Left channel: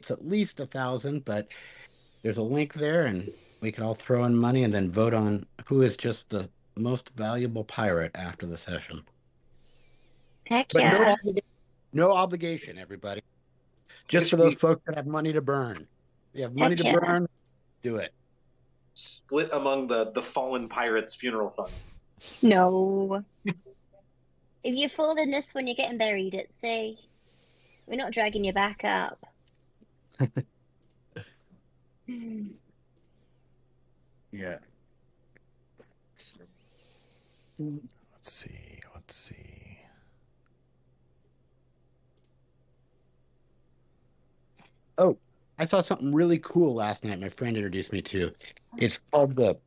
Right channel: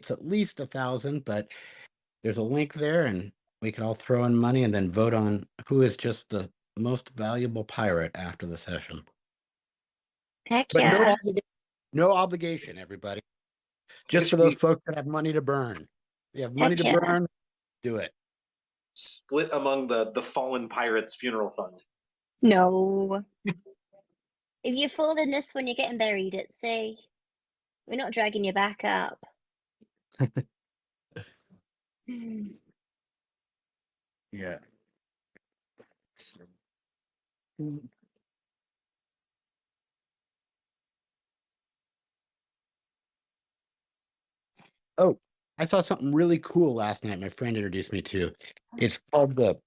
It's at least 1,000, but there's a link there, and we can all throw in money and then vote on who is just the most valuable pirate after the session. Heck But yeah. no obligation, everybody. It Just for should those be folks that have money to burn. If you have money Heck to yeah. burn, do it. split among the fallen pirates funeral fund. No. If you fall in this one, you're getting buried at sea. We're not dragging you back up. Yeah. Let's see. Let's see. Oh, I saw something really cool last night. My friend introduced me to. It's called the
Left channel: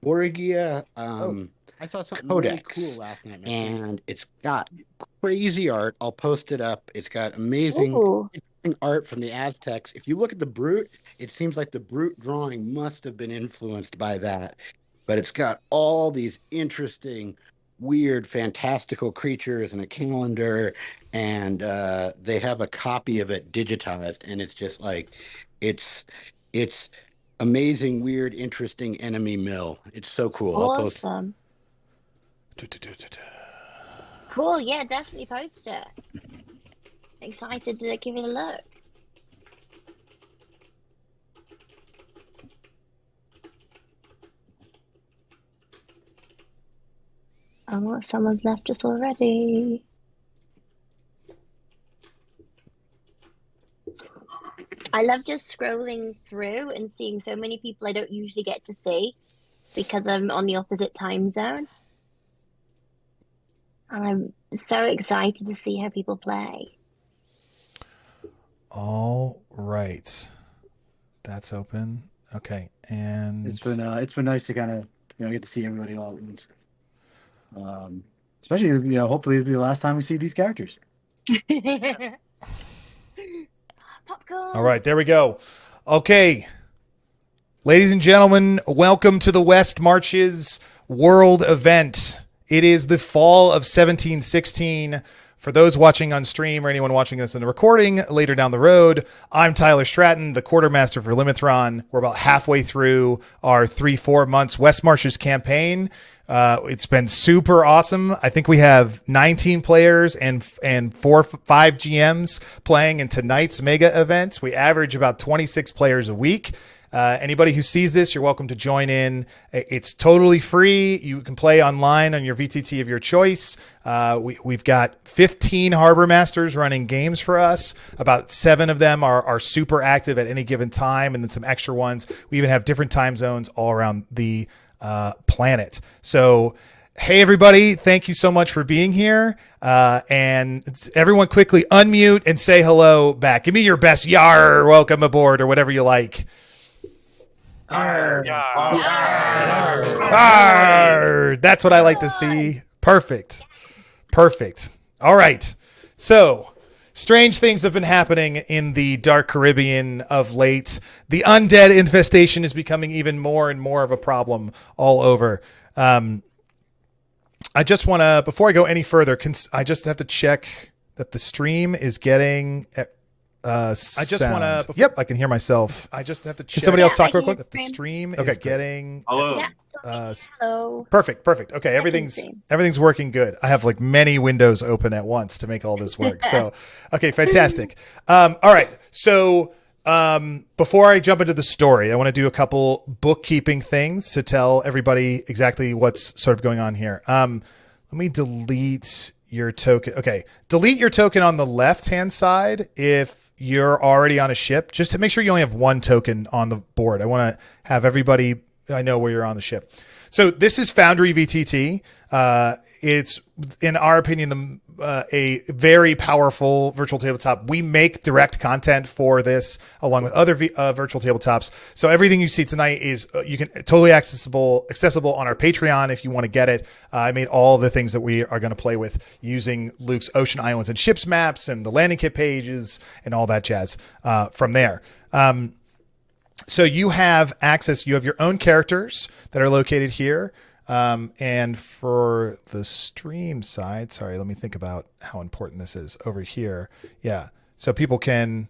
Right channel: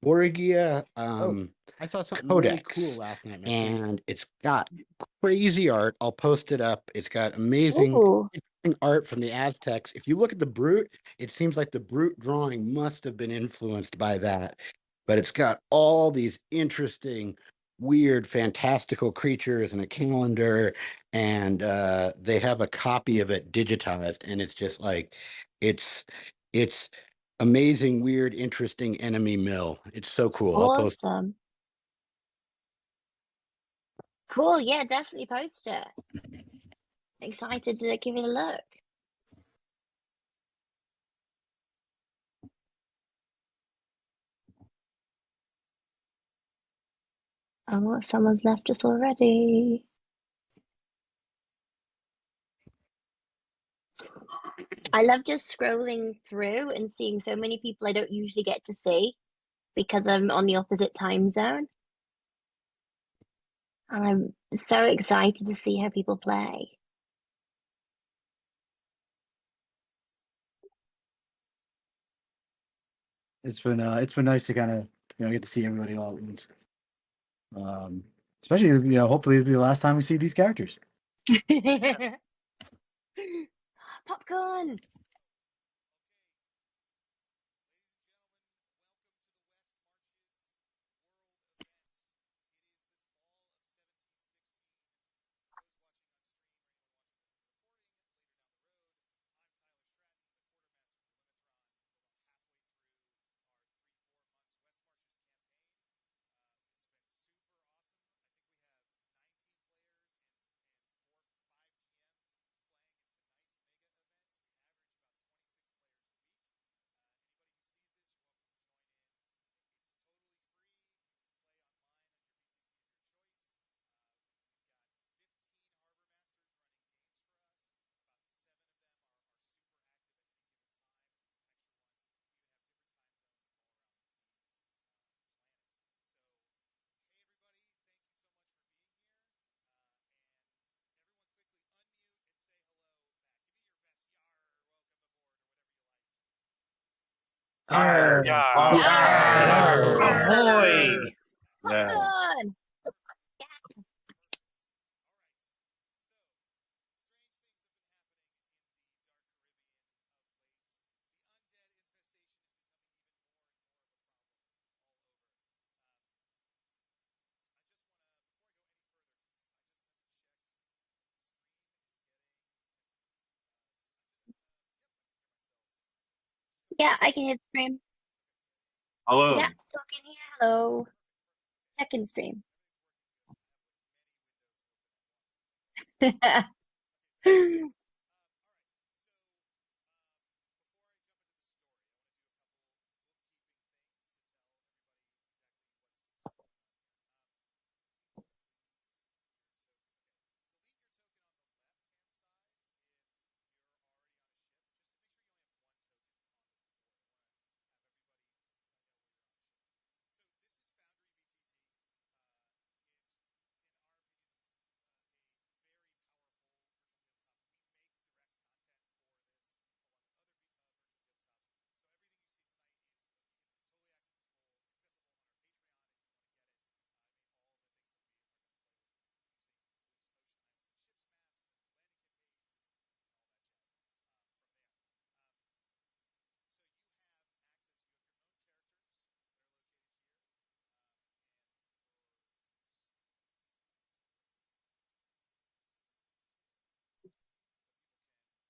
Borgia I saw something really cool last night, and it's got crazy art. I'll post it up. It's got amazing Ooh. art from the Aztecs. If you look at the Brute, it seems like the Brute drawing must have been influenced by that. But it's got all these interesting, weird, fantastical creatures and a calendar, and they have a copy of it digitized, and it's just like it's amazing, weird, interesting enemy mill. It's so cool. I'll post. Awesome. Cool. Yeah, definitely post it. Excited to give it a look. Oh, someone's left us already. I love just scrolling through and seeing so many people I don't usually get to see because I'm on the opposite time zone. And I'm so excited to see how people play. All right. That's open. Okay. And It's been nice to kind of get to see everybody all at once. Especially hopefully it'll be the last time we see these characters. Popcorn. all right, there we go. Okay. Ladies and gentlemen, welcome to the West Marches World Event. It is the fall of 1716. For those watching on stream or anyone watching this in the recording later down the road, I'm Tyler Stratton, the quartermaster for Limithron. We're about halfway through our 3-4 months West Marches campaign. It's been super awesome. I think we have 19 players and 5 GMs playing in tonight's mega event. We average about 26 players a week. Anybody who sees this, you're welcome to join in. It's totally free. You can play online on your VTT of your choice. We've got 15 Harbor Masters running games for us. About 7 of them are super active at any given time, and then some extra ones. We even have different time zones all around the planet. So, hey, everybody, thank you so much for being here. And everyone quickly unmute and say hello back. Give me your best yar, welcome aboard, or whatever you like. Arr. Yeah. Arr. That's what I like to see. Perfect. Perfect. All right. So, strange things have been happening in the Dark Caribbean of late. The undead infestation is becoming even more and more of a problem all over. I just want to, before I go any further, I just have to check that the stream is getting I just want to. Yep, I can hear myself. I just have to check. Can somebody else talk real quick? The stream is getting. Hello. Yeah, hello. Perfect. Okay, everything's working good. I have like many windows open at once to make all this work. So, okay, fantastic. All right. So, before I jump into the story, I want to do a couple bookkeeping things to tell everybody exactly what's sort of going on here. Let me delete your token. Okay, delete your token on the left-hand side if you're already on a ship, just to make sure you only have 1 token on the board. I want to have everybody, I know where you're on the ship. So this is Foundry VTT. It's, in our opinion, a very powerful virtual tabletop. We make direct content for this along with other virtual tabletops. So everything you see tonight is you can totally accessible on our Patreon if you want to get it. I made all the things that we are going to play with using Luke's Ocean Islands and Ships maps and the landing kit pages and all that jazz from there. So you have access. You have your own characters that are located here. And for the stream side, sorry, let me think about how important this is over here. Yeah. So people can,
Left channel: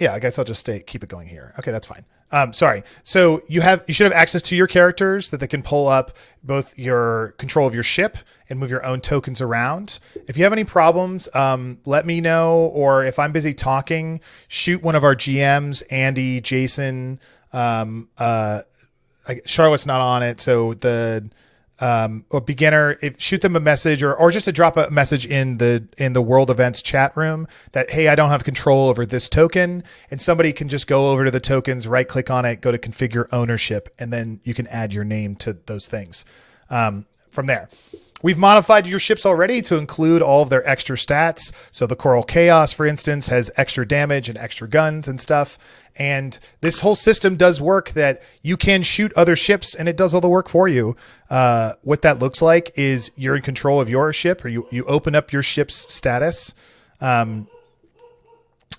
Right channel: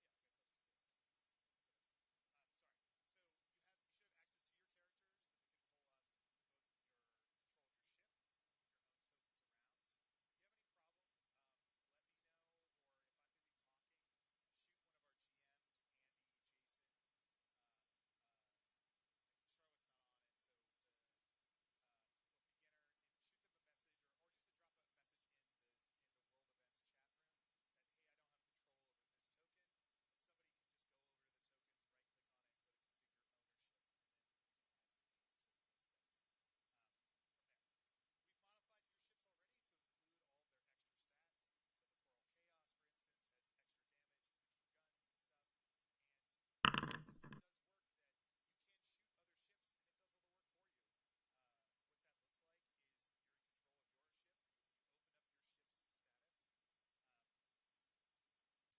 Yeah, I guess I'll just keep it going here. Okay, that's fine. Sorry. So you should have access to your characters that they can pull up both your control of your ship and move your own tokens around. If you have any problems, let me know, or if I'm busy talking, shoot one of our GMs, Andy, Jason. Charlotte's not on it, so or beginner, shoot them a message or just to drop a message in the world events chat room that, hey, I don't have control over this token, and somebody can just go over to the tokens, right click on it, go to configure ownership, and then you can add your name to those things. From there, we've modified your ships already to include all of their extra stats. So the Coral Chaos, for instance, has extra damage and extra guns and stuff. And this whole system does work that you can shoot other ships and it does all the work for you. What that looks like is you're in control of your ship, or you open up your ship's status, and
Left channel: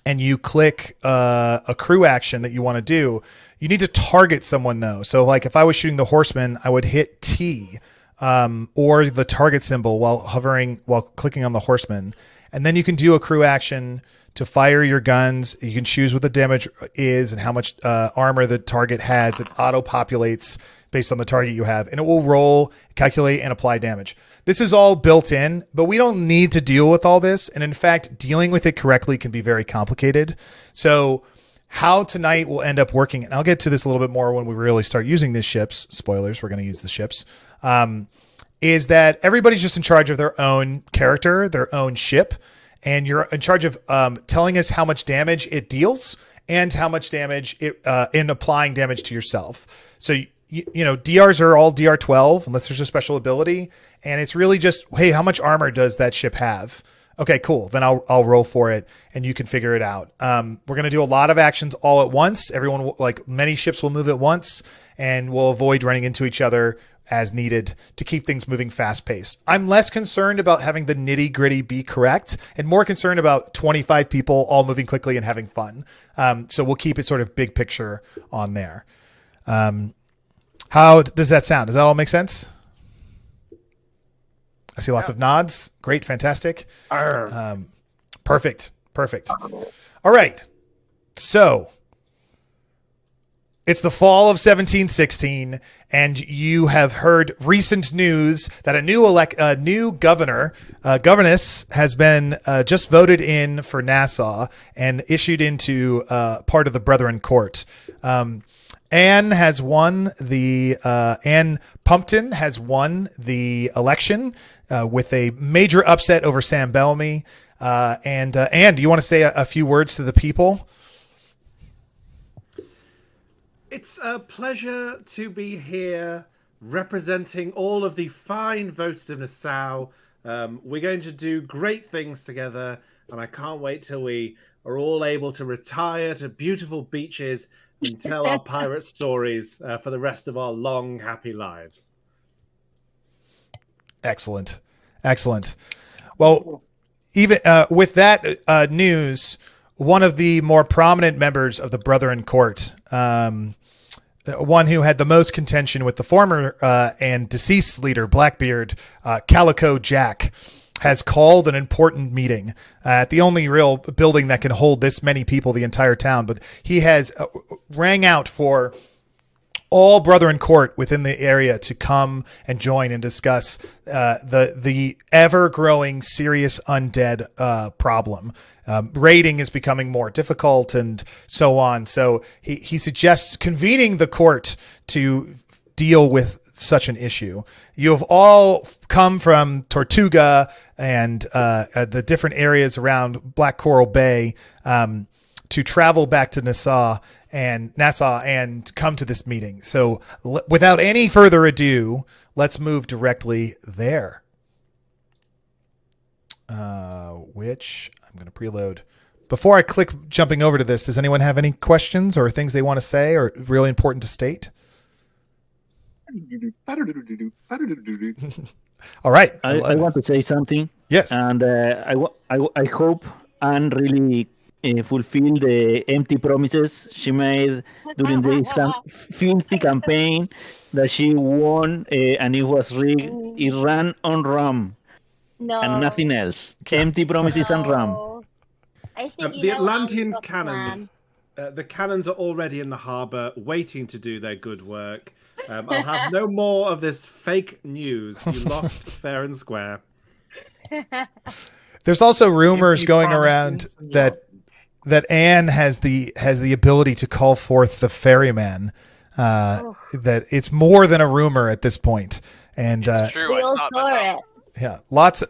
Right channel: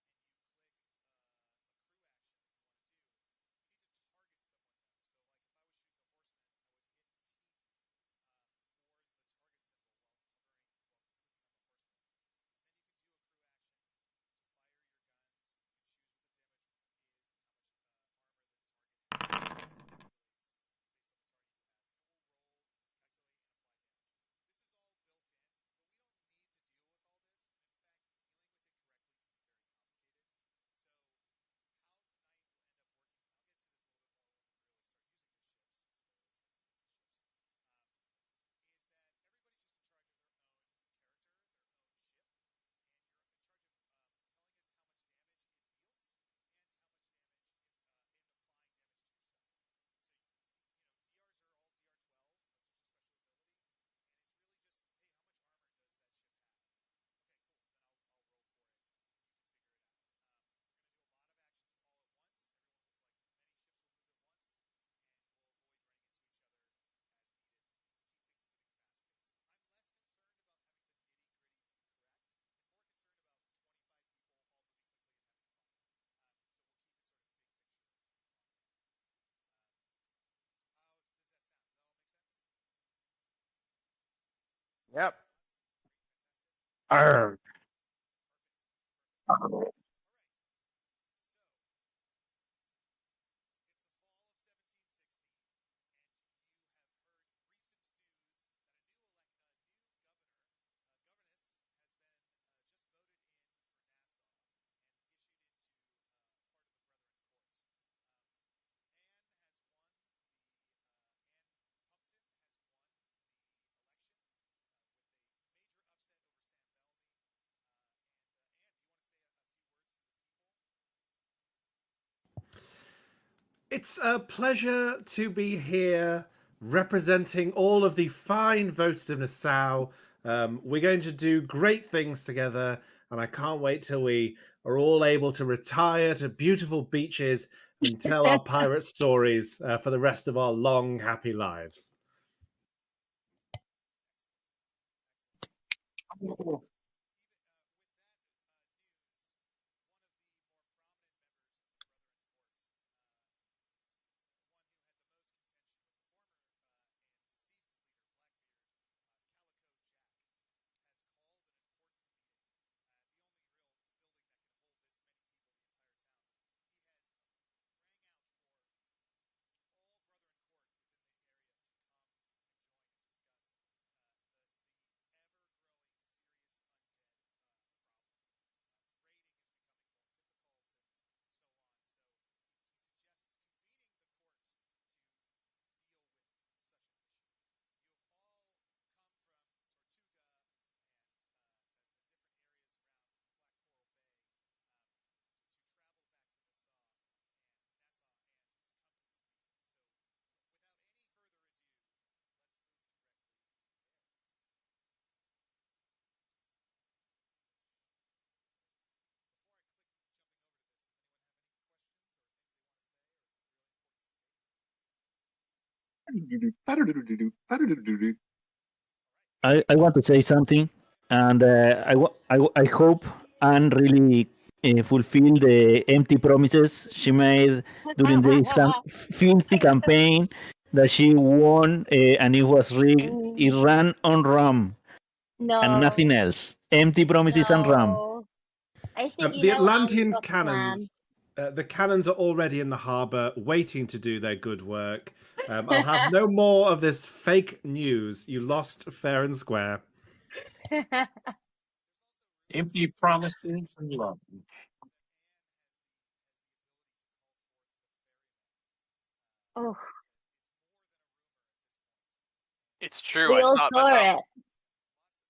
you click a crew action that you want to do. You need to target someone though. So like if I was shooting the Horseman, I would hit T or the target symbol while clicking on the Horseman. And then you can do a crew action to fire your guns. You can choose what the damage is and how much armor the target has. It auto-populates based on the target you have, and it will roll, calculate, and apply damage. This is all built in, but we don't need to deal with all this. And in fact, dealing with it correctly can be very complicated. So how tonight will end up working, and I'll get to this a little bit more when we really start using these ships. Spoilers, we're going to use the ships. Is that everybody's just in charge of their own character, their own ship. And you're in charge of telling us how much damage it deals and how much damage it in applying damage to yourself. So, you know, DRs are all DR 12 unless there's a special ability. And it's really just, hey, how much armor does that ship have? Okay, cool. Then I'll roll for it and you can figure it out. We're going to do a lot of actions all at once. Many ships will move at once, and we'll avoid running into each other as needed to keep things moving fast paced. I'm less concerned about having the nitty gritty be correct and more concerned about 25 people all moving quickly and having fun. So we'll keep it sort of big picture on there. How does that sound? Does that all make sense? I see lots of nods. Great. Fantastic. Perfect. All right. So it's the fall of 1716, and you have heard recent news that a new governess has been just voted in for Nassau and issued into part of the Brethren Court. Anne Pumpton has won the election with a major upset over Sam Bellamy. Anne, do you want to say a few words to the people? It's a pleasure to be here representing all of the fine voters of Nassau. We're going to do great things together, and I can't wait till we are all able to retire to beautiful beaches and tell our pirate stories for the rest of our long, happy lives. Excellent. Well, even with that news, one of the more prominent members of the Brethren Court, one who had the most contention with the former and deceased leader, Blackbeard, Calico Jack, has called an important meeting at the only real building that can hold this many people, the entire town. But he has rang out for all Brethren Court within the area to come and join and discuss the ever-growing serious undead problem. Raiding is becoming more difficult and so on. So he suggests convening the court to deal with such an issue. You have all come from Tortuga and the different areas around Black Coral Bay to travel back to Nassau and come to this meeting. So without any further ado, let's move directly there. Which I'm going to preload. Before I click jumping over to this, does anyone have any questions or things they want to say or really important to state? All right. I want to say something. Yes. And I hope Anne really fulfill the empty promises she made during this filthy campaign that she won, and it was rigged. It ran on rum. No. And nothing else. Empty promises and rum. I think The Atlantean cannons. The cannons are already in the harbour, waiting to do their good work. I'll have no more of this fake news. You lost fair and square. There's also rumors Empty going promises around and that Anne has the ability to call forth the ferryman. That it's more than a rumor at this point. And It's true. We I all saw it saw myself. it. yeah,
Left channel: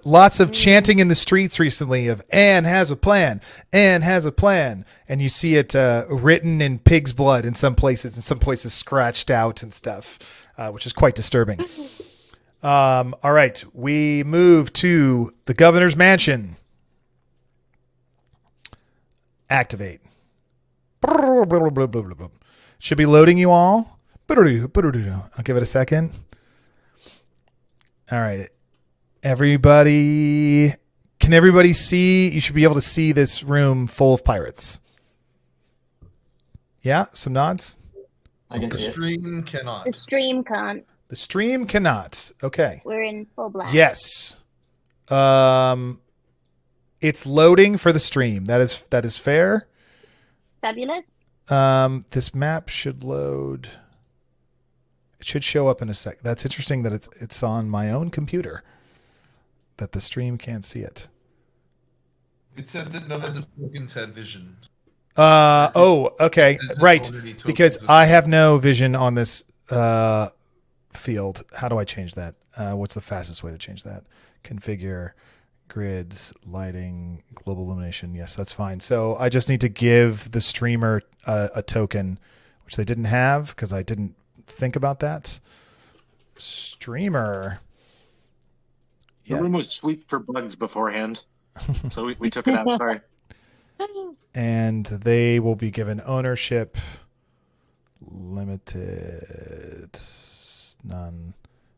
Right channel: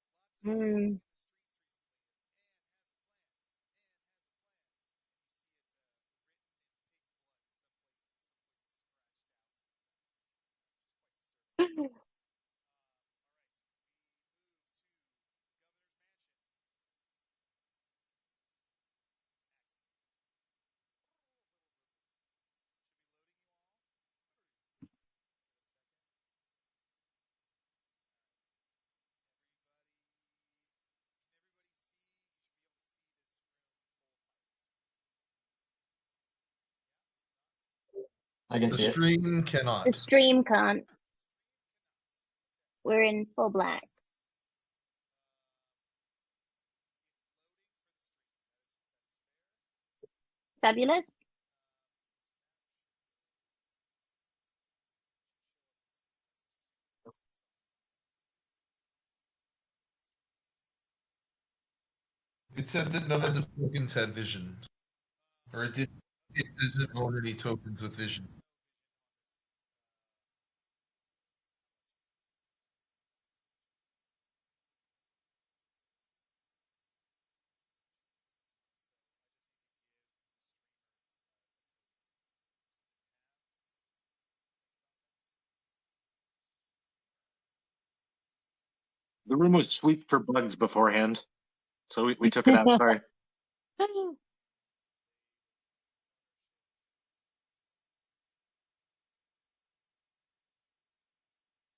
lots of chanting in the streets recently of Anne has a plan. Anne has a plan. And you see it written in pig's blood in some places, and some places scratched out and stuff, which is quite disturbing. All right, we move to the governor's mansion. Activate. Should be loading you all. I'll give it a second. All right. Everybody, can everybody see? You should be able to see this room full of pirates. Yeah, some nods. I can The see it. stream cannot. The stream can't. The stream cannot. Okay. We're in full black. Yes. It's loading for the stream. That is fair. Fabulous. This map should load. It should show up in a sec. That's interesting that it's on my own computer, that the stream can't see it. It said that none of the tokens had vision. Okay. Is it Right. already tokens Because with I vision? have no vision on this field. How do I change that? What's the fastest way to change that? Configure grids, lighting, global illumination. Yes, that's fine. So I just need to give the streamer a token, which they didn't have because I didn't think about that. Streamer. The room was swept for bugs beforehand, so we took it out. Sorry. And they will be given ownership. Limited. None.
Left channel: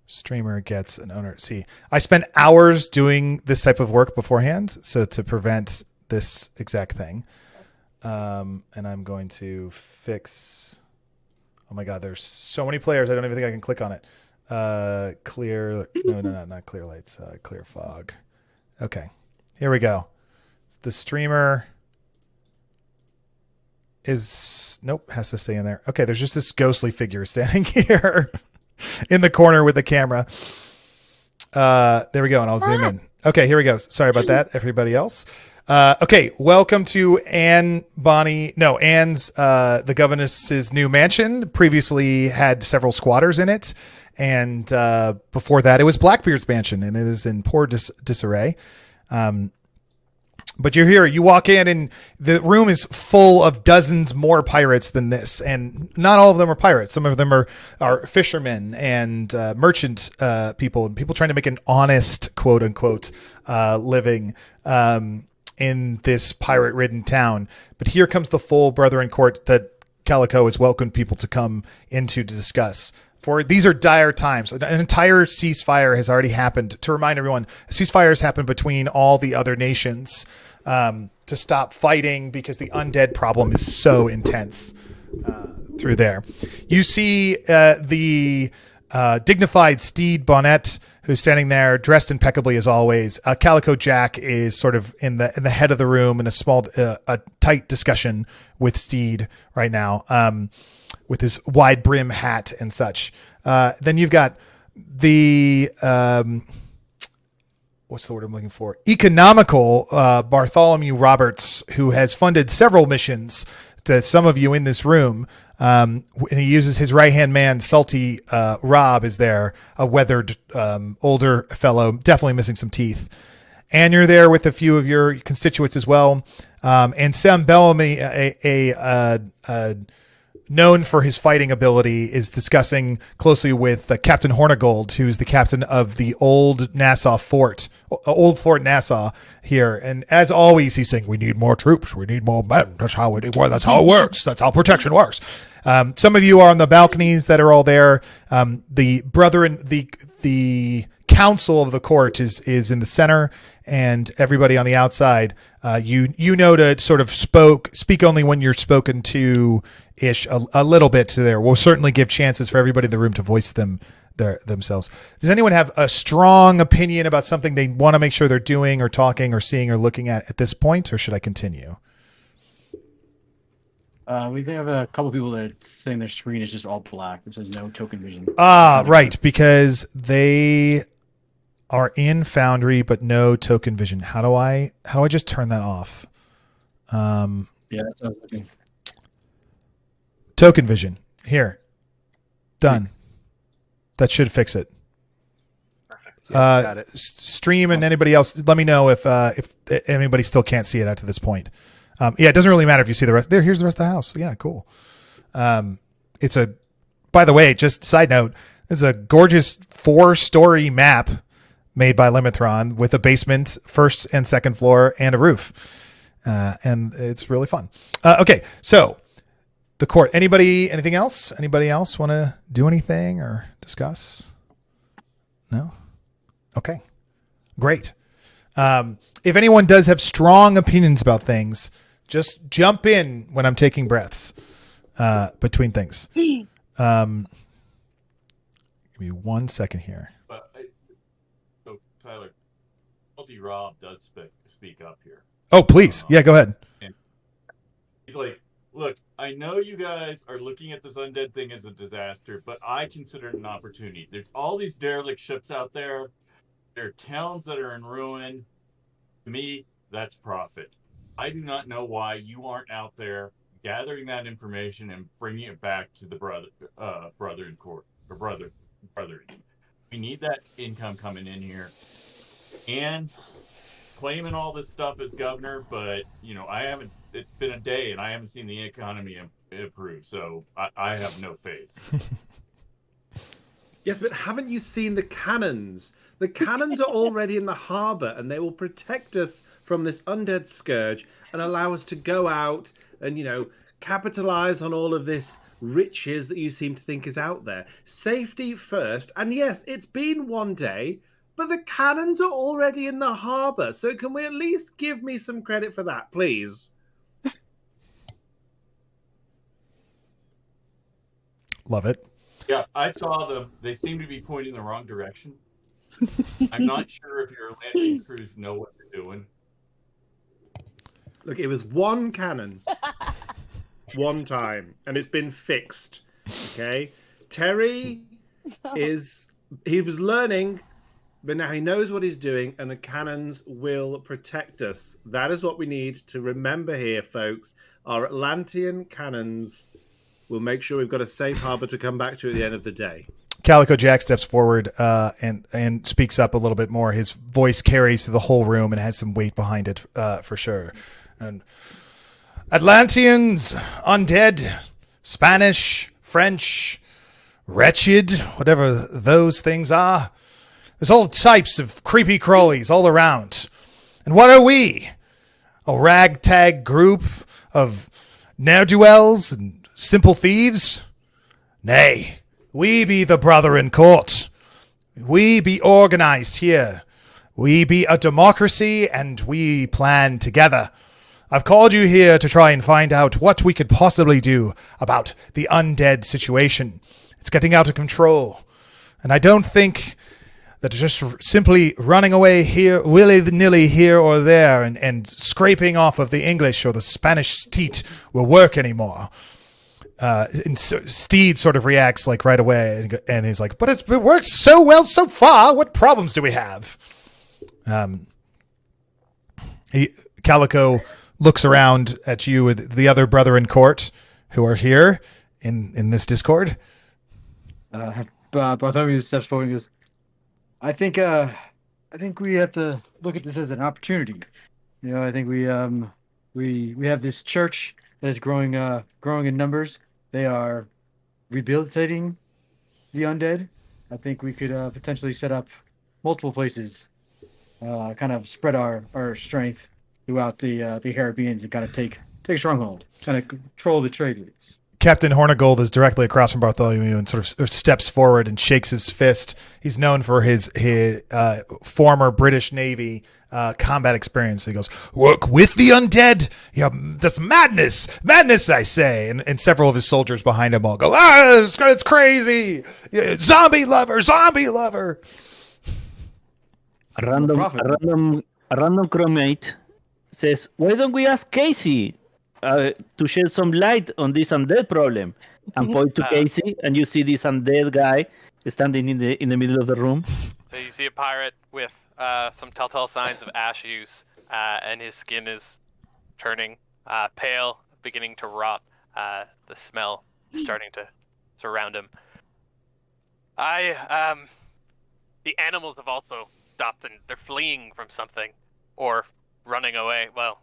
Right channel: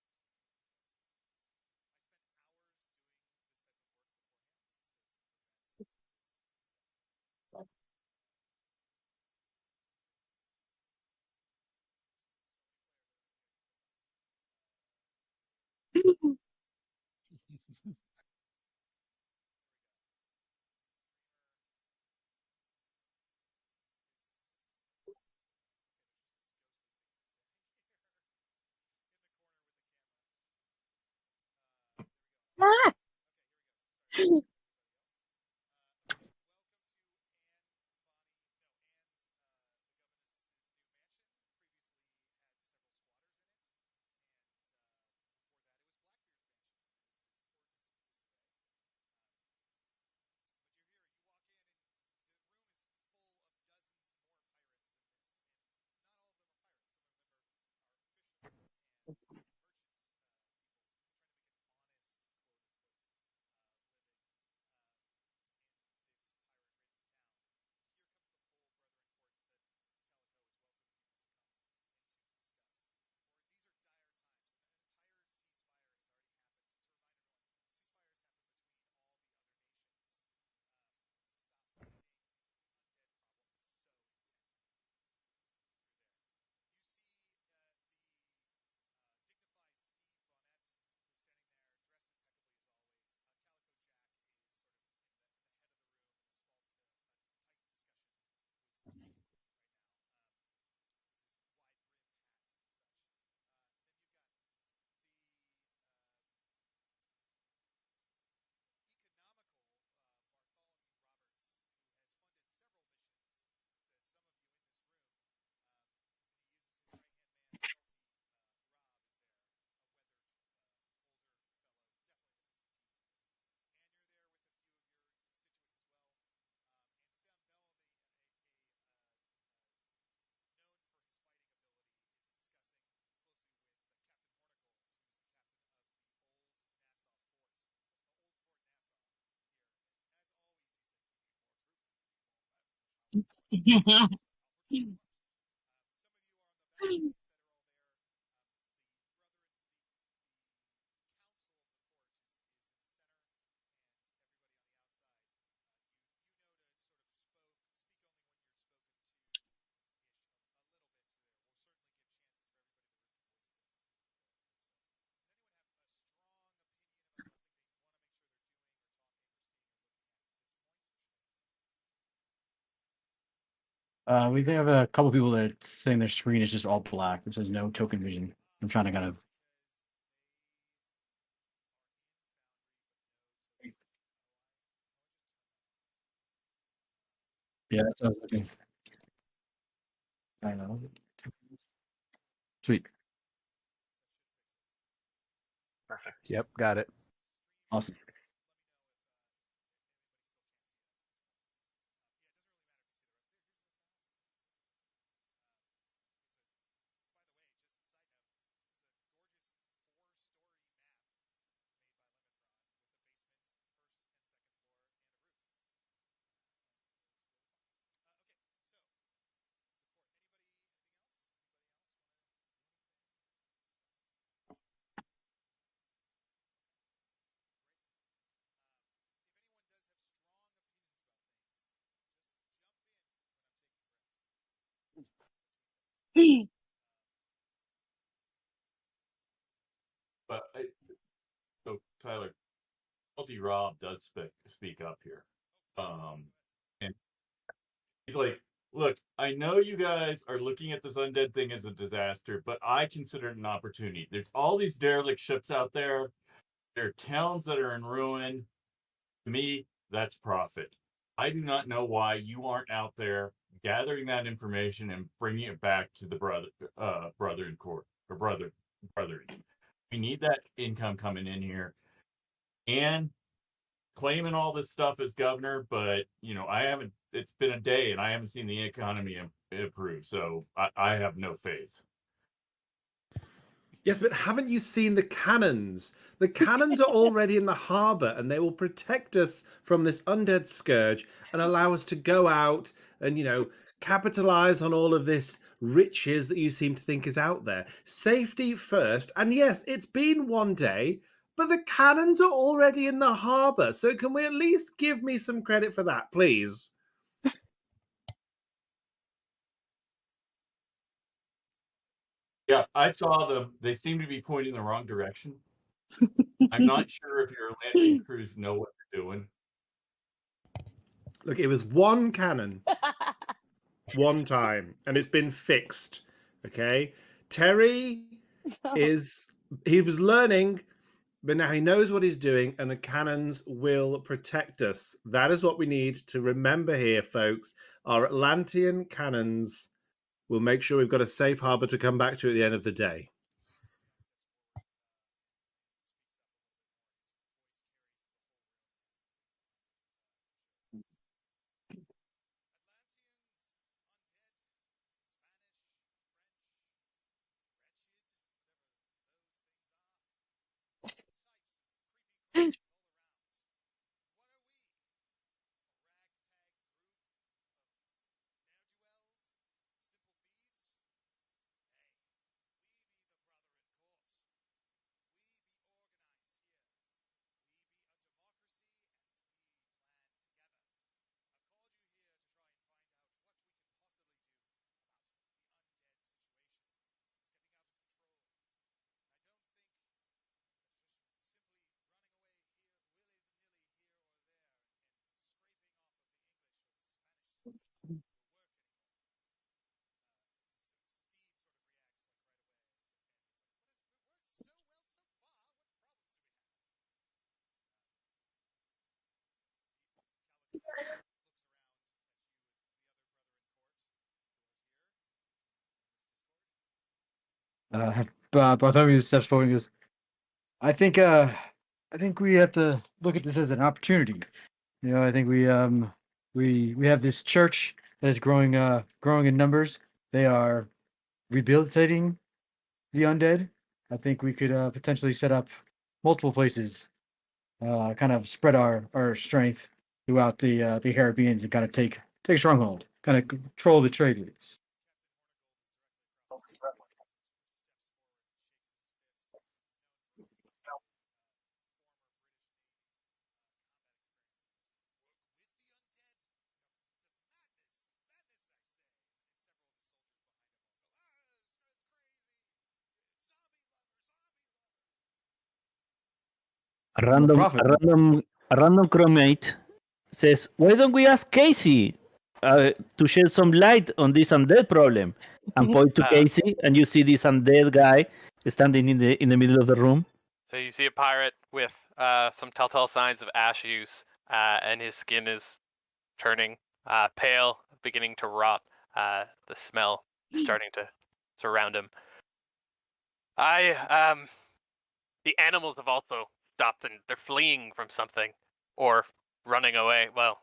Streamer gets an owner. See, I spent hours doing this type of work beforehand, so to prevent this exact thing. And I'm going to fix. Oh my God, there's so many players. I don't even think I can click on it. Clear. No, not clear lights. Clear fog. Okay, here we go. The streamer is has to stay in there. Okay, there's just this ghostly figure standing here in the corner with the camera. There we go, and I'll zoom in. Okay, here we go. Sorry about that, everybody else. Okay, welcome to Anne's, the governess's new mansion. Previously had several squatters in it, and before that it was Blackbeard's mansion, and it is in poor disarray. But you're here, you walk in, and the room is full of dozens more pirates than this. And not all of them are pirates. Some of them are fishermen and merchant people, and people trying to make an honest, quote unquote, living in this pirate-ridden town. But here comes the full Brethren court that Calico has welcomed people to come into to discuss. For these are dire times. An entire ceasefire has already happened. To remind everyone, a ceasefire has happened between all the other nations to stop fighting because the undead problem is so intense through there. You see the dignified Steed Bonnet, who's standing there dressed impeccably as always. Calico Jack is sort of in the head of the room in a tight discussion with Steed right now. With his wide brim hat and such. Then you've got the, what's the word I'm looking for? Economical Bartholomew Roberts, who has funded several missions to some of you in this room. And he uses his right-hand man, Salty Rob, is there, a weathered older fellow, definitely missing some teeth. And you're there with a few of your constituents as well. And Sam Bellamy, known for his fighting ability, is discussing closely with Captain Hornigold, who's the captain of the old Fort Nassau here. And as always, he's saying, we need more troops. We need more men. That's how it works. That's how protection works. Some of you are on the balconies that are all there. The council of the court is in the center, and everybody on the outside, you know to sort of speak only when you're spoken to ish a little bit to there. We'll certainly give chances for everybody in the room to voice themselves. Does anyone have a strong opinion about something they want to make sure they're doing or talking or seeing or looking at this point, or should I continue? We have a couple people that are saying their screen is just all black. It says no token vision. Right, because they are in Foundry but no token vision. How do I just turn that off? Yeah, that's what I was looking. Token vision. Here. Done. That should fix it. Perfect. Yeah, got it. Stream and anybody else, let me know if anybody still can't see it out to this point. Yeah, it doesn't really matter if you see the rest. Here's the rest of the house. Yeah, cool. It's a, by the way, just side note, it's a gorgeous 4-story map made by Limithron with a basement, first and second floor, and a roof. And it's really fun. Okay, so the court. Anything else? Anybody else want to do anything or discuss? No? Okay, great. If anyone does have strong opinions about things, just jump in when I'm taking breaths between things. Give me 1 second here. So Tyler, Rob does speak up here. Oh, please. Yeah, go ahead. And he's like, look, I know you guys are looking at this undead thing as a disaster, but I consider it an opportunity. There's all these derelict ships out there. There are towns that are in ruin. To me, that's profit. I do not know why you aren't out there gathering that information and bringing it back to the brother in court or brother. We need that income coming in here and claiming all this stuff as governor. But I haven't. It's been a day and I haven't seen the economy improve. So I have no faith. Yes, but haven't you seen the cannons? The cannons are already in the harbour and they will protect us from this undead scourge and allow us to go out and, capitalize on all of this riches that you seem to think is out there. Safety first. And yes, it's been one day, but the cannons are already in the harbour. So can we at least give me some credit for that, please? Love it. Yeah, I saw them. They seem to be pointing the wrong direction. I'm not sure if your landing crews know what they're doing. Look, it was one cannon. One time. And it's been fixed. Okay? Terry he was learning, but now he knows what he's doing, and the cannons will protect us. That is what we need to remember here, folks. Our Atlantean cannons will make sure we've got a safe harbor to come back to at the end of the day. Calico Jack steps forward and speaks up a little bit more. His voice carries to the whole room and has some weight behind it for sure. And Atlanteans, undead, Spanish, French, wretched, whatever those things are. There's all types of creepy crawlies all around. And what are we? A ragtag group of ne'er-do-wells and simple thieves? Nay. We be the brother in court. We be organized here. We be a democracy and we plan together. I've called you here to try and find out what we could possibly do about the undead situation. It's getting out of control. And I don't think that just simply running away here, willy-nilly here or there and scraping off of the English or the Spanish teat will work anymore. And so Steed sort of reacts like right away and he's like, but it worked so well so far. What problems do we have? Calico looks around at you with the other brother in court who are here in this Discord. Bartholomew steps forward and goes, I think we have to look at this as an opportunity. I think we have this church that is growing in numbers. They are rehabilitating the undead. I think we could potentially set up multiple places, kind of spread our strength throughout the Caribbeans and kind of take a stronghold, kind of control the trade routes. Captain Hornigold is directly across from Bartholomew and sort of steps forward and shakes his fist. He's known for his former British Navy combat experience. He goes, work with the undead? Yeah, that's madness. Madness, I say. And several of his soldiers behind him all go, it's crazy. Zombie lover. A random crewmate says, why don't we ask Casey? to shed some light on this undead problem, and point to Casey, and you see this undead guy standing in the middle of the room. So you see a pirate with some telltale signs of ash use, and his skin is turning pale, beginning to rot. The smell is starting to surround him. The animals have also stopped, and they're fleeing from something, or running away. Well,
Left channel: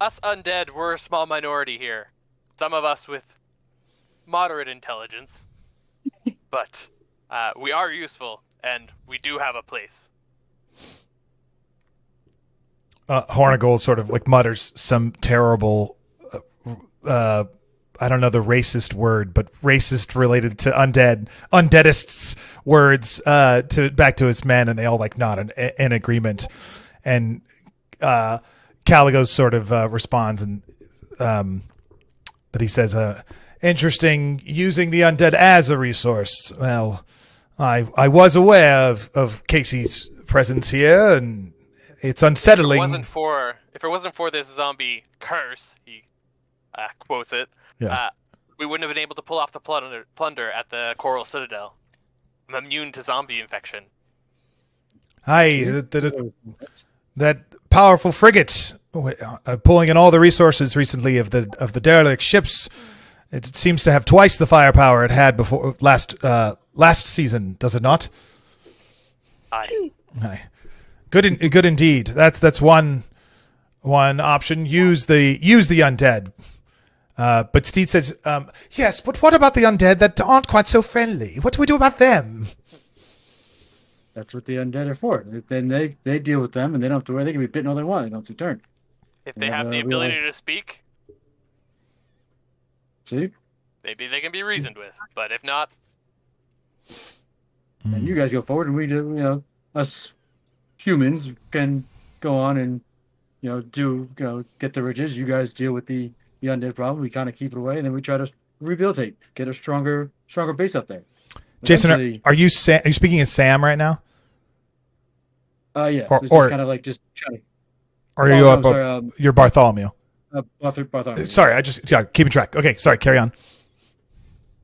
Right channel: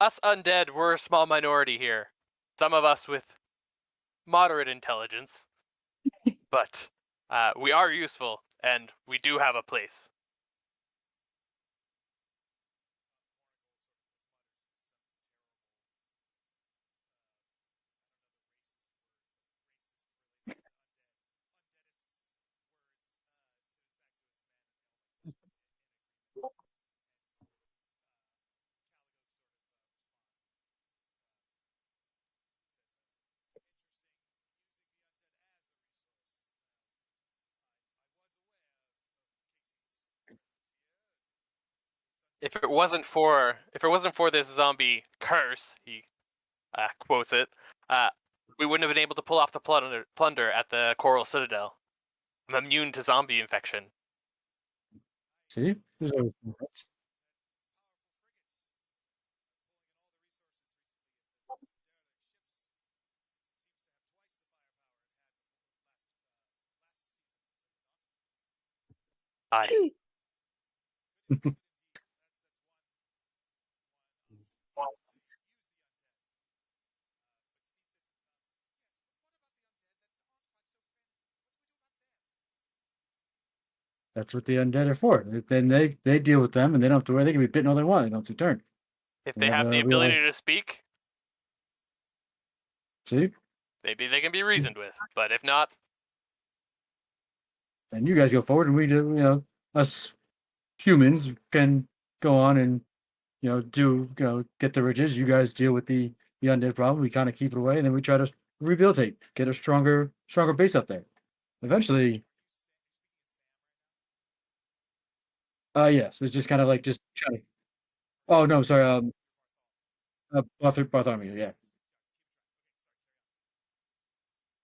us undead, we're a small minority here. Some of us with moderate intelligence, but we are useful, and we do have a place. Hornigold sort of like mutters some terrible, I don't know the racist word, but racist related to undeadists words back to his men, and they all like nod in agreement. And Caligo sort of responds, and that he says, interesting using the undead as a resource. Well, I was aware of Casey's presence here, and it's unsettling. If it wasn't for this zombie curse, he quotes it, we wouldn't have been able to pull off the plunder at the Coral Citadel. I'm immune to zombie infection. That powerful frigate pulling in all the resources recently of the derelict ships. It seems to have twice the firepower it had before last season, does it not? Aye. Good indeed. That's one option. Use the undead. But Steed says, yes, but what about the undead that aren't quite so friendly? What do we do about them? That's what the undead are for. Then they deal with them, and they don't have to worry. They can be bitten all they want. They don't have to turn. If they have the ability to speak, see, maybe they can be reasoned with. But if not, and you guys go forward, and we do. Us humans can go on and get the riches. You guys deal with the undead problem. We kind of keep it away, and then we try to rehabilitate, get a stronger base up there. Jason, are you speaking as Sam right now? Yes. It's just kind of like just trying to. Or are you you're Bartholomew? Bartholomew. Sorry, I just keeping track. Okay, sorry, carry on.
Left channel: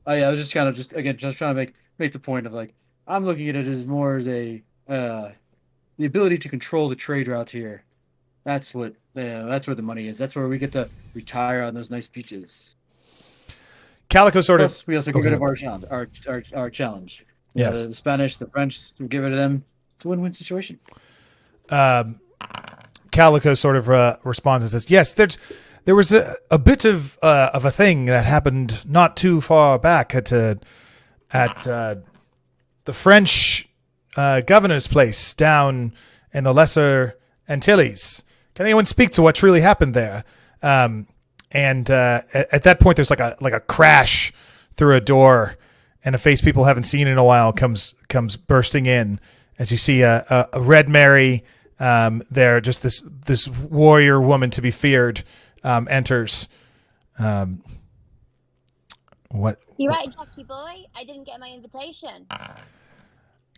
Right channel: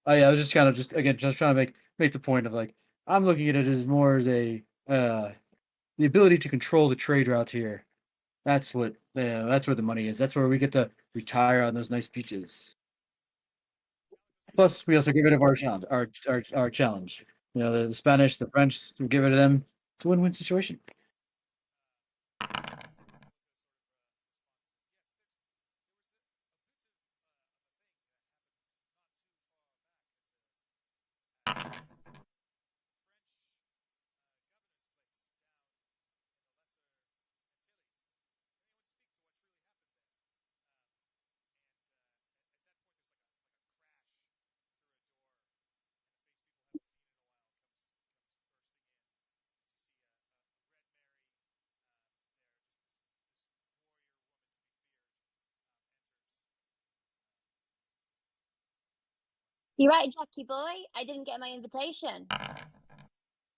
I was just kind of just trying to make the point of like I'm looking at it as more as a the ability to control the trade routes here. That's where the money is. That's where we get to retire on those nice beaches. Calico Plus, we also get rid of our challenge. Yes. The Spanish, the French, we get rid of them. It's a win-win situation. Calico sort of responds and says, yes, there was a bit of a thing that happened not too far back at the French governor's place down in the Lesser Antilles. Can anyone speak to what really happened there? And at that point, there's like a crash through a door, and a face people haven't seen in a while comes bursting in as you see a Red Mary there, just this warrior woman to be feared enters. What? You're right, Jackie boy. I didn't get my invitation.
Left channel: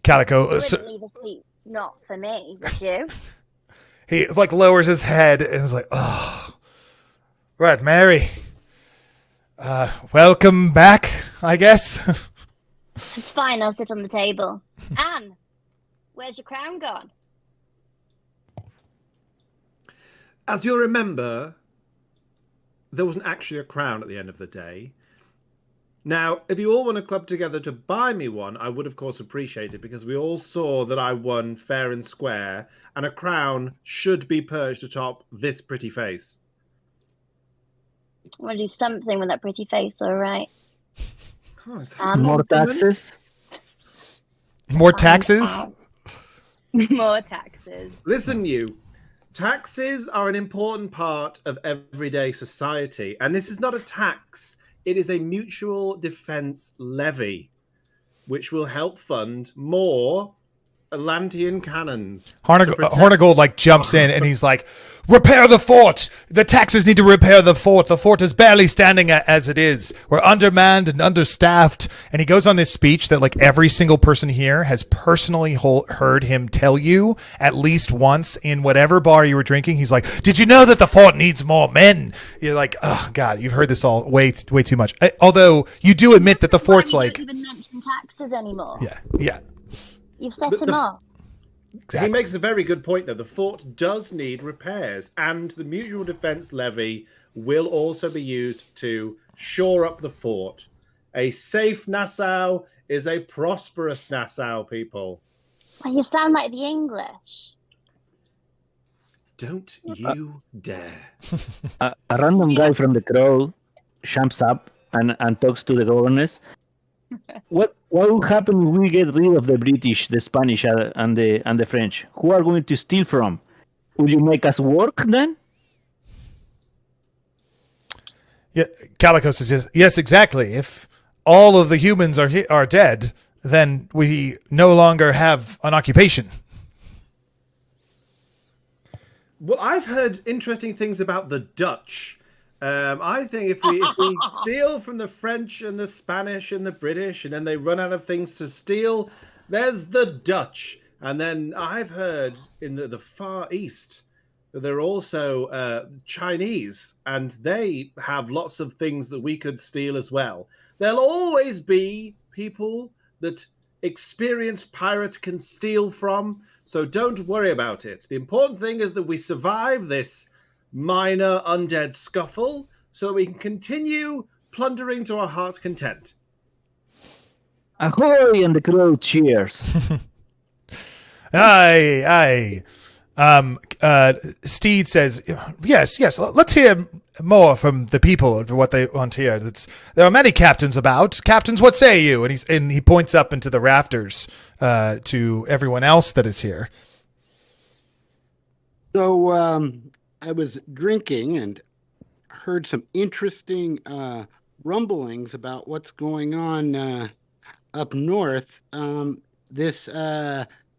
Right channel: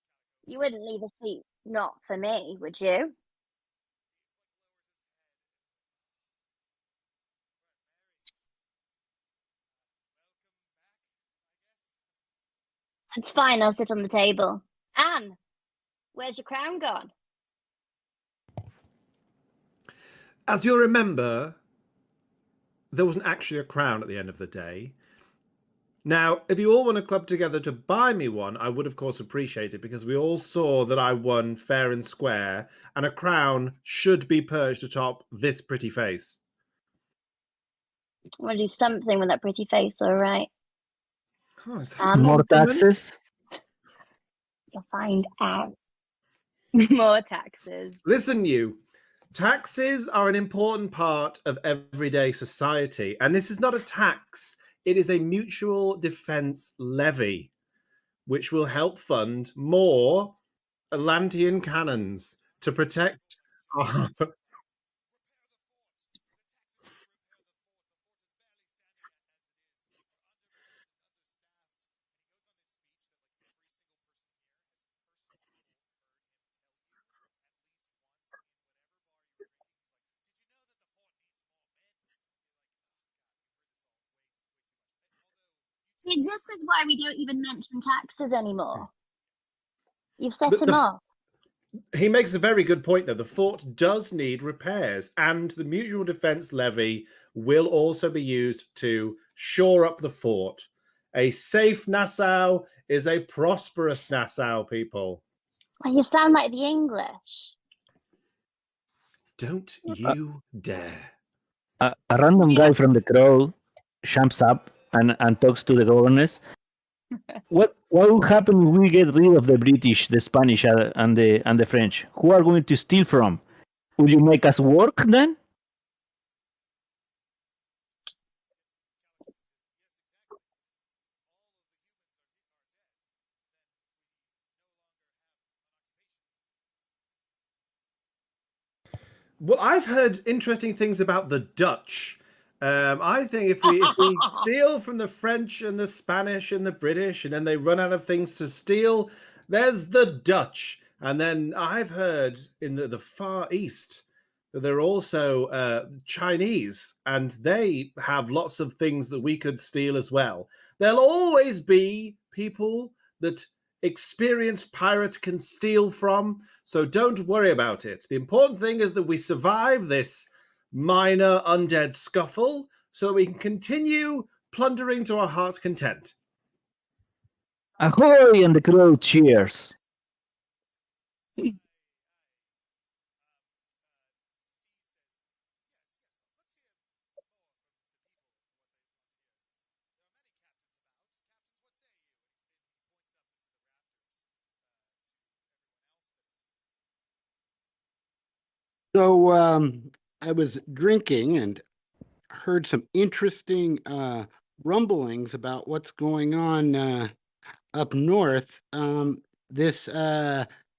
Calico. You wouldn't leave a seat not for me, would you? He like lowers his head and is like, "Oh, Red Mary. Welcome back, I guess." It's fine. I'll sit on the table. Anne, where's your crown gone? As you'll remember, there wasn't actually a crown at the end of the day. Now, if you all want to club together to buy me one, I would, of course, appreciate it, because we all saw that I won fair and square, and a crown should be perched atop this pretty face. I want to do something with that pretty face, all right? Oh, more taxes? More taxes? More taxes. Listen, you. Taxes are an important part of everyday society, and this is not a tax. It is a mutual defense levy, which will help fund more Atlantean cannons. Hornigold like jumps in and he's like, repair the fort. The taxes need to repair the fort. The fort is barely standing as it is. We're undermanned and understaffed. And he goes on this speech that like every single person here has personally heard him tell you at least once in whatever bar you were drinking. He's like, did you know that the fort needs more men? You're like, oh God, you've heard this all way too much. Although you do admit that the fort's like, don't even mention taxes anymore. Yeah. You've set him off. Exactly. He makes a very good point, though. The fort does need repairs, and the mutual defense levy will also be used to shore up the fort. A safe Nassau is a prosperous Nassau, people. Well, you sound like the English. Don't you dare. A random guy from the crowd jumps up and talks to the governors. What will happen if we get rid of the British, the Spanish, and the French? Who are going to steal from? Would you make us work then? Yeah, Calico says yes, exactly. If all of the humans are dead, then we no longer have an occupation. Well, I've heard interesting things about the Dutch. I think if we steal from the French and the Spanish and the British, and then they run out of things to steal, there's the Dutch. And then I've heard in the Far East that there are also Chinese, and they have lots of things that we could steal as well. There'll always be people that experienced pirates can steal from, so don't worry about it. The important thing is that we survive this minor undead scuffle so that we can continue plundering to our heart's content. Ahoy! And the crowd cheers. Aye. Steed says, yes, let's hear more from the people of what they want here. There are many captains about. Captains, what say you? And he points up into the rafters to everyone else that is here. So I was drinking and heard some interesting rumblings about what's going on up north. This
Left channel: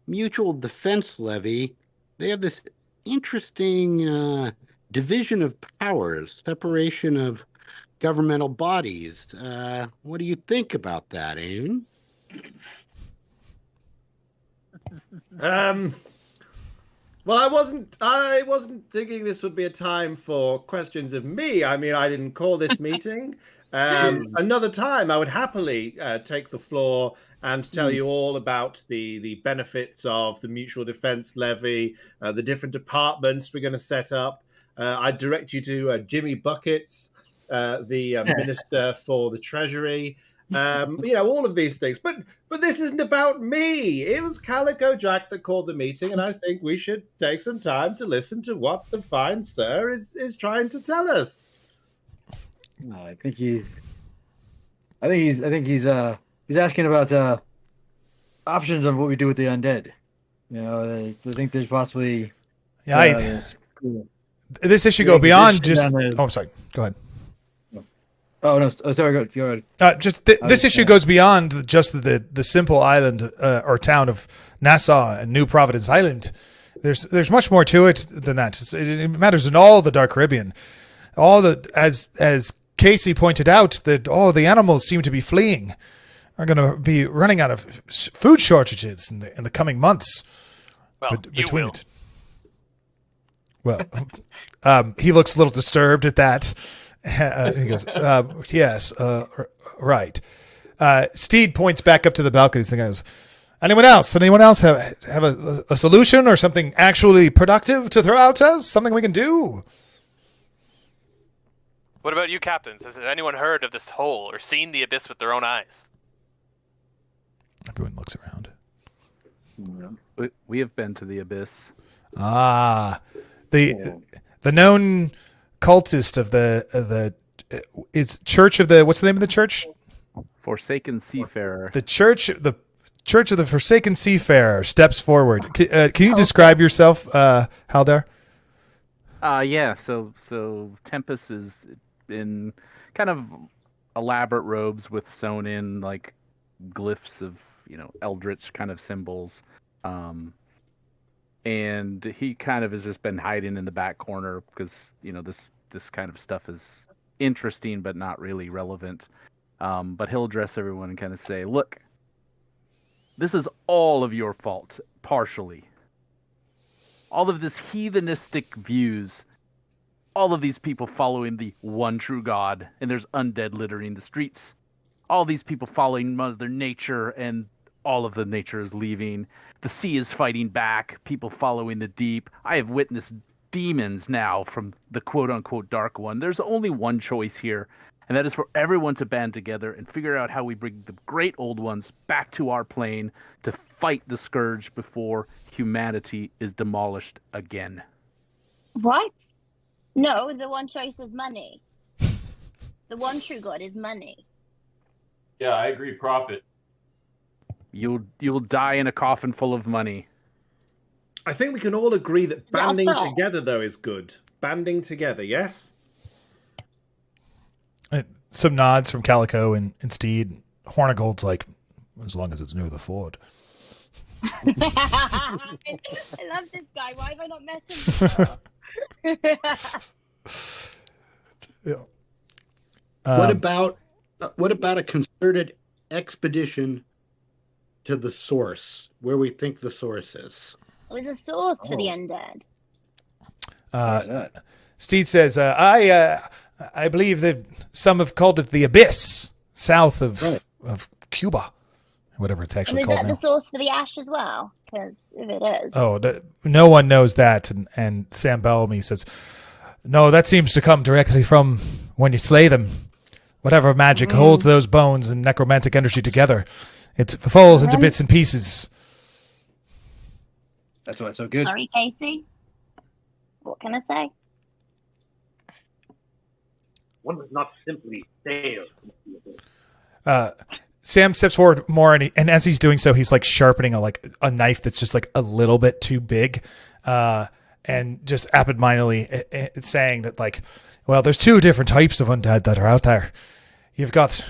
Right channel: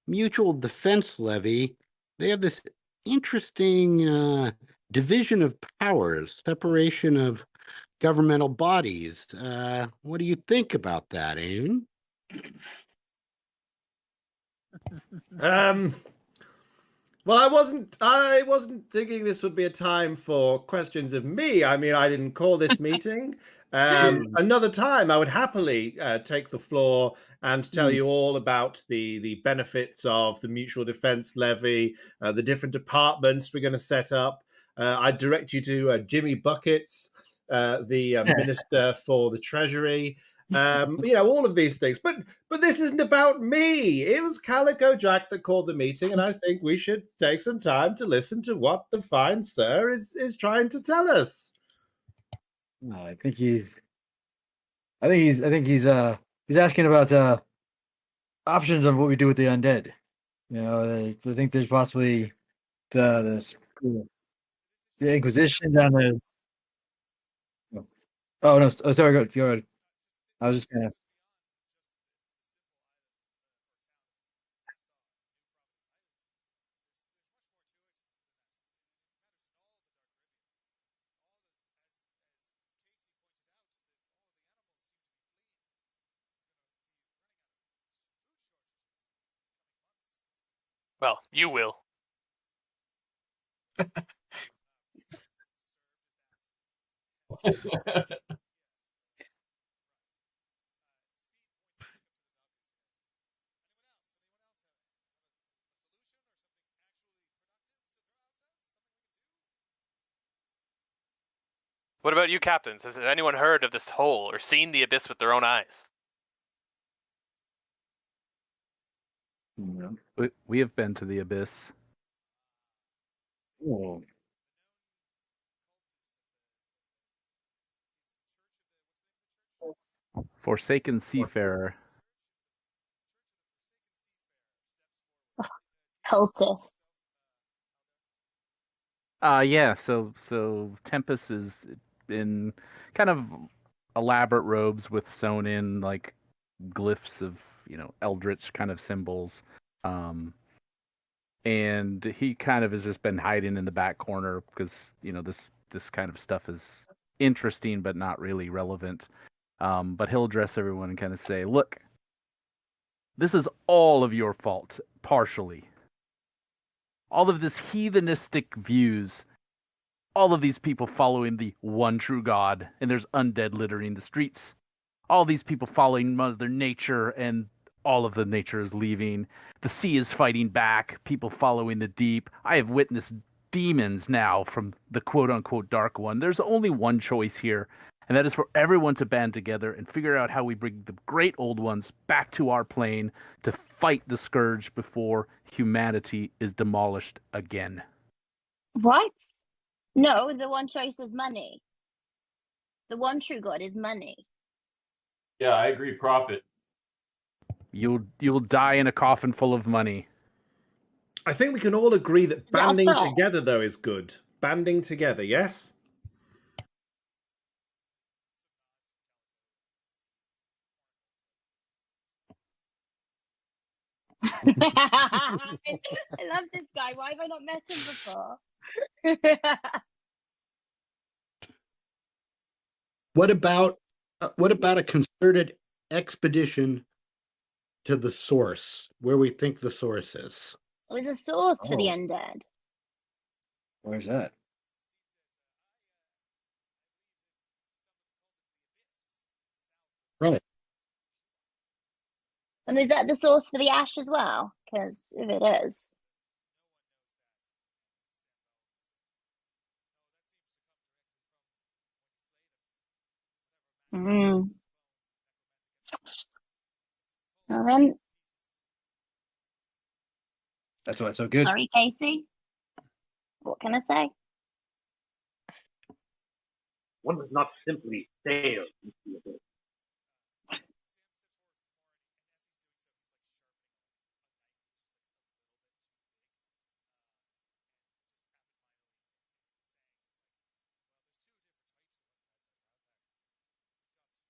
mutual defense levy, they have this interesting division of powers, separation of governmental bodies. What do you think about that, Aiden? Well, I wasn't thinking this would be a time for questions of me. I mean, I didn't call this meeting. Another time, I would happily take the floor and tell you all about the benefits of the mutual defense levy, the different departments we're going to set up. I'd direct you to Jimmy Buckets, the Minister for the Treasury. All of these things. But this isn't about me. It was Calico Jack that called the meeting, and I think we should take some time to listen to what the fine sir is trying to tell us. I think he's asking about options on what we do with the undead. I think there's possibly this issue go beyond just. I'm sorry. Go ahead. Oh no! Sorry, go ahead. This issue goes beyond just the simple island or town of Nassau and New Providence Island. There's much more to it than that. It matters in all the Dark Caribbean. As Casey pointed out, that all the animals seem to be fleeing. Are going to be running out of food shortages in the coming months. Well, you will. Well, he looks a little disturbed at that. He goes, yes, right. Steed points back up to the balconies and goes, anyone else have a solution or something actually productive to throw out to us? Something we can do? What about you, captains? Has anyone heard of this hole or seen the abyss with their own eyes? Everyone looks around. We have been to the abyss. The known cultist of the it's Church of the, what's the name of the church? Forsaken Seafarer. The Church of the Forsaken Seafarer steps forward. Can you describe yourself, Haldar? Yeah. So Tempest is in kind of elaborate robes with sewn in like glyphs of eldritch kind of symbols, and he kind of has just been hiding in the back corner because this kind of stuff is interesting but not really relevant. But he'll address everyone and kind of say, "Look, this is all of your fault, partially. All of this heathenistic views, all of these people following the one true God, and there's undead littering the streets. All these people following Mother Nature, and all of the nature is leaving. The sea is fighting back, people following the deep. I have witnessed demons now from the quote-unquote Dark One. There's only one choice here, and that is for everyone to band together and figure out how we bring the great old ones back to our plane to fight the scourge before humanity is demolished again." What? No, the one choice is money. The one true God is money. Yeah, I agree. Profit. You'll die in a coffin full of money. I think we can all agree that banding together, though, is good. Banding together, yes? Some nods from Calico and Steed. Hornigold's like, as long as it's near the fort. I love this guy. Why have I not met him before? What about a concerted expedition to the source, where we think the source is? There's a source for the undead. Steed says, I believe that some have called it the Abyss, south of Cuba, whatever it's actually And is that the source for the ash as well? Because if it is... Oh, no one knows that. And Sam Bellamy says, no, that seems to come directly from when you slay them. Whatever magic holds those bones and necromantic energy together, it falls into bits and pieces. That's why it's so good. Sorry, Casey. What can I say? One does not simply sail. Sam steps forward more, and as he's doing so, he's like sharpening a knife that's just like a little bit too big, and just absentmindedly it's saying that, like, well, there's two different types of undead that are out there. You've got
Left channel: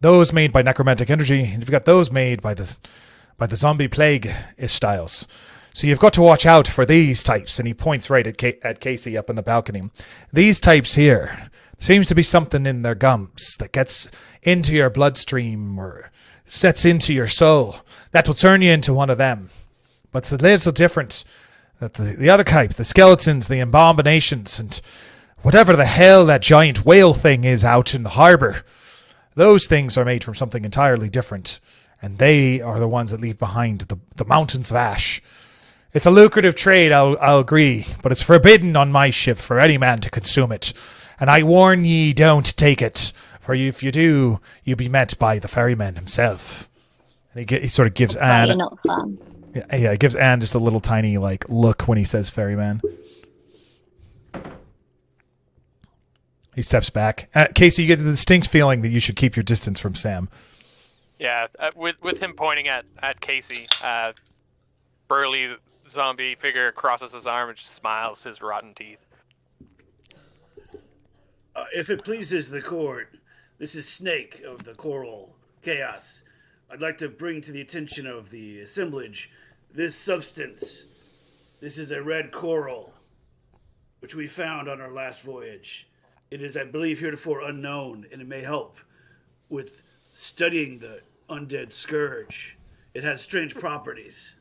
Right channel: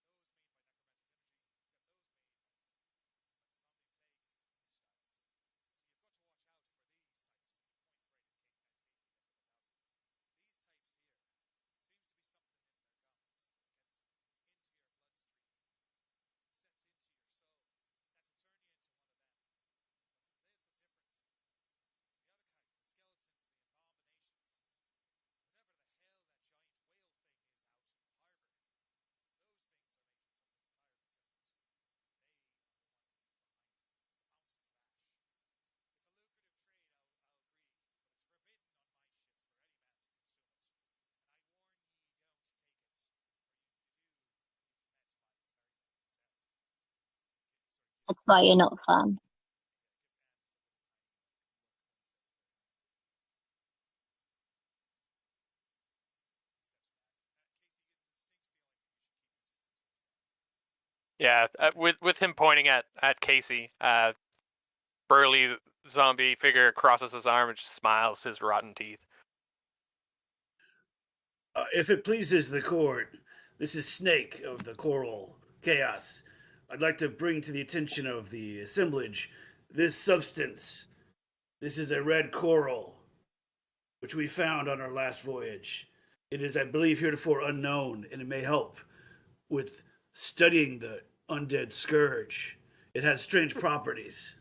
those made by necromantic energy, and you've got those made by the zombie plague-ish styles. So you've got to watch out for these types. And he points right at Casey up in the balcony. These types here, seems to be something in their gums that gets into your bloodstream or sets into your soul. That will turn you into one of them. But it's a little different. That the other type, the skeletons, the abominations, and whatever the hell that giant whale thing is out in the harbor, those things are made from something entirely different. And they are the ones that leave behind the mountains of ash. It's a lucrative trade, I'll agree, but it's forbidden on my ship for any man to consume it. And I warn ye, don't take it, for if you do, you'll be met by the ferryman himself. And he sort of gives Anne... not fun. Yeah, it gives Anne just a little tiny look when he says ferryman. He steps back. Casey, you get the distinct feeling that you should keep your distance from Sam. Yeah, with him pointing at Casey, burly zombie figure crosses his arm and just smiles his rotten teeth. If it pleases the court, this is Snake of the Coral Chaos. I'd like to bring to the attention of the assemblage this substance. This is a red coral, which we found on our last voyage. It is, I believe, heretofore unknown, and it may help with studying the undead scourge. It has strange properties.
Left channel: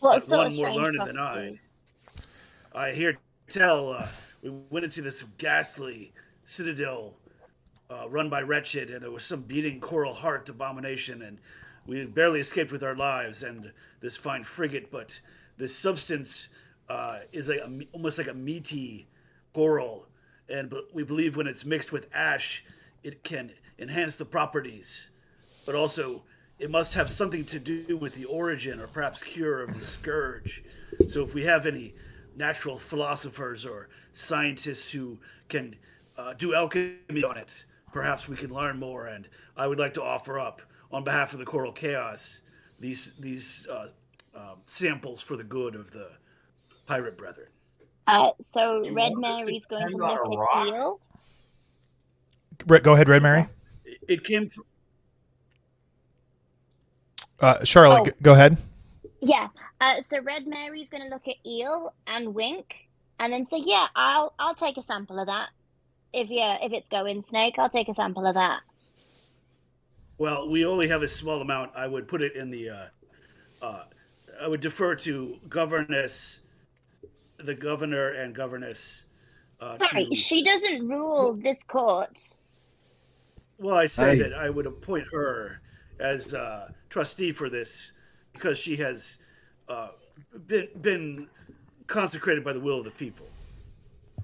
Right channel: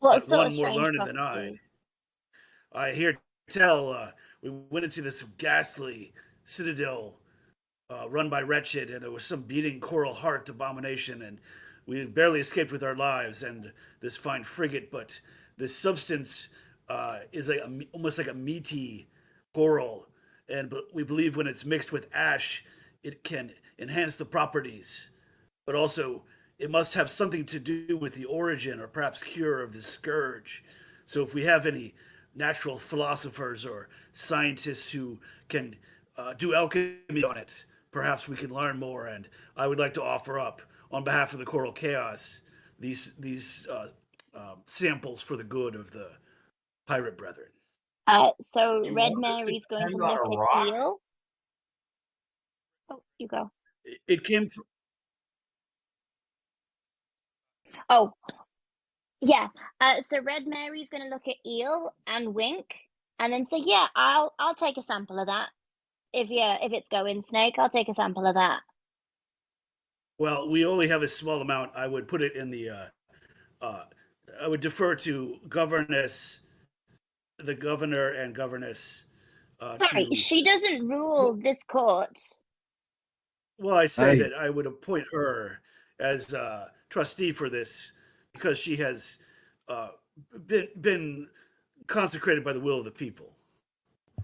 What sort one of more strange learned than properties? I hear tell we went into this ghastly citadel run by Wretched, and there was some beating coral heart abomination, and we barely escaped with our lives and this fine frigate. But this substance is almost like a meaty coral, and we believe when it's mixed with ash, it can enhance the properties. But also, it must have something to do with the origin or perhaps cure of the scourge. So if we have any natural philosophers or scientists who can do alchemy on it, perhaps we can learn more. And I would like to offer up, on behalf of the Coral Chaos, these samples for the good of the pirate brethren. So Red Mary's going to look at Deal. Go ahead, Red Mary. It came from... Charlotte, go ahead. Yeah. So Red Mary's going to look at Eel and wink, and then say, "Yeah, I'll take a sample of that. If it's going Snake, I'll take a sample of that." Well, we only have a small amount. I would put it in the. I would defer to the governor and governess. Sorry, she doesn't rule this court. Well, I say that I would appoint her as trustee for this because she has been consecrated by the will of the people.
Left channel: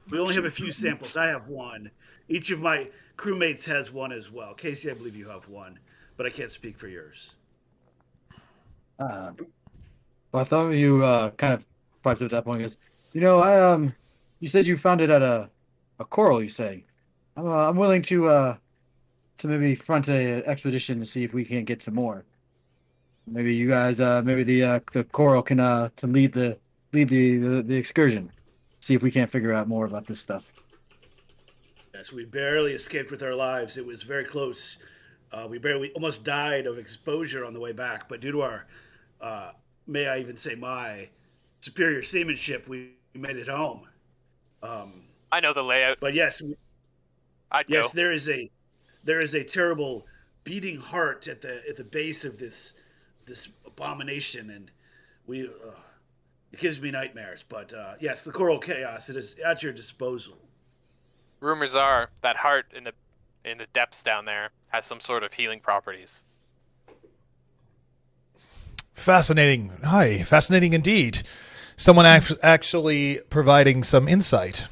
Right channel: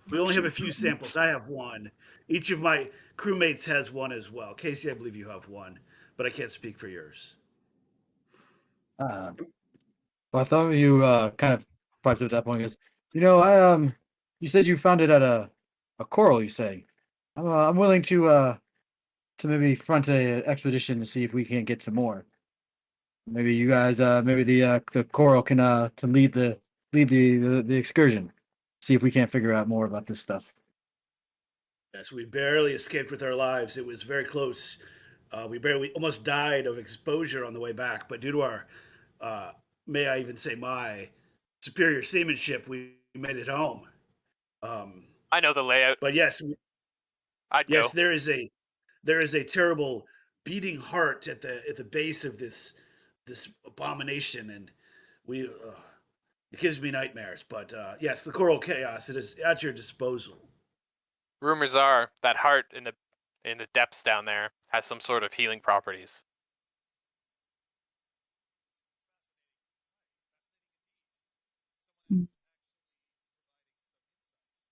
We only have a few samples. I have one. Each of my crewmates has one as well. Casey, I believe you have one, but I can't speak for yours. Well, I thought you kind of piped up at that point because, you said you found it at a coral. You say, I'm willing to maybe front a expedition to see if we can get some more. Maybe you guys, maybe the coral can lead the excursion. See if we can't figure out more about this stuff. Yes, we barely escaped with our lives. It was very close. We almost died of exposure on the way back, but due to our, may I even say my superior seamanship, we made it home. I know the layout. But yes, I'd go. there is a terrible beating heart at the base of this abomination, and it gives me nightmares. But yes, the coral chaos, it is at your disposal. Rumors are that heart in the depths down there has some sort of healing properties. Fascinating. Hi, fascinating indeed. Someone actually providing some insight.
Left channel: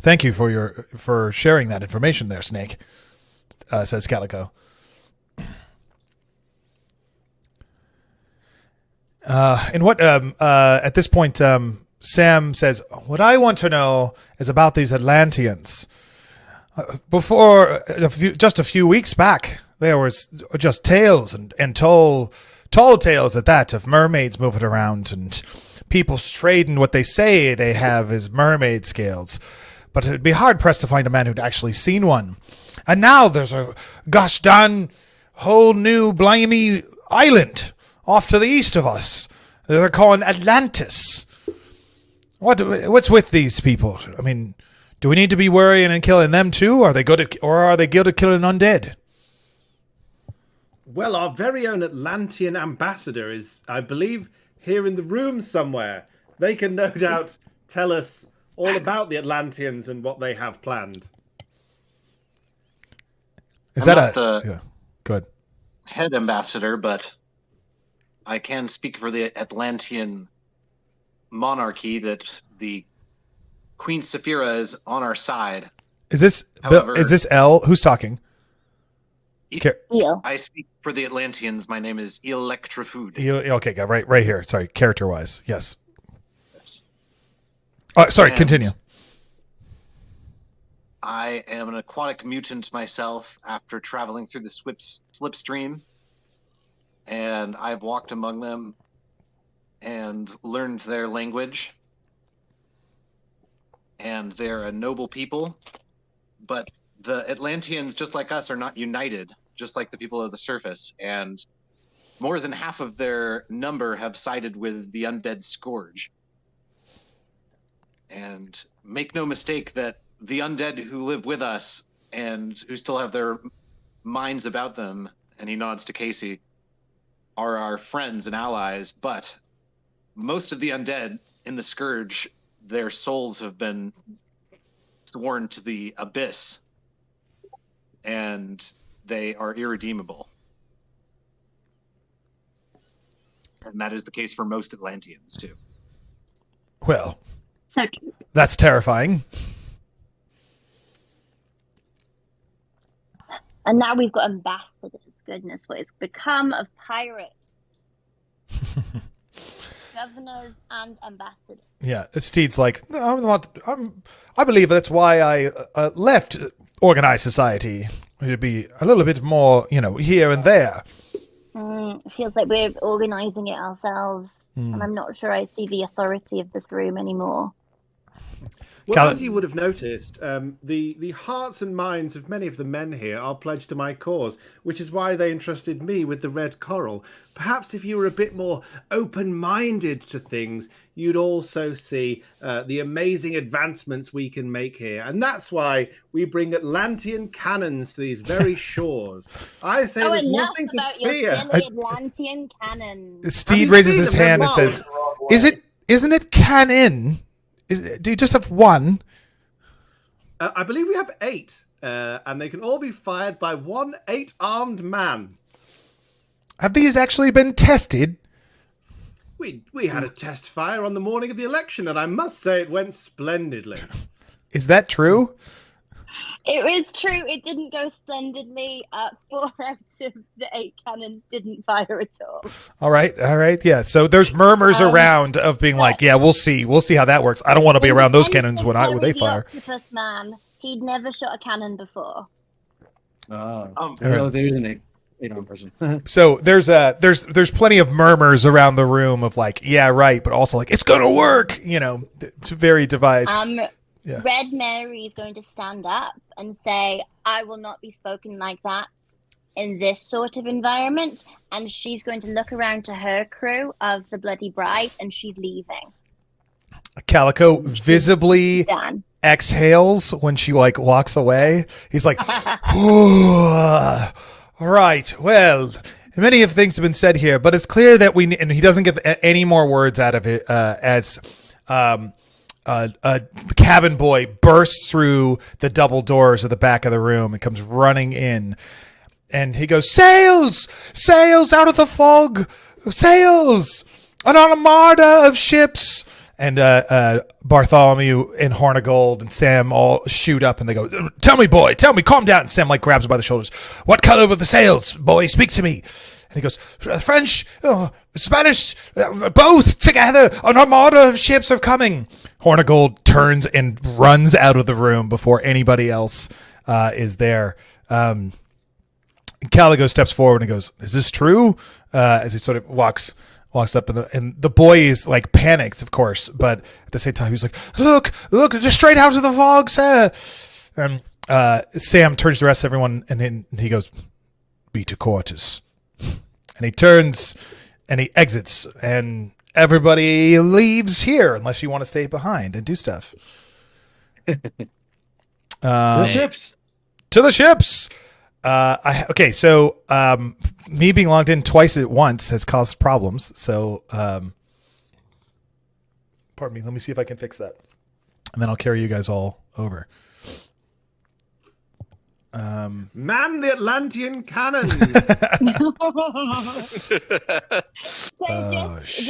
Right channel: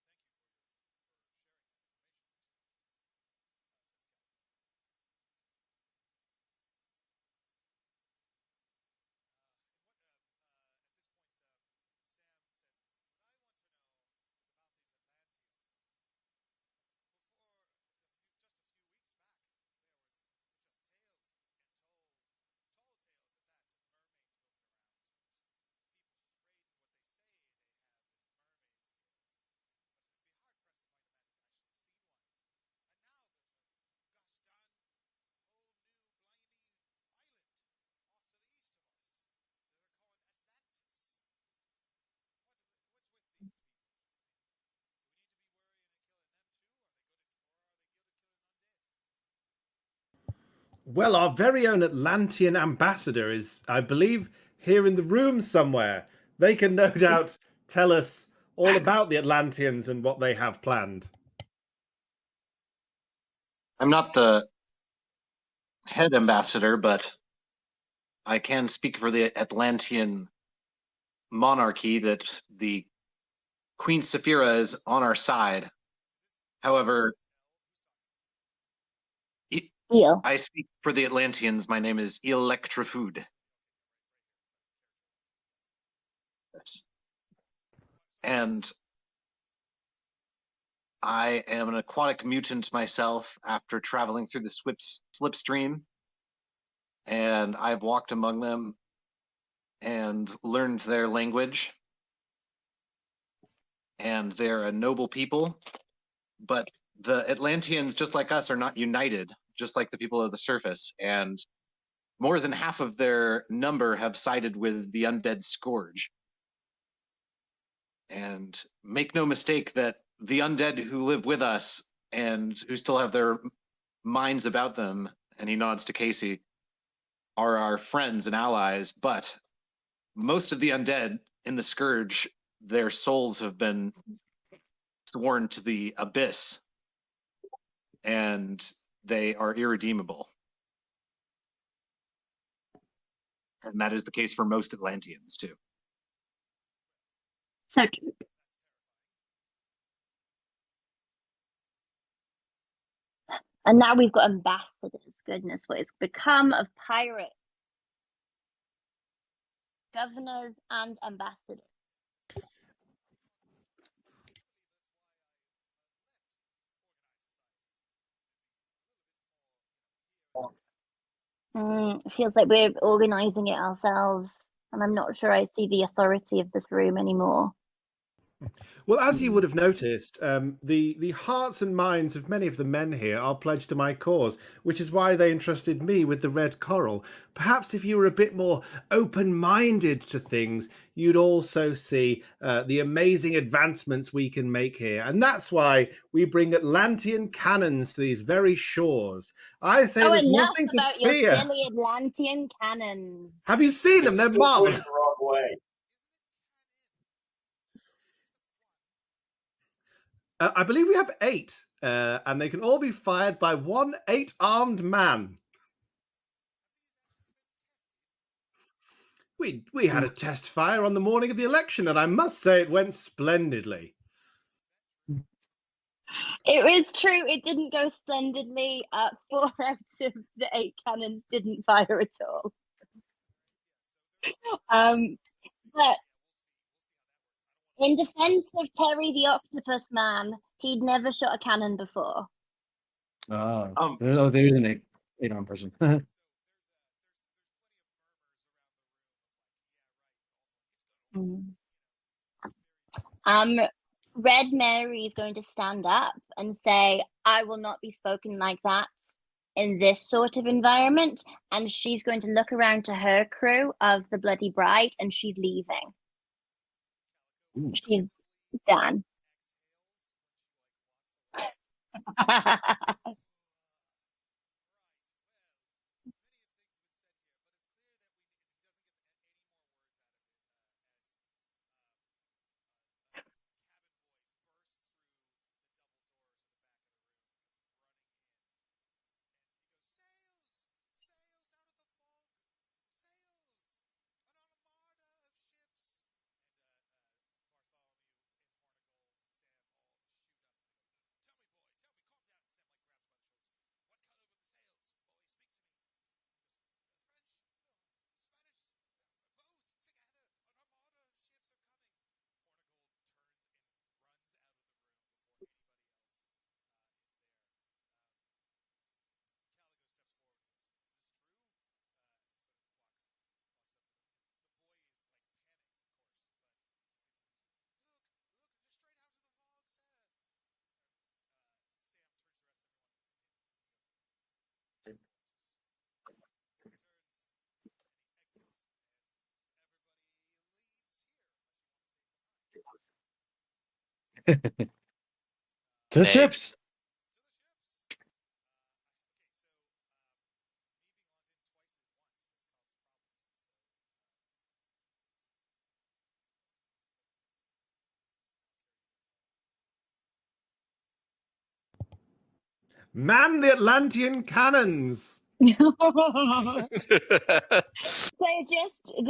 Thank you for sharing that information there, Snake, says Calico. And what at this point, Sam says, what I want to know is about these Atlanteans. Before just a few weeks back, there was just tales and tall tales at that of mermaids moving around and people trading what they say they have as mermaid scales. But it'd be hard pressed to find a man who'd actually seen one. And now there's a gosh darn whole new blimey island off to the east of us. They're calling Atlantis. What's with these people? I mean, do we need to be worrying and killing them too? Are they good at killing undead? Well, our very own Atlantean ambassador is, I believe, here in the room somewhere. They can no doubt tell us all about the Atlanteans and what they have planned. I'm not the head ambassador, but I can speak for the Atlantean monarchy that the Queen Saphira is on our side. Is this L? Who's talking? I speak for the Atlanteans. My name is Electrofood. Okay, right here. Sorry, character-wise. Yes. Continue. I am an aquatic mutant myself after traveling through the slipstream, and I've walked among them and learned their language. And they're a noble people, but the Atlanteans, just like us, are not united, just like the people of the surface. And more than half of their number have sided with the undead Scourge. And make no mistake that the undead who live with us and who still have their minds about them, and he nods to Casey, are our friends and allies. But most of the undead in the Scourge, their souls have been sworn to the abyss, and they are irredeemable. And that is the case for most Atlanteans, too. Well, so that's terrifying. And now we've got ambassadors. Goodness, what has become of pirate governors and ambassadors? Yeah, Steed's like, no, I believe that's why I left organized society. It'd be a little bit more, here and there. It feels like we're organizing it ourselves, and I'm not sure I see the authority of this room anymore. Well, as you would have noticed, the hearts and minds of many of the men here are pledged to my cause, which is why they entrusted me with the red coral. Perhaps if you were a bit more open-minded to things, you'd also see the amazing advancements we can make here. And that's why we bring Atlantean cannons to these very shores. I say there's nothing to fear. Atlantean cannons. Steve raises his hand and says, isn't it cannon? Do you just have one? I believe we have 8, and they can all be fired by one 8-armed man. Have these actually been tested? We had a test fire on the morning of the election, and I must say it went splendidly. Is that true? It was true. It didn't go splendidly. 4 out of the 8 cannons didn't fire at all. All right. Yeah. So there's murmurs around of being like, yeah, we'll see how that works. I don't want to be around those cannons when they fire. The octopus man, he'd never shot a cannon before. There's an 8-armed person. So there's plenty of murmurs around the room of like, yeah, right, but also like it's gonna work. It's very devised. Yeah. Red Mary is going to stand up and say, I will not be spoken like that in this sort of environment. And she's going to look around to her crew of the Bloody Bride, and she's leaving. Calico visibly exhales when she walks away. He's like, all right, well, many of things have been said here, but it's clear that and he doesn't get any more words out of it the cabin boy bursts through the double doors at the back of the room and comes running in, and he goes, sails out of the fog, sails, an armada of ships. And Bartholomew and Hornigold and Sam all shoot up, and they go, tell me, boy, calm down. And Sam grabs him by the shoulders. What color were the sails, boy? Speak to me. And he goes, French, Spanish, both together. An armada of ships are coming. Hornigold turns and runs out of the room before anybody else is there. Caligo steps forward and goes, is this true? As he sort of walks up, and the boy is panicked, of course, but at the same time, he's like, look, just straight out of the fog, sir. And Sam turns to the rest of everyone, and then he goes, be to quarters. And he turns and he exits, and everybody leaves here unless you want to stay behind and do stuff. To the ships. To the ships. So me being logged in twice at once has caused problems. So, pardon me. Let me see if I can fix that, and then I'll carry you guys all over. Man the Atlantean cannons. They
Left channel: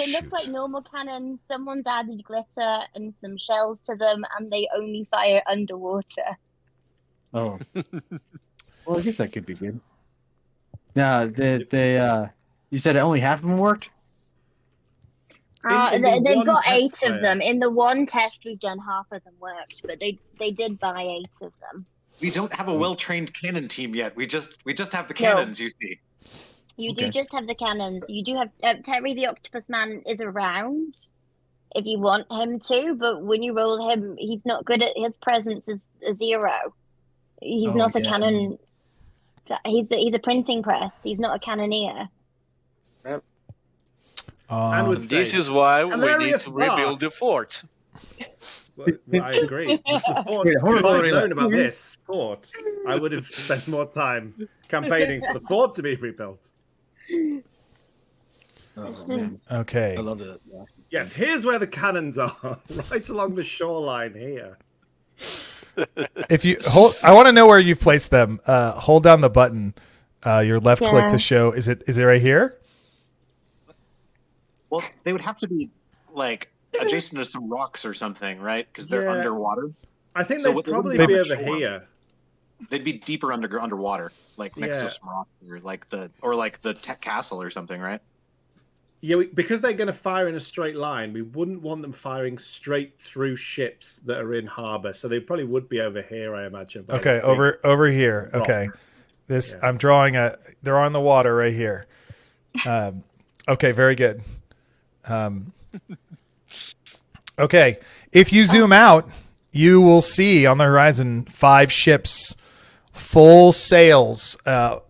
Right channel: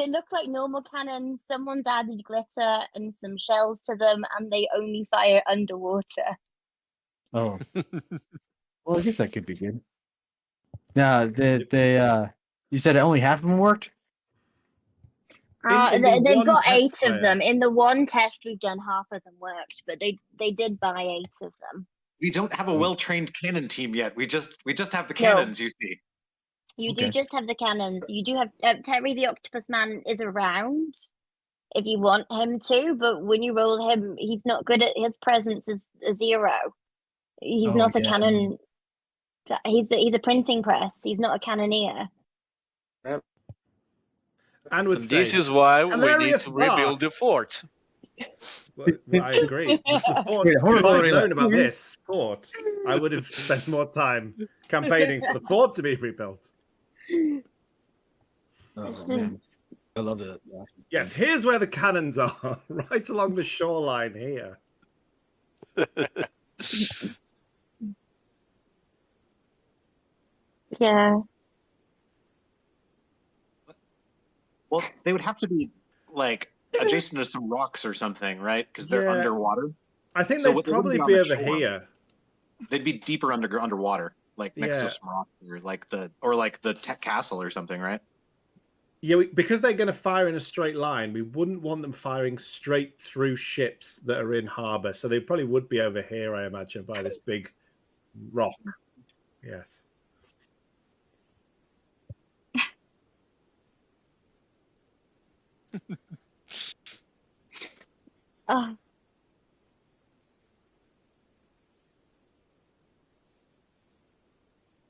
look like normal cannons. Someone's added glitter and some shells to them, and they only fire underwater. Oh. Well, I guess that could be good. Now, you said only half of them worked? They've got 8 of them. In the one test we've done, half of them worked, but they did buy 8 of them. We don't have a well-trained cannon team yet. We just have the cannons, you see. You do just have the cannons. You do have Terry the Octopus Man is around if you want him to, but when you roll him, he's not good at his presence is a 0. He's not a cannon. He's a printing press. He's not a cannoneer. Yep. This is why we need to rebuild the fort. Well, I agree. If I'd known about this fort, I would have spent more time campaigning for the fort to be rebuilt. Okay. I love it. Yes, here's where the cannons are, right along the shoreline here. If you hold, I want to know where you place them. Hold down the button, your left click to show. Is it right here? Well, they would have to be adjacent to some rocks or something, right? Because they're underwater. I think they'd probably be over here. They'd be deeper underwater, next to some rocks, or the castle or something, right? Yeah, because they're going to fire in a straight line, we wouldn't want them firing straight through ships that are in harbor. So they probably would be over here, I imagine. Okay, over here. Rock. Okay, this I'm drawing they're on the water right here. Okay, very good. Okay, if you zoom out, you will see on the horizon 5 ships, full sails, a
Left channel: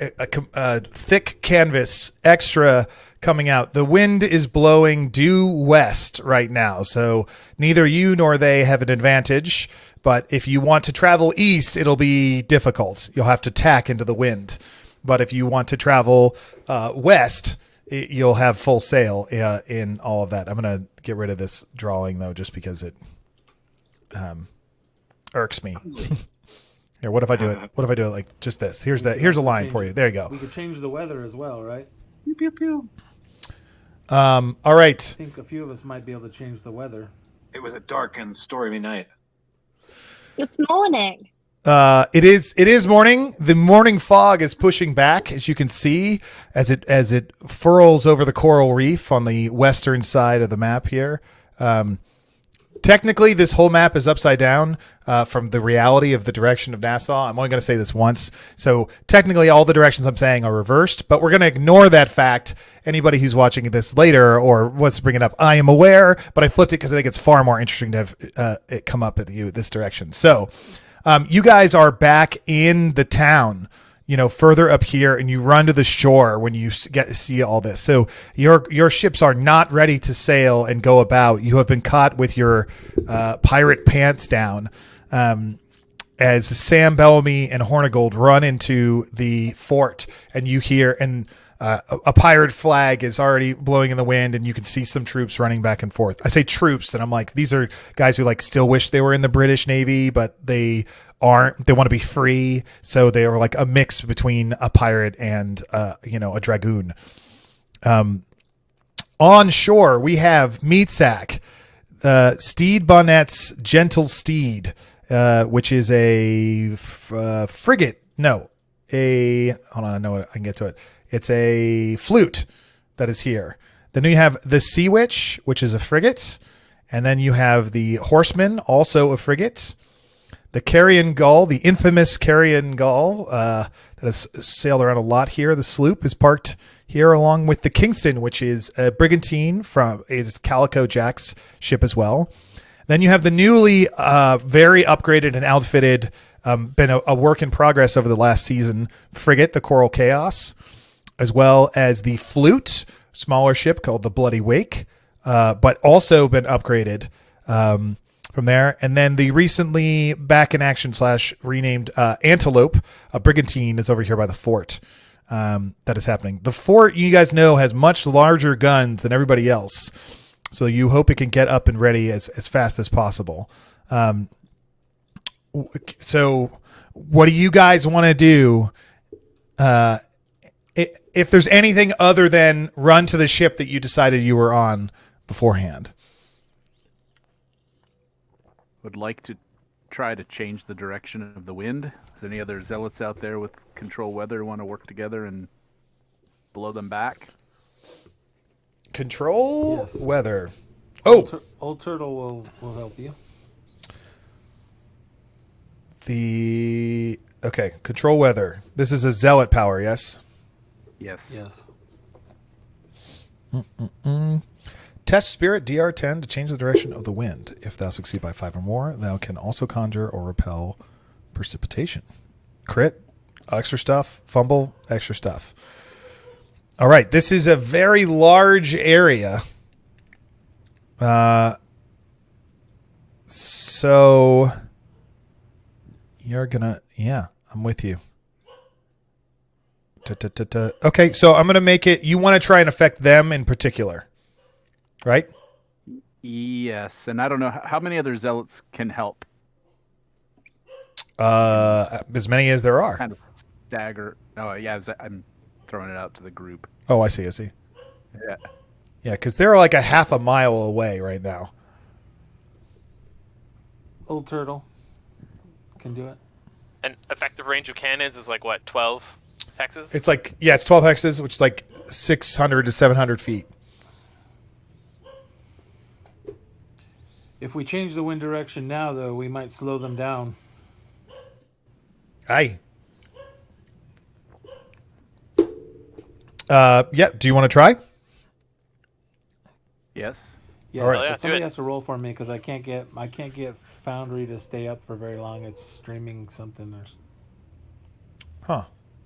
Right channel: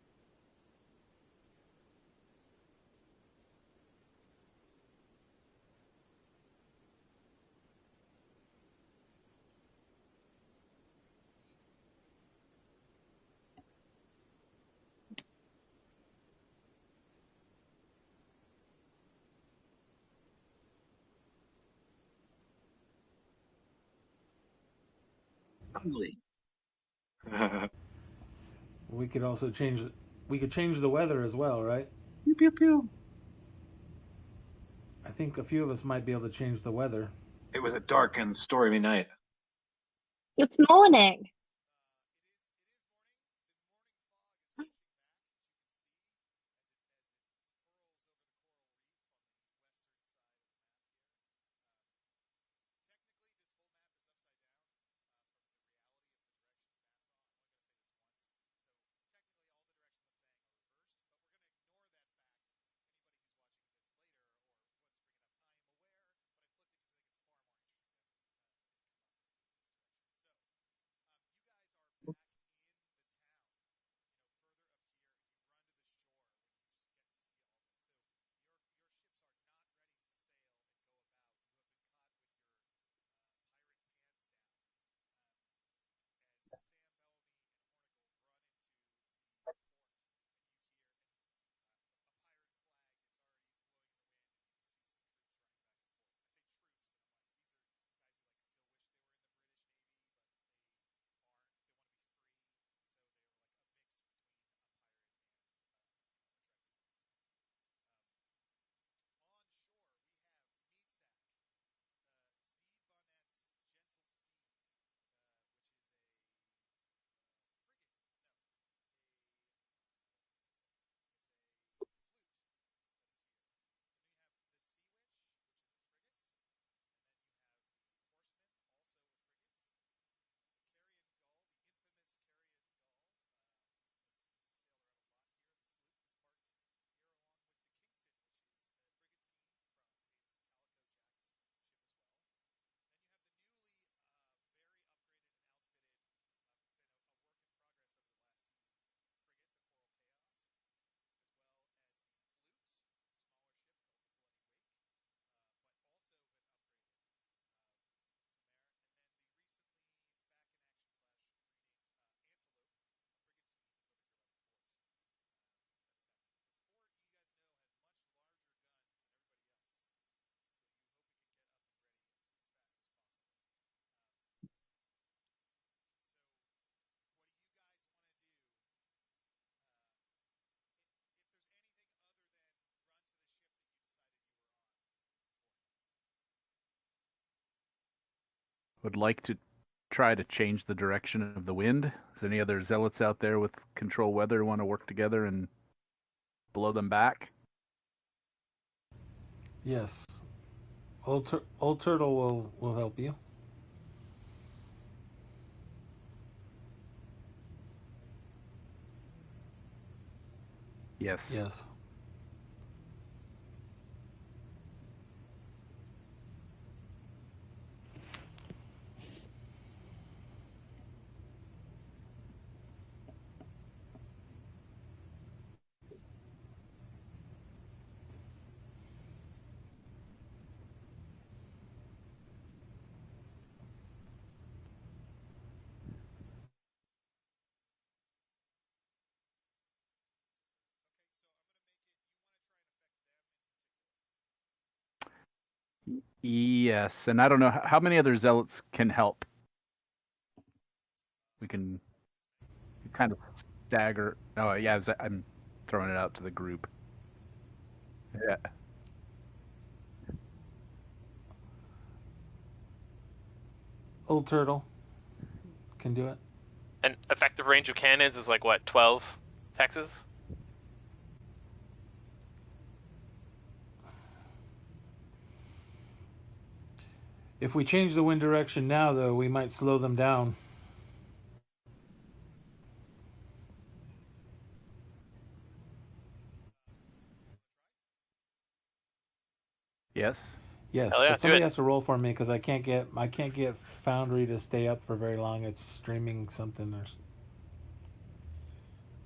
thick canvas, extra coming out. The wind is blowing due west right now, so neither you nor they have an advantage. But if you want to travel east, it'll be difficult. You'll have to tack into the wind. But if you want to travel west, you'll have full sail in all of that. I'm going to get rid of this drawing, though, just because it irks me. Here, what if I do it? What if I do it like just this? Here's a line for you. There you go. We could change the weather as well, right? Pew, pew, pew. All right. I think a few of us might be able to change the weather. It was a dark and stormy night. It's morning. It is morning. The morning fog is pushing back, as you can see, as it furls over the coral reef on the western side of the map here. Technically, this whole map is upside down from the reality of the direction of Nassau. I'm only going to say this once. So technically, all the directions I'm saying are reversed, but we're going to ignore that fact. Anybody who's watching this later or wants to bring it up, I am aware, but I flipped it because I think it's far more interesting to have it come up at you this direction. So you guys are back in the town, further up here, and you run to the shore when you get to see all this. So your ships are not ready to sail and go about. You have been caught with your pirate pants down as Sam Bellamy and Hornigold run into the fort, and you hear a pirate flag is already blowing in the wind, and you can see some troops running back and forth. I say troops, and I'm like, these are guys who still wish they were in the British Navy, but they aren't. They want to be free, so they are like a mix between a pirate and a dragoon. On shore, we have Meatsack, Steed Bonnet's Gentle Steed, which is a frigate. No, hold on, I know I can get to it. It's a flute that is here. Then you have the Sea Witch, which is a frigate. And then you have the Horseman, also a frigate. The Carrion Gull, the infamous Carrion Gull that has sailed around a lot here. The sloop is parked here along with the Kingston, which is a brigantine is Calico Jack's ship as well. Then you have the newly very upgraded and outfitted, been a work in progress over the last season, frigate, the Coral Chaos, as well as the Flute, smaller ship called the Bloody Wake, but also been upgraded from there. And then the recently back in action / renamed Antelope, a brigantine, is over here by the fort. That is happening. The fort, you guys know, has much larger guns than everybody else, so you hope it can get up and ready as fast as possible. So what do you guys want to do? If there's anything other than run to the ship that you decided you were on beforehand. Would like to try to change the direction of the wind. Is there any other zealots out there with control weather who want to work together and blow them back? Control weather. Old Turtle will help you. Okay, control weather. This is a zealot power, yes? Yes. Test spirit DR10 to change the direction of the wind. If thou succeed by 5 or more, thou can also conjure or repel precipitation. Crit, extra stuff. Fumble, extra stuff. All right, this is a very large area. So you're gonna, I'm with you. Okay, so I'm going to make it, you want to try and affect them in particular, right? Yes, and I don't know, how many other zealots can help? As many as there are. Kind of stagger. Oh, yeah, I'm throwing it out to the group. Oh, I see. Yeah. Yeah, because they're like a half a mile away right now. Old Turtle can do it. And effective range of cannons is like what, 12 hexes? It's like, it's 12 hexes, which is like 600 to 700 feet. If we change the wind direction now, though, we might slow them down. Aye. Do you want to try? Yes. Yes, All right. yeah, but somebody do it. has to roll for me because I can't get Foundry to stay up for very long. It's streaming something or Huh.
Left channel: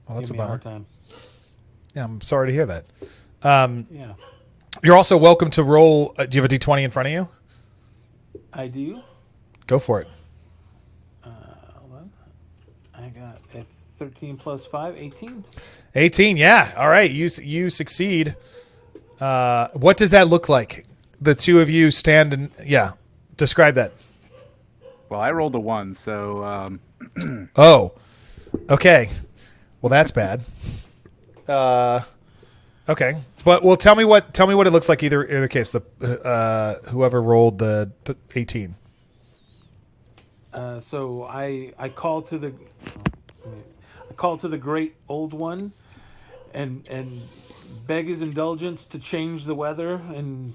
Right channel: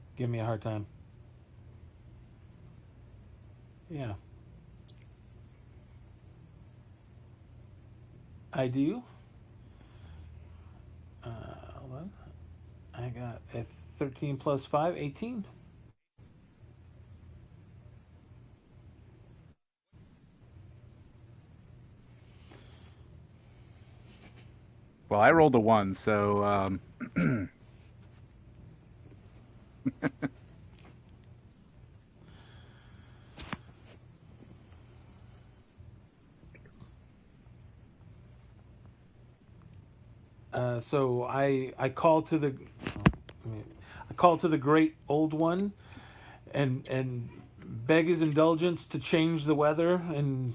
Well, that's give me a hard time. Yeah, I'm sorry to hear that. Yeah, You're also welcome to roll. Do you have a d20 in front of you? I do. Go for it. Hold on. I got a 13 plus 5, 18. 18. Yeah. All right. You succeed. What does that look like? The two of you stand and describe that. Well, I rolled a 1, so Oh. Okay. Well, that's bad. Okay. But tell me what it looks like either case. The whoever rolled the 18. So I call to the great old one and beg his indulgence to change the weather and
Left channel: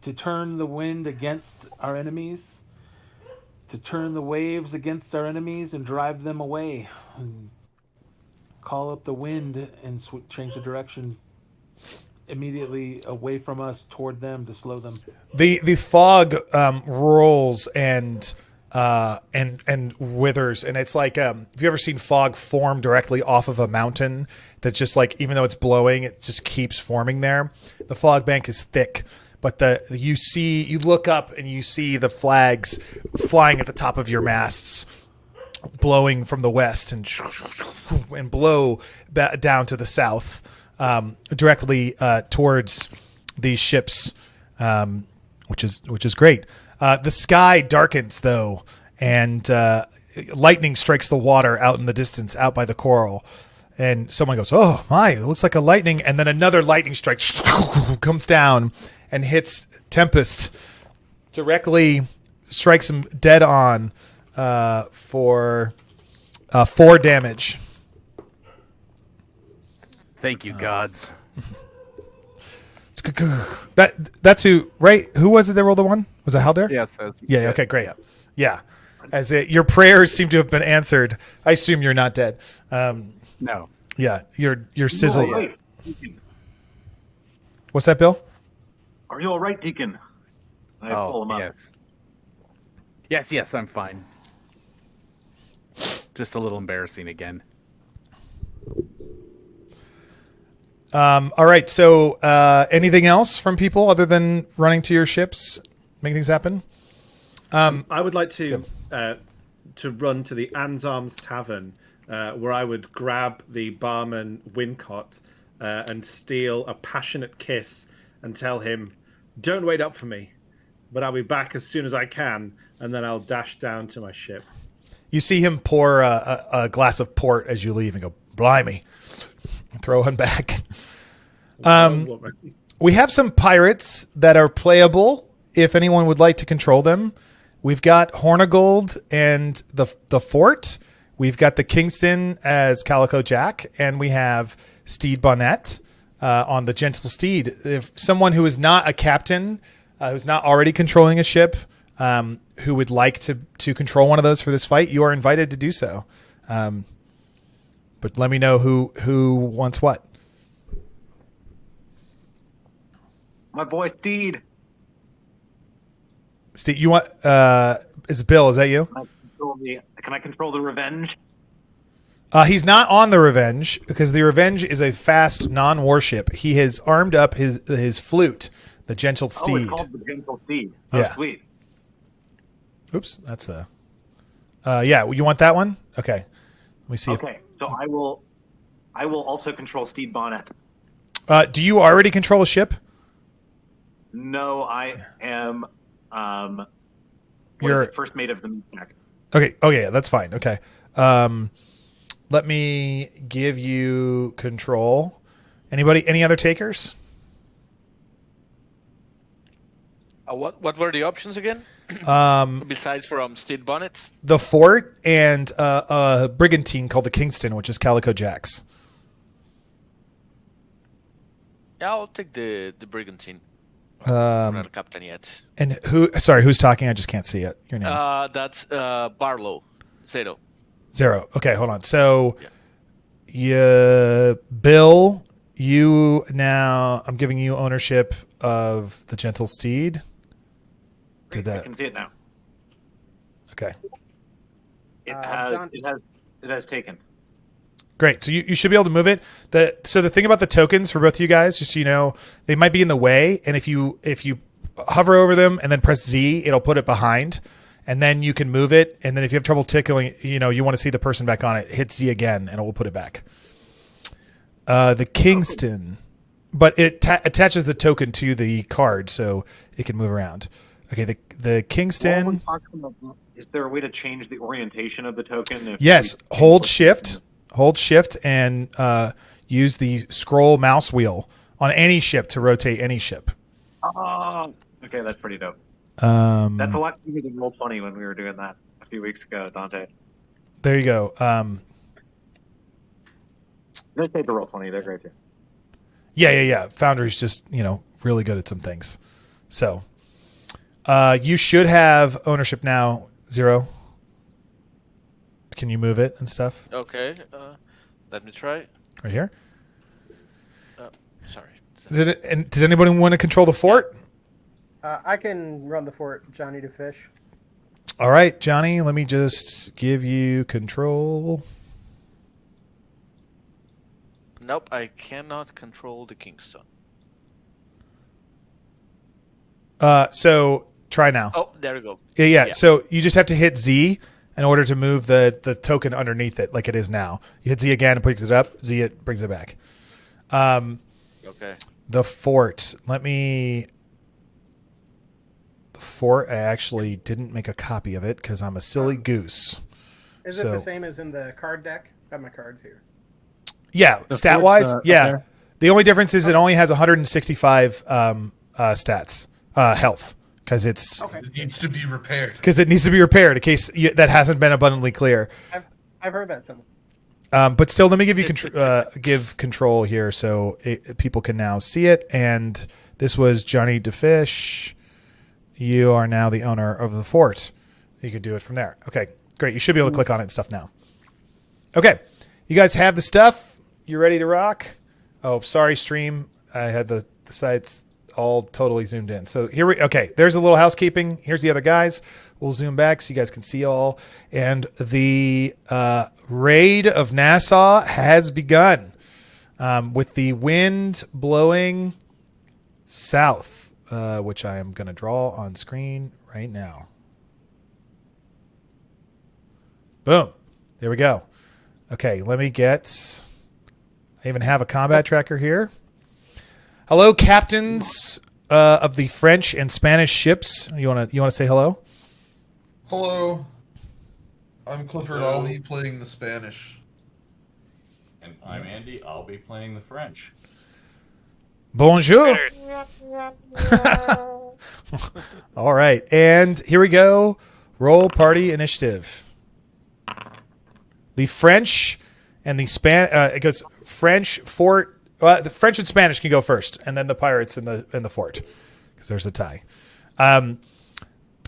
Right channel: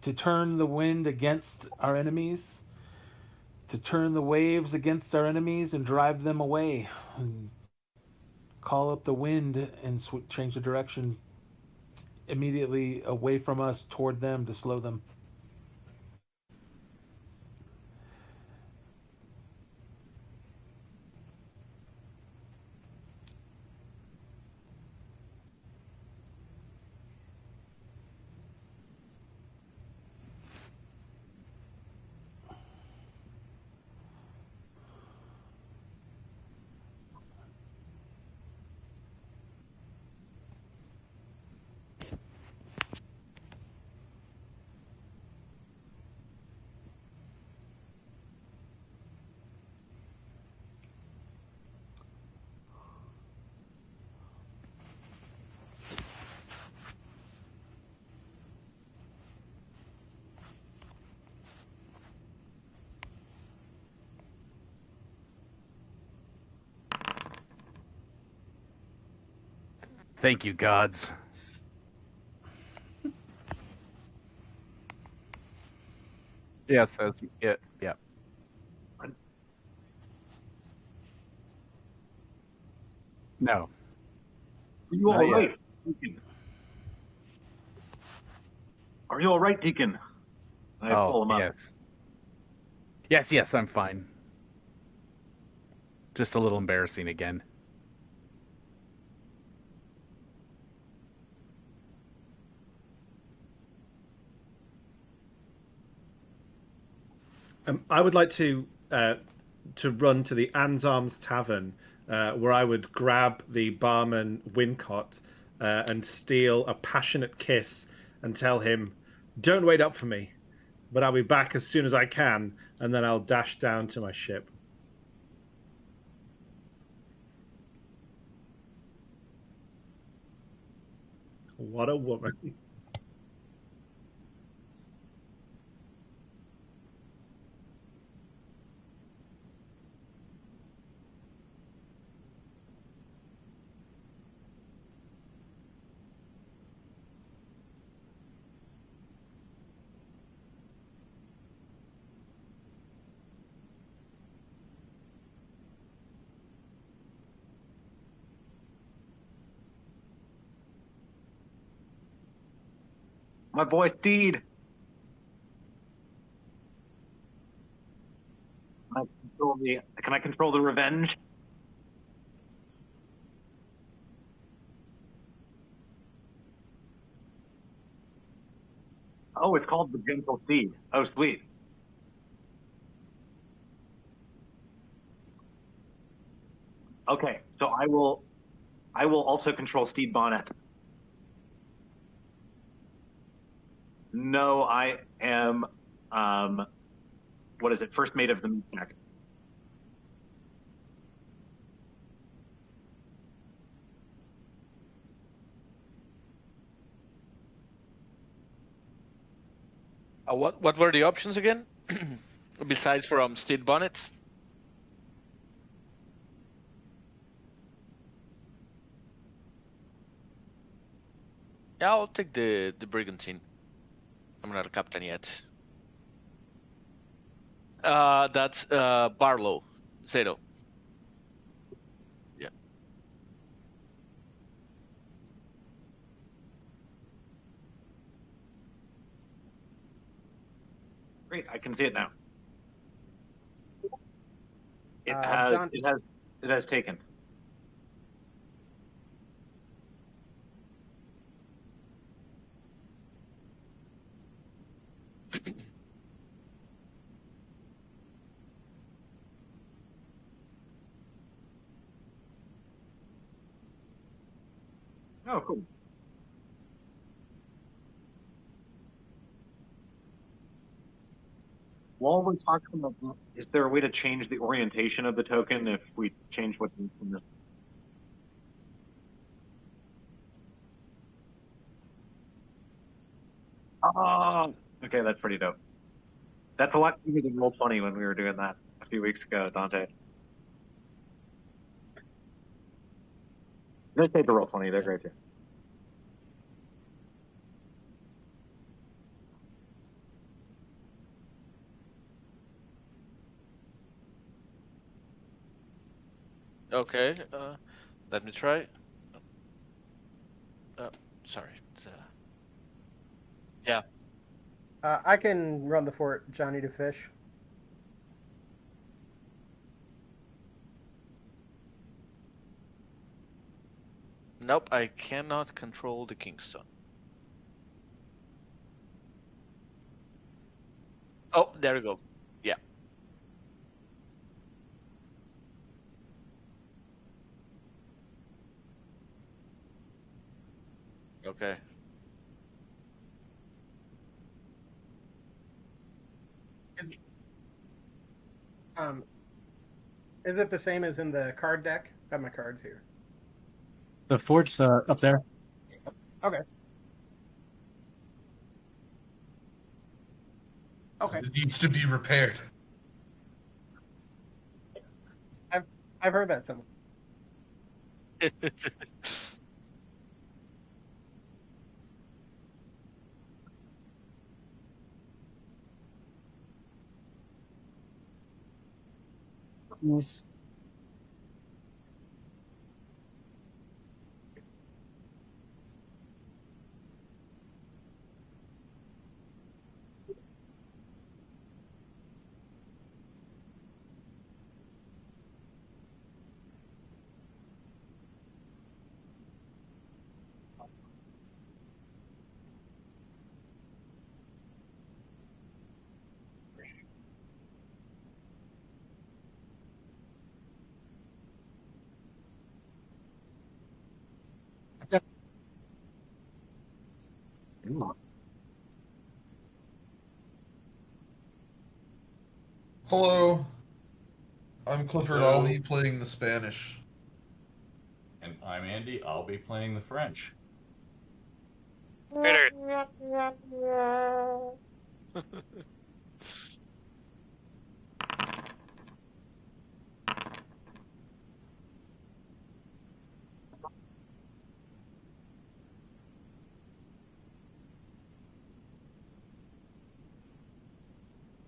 to turn the wind against our enemies, to turn the waves against our enemies and drive them away, and call up the wind and change the direction immediately away from us toward them to slow them. The fog rolls and withers, and it's like have you ever seen fog form directly off of a mountain that just like even though it's blowing it just keeps forming there? The fog bank is thick, but you look up and you see the flags flying at the top of your masts blowing from the west and blow down to the south directly towards these ships, which is great. The sky darkens though, and lightning strikes the water out in the distance, out by the coral. And someone goes, "Oh my! It looks like a lightning." And then another lightning strike comes down and hits Tempest. Directly strikes him dead on for 4 damage. Thank you, gods. That's who, right? Who was it that rolled the 1? Was it Halder? Yes. Yeah. Okay. Great. Yeah. Your prayers seem to have been answered. I assume you're not dead. No. Yeah. You're sizzling. Right. What's that, Bill? Are you all right, Deacon? I pull him up. Yes, I'm fine. Just a little embarrassing again. All right. So, anything else from people other than running to your ships, making things happen? I would like to run to the Anne's Arms Tavern, where I would grab the barman Wincott and steal a passionate kiss and tell him, "Don't wait up for me, but I'll be back as soon as I can," and then I'll dash down to my ship. You see him pour a glass of port as you leave and go, "Blimey," and throw one back. We have some pirates that are playable if anyone would like to control them. We've got Hornigold and the Fort. We've got the Kingston as Calico Jack, and we have Steed Bonnet on the Gentle Steed. If someone who is not a captain, who's not already controlling a ship, who would like to control one of those for this fight, you are invited to do so. But let me know who wants what. My boy Steed. Steve, you want? Is Bill? Is that you? Can I control the Revenge? He's not on the Revenge because the Revenge is a fast non-warship. He has armed up his flute, the Gentle Steed. Oh, it's called the Gentle Steed. Oh, Yeah. sweet. Oops, that's a. Yeah, you want that one? Okay. Let me see. Okay, so I will also control Steed Bonnet. Do you already control a ship? No, I am. What is it? First mate of the Meatsack. Okay. Oh yeah, that's fine. Okay. Let me give you control. Any other takers? What were the options again? Besides from Steed Bonnet? The Fort and a brigantine called the Kingston, which is Calico Jack's. Yeah, I'll take the brigantine. I'm not a captain yet. And who's talking? I just can't see it. Your name. That's Barlow. Zero. Okay, hold on. So, Bill, I'm giving you ownership of the gentle steed. Great, I can see it now. Okay. It has taken. Great. So you should be able to move it. So the thing about the tokens for both of you guys, just so you know, they might be in the way, and if you hover over them and then press Z, it'll put it behind, and then you can move it. And then if you have trouble tickling, you want to see the person back on it, hit Z again, and it will put it back. The Kingston, but it attaches the token to the card, so it can move around. Okay. The Kingston. Is there a way to change the orientation of the token? Yes. Hold Shift. Hold Shift and use the scroll mouse wheel on any ship to rotate any ship. Oh, okay, that's pretty dope. That's a lot easier than Roll20 when we were doing that a few weeks ago, Dante. There you go. They take the Roll20; they're great too. Yeah. Foundry's just really good at some things. So you should have ownership now, Zero. Can you move it and stuff? Okay. Let me try. Right here. Sorry. Did anybody want to control the fort? I can run the fort, Johnny to fish. All right, Johnny. Let me just give you control. Nope, I cannot control the Kingston. So try now. Oh, there we go. Yeah. So you just have to hit Z in order to move the token underneath it like it is now. You hit Z again and picks it up. Z, it brings it back. Okay. The fort. The fort, I actually didn't make a copy of it because I'm a silly goose. Is it the same as in the card deck? I have my cards here. Yeah, stat-wise, yeah. The only difference is it only has 165 stats, health. Because it needs to be repaired. Because it needs to be repaired in case that hasn't been abundantly clear. I've heard that somewhere. But still, let me give you give control here so people can now see it. And this was Johnny DeFish. You are now the owner of the fort. You can do it from there. Okay, great. You should be able to click on it and stuff now. Okay, you guys have the stuff. You ready to rock? Oh, sorry, stream. I had the sites all totally zoomed in. So okay, there's a little housekeeping. Here's the other guys. We'll zoom back so you guys can see all. And the raid of Nassau has begun with the wind blowing south, which I am going to draw on screen right now. Boom. There we go. Okay, let me get... I even have a combat tracker here. Hello, captains of the French and Spanish ships. You want to say hello? Hello. I'm Clifford. I'll be playing the Spanish. And I'm Andy. I'll be playing the French. Bonjour. All right, and here we go. Roll party initiative. The French and the it goes French fort. The French and Spanish can go first, and then the pirates in the fort, because there's a tie.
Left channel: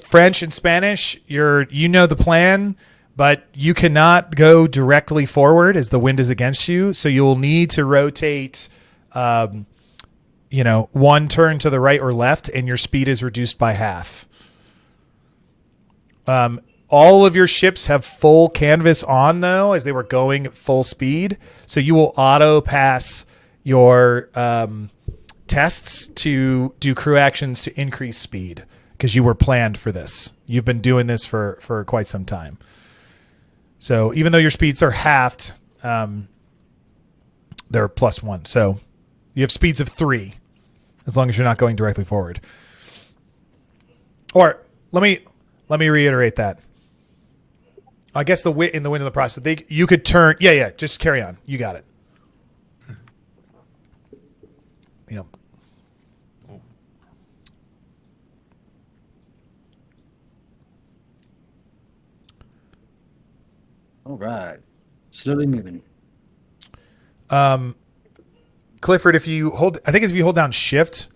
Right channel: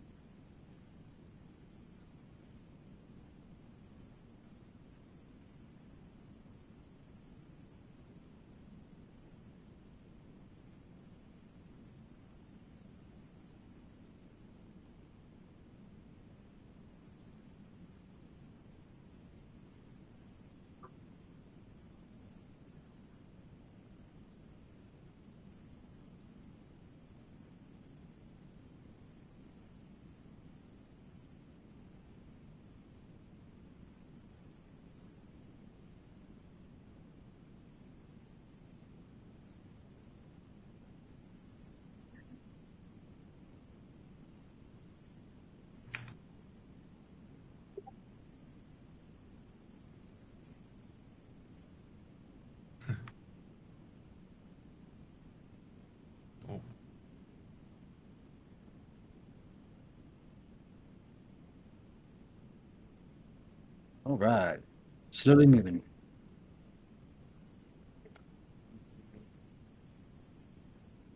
French and Spanish, you know the plan, but you cannot go directly forward as the wind is against you, so you'll need to rotate, one turn to the right or left, and your speed is reduced by half. All of your ships have full canvas on, though, as they were going at full speed, so you will auto pass your tests to do crew actions to increase speed because you were planned for this. You've been doing this for quite some time. So even though your speeds are halved, they're +1. So you have speeds of 3 as long as you're not going directly forward. Or let me reiterate that. I guess in the wind of the process, you could turn. Yeah. Just carry on. You got it. Yep. All right. Slowly moving. Clifford, if you hold down Shift,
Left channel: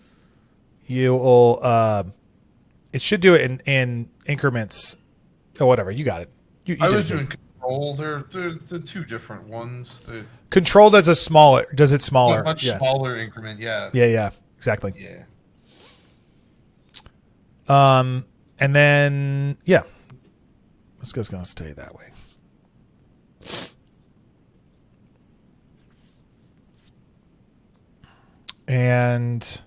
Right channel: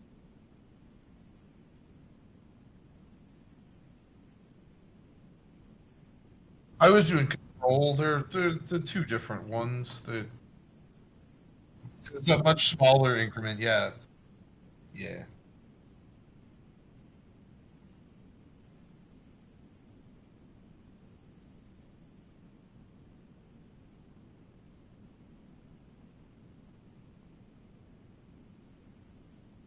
you'll it should do it in increments or whatever. You got it. I was doing Control, they're two different ones. Control does it smaller. A much smaller increment, yeah. Yeah, exactly. Yeah. And then let's go. It's gonna stay that way. And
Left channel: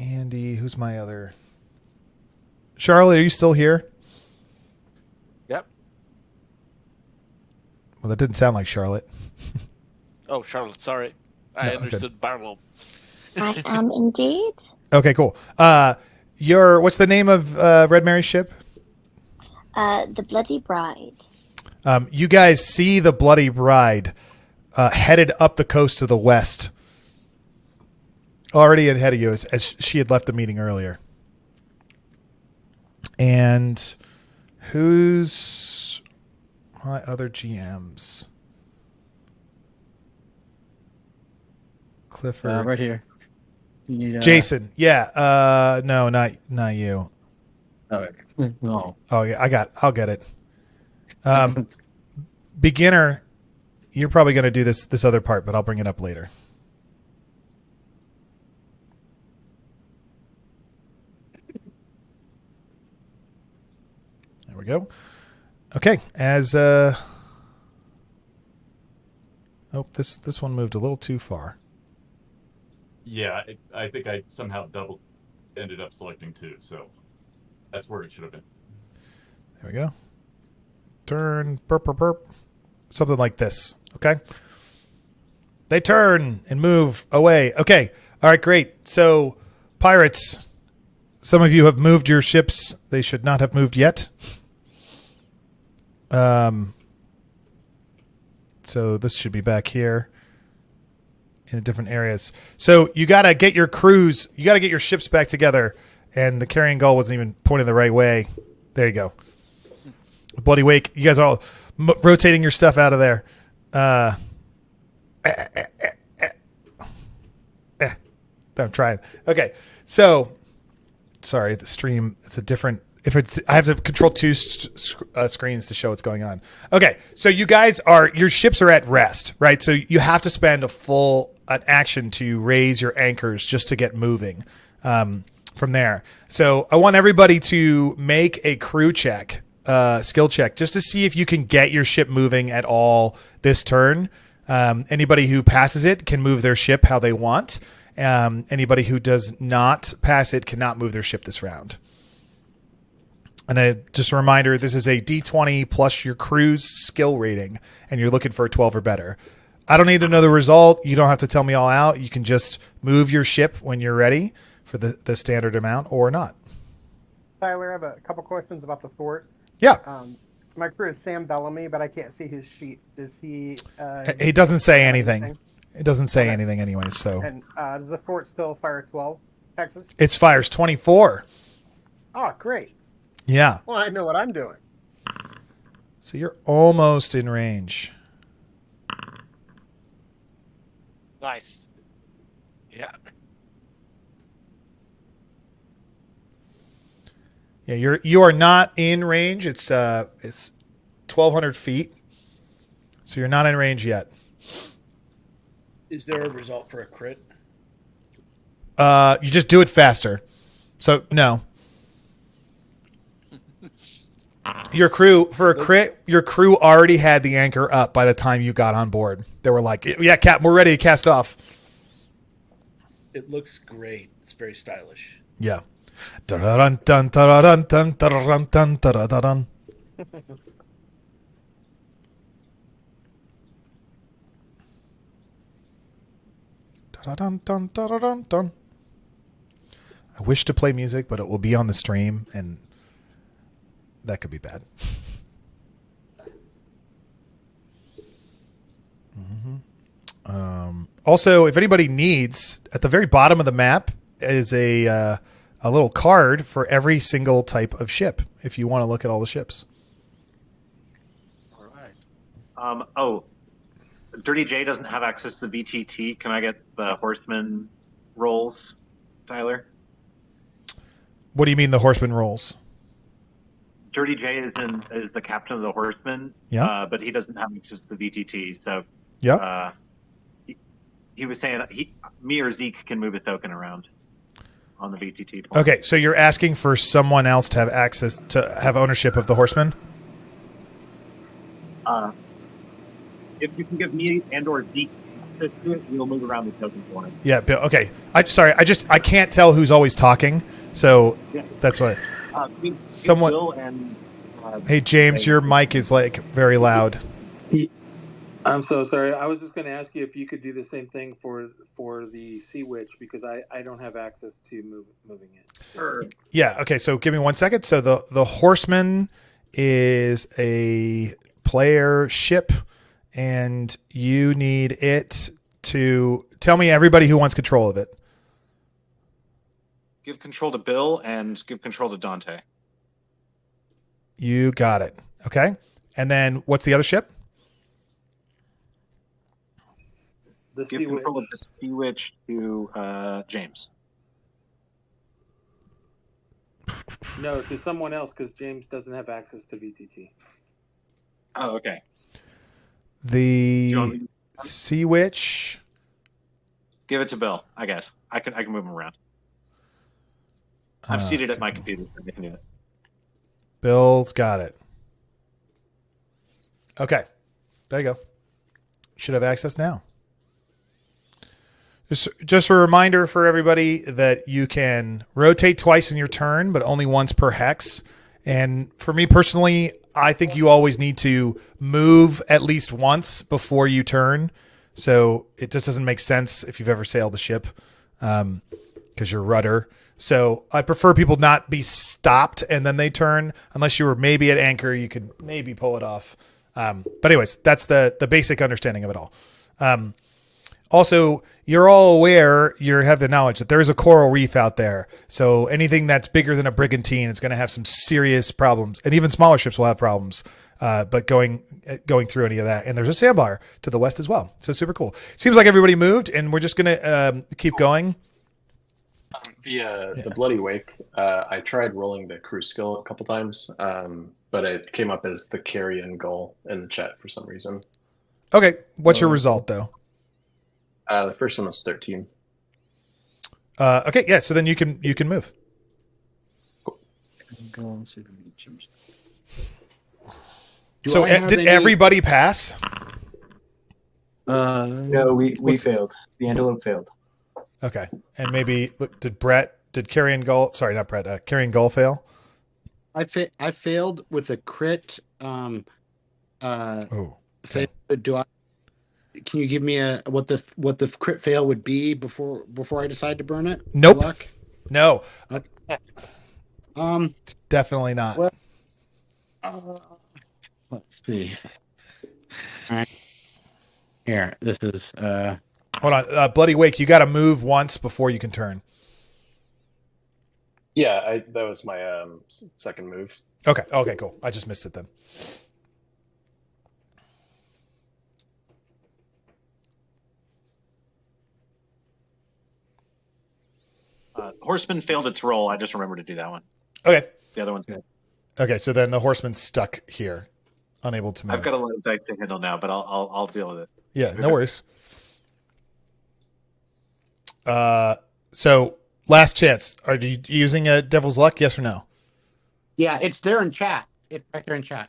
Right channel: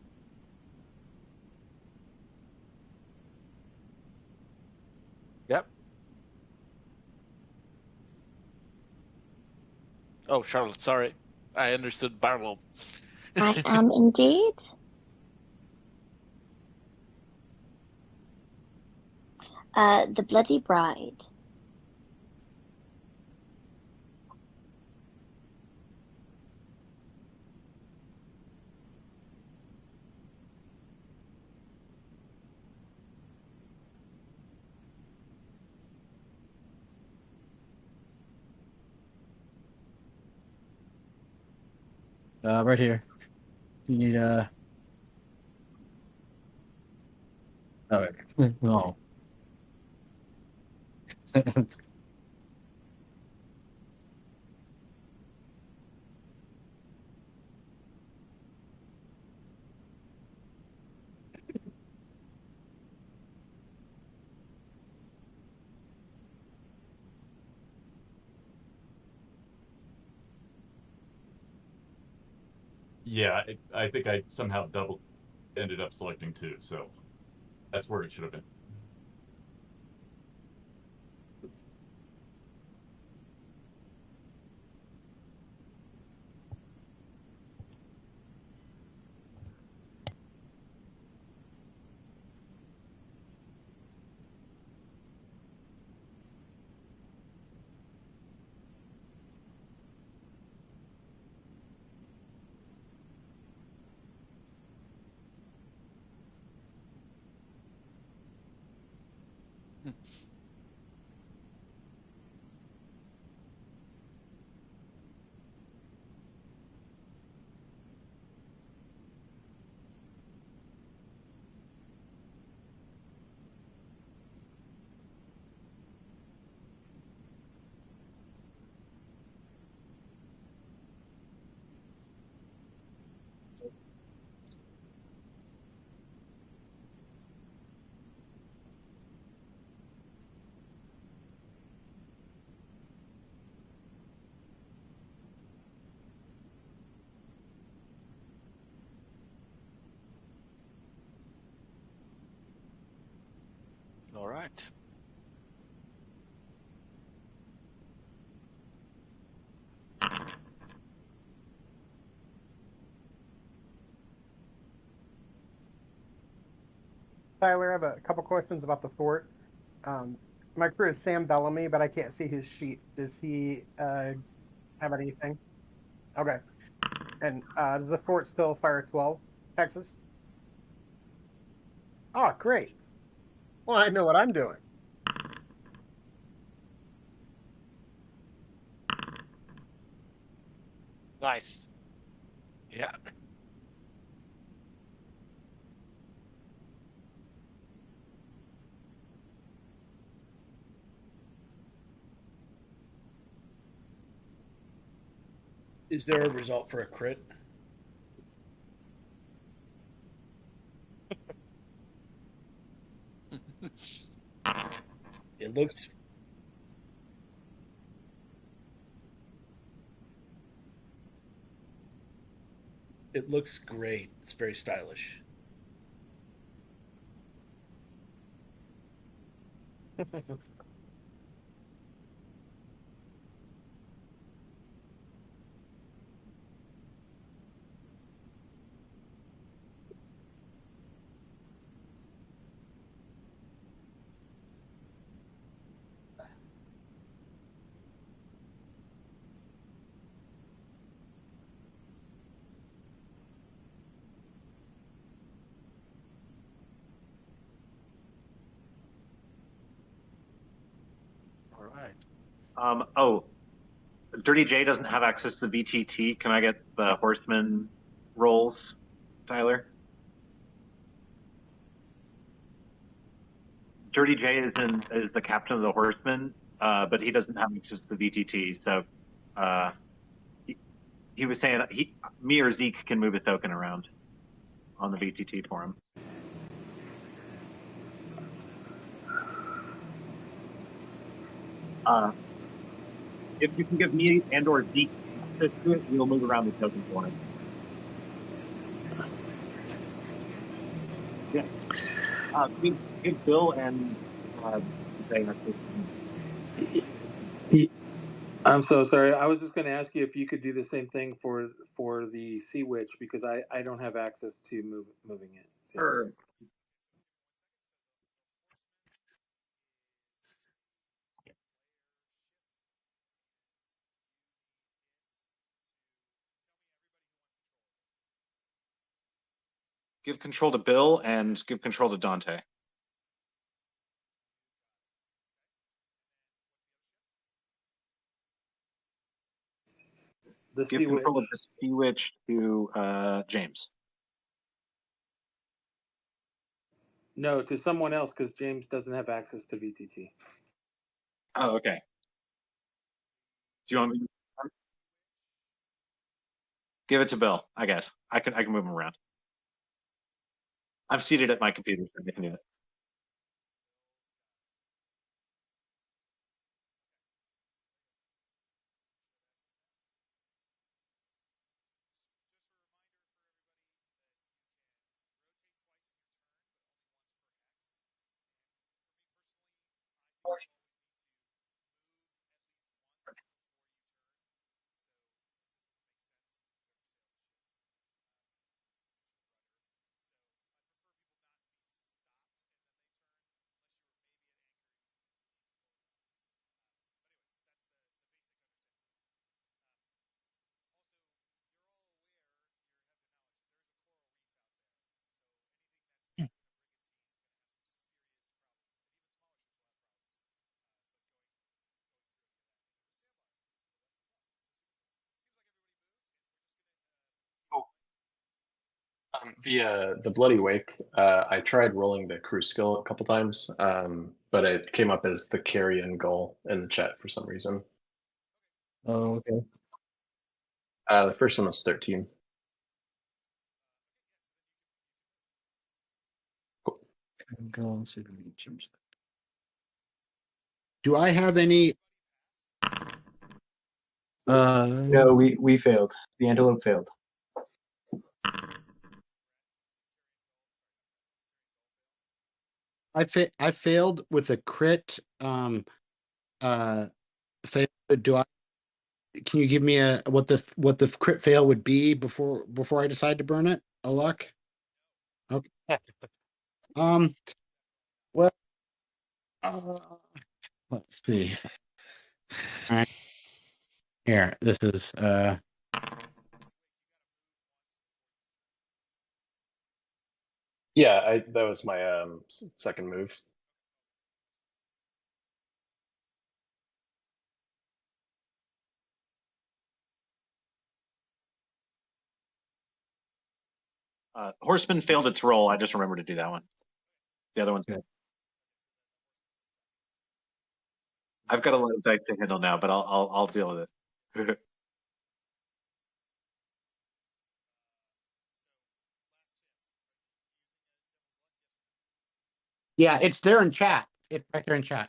Andy, who's my other? Charlotte, are you still here? Yep. Well, that didn't sound like Charlotte. Oh, Charlotte, sorry. I understood Barlow. I am indeed. Okay, cool. What's the name of Red Mary's ship? The Bloody Bride. You guys see the Bloody Bride headed up the coast to the west. Already ahead of you as she had left the meeting earlier. And who's my other GMs? Clifford. Right here. You need, Jason. Yeah. No, not you. Oh, no. Oh yeah, I'll get it. Beginner, you're probably going to do this other part, but I'll bring it up later. There we go. Okay, this one moved a little too far. Yeah, I think I somehow ended up selecting 2, so that's where it should have been. There we go. Turn, burp, burp, burp. Something like this, okay? They turn and move away. Okay, all right, great. So, pirates, some of you have moved your ships. They should not have moved yet. So this should be back here in different areas. So you got to get your crews, you got to get your ships back together. And the carrying gull wasn't even pointing the right way. There you go. Bloody Wake. You guys are all rotating your stuff out of there. I'm trying. Okay. So, sorry, the stream, it's a different... I have to control 2 screens to show what's going on. Okay, so you guys your ships are at rest, right? So you have to spend an action to raise your anchors just to get moving from there. So I want everybody to make a crew check, skill check, just to see if you can get your ship moving at all this turn. Anybody who passes it can move their ship how they want. Anybody who does not pass it cannot move their ship this round. And just a reminder, this is a D20 plus your crew's skill rating, and you're looking for a 12 or better. I don't need to know the result. You don't have to tell me all out. You can just move your ship when you're ready for the standard amount or not. Tyler, I have a couple questions about the fort. Yeah. My crew is Sam Bellamy, but I can't see his sheet. Does he... He doesn't say anything. It doesn't say anything anyways, so... And does the fort still fire 12 Texas? It fires 24. Oh, great. Yeah. Well, I know what I'm doing. So you're almost in range. Nice. Yeah. Yeah, you are not in range. It's 1,200 feet. So you're not in range yet. Is there a result for a crit? You just do it faster. So no. Your crew your crew already had the anchor up by the time you got on board. They were like, "Yeah, Cap, we're ready to cast off." It looks great. It's very stylish. Yeah. Dun dun dun dun dun dun dun dun dun. Dun dun dun dun dun. I wish to play music, but it will be on the stream, and that could be bad. Also, if anybody needs, at the very bottom of the map is a little card for every single type of ship, if you want to look at all the ships. All right. Dirty J doesn't have access to the VTT. Can I get the horseman rolls, Tyler? What do you mean the horseman rolls? Dirty J is the captain of the Horsemen, but he doesn't have access to the VTT. So he was saying me or Zeke can move a token around on the VTT point. Okay, so you're asking for someone else to have access to have ownership of the Horsemen? If you can give me and/or Zeke access to it, we'll move around the token for him. Yeah, Bill. Okay. I can't tell who's always talking, so that's why. Someone. Bill and. Hey James, your mic is like very loud. I'm so sorry. I was just going to ask you if you could do the same thing for the Sea Witch, because I don't have access to moving it. Sure. Yeah. Okay. So give me 1 second. So the Horseman is a player ship, and you need it to tell me everybody who wants control of it. Give control to Bill and give control to Dante. You got it. Okay. And then what's the other ship? Give control of the Sea Witch to James. No, to someone else, because James doesn't have access to VTT. Oh, okay. The Sea Witch. Give it to Bill, I guess. I can move him around. I'm seated at my computer, so I can do it. Bill's got it. Okay. There you go. Should have access now. Just a reminder for everybody that you can rotate twice in your turn, but only once per hex. And for me personally, I think you always need to move at least once before you turn. So it just doesn't make sense if you've ever sailed a ship because you're rudder. So I prefer people not be stopped and then they turn. Unless you were maybe at anchor, you could maybe pull it off. But anyways, that's the basic understanding of it all. Also, you're all aware, you have the knowledge that there is a coral reef out there. So anything that's bigger than a brigantine is going to have some serious problems. And even smaller ships will have problems. But going through any of that. And there's a sandbar to the west as well. So super cool. Seems like everybody moved, and we're just going to keep going. The Bloody Wake, I tried rolling the crew skill a couple times, but it came up as the carrion gull in the chat for some reason. Okay. What's your result, though? The first one was 13. Okay, yeah, so then you can move. Cool. Did everybody pass? No, we failed. The antelope failed. Okay, and maybe did Carrion Gull? Sorry, not Brett. Carrion Gull fail? I failed with a crit. Do I? Can you give me what the crit fail would be before I decide to burn it? Nope. Luck? No. Okay. Definitely not. Well, let's see. All right. Here, this is. Hold on, Bloody Wake. You got to move once before you can turn. Yeah, that was my second move. Okay. Okay. Cool. I just missed it then. Horseman failed its roll. I just remembered to do that one. Okay. The other one's good. Okay, so then the Horseman's stuck here, unable to move. I've got a lot of dice to handle now, but I'll deal with it. Yeah, no worries. So last chance. Are you using a Devil's Luck? Yes or no? Yeah, it's there in chat. It's right there in chat.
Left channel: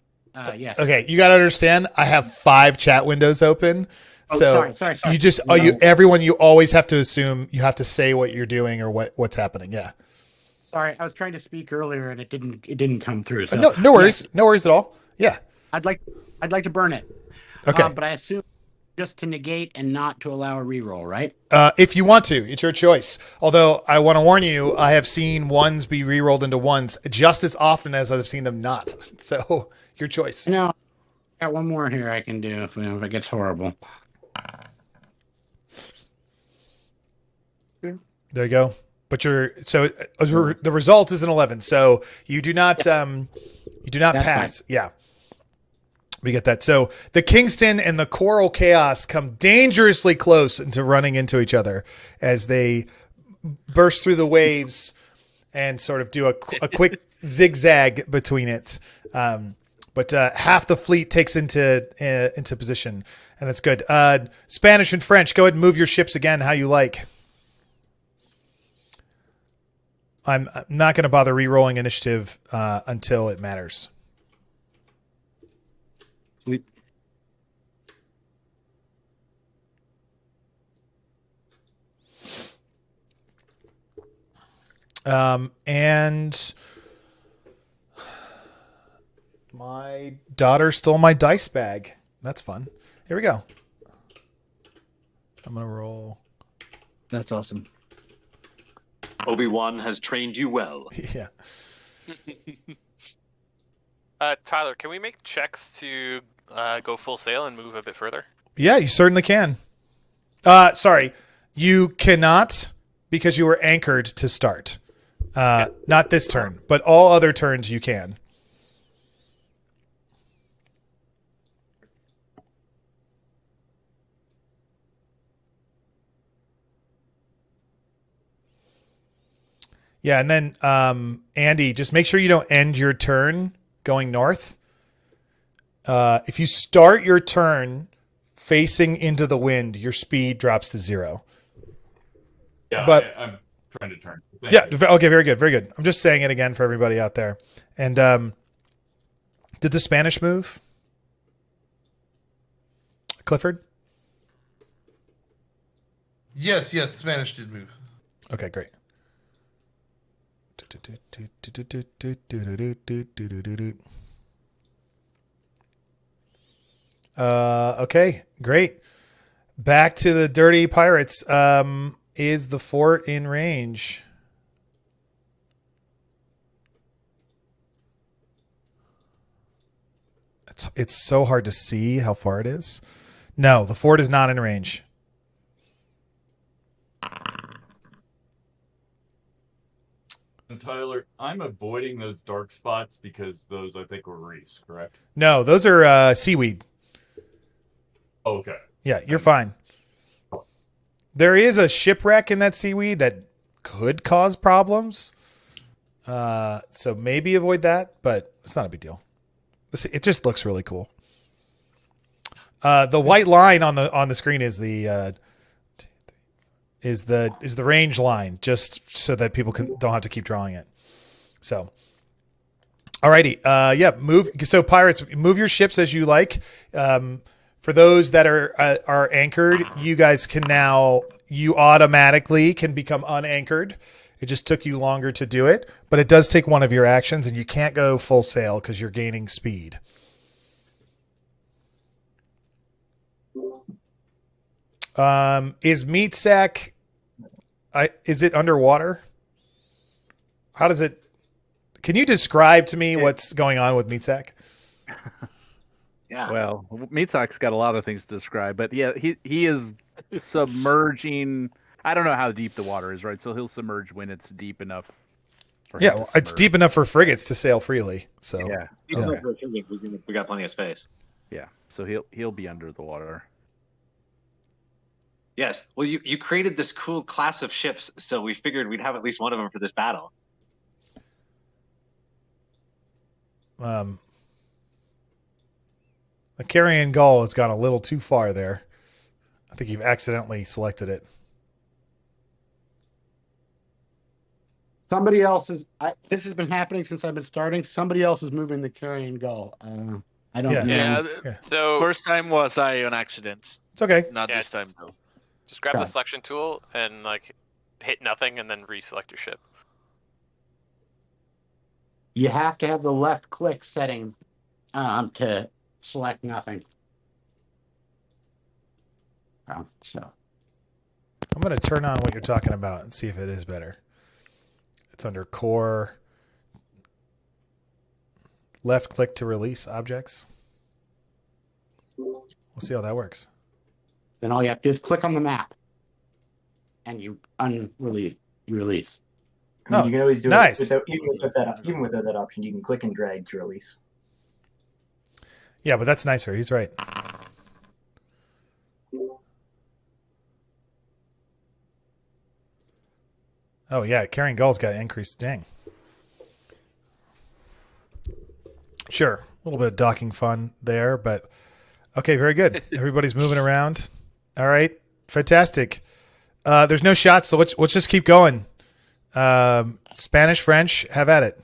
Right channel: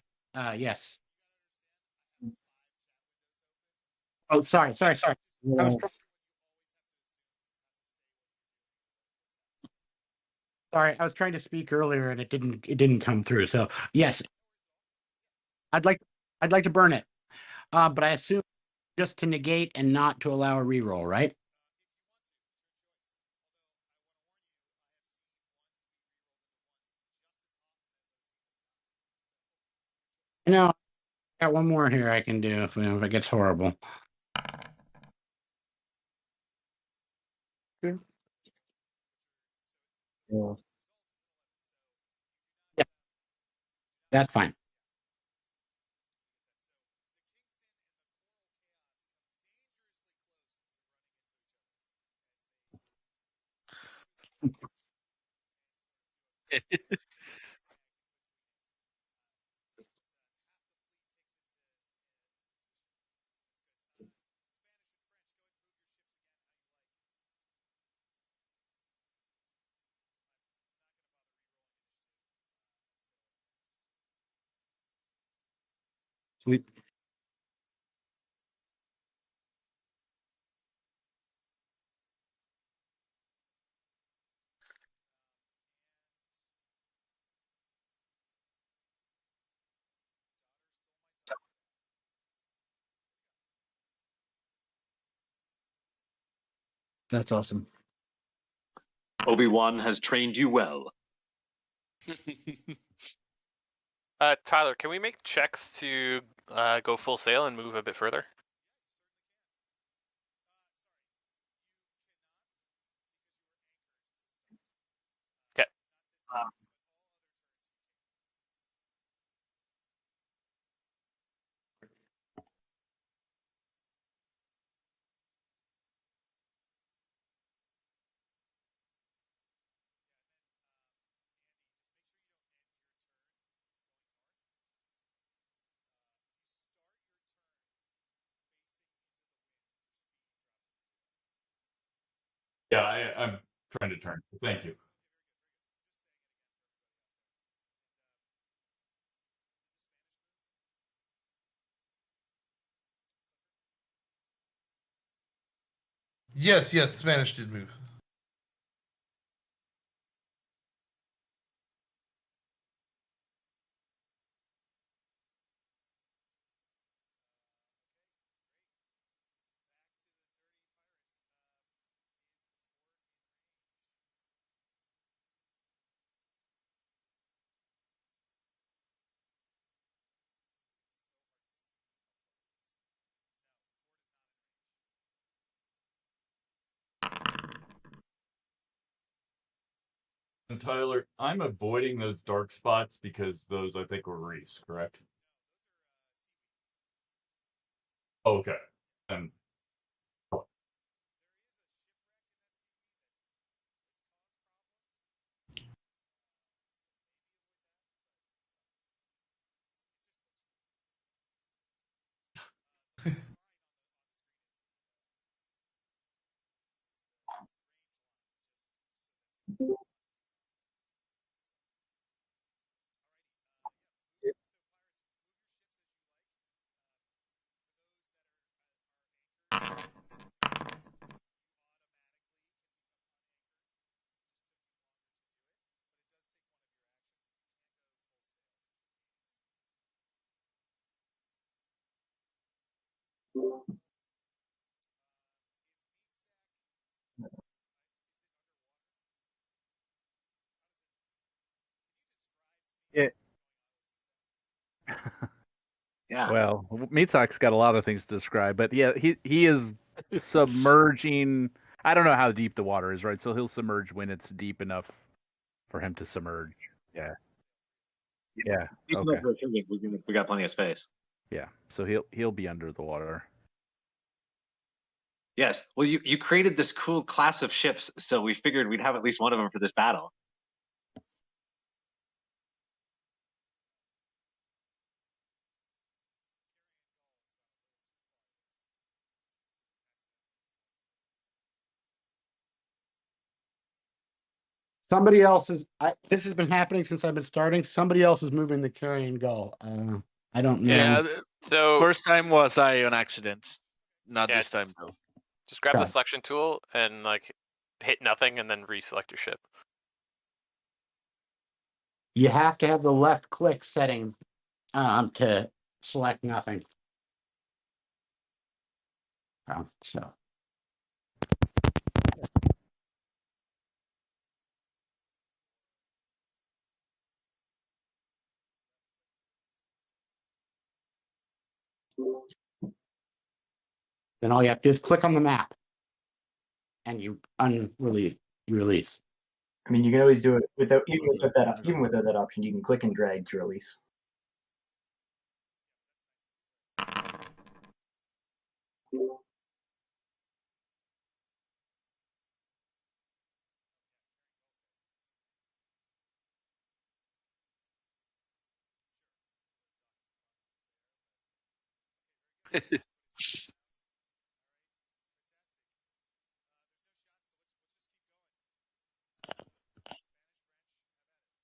Yes. Okay, you got to understand. I have 5 chat windows open. Oh, so sorry. You just everyone. You always have to assume you have to say what you're doing or what's happening. Yeah. Sorry, I was trying to speak earlier and it didn't come through. So no worries. Yes. No worries at all. Yeah. I'd like to burn it. Okay. But I assume just to negate and not to allow a reroll, right? If you want to, it's your choice. Although I want to warn you, I have seen ones be rerolled into ones just as often as I've seen them not. So your choice. No, I got one more here I can do if it gets horrible. There you go. But the result is an 11. So you do not That's pass. fine. Yeah. We get that. So the Kingston and the Coral Chaos come dangerously close into running into each other as they burst through the waves and sort of do a quick zigzag between it. But half the fleet takes into position, and that's good. Spanish and French, go ahead and move your ships again how you like. I'm not going to bother re-rolling initiative until it matters. Sweet. And my daughter stole my dice bag. That's fun. Here we go. I'm going to roll. That's awesome. Obi-Wan has trained you well. Yeah. Tyler, can we make checks to go full sail and move a bit further? Yeah, you certainly can. Sorry, you cannot because you were anchored to start. Not this turn, but all other turns you can. Yeah, and then Andy, just make sure you don't end your turn going north. If you start your turn facing into the wind, your speed drops to 0. Yeah, but I'm trying to turn. Okay, very good, very good. I'm just saying it again for everybody out there. And did the Spanish move? Clifford? Yes, Spanish did move. Okay, great. Okay, great. Back to the dirty pirates. Is the fort in range? It's so hard to see how far it is. No, the fort is not in range. And Tyler, I'm avoiding those dark spots because those I think were reefs, correct? No, those are seaweed. Oh, okay. Yeah, you're fine. There is a shipwreck in that seaweed that could cause problems. So maybe avoid that, but it's not a big deal. It just looks really cool. The white line on the screen is the range line, just so that people don't have to keep drawing it. So, alrighty, yeah, move. So pirates, move your ships as you like. For those that are anchored, you guys can now, you automatically can become unanchored. It just took you longer to do it, but it does take one of your actions, and you can't go full sail because you're gaining speed. Is Meatsack, is it underwater? How does it, can you describe to me what's going on with Meatsack? Yeah. Well, Meatsack's got a lot of things to describe, but yeah, he is submerging. I don't know how deep the water is, right? So he'll submerge when it's deep enough for him to submerge. It's deep enough for frigates to sail freely. So yeah, Okay. We got plenty of space. Yeah, so he'll be under the water. Yes. Well, you created this cool class of ships, so we figured we'd have at least one of them for this battle. The carrion gull has gone a little too far there. I think you've accidentally selected it. Somebody else is. This has been happening since I've been starting. Somebody else is moving the carrion gull. I don't know. Yeah. So first time was I on accident. It's okay. Not this time though. Just grab the selection tool and hit nothing, and then reselect your ship. You have to have the left click setting to select nothing. So I'm going to turn on what you're talking about and see if it is better. It's under core. Left click to release objects. We'll see how that works. Then all you have to do is click on the map, and you release. I mean, you can always do nice. it without, even without that option. You can click and drag to release. Yeah, but that's nicer. He's right. Oh yeah, carrying gull's got increased. Dang. Sure. A little bit of docking fun there, but okay, very good. Everybody's moving around. All right. Fantastic. There's no shots, so let's just keep going. Spanish, French, have at it.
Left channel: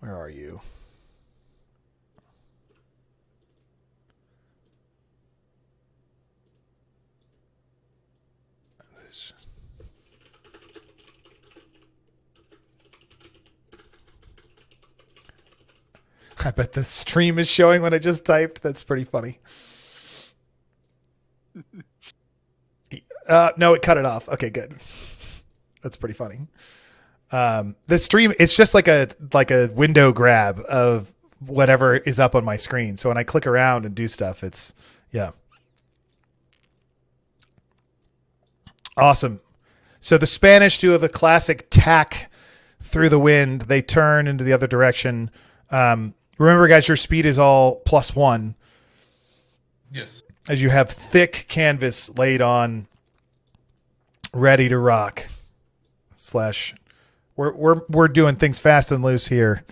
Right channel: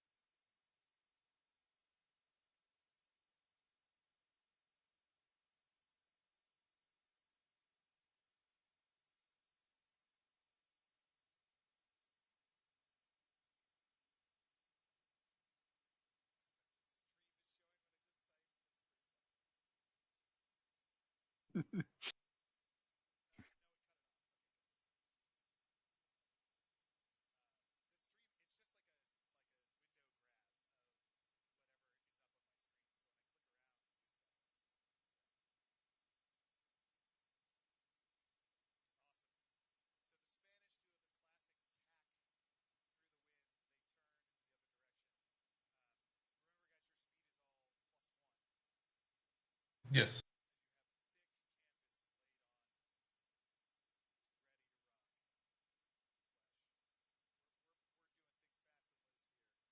Where are you? I bet the stream is showing what I just typed. That's pretty funny. No, it cut it off. Okay, good. That's pretty funny. The stream, it's just like a window grab of whatever is up on my screen. So when I click around and do stuff, it's, yeah. Awesome. So the Spanish do the classic tack through the wind. They turn into the other direction. Remember, guys, your speed is all +1. Yes. As you have thick canvas laid on, ready to rock. We're doing things fast and loose here.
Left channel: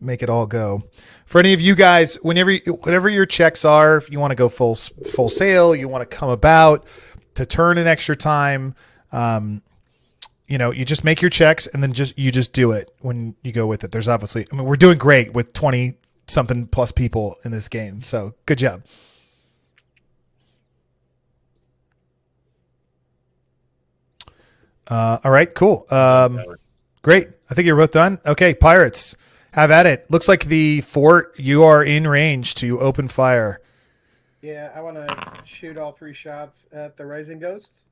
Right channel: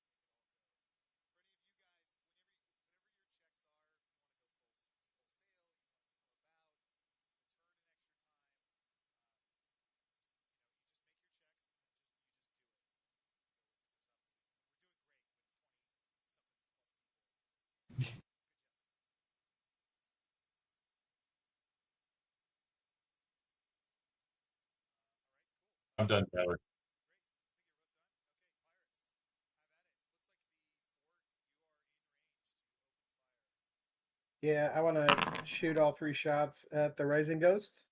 Make it all go. For any of you guys, whatever your checks are, if you want to go full sail, you want to come about to turn an extra time, you just make your checks and then you just do it when you go with it. There's obviously, we're doing great with 20 something plus people in this game. So good job. All right, cool. Great. I think you're both done. Okay, pirates, have at it. Looks like the fort, you are in range to open fire. Yeah, I want to shoot all 3 shots at the Rising Ghost.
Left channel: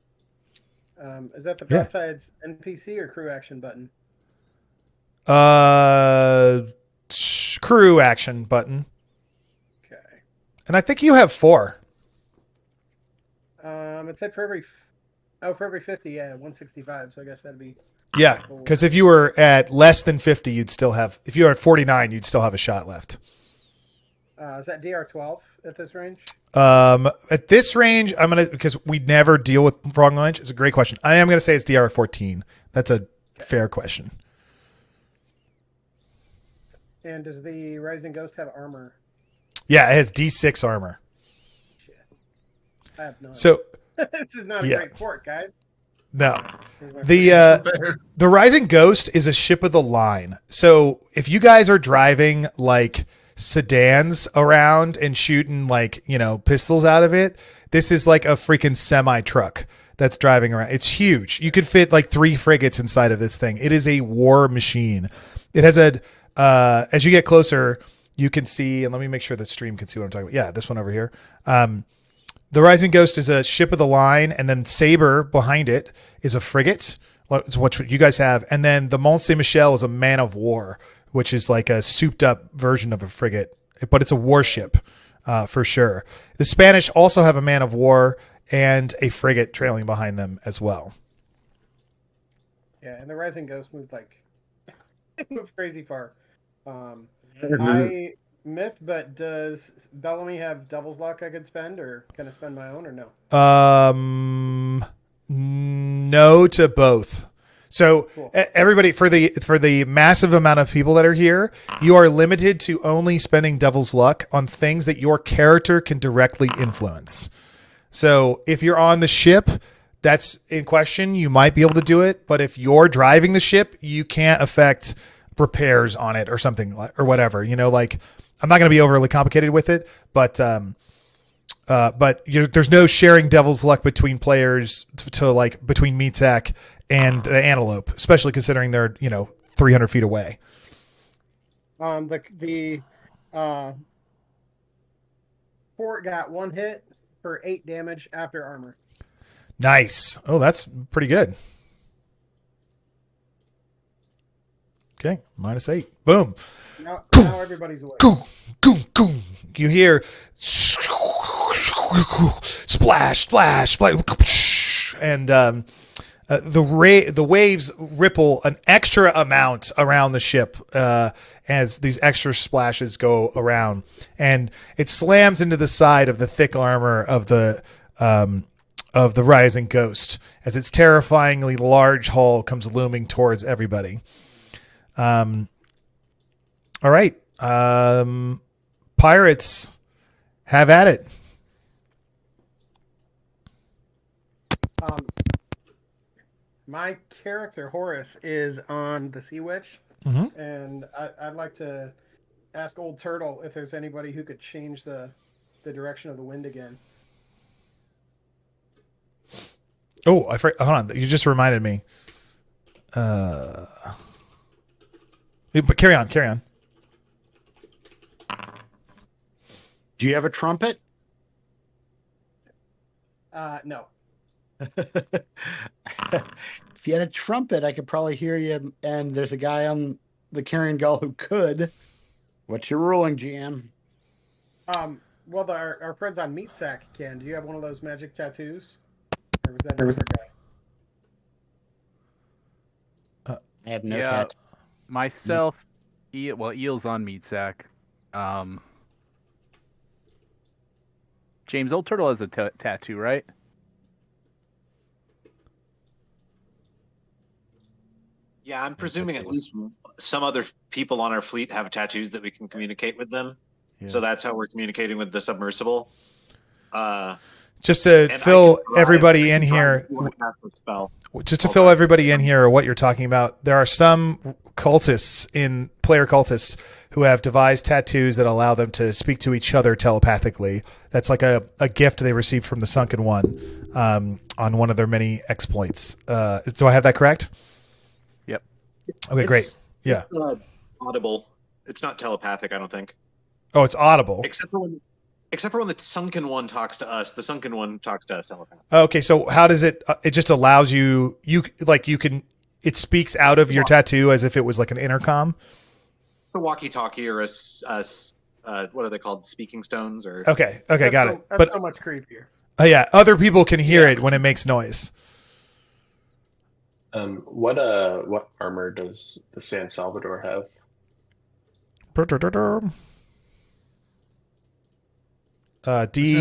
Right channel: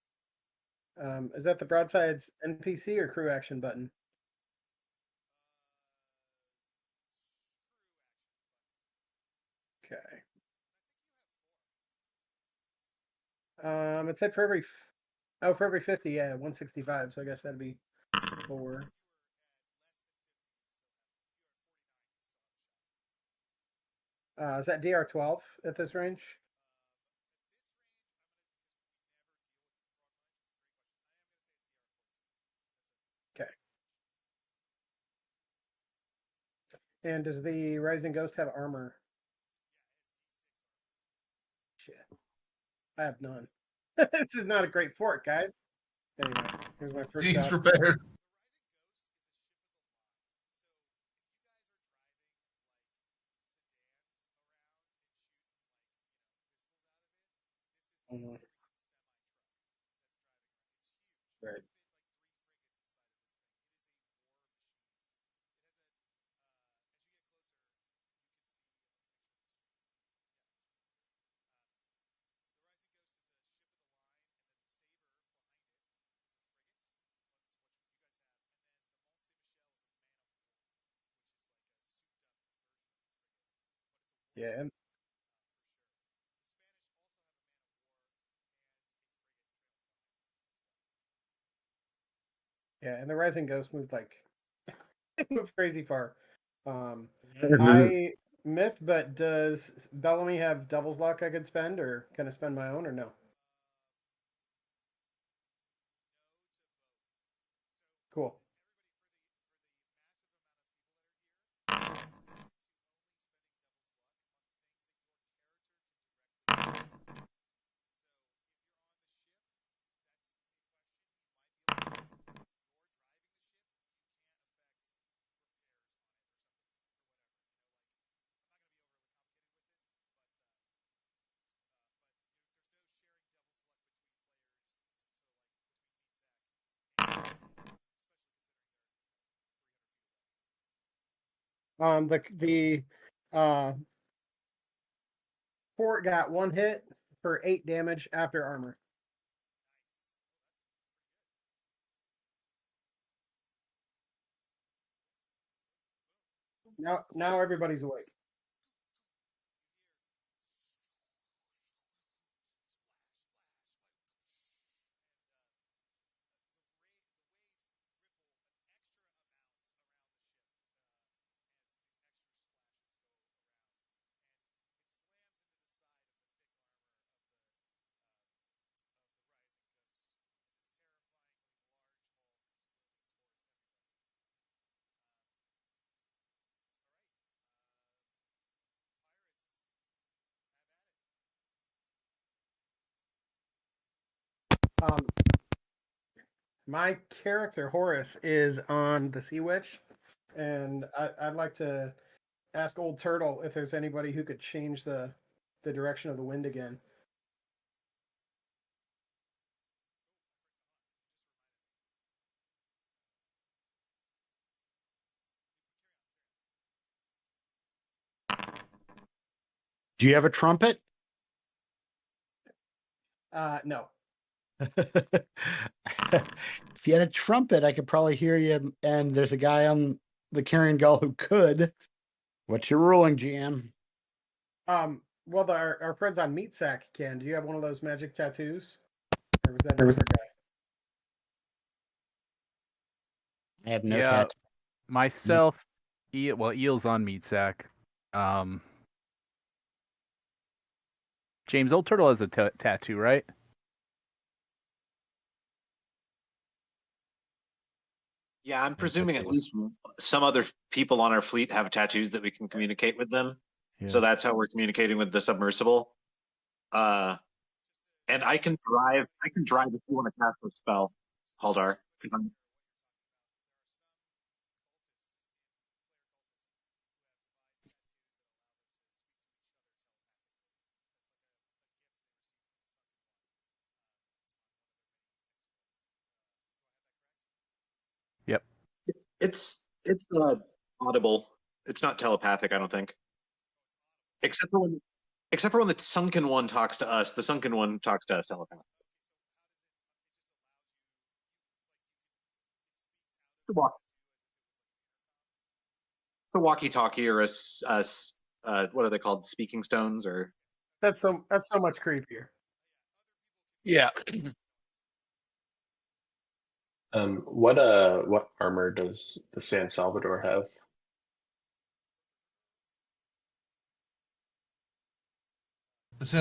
Is that the broadside's NPC or crew action button? Crew action button. Okay. And I think you have 4. It said for every 50, yeah, 165. So I guess that'd be. Yeah, because if you were at less than 50, you'd still have. If you were at 49, you'd still have a shot left. Is that DR12 at this range? At this range, because we never deal with wrong range. It's a great question. I am gonna say it's DR14. That's a fair question. And does the Rising Ghost have armor? Yeah, it has D6 armor. Shit. I have none. So this is not a great fort, guys. No. The Rising Ghost is a ship of the line. So if you guys are driving like sedans around and shooting pistols out of it, this is like a freaking semi truck that's driving around. It's huge. You could fit like 3 frigates inside of this thing. It is a war machine. It has as you get closer, you can see, and let me make sure the stream can see what I'm talking about. Yeah, this one over here. The Rising Ghost is a ship of the line, and then Saber behind it is a frigate. It's what you guys have. And then the Mont Saint-Michel is a man of war, which is like a souped up version of a frigate, but it's a warship for sure. The Spanish also have a man of war and a frigate trailing behind them as well. Yeah, and the Rising Ghost moved moved crazy far. I missed, but does Bellamy have Devil's Luck I could spend, or can I spend my own, or no? No to both. So cool. Everybody, for the massive amount of people that are here, you are limited to only spending Devil's Luck on things that your character can directly influence. So if you're on the ship that's in question, you might be able to do it. But if you're driving the ship, you can't affect repairs on it or something or whatever. I'm not going to be overly complicated with it, but there's no sharing Devil's Luck between players between Meatsack and the Antelope, especially considering they're 300 feet away. The fort got 1 hit for 8 damage after armor. Nice. Oh, that's pretty good. Okay, -8. Boom. Now everybody's awake. You hear splash, splash, splash, and the waves ripple an extra amount around the ship, as these extra splashes go around, and it slams into the side of the thick armor of the rising ghost as its terrifyingly large hull comes looming towards everybody. All right. Pirates, have at it. My character Horace is on the Sea Witch, Mhm. and I'd like to ask Old Turtle if there's anybody who could change the direction of the wind again. Oh, hold on. You just reminded me. But carry on. Do you have a trumpet? No. If you had a trumpet, I could probably hear you. And there's a guy on the Carrion Gull who could. What's your ruling, GM? Well, our friends on Meatsack can. Do you have one of those magic tattoos? Or was that a different guy? I have no Yeah, tattoo. myself. Eel's on Meatsack. James, Old Turtle has a tattoo, right? Yeah, I'm presuming at least some other people on our fleet have tattoos that we can communicate with them. Yeah. So that's how we're communicating with the submersible. Just to fill everybody in here. Spell. Just to fill everybody in here, what you're talking about, there are some player cultists who have devised tattoos that allow them to speak to each other telepathically. That's like a gift they received from the Sunken One on one of their many exploits. Do I have that correct? Yep. Okay, great. Yeah. It's audible. It's not telepathic, I don't think. Oh, it's audible. Except for when the Sunken One talks to us. The Sunken One talks to us telepathically. Okay, so how does it? It just allows you can. It speaks out of your tattoo as if it was like an intercom. A walkie-talkie or a what are they called? Speaking stones or. Okay, got it. That's so much creepier. Oh yeah, other people can hear it when it makes noise. What armor does the San Salvador have? San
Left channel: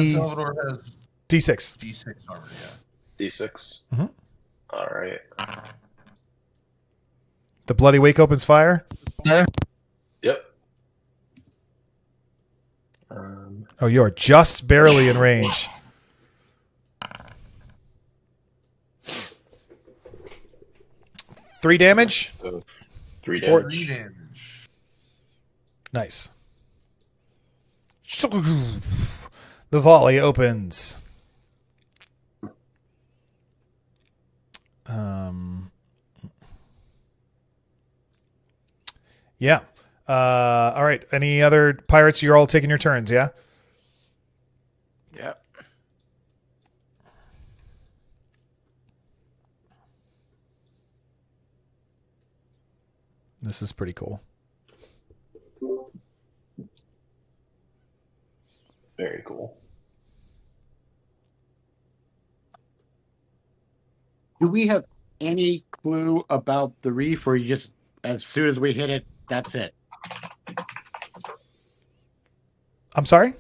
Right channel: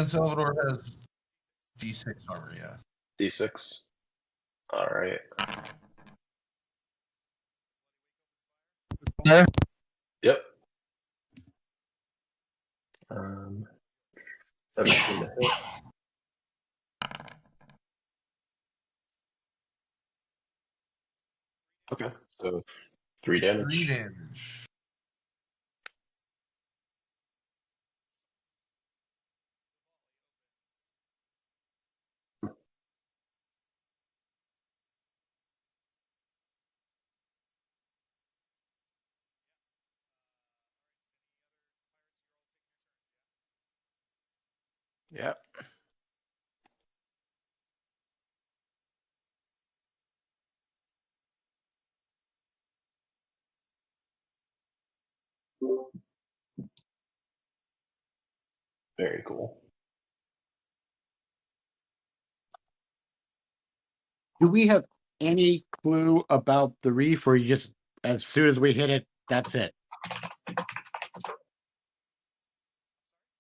Salvador has D6. D6 armor, yeah. D6. Mm-hmm. All right. The Bloody Wake opens fire. Yep. Oh, you are just barely in range. Three damage. So 3 damage. 3 damage. Nice. The volley opens. Yeah. All right. Any other pirates? You're all taking your turns, yeah? Yeah. This is pretty cool. Very cool. Do we have any clue about the reef, or you just, as soon as we hit it, that's it? I'm sorry?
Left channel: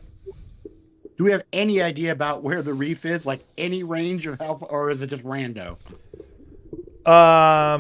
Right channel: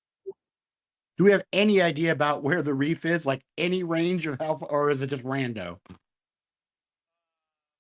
Do we have any idea about where the reef is? Like any range of how far, or is it just rando? I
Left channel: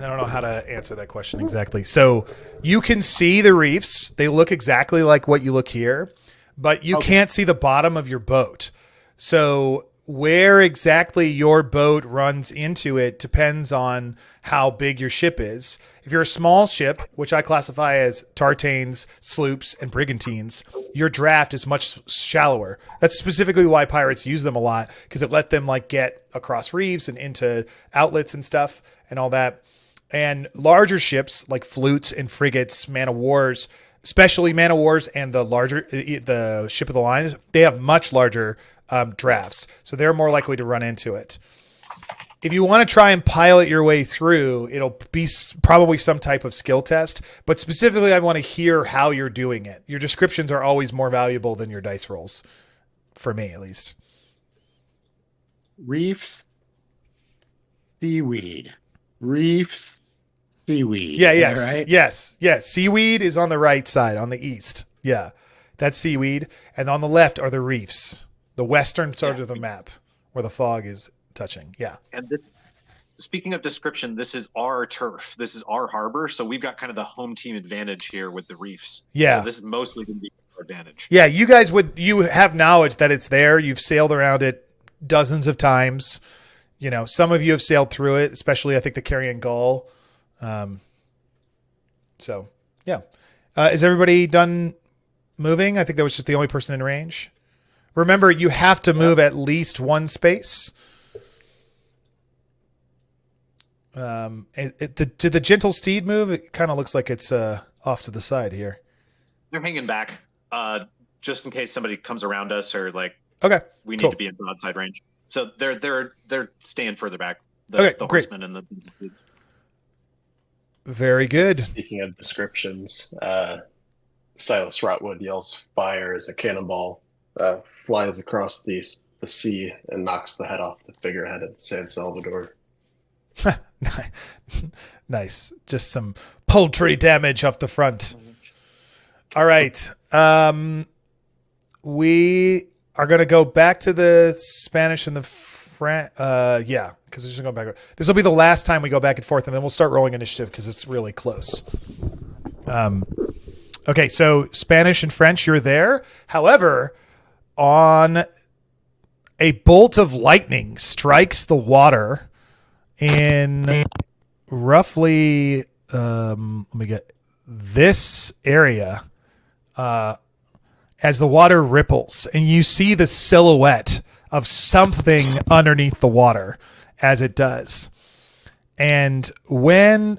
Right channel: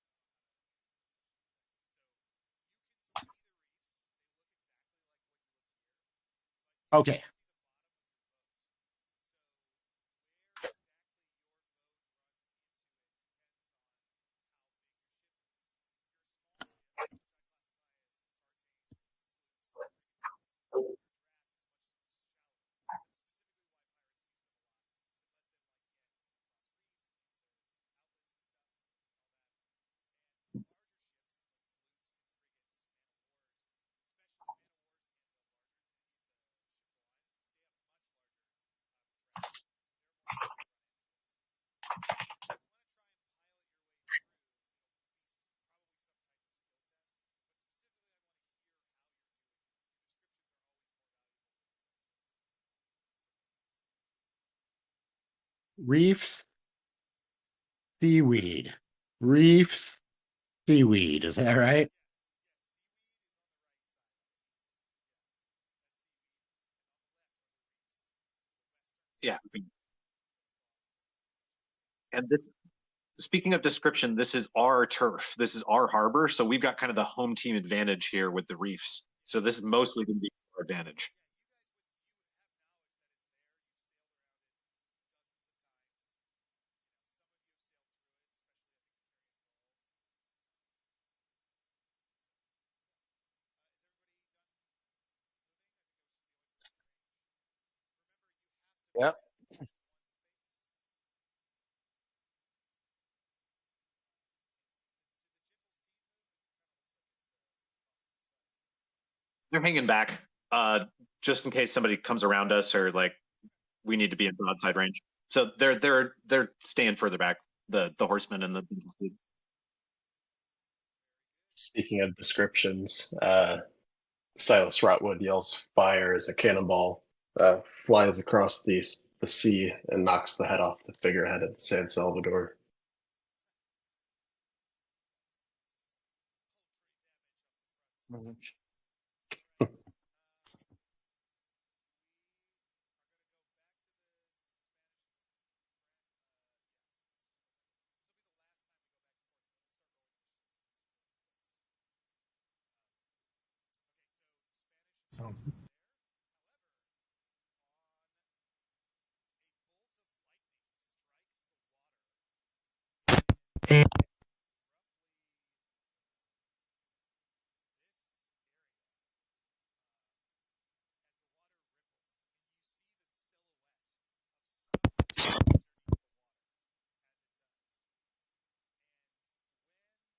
don't know how to answer that question exactly. So you can see the reefs. They look exactly like what you look here, but you can't see the bottom of your boat. So where exactly your boat runs into it depends on how big your ship is. If you're a small ship, which I classify as tartanes, sloops, and brigantines, your draft is much shallower. That's specifically why pirates use them a lot, because it let them like get across reefs and into outlets and stuff and all that. And larger ships like flutes and frigates, man of wars, especially man of wars and the ship of the line, they have much larger drafts, so they're more likely to run into it. If you want to try and pilot your way through, it'll be probably some type of skill test, but specifically I want to hear how you're doing it. Your descriptions are always more valuable than your dice rolls, for me at least. Reefs, seaweed. Reefs, seaweed. Yeah, is that yes, right? yes. Seaweed is on the right side, on the east. Yeah, that's seaweed. And on the left are the reefs, the western side of the map where the fog is touching. Yeah. And this, speaking of description, this is our turf. This is our harbor. So we've got kind of the home team advantage here with the reefs. Yeah. So this is mostly going to be our advantage. Yeah, you have knowledge that it's there. You've sailed around it dozens of times. You know, some of you have sailed through it, especially I think the Carrion Gull. So yeah. Is everybody done moving? I think that was just the only person in range. Remember, you have to move at least one space. Did the gentle steed move? It kind of looks like it's off to the side here. They're hanging back, just in case somebody comes around us or we need to be in broadside range. So they're staying further back. The horsemen and the gentle steed. Very good. Speaking of descriptions, Silas Rotwood yells fire as a cannonball flies across the sea and knocks the head off the figurehead of San Salvador. Nice. Just some poultry damage off the front. All right. We are going to go back to the Spanish and the French. Yeah, because we're just going back. This will be the last time we go back and forth, and then we'll start rolling initiative because it's really close. Okay, so Spanish and French, you're there. However, on a bolt of lightning strikes the water in roughly, let me get this area, as the water ripples, and you see the silhouette of something underneath the water as it does. And when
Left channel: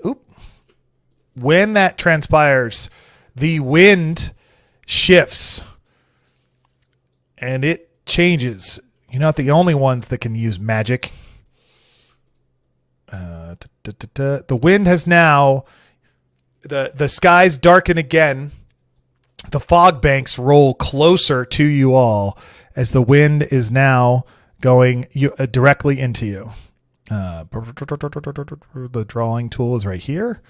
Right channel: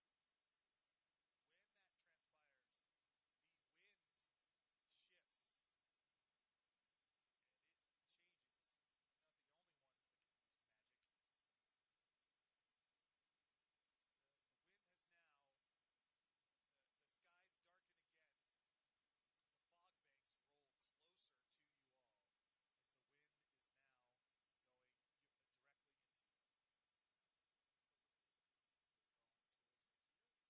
that transpires, the wind shifts and it changes. You're not the only ones that can use magic. The wind has now, the skies darken again. The fog banks roll closer to you all as the wind is now going directly into you. The drawing tool is right here.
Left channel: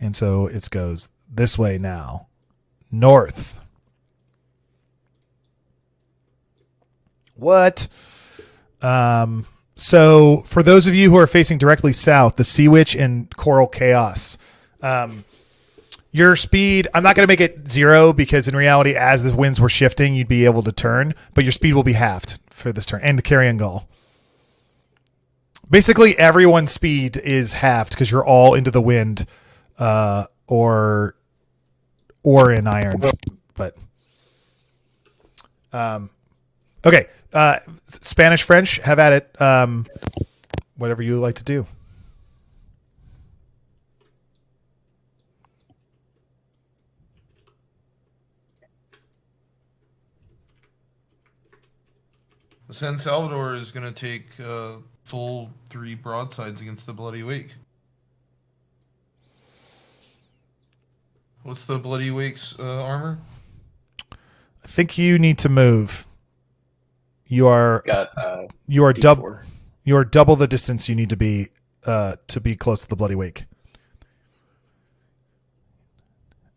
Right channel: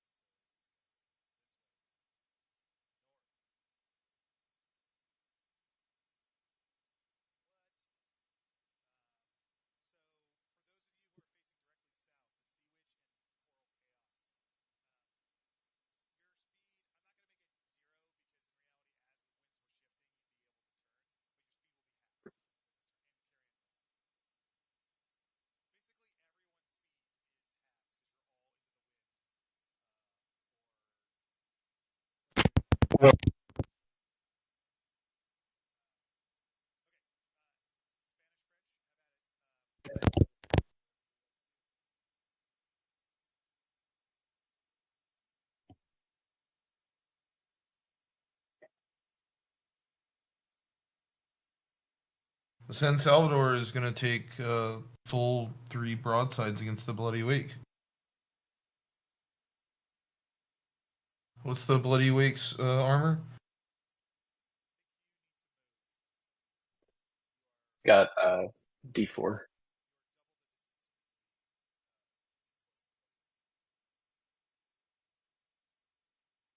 And so it goes this way now. North. What? So for those of you who are facing directly south, the Sea Witch and Coral Chaos, your speed, I'm not going to make it 0 because in reality, as the winds were shifting, you'd be able to turn, but your speed will be halved for this turn, and the Carrion Gull. Basically, everyone's speed is halved because you're all into the wind, or in irons. But okay, Spanish, French, have at it. Whatever you like to do. San Salvador is going to take full 3 broadsides against the Bloody Wake. What's the Bloody Wake's armor? I think you need to move. You are double. You are double the distance you need to be close to the Bloody Wake.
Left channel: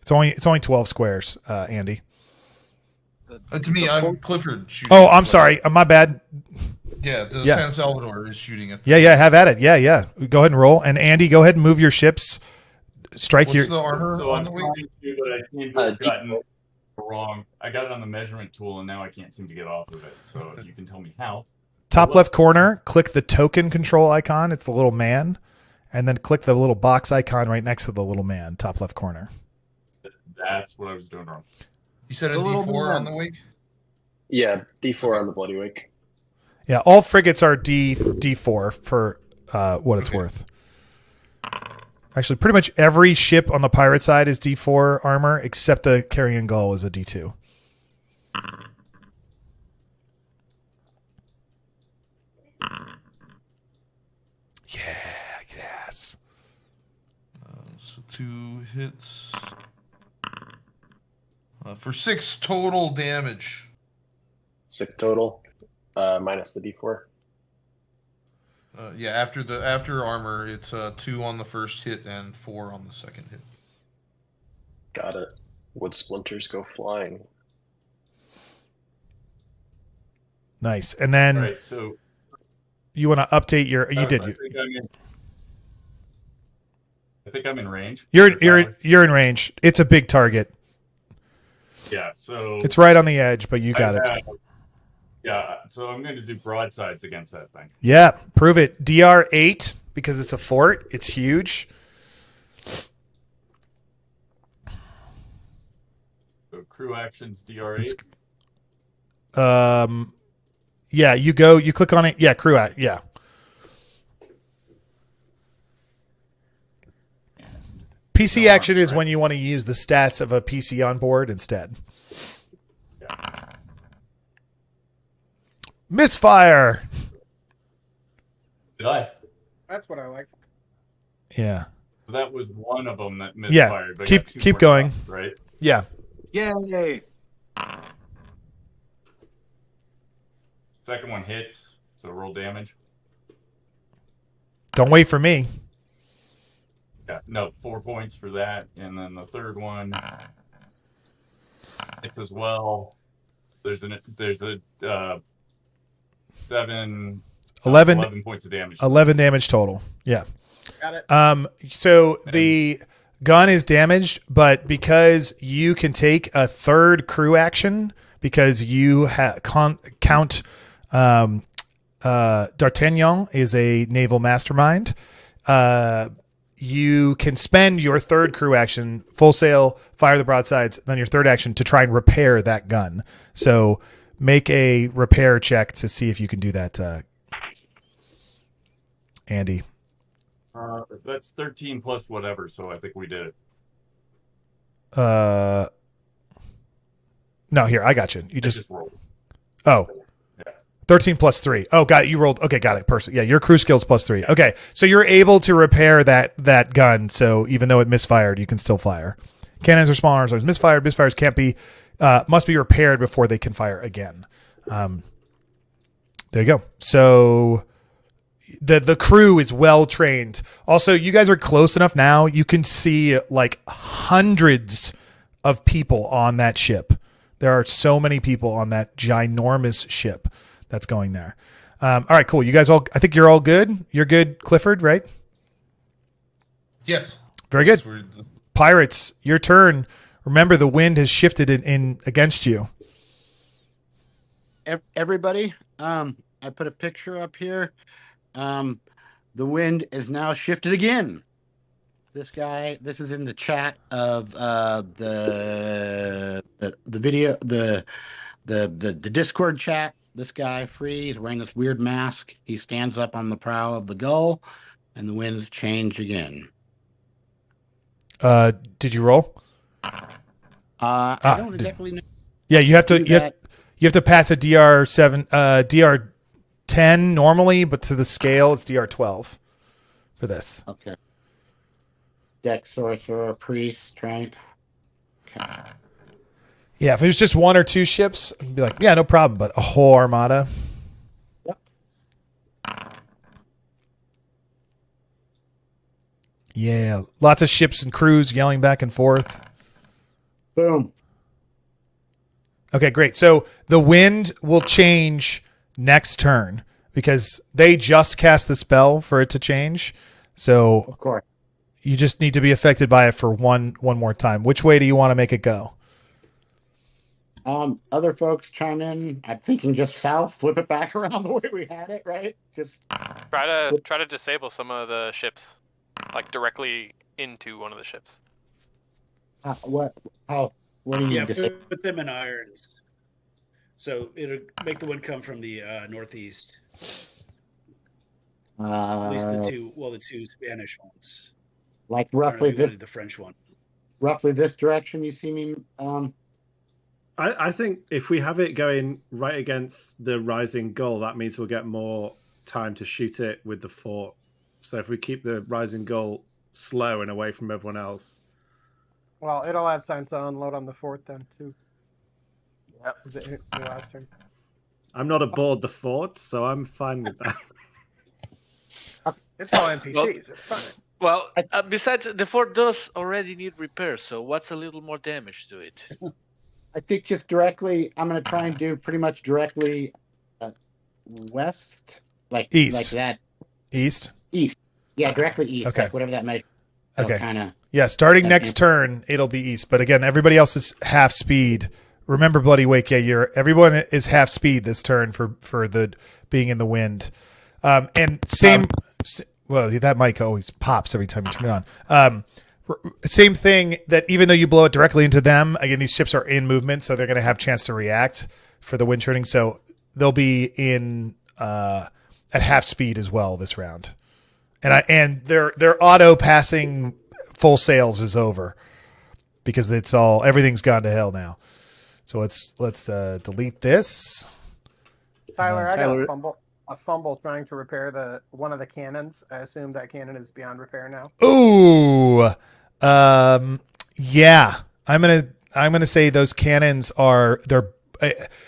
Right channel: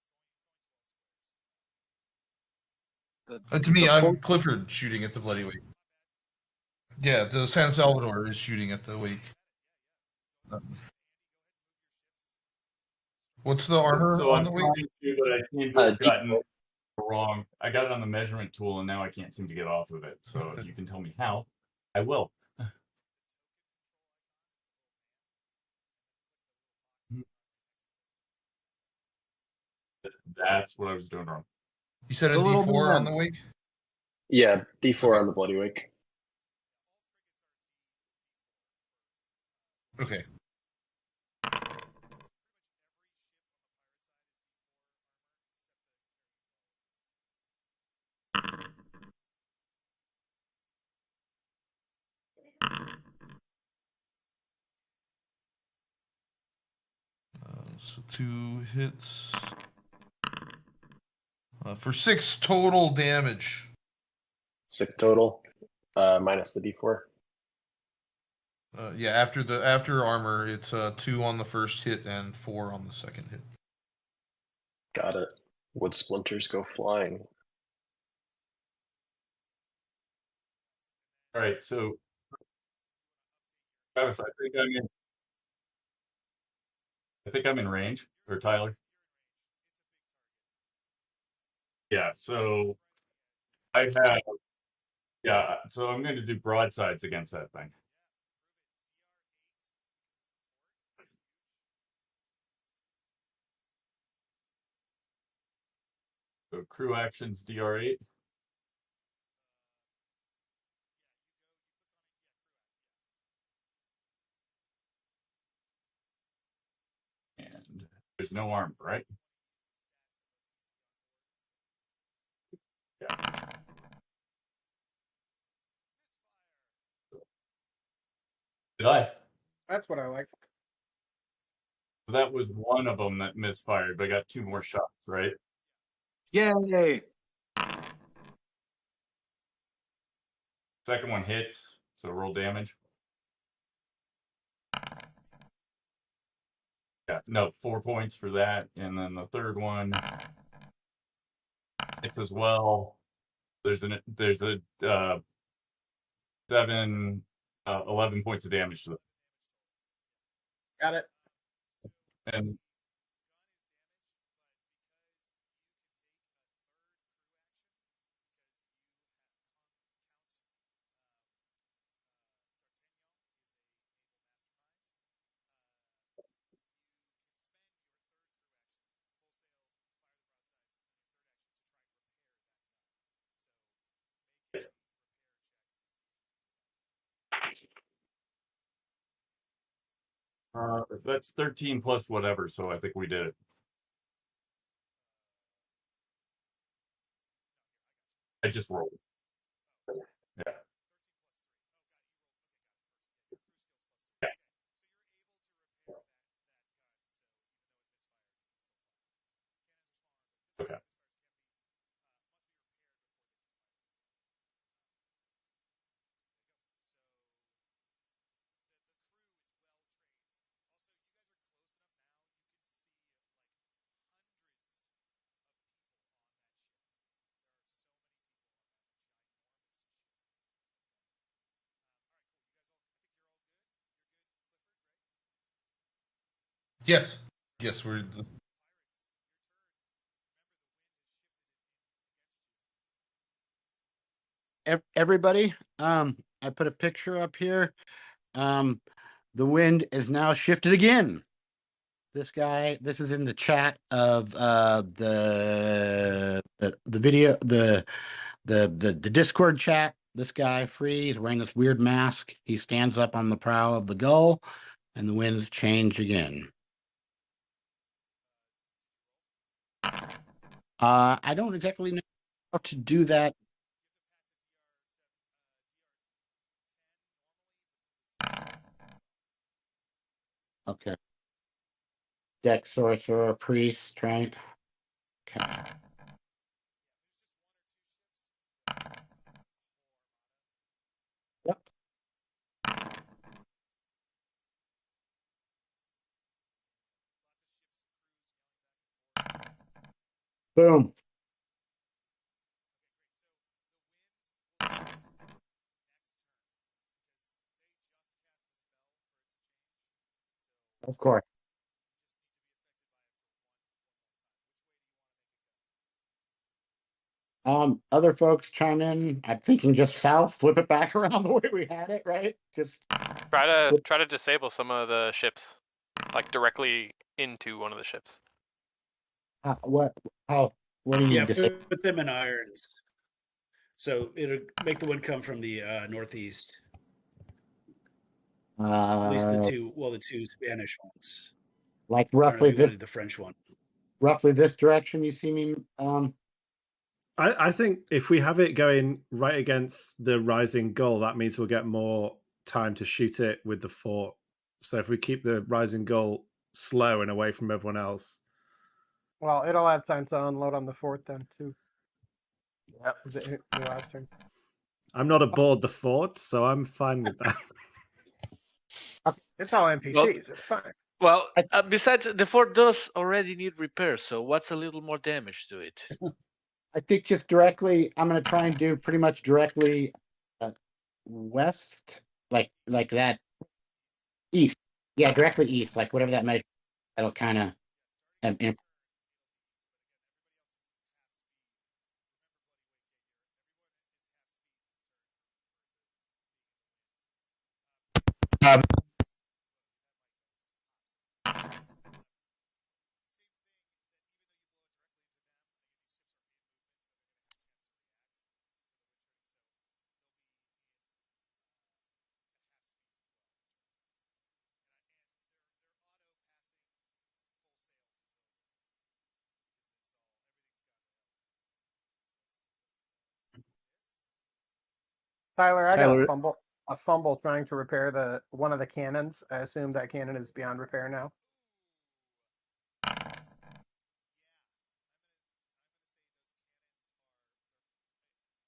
It's only 12 squares, Andy. To me, I'm Clifford shooting. Oh, I'm sorry. My bad. Yeah, San Salvador is shooting at. Yeah, have at it. Yeah. Go ahead and roll. And Andy, go ahead and move your ships. Strike What's the armor so on I'm the trying wing? to, but I seem to have gotten wrong. I got it on the measurement tool, and now I can't seem to get off of it. So if you can tell me how. Top left corner, click the token control icon. It's the little man. And then click the little box icon right next to the little man, top left corner. That's what I was doing wrong. You said a D4 on the wake? Yeah, D4 on the Bloody Wake. Yeah, all frigates are D4 for what it's worth. Actually, pretty much every ship on the pirate side is D4 armor, except the Carrion Gull is a D2. Yes. So 2 hits. For 6 total damage. 6 total, minus the D4. Yeah, after armor, it's 2 on the first hit and 4 on the second hit. Got it. Wood splinters go flying. Nice. And then, All right, so you want to update your? You did. I think I'm in range. You're in range. It's a big target. Yeah, so it's right on the edge, but you got it. Yeah, so I'm going to do broadsides against that thing. Yeah, prove it. DR8 because it's a fort. It's huge. So crew actions DR8. Yeah, you click on it. Yeah, crew act. Yeah. PC action is when you want to use the stats of a PC on board instead. Yeah. Misfire. Did I? That's what I like. Yeah. That was one of them that misfired. Yeah. But keep going. Stuff, right? Yeah. Yay. Second one hits, so roll damage. Don't wait for me. Yeah, no, 4 points for that, and then the third one hits as well. There's a 11 points of damage. 11 damage total. Yeah. Got it. So the gun is damaged, but because you can take a third crew action, because you count D'Artagnan is a naval mastermind. You can spend your third crew action, full sail, fire the broadsides, then your third action to try and repair that gun. So make a repair check to see if you can do that, Andy. That's 13 plus whatever, so I think we did it. No, here, I got you. You just rolled. Oh. Yeah. 13 plus 3. Oh, got it. You rolled. Okay, got it. Person. Yeah, your crew skills plus 3. Okay, so you're able to repair that gun. So even though it misfired, you can still fire. Cannons are smaller, so it's misfired. Misfires can't be, must be repaired before they can fire again. There you go. So the crew is well trained. Also, you guys are close enough now. You can see like hundreds of people on that ship. There are so many people on that ginormous ship that's going there. All right, cool. You guys all, I think you're all good. You're good, Clifford, right? Yes. Very good. Pirates, your turn. Remember, the wind has shifted in against you. Everybody, I put a picture up here. The wind is now shifted again. This is in the chat of the video, the Discord chat. This guy, Free, is wearing this weird mask. He stands up on the prow of the Gull, and the winds change again. Did you roll? I don't exactly know. Yeah, you have to pass a DR7, DR10 normally, but to the scale it's DR12 for this. Okay. Dex, sorcerer, priest, strength. Okay. Yeah, if it was just one or two ships, I'd be like, yeah, no problem. But a whole armada. Yep. Yeah, lots of ships and crews yelling back and forth. Boom. Okay, great. So the wind will change next turn because they just cast the spell for it to change. So of course, you just need to be affected by it for one more time. Which way do you want to make it go? Other folks chime in. I'm thinking just south, flip it back around the way we had it, right? Just try to disable some of the ships, like directly into one of the ships. What do you need to say? Put them in irons. So it'll make the wind come from the northeast. At least the two Spanish ones. Like roughly this, the French one. Roughly this direction. You see me. I think if we have it going right against the rising Gull, that means we'll get more time to shoot it with the fort. So if we keep the rising Gull slow and away from everyone else. Well, it'll have time to unload on the fort then, too. Yep. Is it your last turn? I'm not aboard the fort, so I'm fine with that. It's all NPCs. It's fine. Well, besides, the fort does already need repair, so what's a little more damage to it? I think just directly, I'm going to try and do pretty much directly west, like east, like that. East. Yeah, directly east, Okay. like whatever that measure. That'll kind of. Yeah, starting next turn, it'll be east. But again, everybody else is half speed. Remember, Bloody Wake. Yeah, everyone is half speed this turn for the being in the wind. And same. Well, that mic always pops every time you turn it on. Same thing that even though you blow it directly into them, again, these ships are in movement, so they're going to have a chance to react for the wind churning. So they'll be in at half speed as well this round. And their auto passing full sails is over because everything's gone to hell now. So let's delete this. Tyler, I got a fumble trying to repair one of the cannons. I assume that cannon is beyond repair now. Ooh. Yeah. I'm gonna say those cannons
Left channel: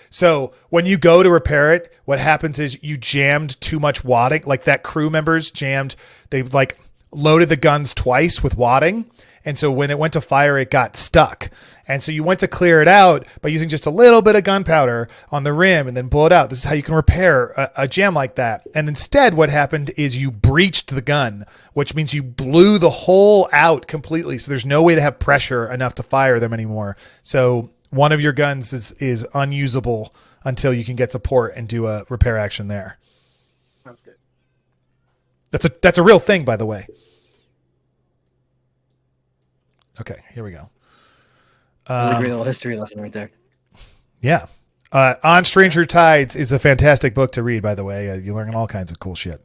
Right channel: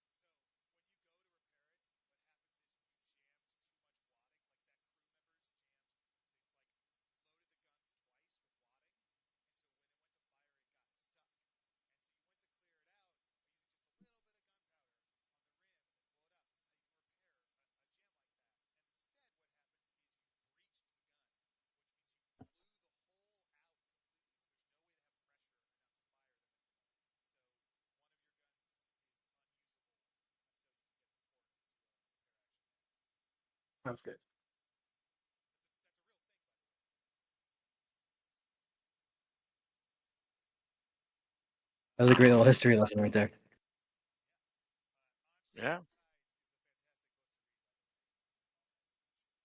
so when you go to repair it, what happens is you jammed too much wadding, like that crew members jammed, they've like loaded the guns twice with wadding. And so when it went to fire, it got stuck. And so you went to clear it out by using just a little bit of gunpowder on the rim and then blow it out. This is how you can repair a jam like that. And instead what happened is you breached the gun, which means you blew the hole out completely. So there's no way to have pressure enough to fire them anymore. So one of your guns is unusable until you can get to port and do a repair action there. Sounds good. That's a real thing, by the way. Okay, here we go. That's a great little history lesson right there. Yeah. On Stranger Tides is a fantastic book to read, by the way. You learn all kinds of cool shit.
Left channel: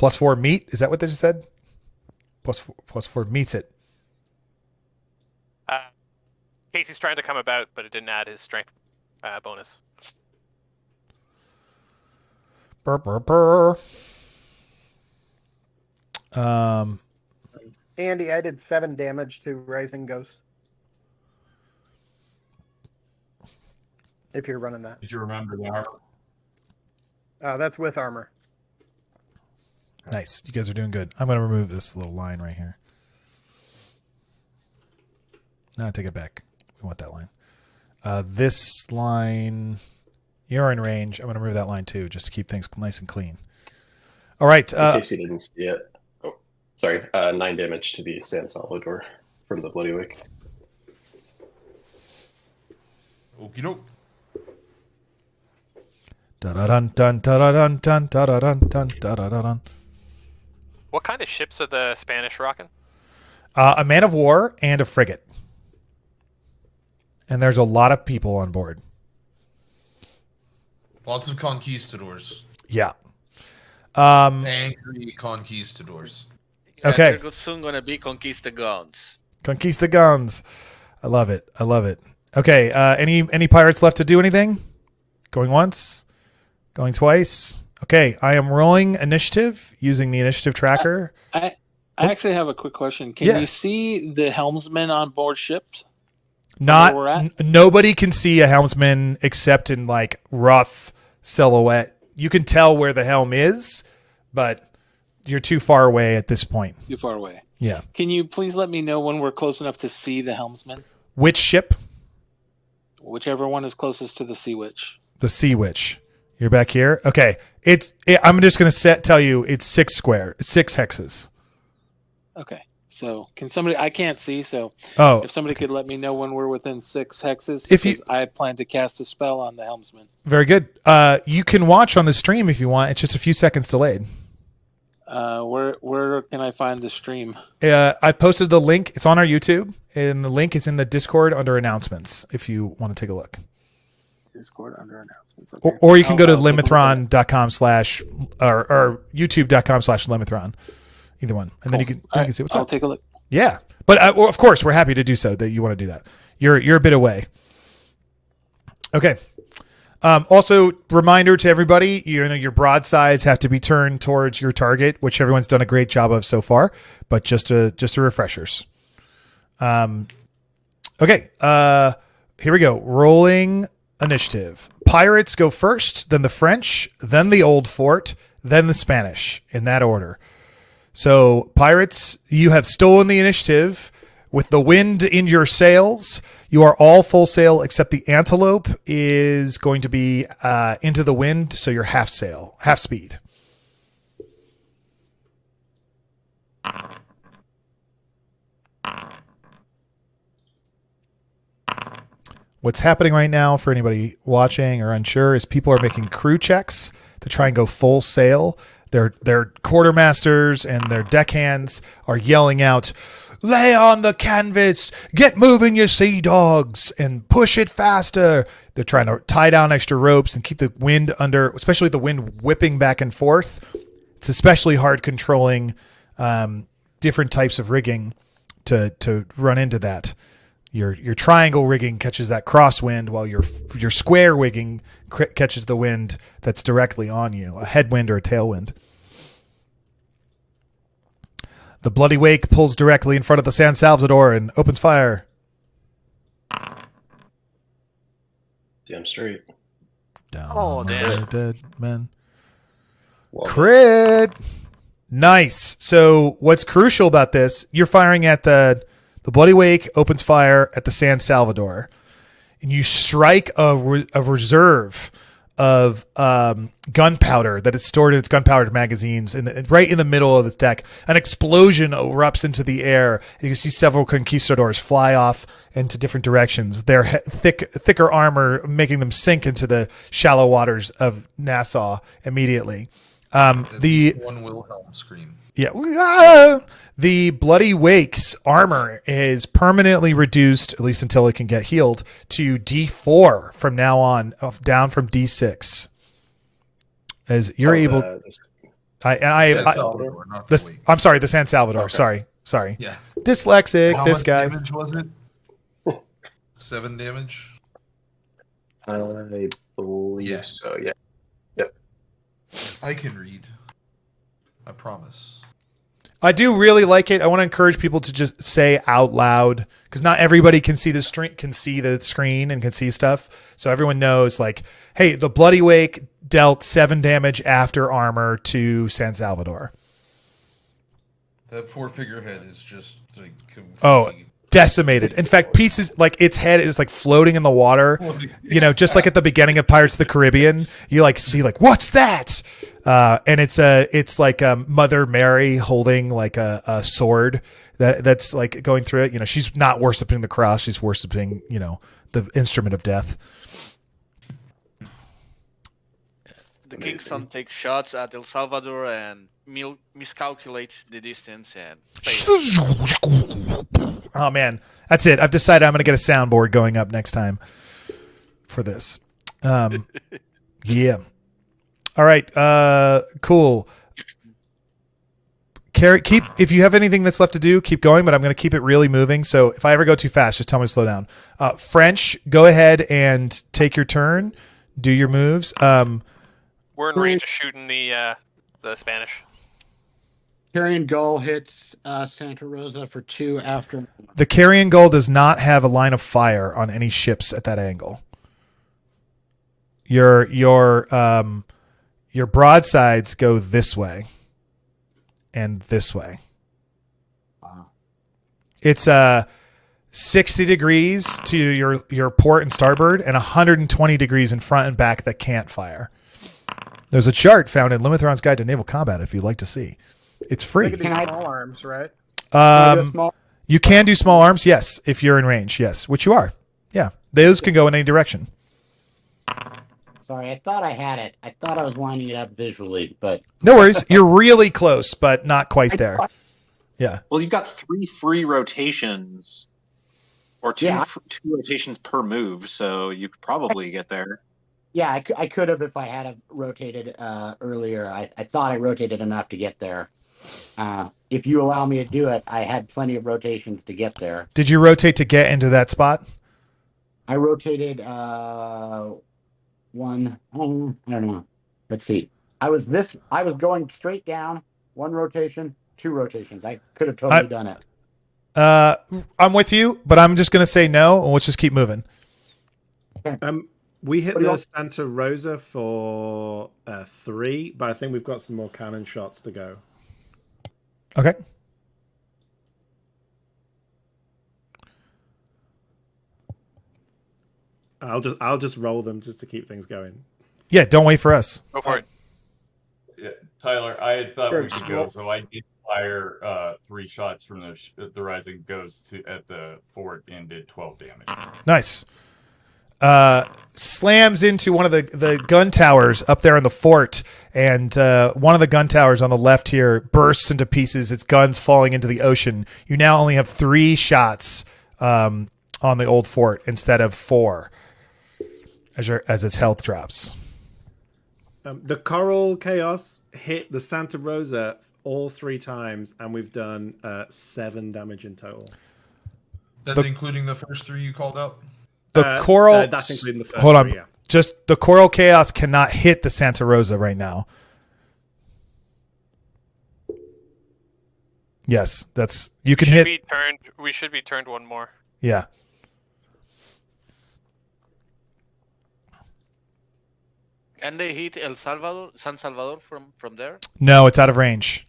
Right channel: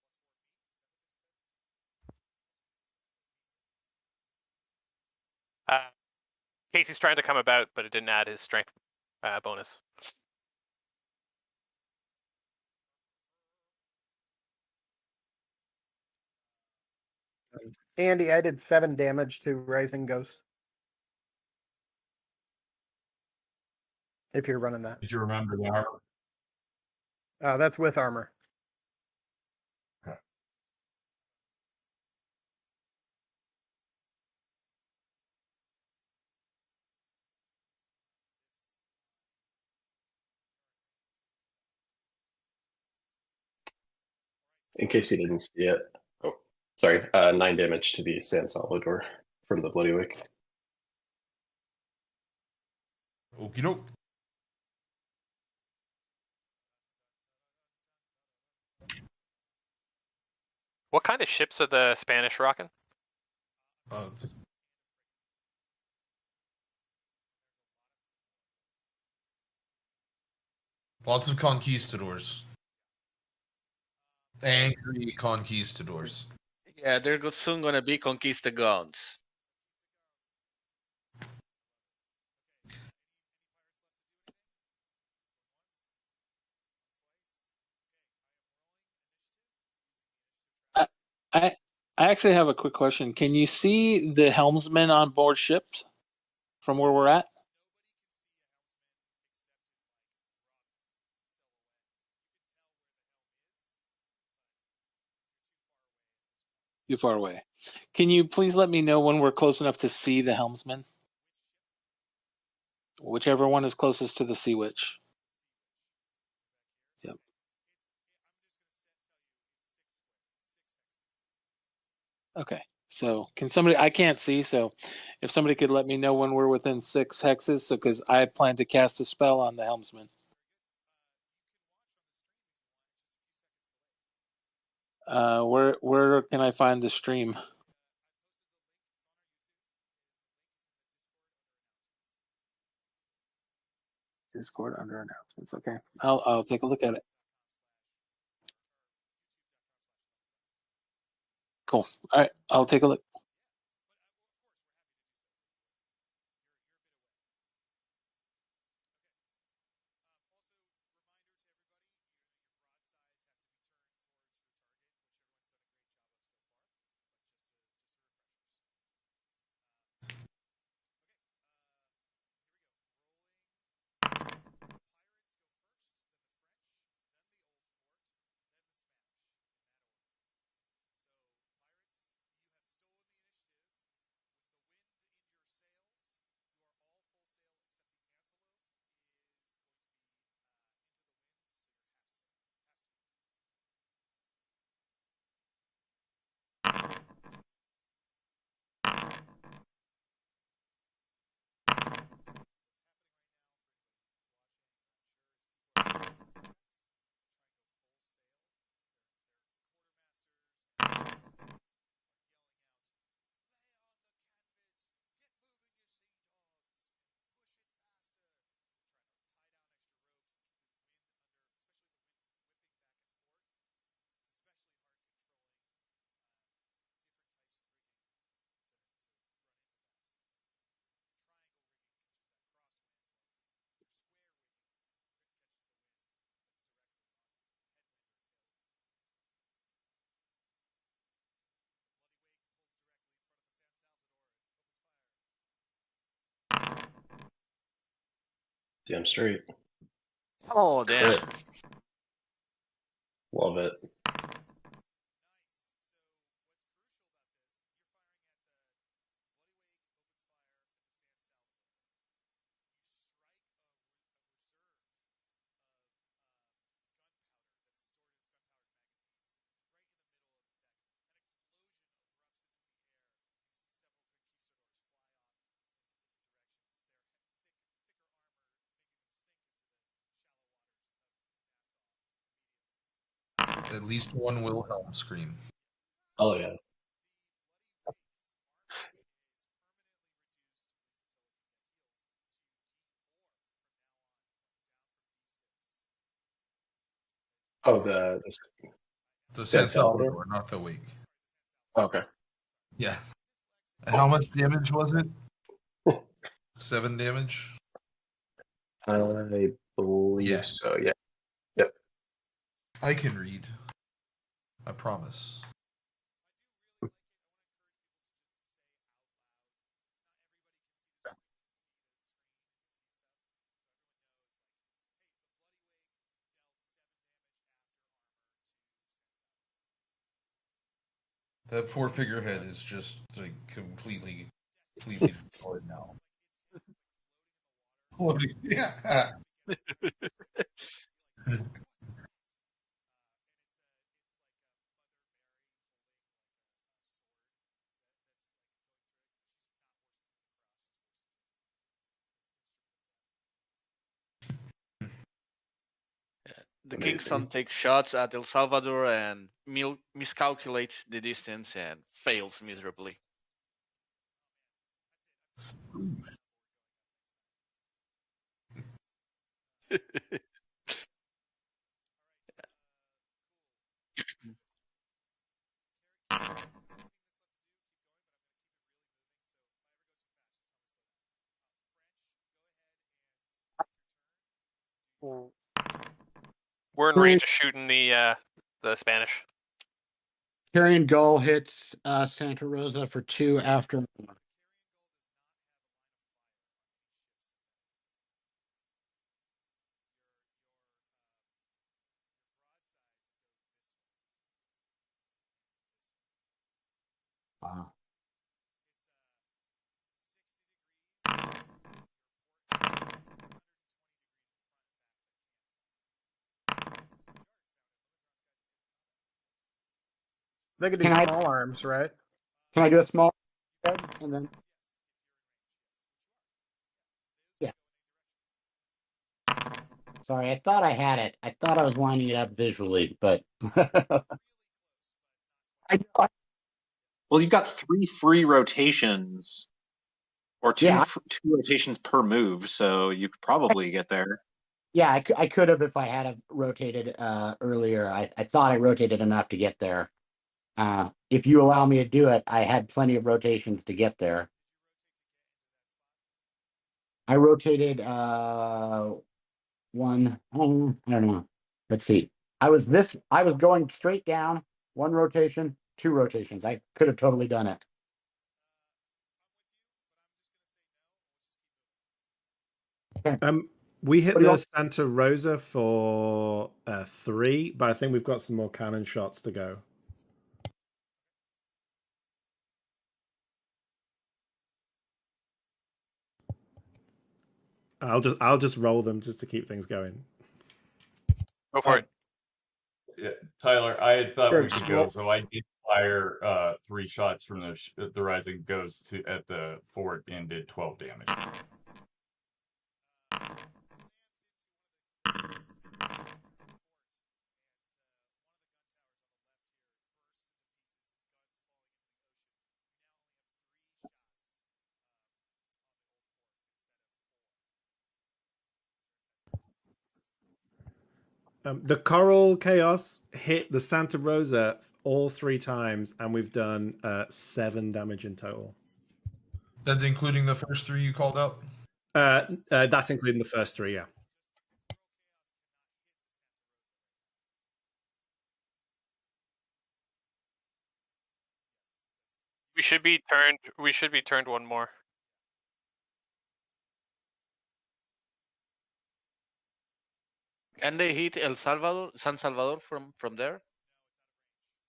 +4 meat? Is that what they just said? +4 meets it. Casey's trying to come about, but it didn't add his strength bonus. Burr, burr, burr. Andy, I did 7 damage to Rising Ghost. If you're running that. Did you remember the armor? That's with armor. Nice. You guys are doing good. I'm going to remove this little line right here. No, take it back. We want that line. This line, you're in range. I'm going to remove that line too, just to keep things nice and clean. All right. In case you didn't see it. Oh, sorry. 9 damage to the San Salvador from the Bloody Wake. Okie doke. Dun-dun-dun-dun-dun-dun-dun-dun-dun-dun. What kind of ships are the Spanish rocking? A man of war and a frigate. And there's a lot of people on board. Lots of conquistadors. Yeah. Angry conquistadors. Yeah, okay. They're soon going to be Conquistagons. Conquistagons. I love it. I love it. Okay. Any pirates left to do anything? Going once? Going twice? Okay. I am rolling initiative using the initiative tracker. I actually have a quick question. Can you see the helmsman on board ships? Nobody can see a helmsman except in like rough silhouette. You can tell where the helm is, but you're too far away at this point. Too far away. Yeah. Can you please let me know when we're close enough to see the helmsman? Which ship? Whichever one is closest to the Sea Witch. The Sea Witch. You're back here? Okay. I'm just going to tell you it's 6 square. It's 6 hexes. Okay. So can somebody, I can't see, so if somebody could let me know when we're within 6 hexes, because I plan to cast a spell on the helmsman. Very good. You can watch on the stream if you want. It's just a few seconds delayed. Where can I find the stream? I posted the link. It's on our YouTube, and the link is in the Discord under announcements if you want to take a look. Discord under announcements. Okay. Or you can go to limithron.com/ or youtube.com/limithron. Either one. And then you can see what's up. I'll take a look. Yeah. But of course, we're happy to do so that you want to do that. You're a bit away. Okay. Also, reminder to everybody, your broadsides have to be turned towards your target, which everyone's done a great job of so far, but just a refreshers. Okay. Here we go. Rolling initiative. pirates go first, then the French, then the Old Fort, then the Spanish, in that order. So, pirates, you have stolen the initiative with the wind in your sails. You are all full sail except the Antelope is going to be into the wind, so you're half sail, half speed. What's happening right now for anybody watching or unsure is people are making crew checks to try and go full sail. Their quartermasters and their deckhands are yelling out, "Lay on the canvas, get moving, you sea dogs, and push it faster." They're trying to tie down extra ropes and keep the wind under, especially the wind whipping back and forth. It's especially hard controlling different types of rigging to run into that. Your triangle rigging catches that crosswind, while your square rigging catches the wind that's directly on you, a headwind or a tailwind. The Bloody Wake pulls directly in front of the San Salvador and opens fire. Damn straight. Oh, damn. Dead men. Crit. Nice. So what's crucial about this, you're firing at the Bloody Wake opens fire at the San Salvador, and you strike a reserve of gunpowder that is stored in its gunpowder magazines, and right in the middle of the deck, an explosion erupts into the air. You can see several conquistadors fly off into different directions. Their thicker armor making them sink into the shallow waters of Nassau immediately. At least one Wilhelm scream. Yeah. The Bloody Wake's armor is permanently reduced, at least until it can get healed, to D4 from now on, down from D6. As you're able, I'm sorry, the San Salvador. Okay. Sorry. Yeah. Dyslexic. How this much guy. damage was it? 7 damage. I believe so. Yeah. Yep. I can read. I promise. I do really like it. I want to encourage people to just say out loud, because not everybody can see the screen and can see stuff. So everyone knows, like, hey, the Bloody Wake dealt 7 damage after armor to San Salvador. That poor figurehead is just like completely decimated. In fact, pieces, like, its head is like floating in the water. You know, just like at the beginning of Pirates of the Caribbean, you like see like, what's that? And it's like Mother Mary holding like a sword that's like going through it. You know, she's not worshiping the cross; she's worshiping, you know, the instrument of death. The King's Son takes shots at El Salvador and miscalculates the distance and fails. Oh man, that's it. I've decided I'm going to get a soundboard going up next time for this. Yeah. All right. Cool. If you have anything that's left to do, keep going, but I'm going to keep it really moving. So if I ever go too fast, just tell me to slow down. French, go ahead and take your turn. Do your moves. We're in range of shooting the Spanish. Carrion Gull hits Santa Rosa for 2 after. The Carrion Gull does not have a line of fire on any ships at that angle. Your broadsides go this way and this way. Wow. It's 60 degrees to your port and starboard and 120 degrees in front and back that can't fire. There's a chart found in Limithron's Guide to Naval Combat if you'd like to see. It's free. I can do small arms, right? You can do small arms, yes, if you're in range, yes, which you are. Yeah, those can go in any direction. Sorry, I thought I had it. I thought I was lining it up visually, but no worries. You're really close, but not quite there. Yeah. Well, you've got 3 free rotations, or two rotations per move, so you could probably get there. Yeah, I could have if I had rotated earlier. I thought I rotated enough to get there. If you allow me to do it, I had plenty of rotations to get there. Did you rotate to get into that spot? I rotated one. I don't know. Let's see. I was going straight down. 1 rotation, 2 rotations. I could have totally done it. I'm with you, but I'm just going to say no, and let's just keep moving. We hit the Santa Rosa for 3, but I think we've got some more cannon shots to go. Okay. I'll just roll them just to keep things going. Yeah, don't wait for us. Go for it. Yeah, Tyler, I had thought Sure, we could go, so I did fire 3 shots from the Rising Ghost at the fort and did 12 damage. Nice. Slams into one of the gun towers up there in the fort, and one of the gun towers on the left here bursts into pieces, its guns falling into the ocean. You now only have 3 shots on the old fort instead of 4 as its health drops. The Coral Chaos hit the Santa Rosa all 3 times, and we've done 7 damage in total. That's including the first 3 you called out? The Coral... that's including the first hold on. 3, yeah. Just the Coral Chaos cannot hit the Santa Rosa right now. Yes, that's... You can hit... We should be turned 1 more. Yeah. Can they hit San Salvador from there? No, it's out of range.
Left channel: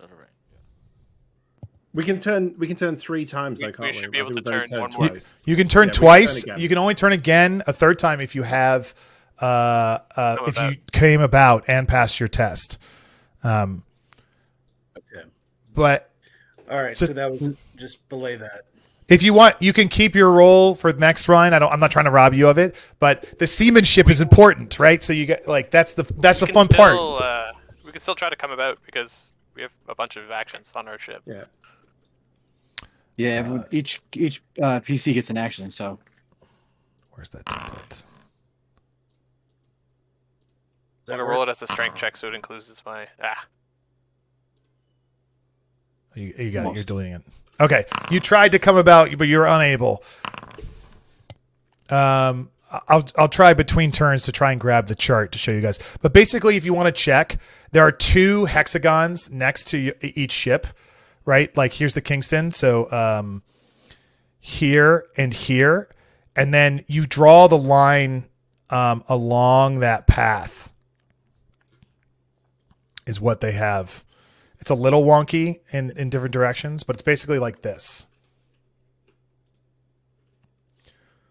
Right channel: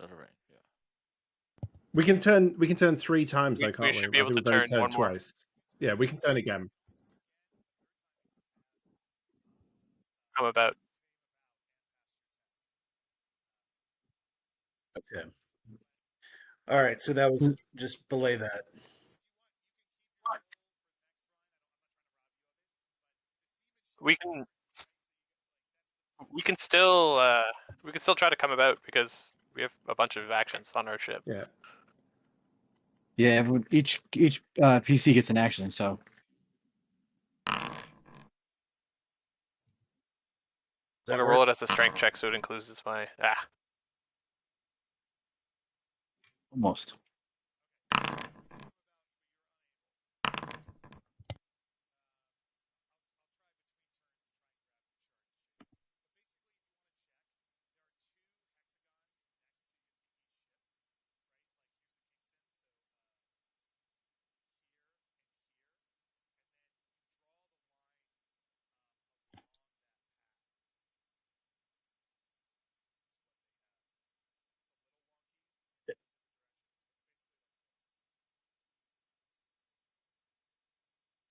Out of range. We can turn 3 times, though, can't we? We should be able to turn 1 more. Twice. You can turn twice. You can only turn again a 3rd time if you have if you came about and passed your test. Okay. But all right, so that was just belay that. If you want, you can keep your roll for the next run. I'm not trying to rob you of it, but the seamanship is important, right? So you get that's the fun part. We can still try to come about because we have a bunch of actions on our ship. Yeah. Yeah. Each PC gets an action. So where's that template? I'm gonna roll it as a strength check, so it includes my You got it. You're deleting it. Okay, you tried to come about, but you're unable. I'll try between turns to try and grab the chart to show you guys. But basically, if you want to check, there are 2 hexagons next to each ship, right? Like here's the Kingston, so here and here, and then you draw the line along that path. Is what they have. It's a little wonky in different directions, but it's basically like this.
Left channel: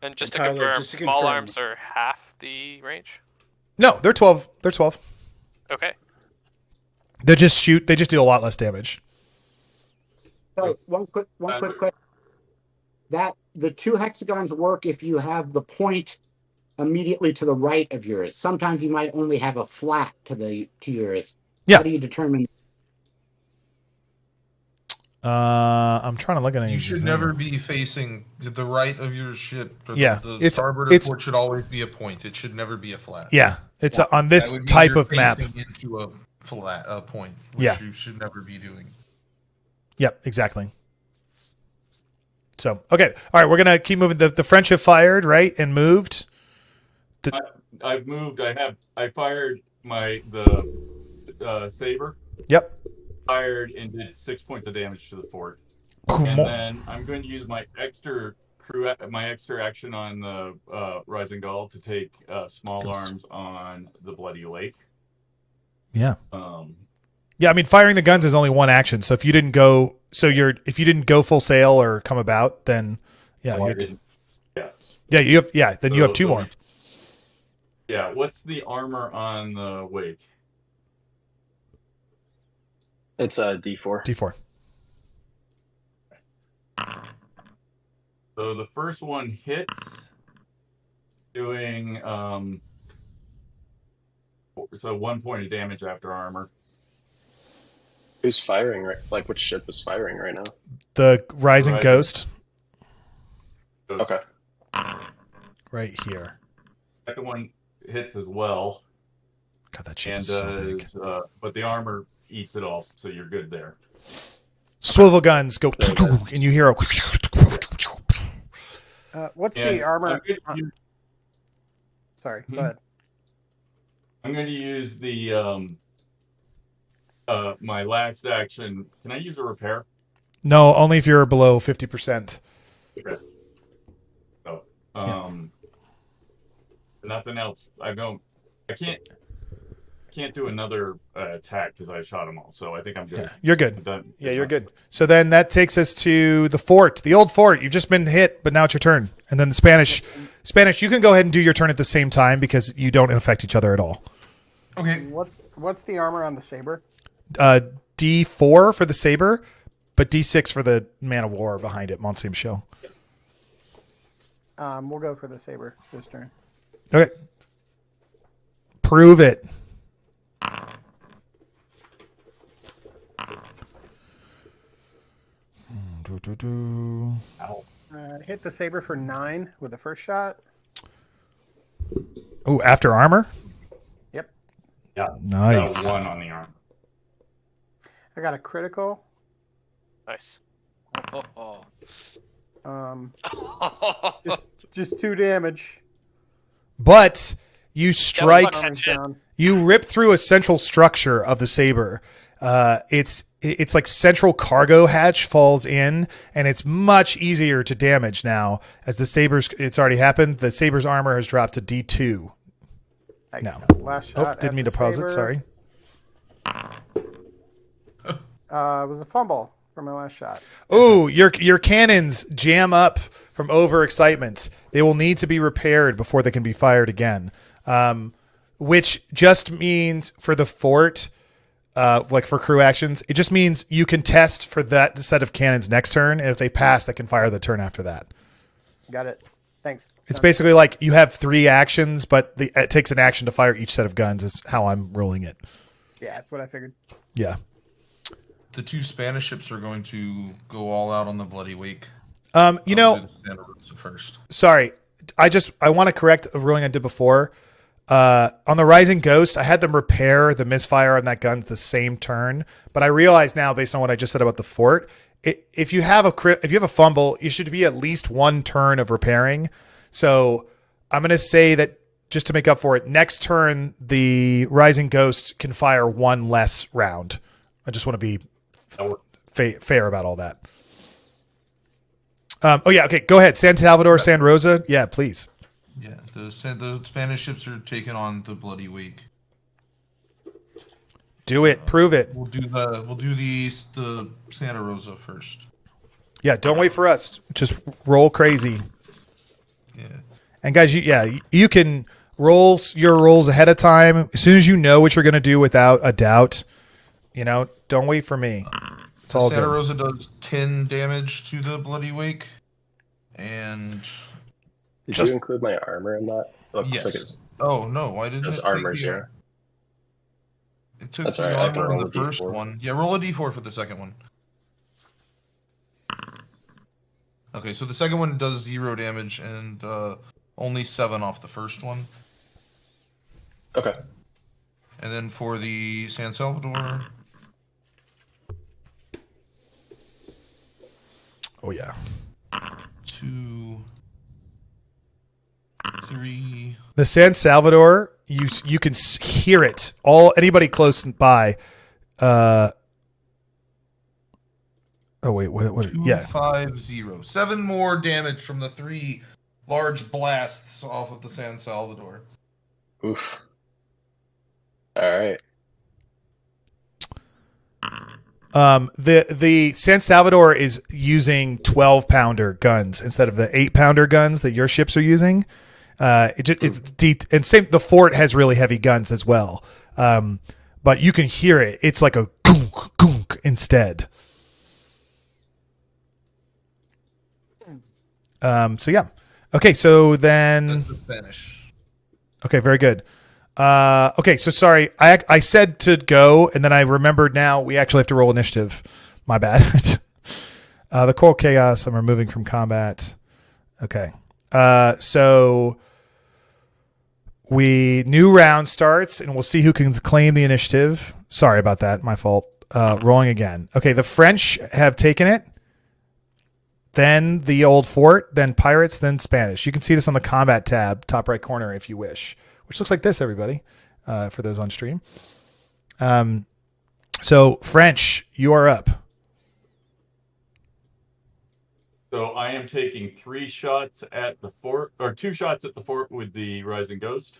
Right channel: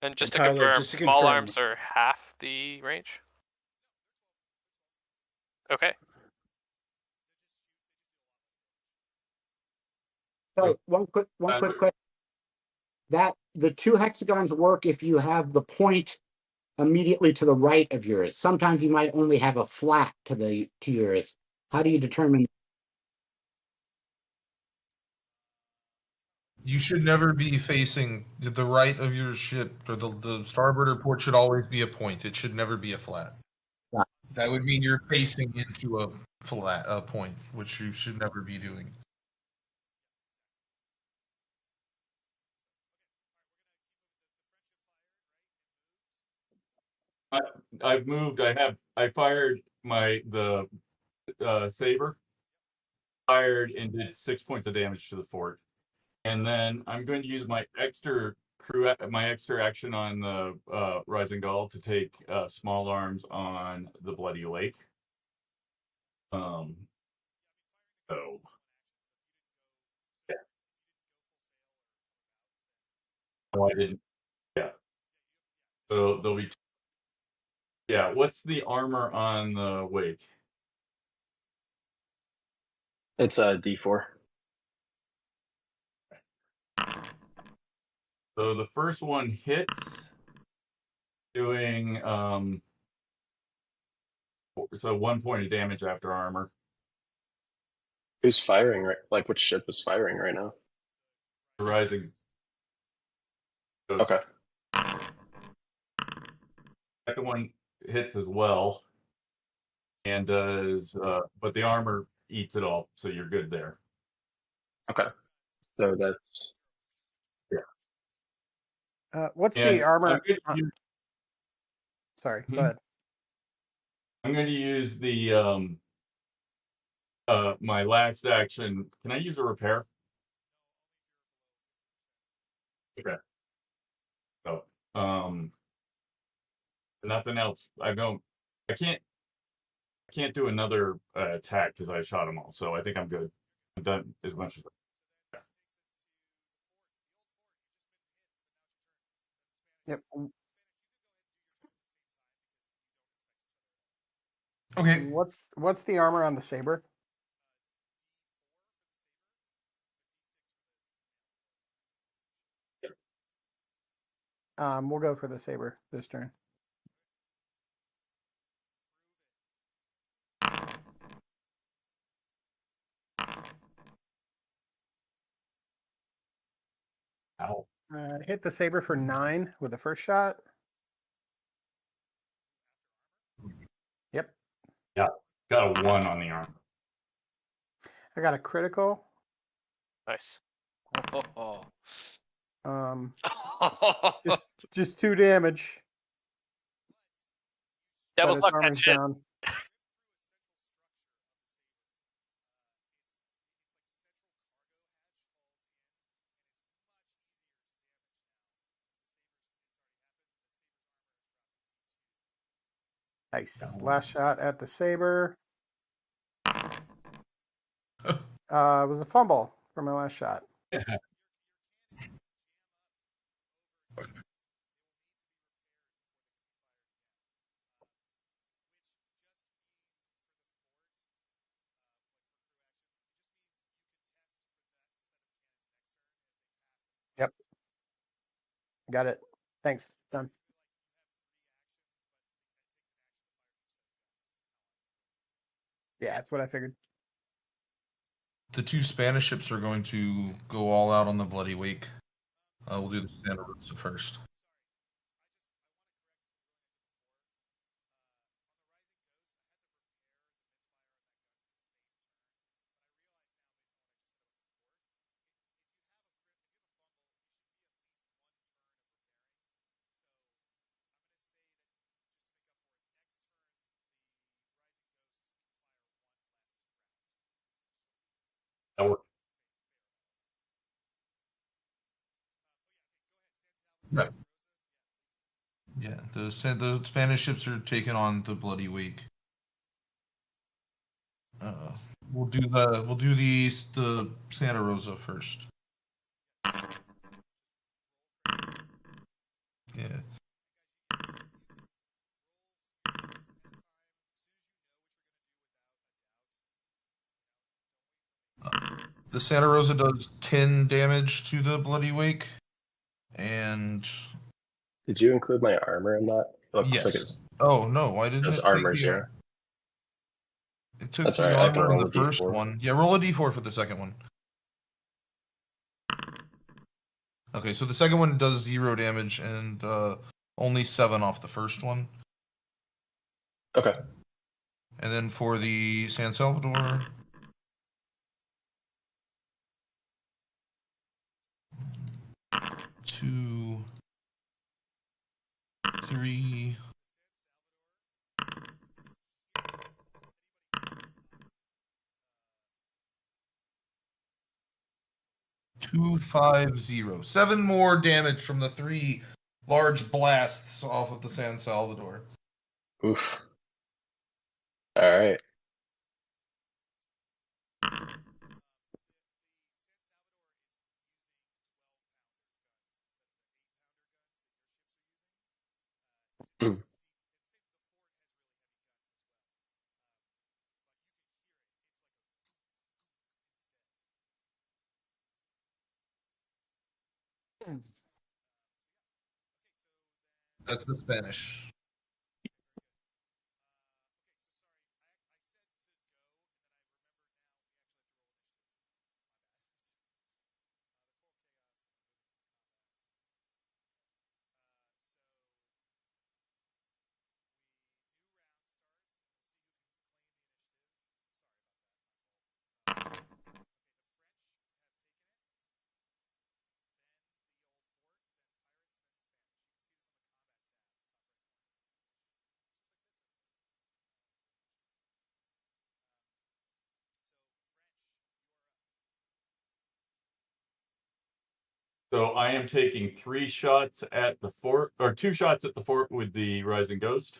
And just to confirm, small arms are half the range? No, they're 12. They're 12. Okay. They just do a lot less damage. So one quick question. That the 2 hexagons work if you have the point immediately to the right of yours. Sometimes you might only have a flat to yours. Yeah. How do you determine? I'm trying to look at it. You should never be facing the right of your ship. Or yeah, the starboard or port should always be a point. It should never be a flat. Yeah, it's on this type of map. Into a flat point, which you should never be doing. Yep, exactly. So okay, all right, we're gonna keep moving. The French have fired, right, and moved. I've moved. I fired the saber. Yep. Fired and did 6 points of damage to the fort. Cool. And then I'm going to use my extra action on the Rising Gull to take small arms on the Bloody Lake. Yeah. Yeah, I mean, firing the guns is only 1 action. So if you didn't go, if you didn't go full sail or come about, then yeah. I didn't. Yeah. Yeah, you have 2 more. Yeah. What's the armor on the Wake? It's a D4. D4. So the first one hits, doing so 1 point of damage after armor. Who's firing? Right? Like which ship is firing right now? The Rising Ghost. Okay. Right here. Second one hits as well. God, that ship and is so big. But the armor eats it all, so you're good there. Swivel guns go, and you hear a. What's the armor? Sorry, go ahead. I'm going to use the my last action. Can I use a repair? No, only if you're below 50%. Okay. Oh, Nothing else. I can't do another attack because I shot them all. So I think I'm good. You're good. I'm done. Yeah, you're good. So then that takes us to the fort, the old fort. You've just been hit, but now it's your turn. And then the Spanish, you can go ahead and do your turn at the same time because you don't affect each other at all. Okay. What's the armor on the saber? D4 for the saber, but D6 for the man of war behind it, Mont Saint Michel. We'll go for the saber this turn. Okay. Prove it. Hit the saber for 9 with the first shot. Oh, after armor? Yep. Yeah. Nice. Got a 1 on the arm. I got a critical. Nice. Just 2 damage. But you strike. Down. You rip through a central structure of the saber. It's like central cargo hatch falls in, and it's much easier to damage now as the saber's. It's already happened. The saber's armor has dropped to D2. Nice. No. Last shot. Didn't mean to pause it. Sorry. It was a fumble for my last shot. Oh, your cannons jam up from overexcitement. They will need to be repaired before they can be fired again. Which just means for the fort, like for crew actions, it just means you can test for that set of cannons next turn, and if they pass, they can fire the turn after that. Got it. Thanks. It's basically like you have 3 actions, but it takes an action to fire each set of guns is how I'm ruling it. Yeah, that's what I figured. Yeah. The 2 Spanish ships are going to go all out on the Bloody Wake. You know, do the Santa Rosa first. Sorry, I want to correct a ruling I did before. On the Rising Ghost, I had them repair the misfire on that gun at the same turn, but I realize now, based on what I just said about the fort, if you have a fumble, you should be at least 1 turn of repairing. So I'm going to say that just to make up for it, next turn the Rising Ghost can fire 1 less round. I just want to be fair about all that. Okay, go ahead. San Salvador, San Rosa. Yeah, please. Yeah, the Spanish ships are taking on the Bloody Wake. Do it. Prove it. We'll do the Santa Rosa first. Yeah, don't wait for us. Just roll crazy. Yeah. And guys, you can roll your rolls ahead of time. As soon as you know what you're going to do without a doubt, don't wait for me. The Santa Rosa does 10 damage to the Bloody Wake. And did you include my armor in that? Yes. Like oh no, why didn't it armor 0? It took the armor on the first one. Yeah, roll a d4 for the second one. Okay, so the second one does 0 damage and only 7 off the first one. Okay. And then for the San Salvador. Oh yeah. 2, 3. The San Salvador, you can hear it. Anybody close by. Oh wait, what? 2, 5, 0. 7 more damage from the 3 large blasts off of the San Salvador. Oof. All right. The San Salvador is using 12-pounder guns instead of the 8-pounder guns that your ships are using. The fort has really heavy guns as well. But you can hear it. It's like a gunk gunk instead. So yeah. Okay, so then that's the Spanish. Okay, very good. Okay, so sorry. I said to go, and then I remembered now we actually have to roll initiative. My bad. The Coral Chaos, I'm removing from combat. Okay. So new round starts, and we'll see who can claim the initiative. Sorry about that. My fault. Rolling again. Okay, the French have taken it. Then the old fort, then pirates, then Spanish. You can see this on the combat tab, top right corner if you wish. Which looks like this, everybody, for those on stream. So, French, you are up. So I am taking 3 shots at the fort, or 2 shots at the fort with the Rising Ghost.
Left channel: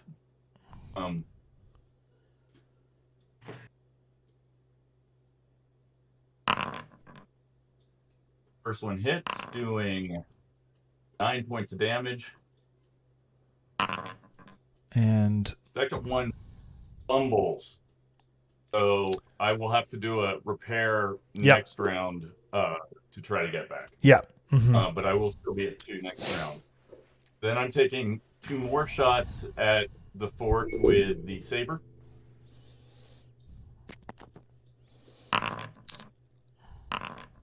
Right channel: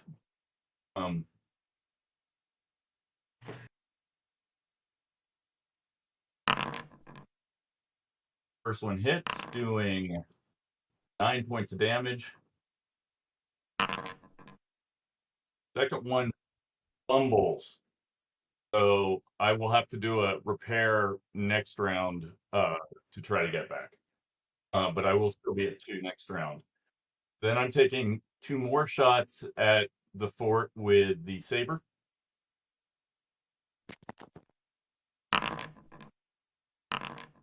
First one hits, doing 9 points of damage. And second one fumbles. So I will have to do a repair next round to try to get back. Yeah. But I will still be at 2 next round. Then I'm taking 2 more shots at the fort with the saber.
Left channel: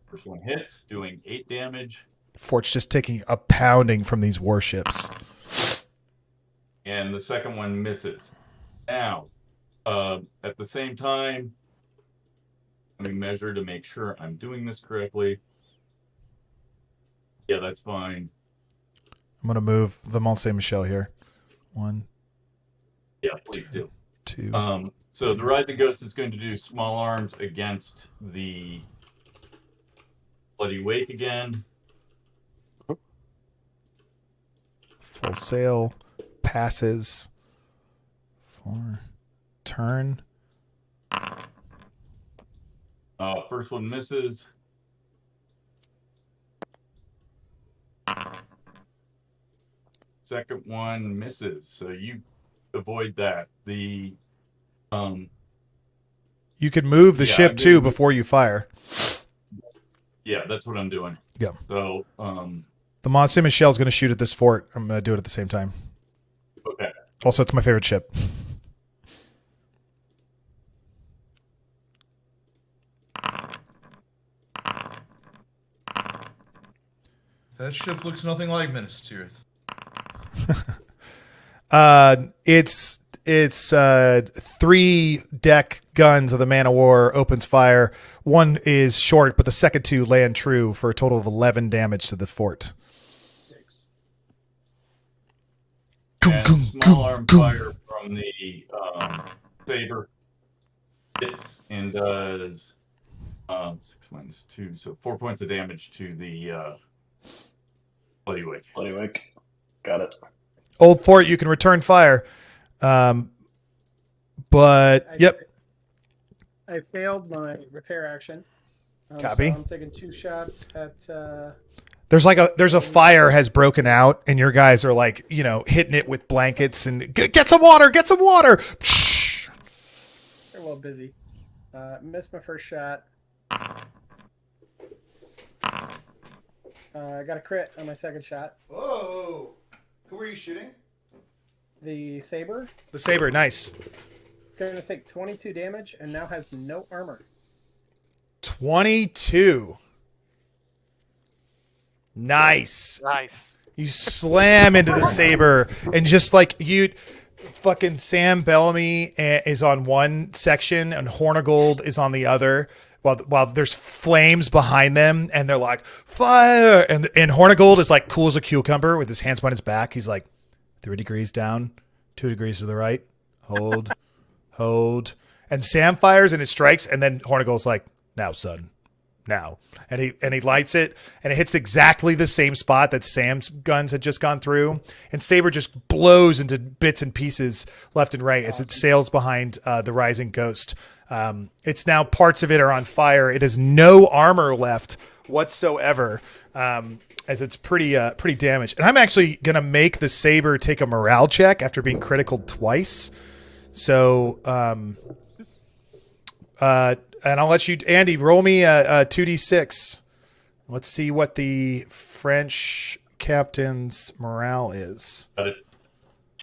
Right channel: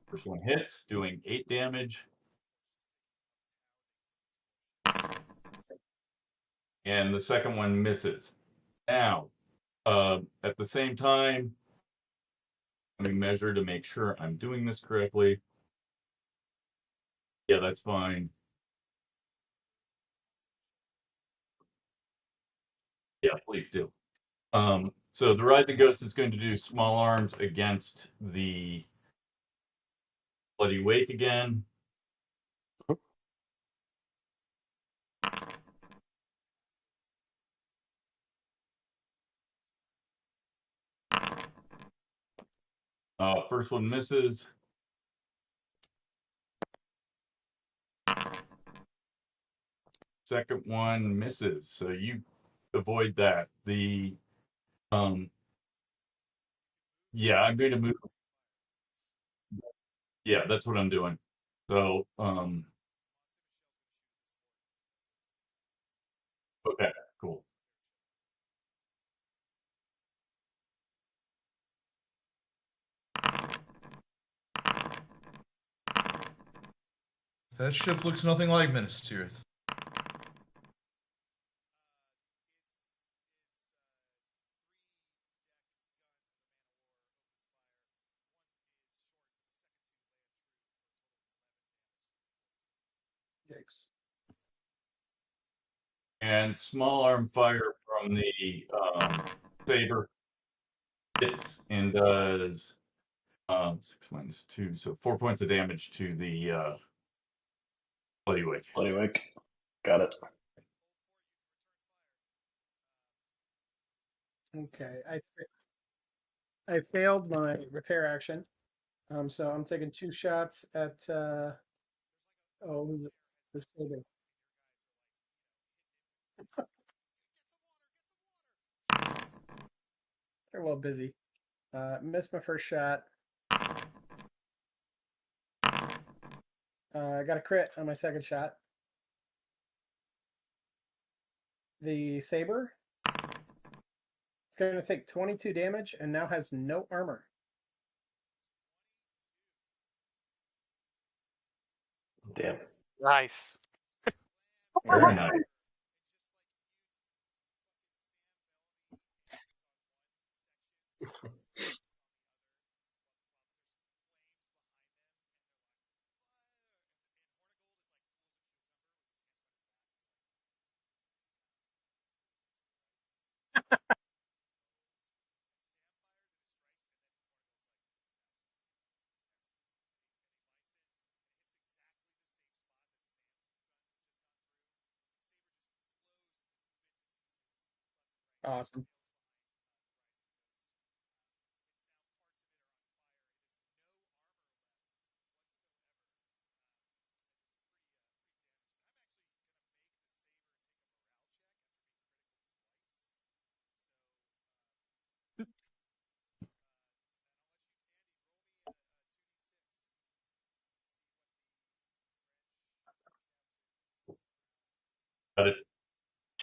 First one hits, doing 8 damage. Fort's just taking a pounding from these warships. And the second one misses. Now, at the same time, let me measure to make sure I'm doing this correctly. Yeah, that's fine. I'm going to move the Mont Saint Michel here. 1. Yeah, please do. 2. So the Rising Ghost is going to do small arms against the Bloody Wake again. Full sail. Passes. 4. Turn. First one misses. Second one misses. So you avoid that. The you could move the ship too before you fire. Yeah, that's what I'm doing. Yeah. So the Mont Saint Michel is going to shoot at this fort. I'm going to do it at the same time. Okay. Also, it's my favorite ship. That ship looks nothing like Minas Tirith. It's 3 deck guns of the Man of War opens fire. 1 is short, but the second 2 land true for a total of 11 damage to the fort. And small arm fire from the saber hits and does 6 minus 2, so 4 points of damage to the Bloody Wake. Bloody Wake. Got it. Old fort, you can return fire. But I failed my repair action. Copy. So I'm taking 2 shots at. There's a fire has broken out, and your guys are like, hitting it with blankets and get some water, get some water. They're well busy. Missed my first shot. I got a crit on my second shot. Whoa! Who are you shooting? The saber. The saber, nice. It's going to take 22 damage and now has no armor. 22. Nice. Nice. You slam into the saber, and just like fucking Sam Bellamy is on one section and Hornigold is on the other. While there's flames behind them, and they're like, fire! And Hornigold is like cool as a cucumber with his hands behind his back. He's like, 3 degrees down, 2 degrees to the right. Hold. Hold. And Sam fires and it strikes, and then Hornigold's like, now, son. Now. And he lights it, and it hits exactly the same spot that Sam's guns had just gone through. And Saber just blows into bits and pieces left and right as it sails behind the Rising Ghost. It's now parts of it are on fire. It has no armor left whatsoever, as it's pretty damaged. And I'm actually gonna make the Saber take a morale check after being critical twice. So, and I'll let you, Andy, roll me a 2d6. Let's see what the French captain's morale is. Got it.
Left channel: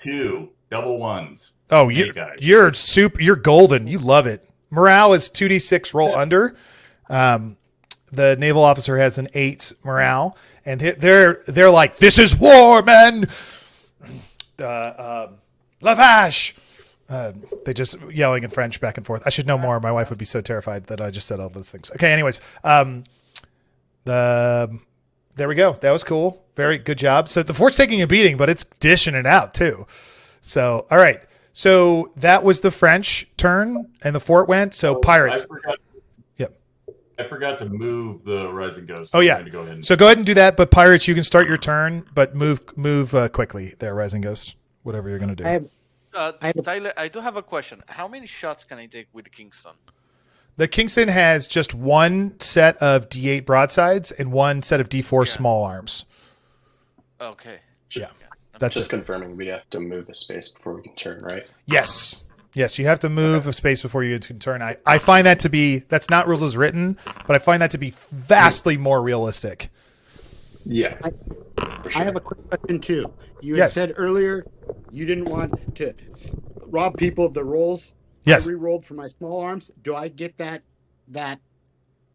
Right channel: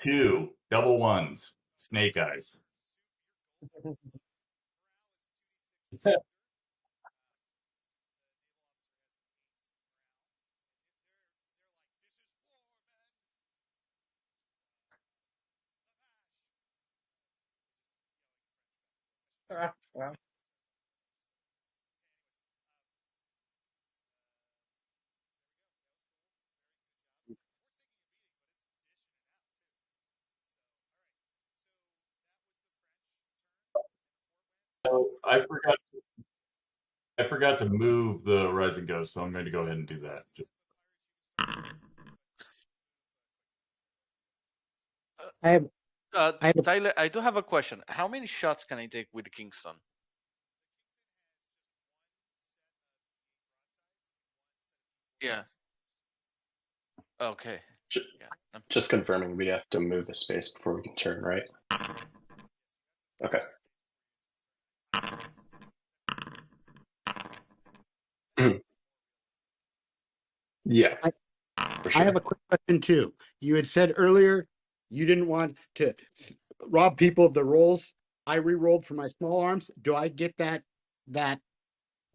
2 double ones. Oh, you're golden. You love it. Morale is 2d6 roll under. The naval officer has an 8 morale, and they're like, this is war, men. Lavage. They just yelling in French back and forth. I should know more. My wife would be so terrified that I just said all those things. Okay. Anyways, there we go. That was cool. Very good job. So the fort's taking a beating, but it's dishing it out too. So, all right. So that was the French turn, and the fort went. So pirates. I forgot. Yep. I forgot to move the Rising Ghost. Oh I'm yeah. going to go ahead and... So go ahead and do that. But Pirates, you can start your turn, but move quickly there, Rising Ghost. Whatever you're going to do. Tyler, I do have a question. How many shots can I take with the Kingston? The Kingston has just one set of D8 broadsides and one set of D4 small arms. Okay. Yeah. That's just confirming we have to move a space before we can turn, right? Yes. Yes, you have to move a space before you can turn. I find that to be, that's not rules as written, but I find that to be vastly more realistic. Yeah. I have a quick question too. You had said earlier you didn't want to rob people of the rolls. Yes. I re-rolled for my small arms. Do I get that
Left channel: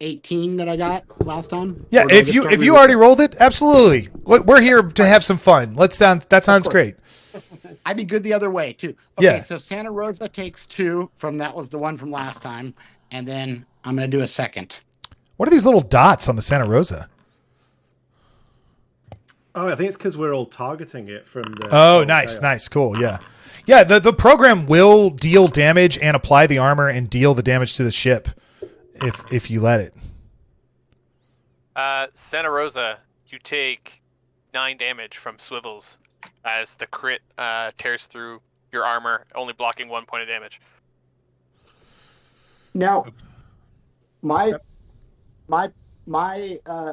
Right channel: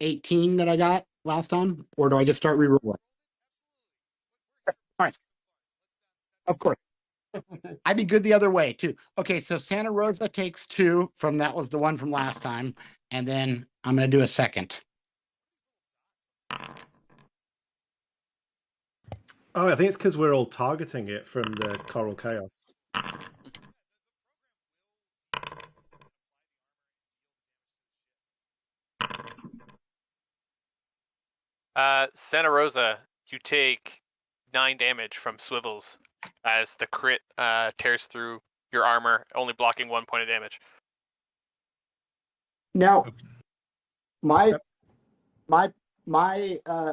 18 that I got last time? Yeah, if you already rolled it, absolutely. We're here to have some fun. That sounds great. I'd be good the other way too. Okay, Yeah. so Santa Rosa takes 2 from that was the one from last time, and then I'm gonna do a second. What are these little dots on the Santa Rosa? Oh, I think it's because we're all targeting it from the. Oh, nice, cool, yeah. Yeah, the program will deal damage and apply the armor and deal the damage to the ship if you let it. Santa Rosa, you take 9 damage from swivels as the crit tears through your armor, only blocking 1 point of damage. Now, my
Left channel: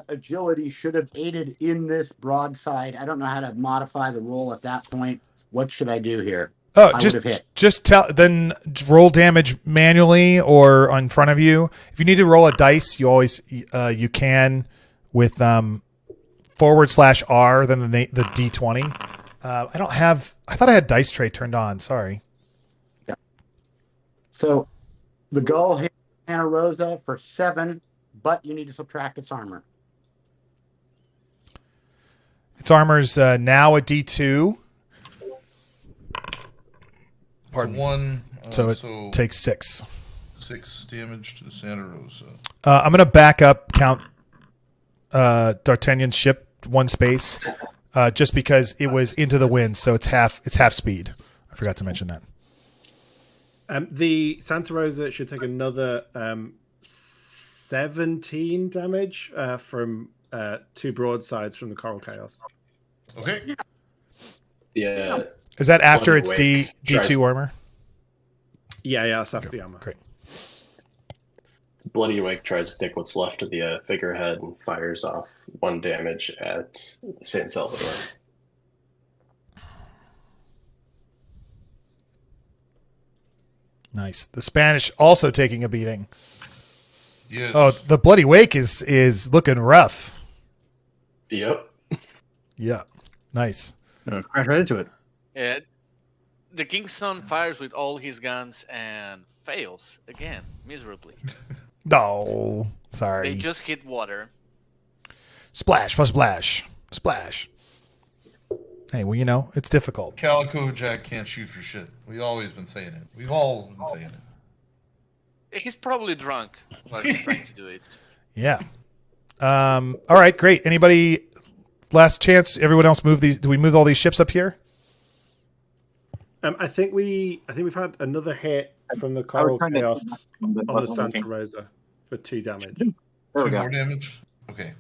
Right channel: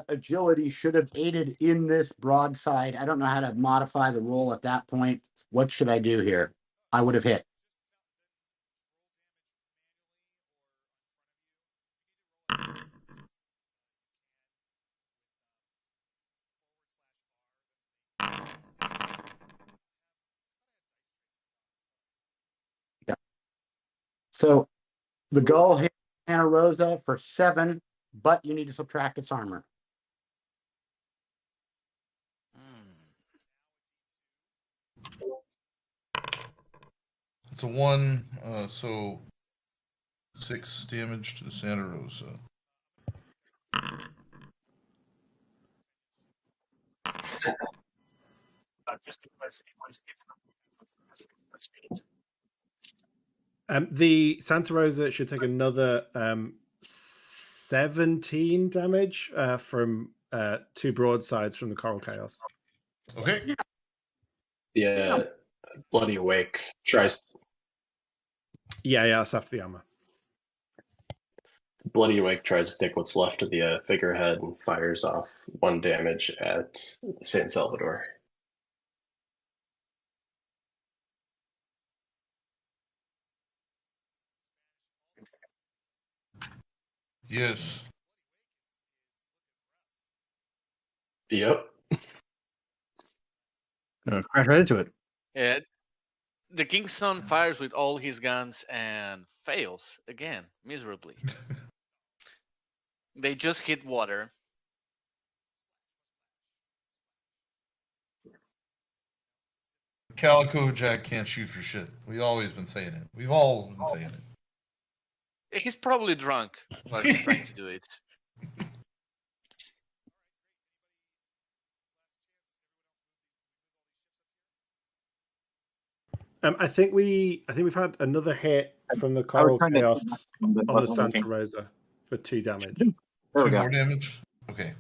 agility should have aided in this broadside. I don't know how to modify the roll at that point. What should I do here? Oh, I would have hit. Just then roll damage manually or in front of you. If you need to roll a dice, you always you can with /R, then the D20. I thought I had dice tray turned on. Sorry. Yeah. So the gull hit Santa Rosa for 7, but you need to subtract its armor. Its armor's now a D2. It's a 1. So it takes 6. 6 damage to the Santa Rosa. I'm going to back up count D'Artagnan's ship 1 space just because it was into the wind, so it's half speed. I forgot to mention that. The Santa Rosa should take another 17 damage from 2 broadsides from the Coral Chaos. Okay. Yeah. Is that after its D2 armor? Yeah, that's after the armor. Great. Bloody Awake tries to take what's left of the figurehead and fires off 1 damage at San Salvador. Nice. The Spanish also taking a beating. Yes. Oh, the Bloody Wake is looking rough. Yep. Yeah. Nice. Crash right into it. Yeah, the Kingston fires with all his guns and fails again miserably. No, sorry. They just hit water. Splash, splash, splash. Hey, well, it's difficult. Calico Jack can't shoot for shit. We've always been saying it. We've all been saying it. He's probably drunk while he's trying to do it. Yeah. All right, great. Anybody? Last chance. Everyone else move these. Do we move all these ships up here? I think we've had another hit from the Coral Chaos on the Santa Rosa for 2 damage. 2 more damage? Okay.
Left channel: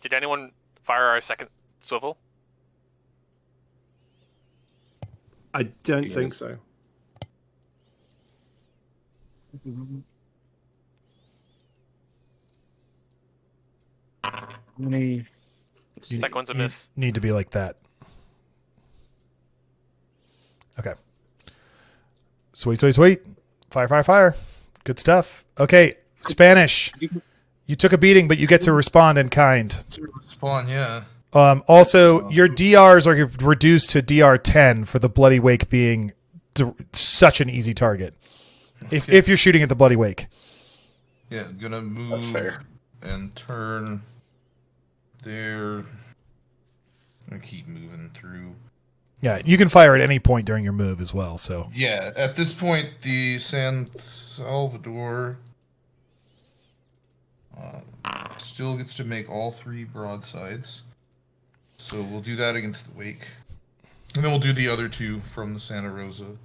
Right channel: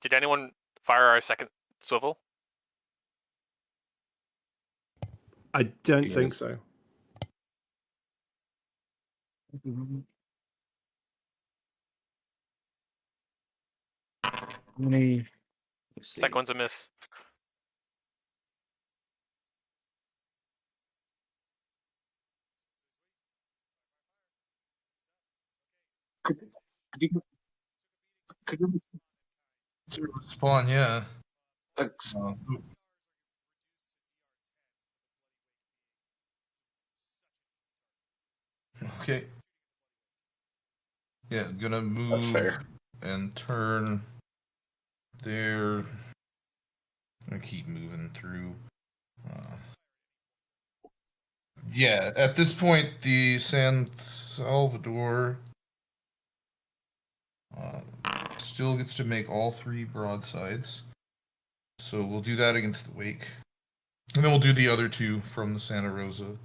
Did anyone fire our second swivel? I don't think so. Second one's a miss. Need to be like that. Okay. Sweet. Fire. Good stuff. Okay, Spanish. You took a beating, but you get to respond in kind. Spawn, yeah. Also, your DRs are reduced to DR 10 for the Bloody Wake being such an easy target. If you're shooting at the Bloody Wake. Yeah, gonna move. That's fair. And turn there. I'm gonna keep moving through. Yeah, you can fire at any point during your move as well. So yeah, at this point, the San Salvador still gets to make all 3 broadsides. So we'll do that against the Wake, and then we'll do the other 2 from the Santa Rosa.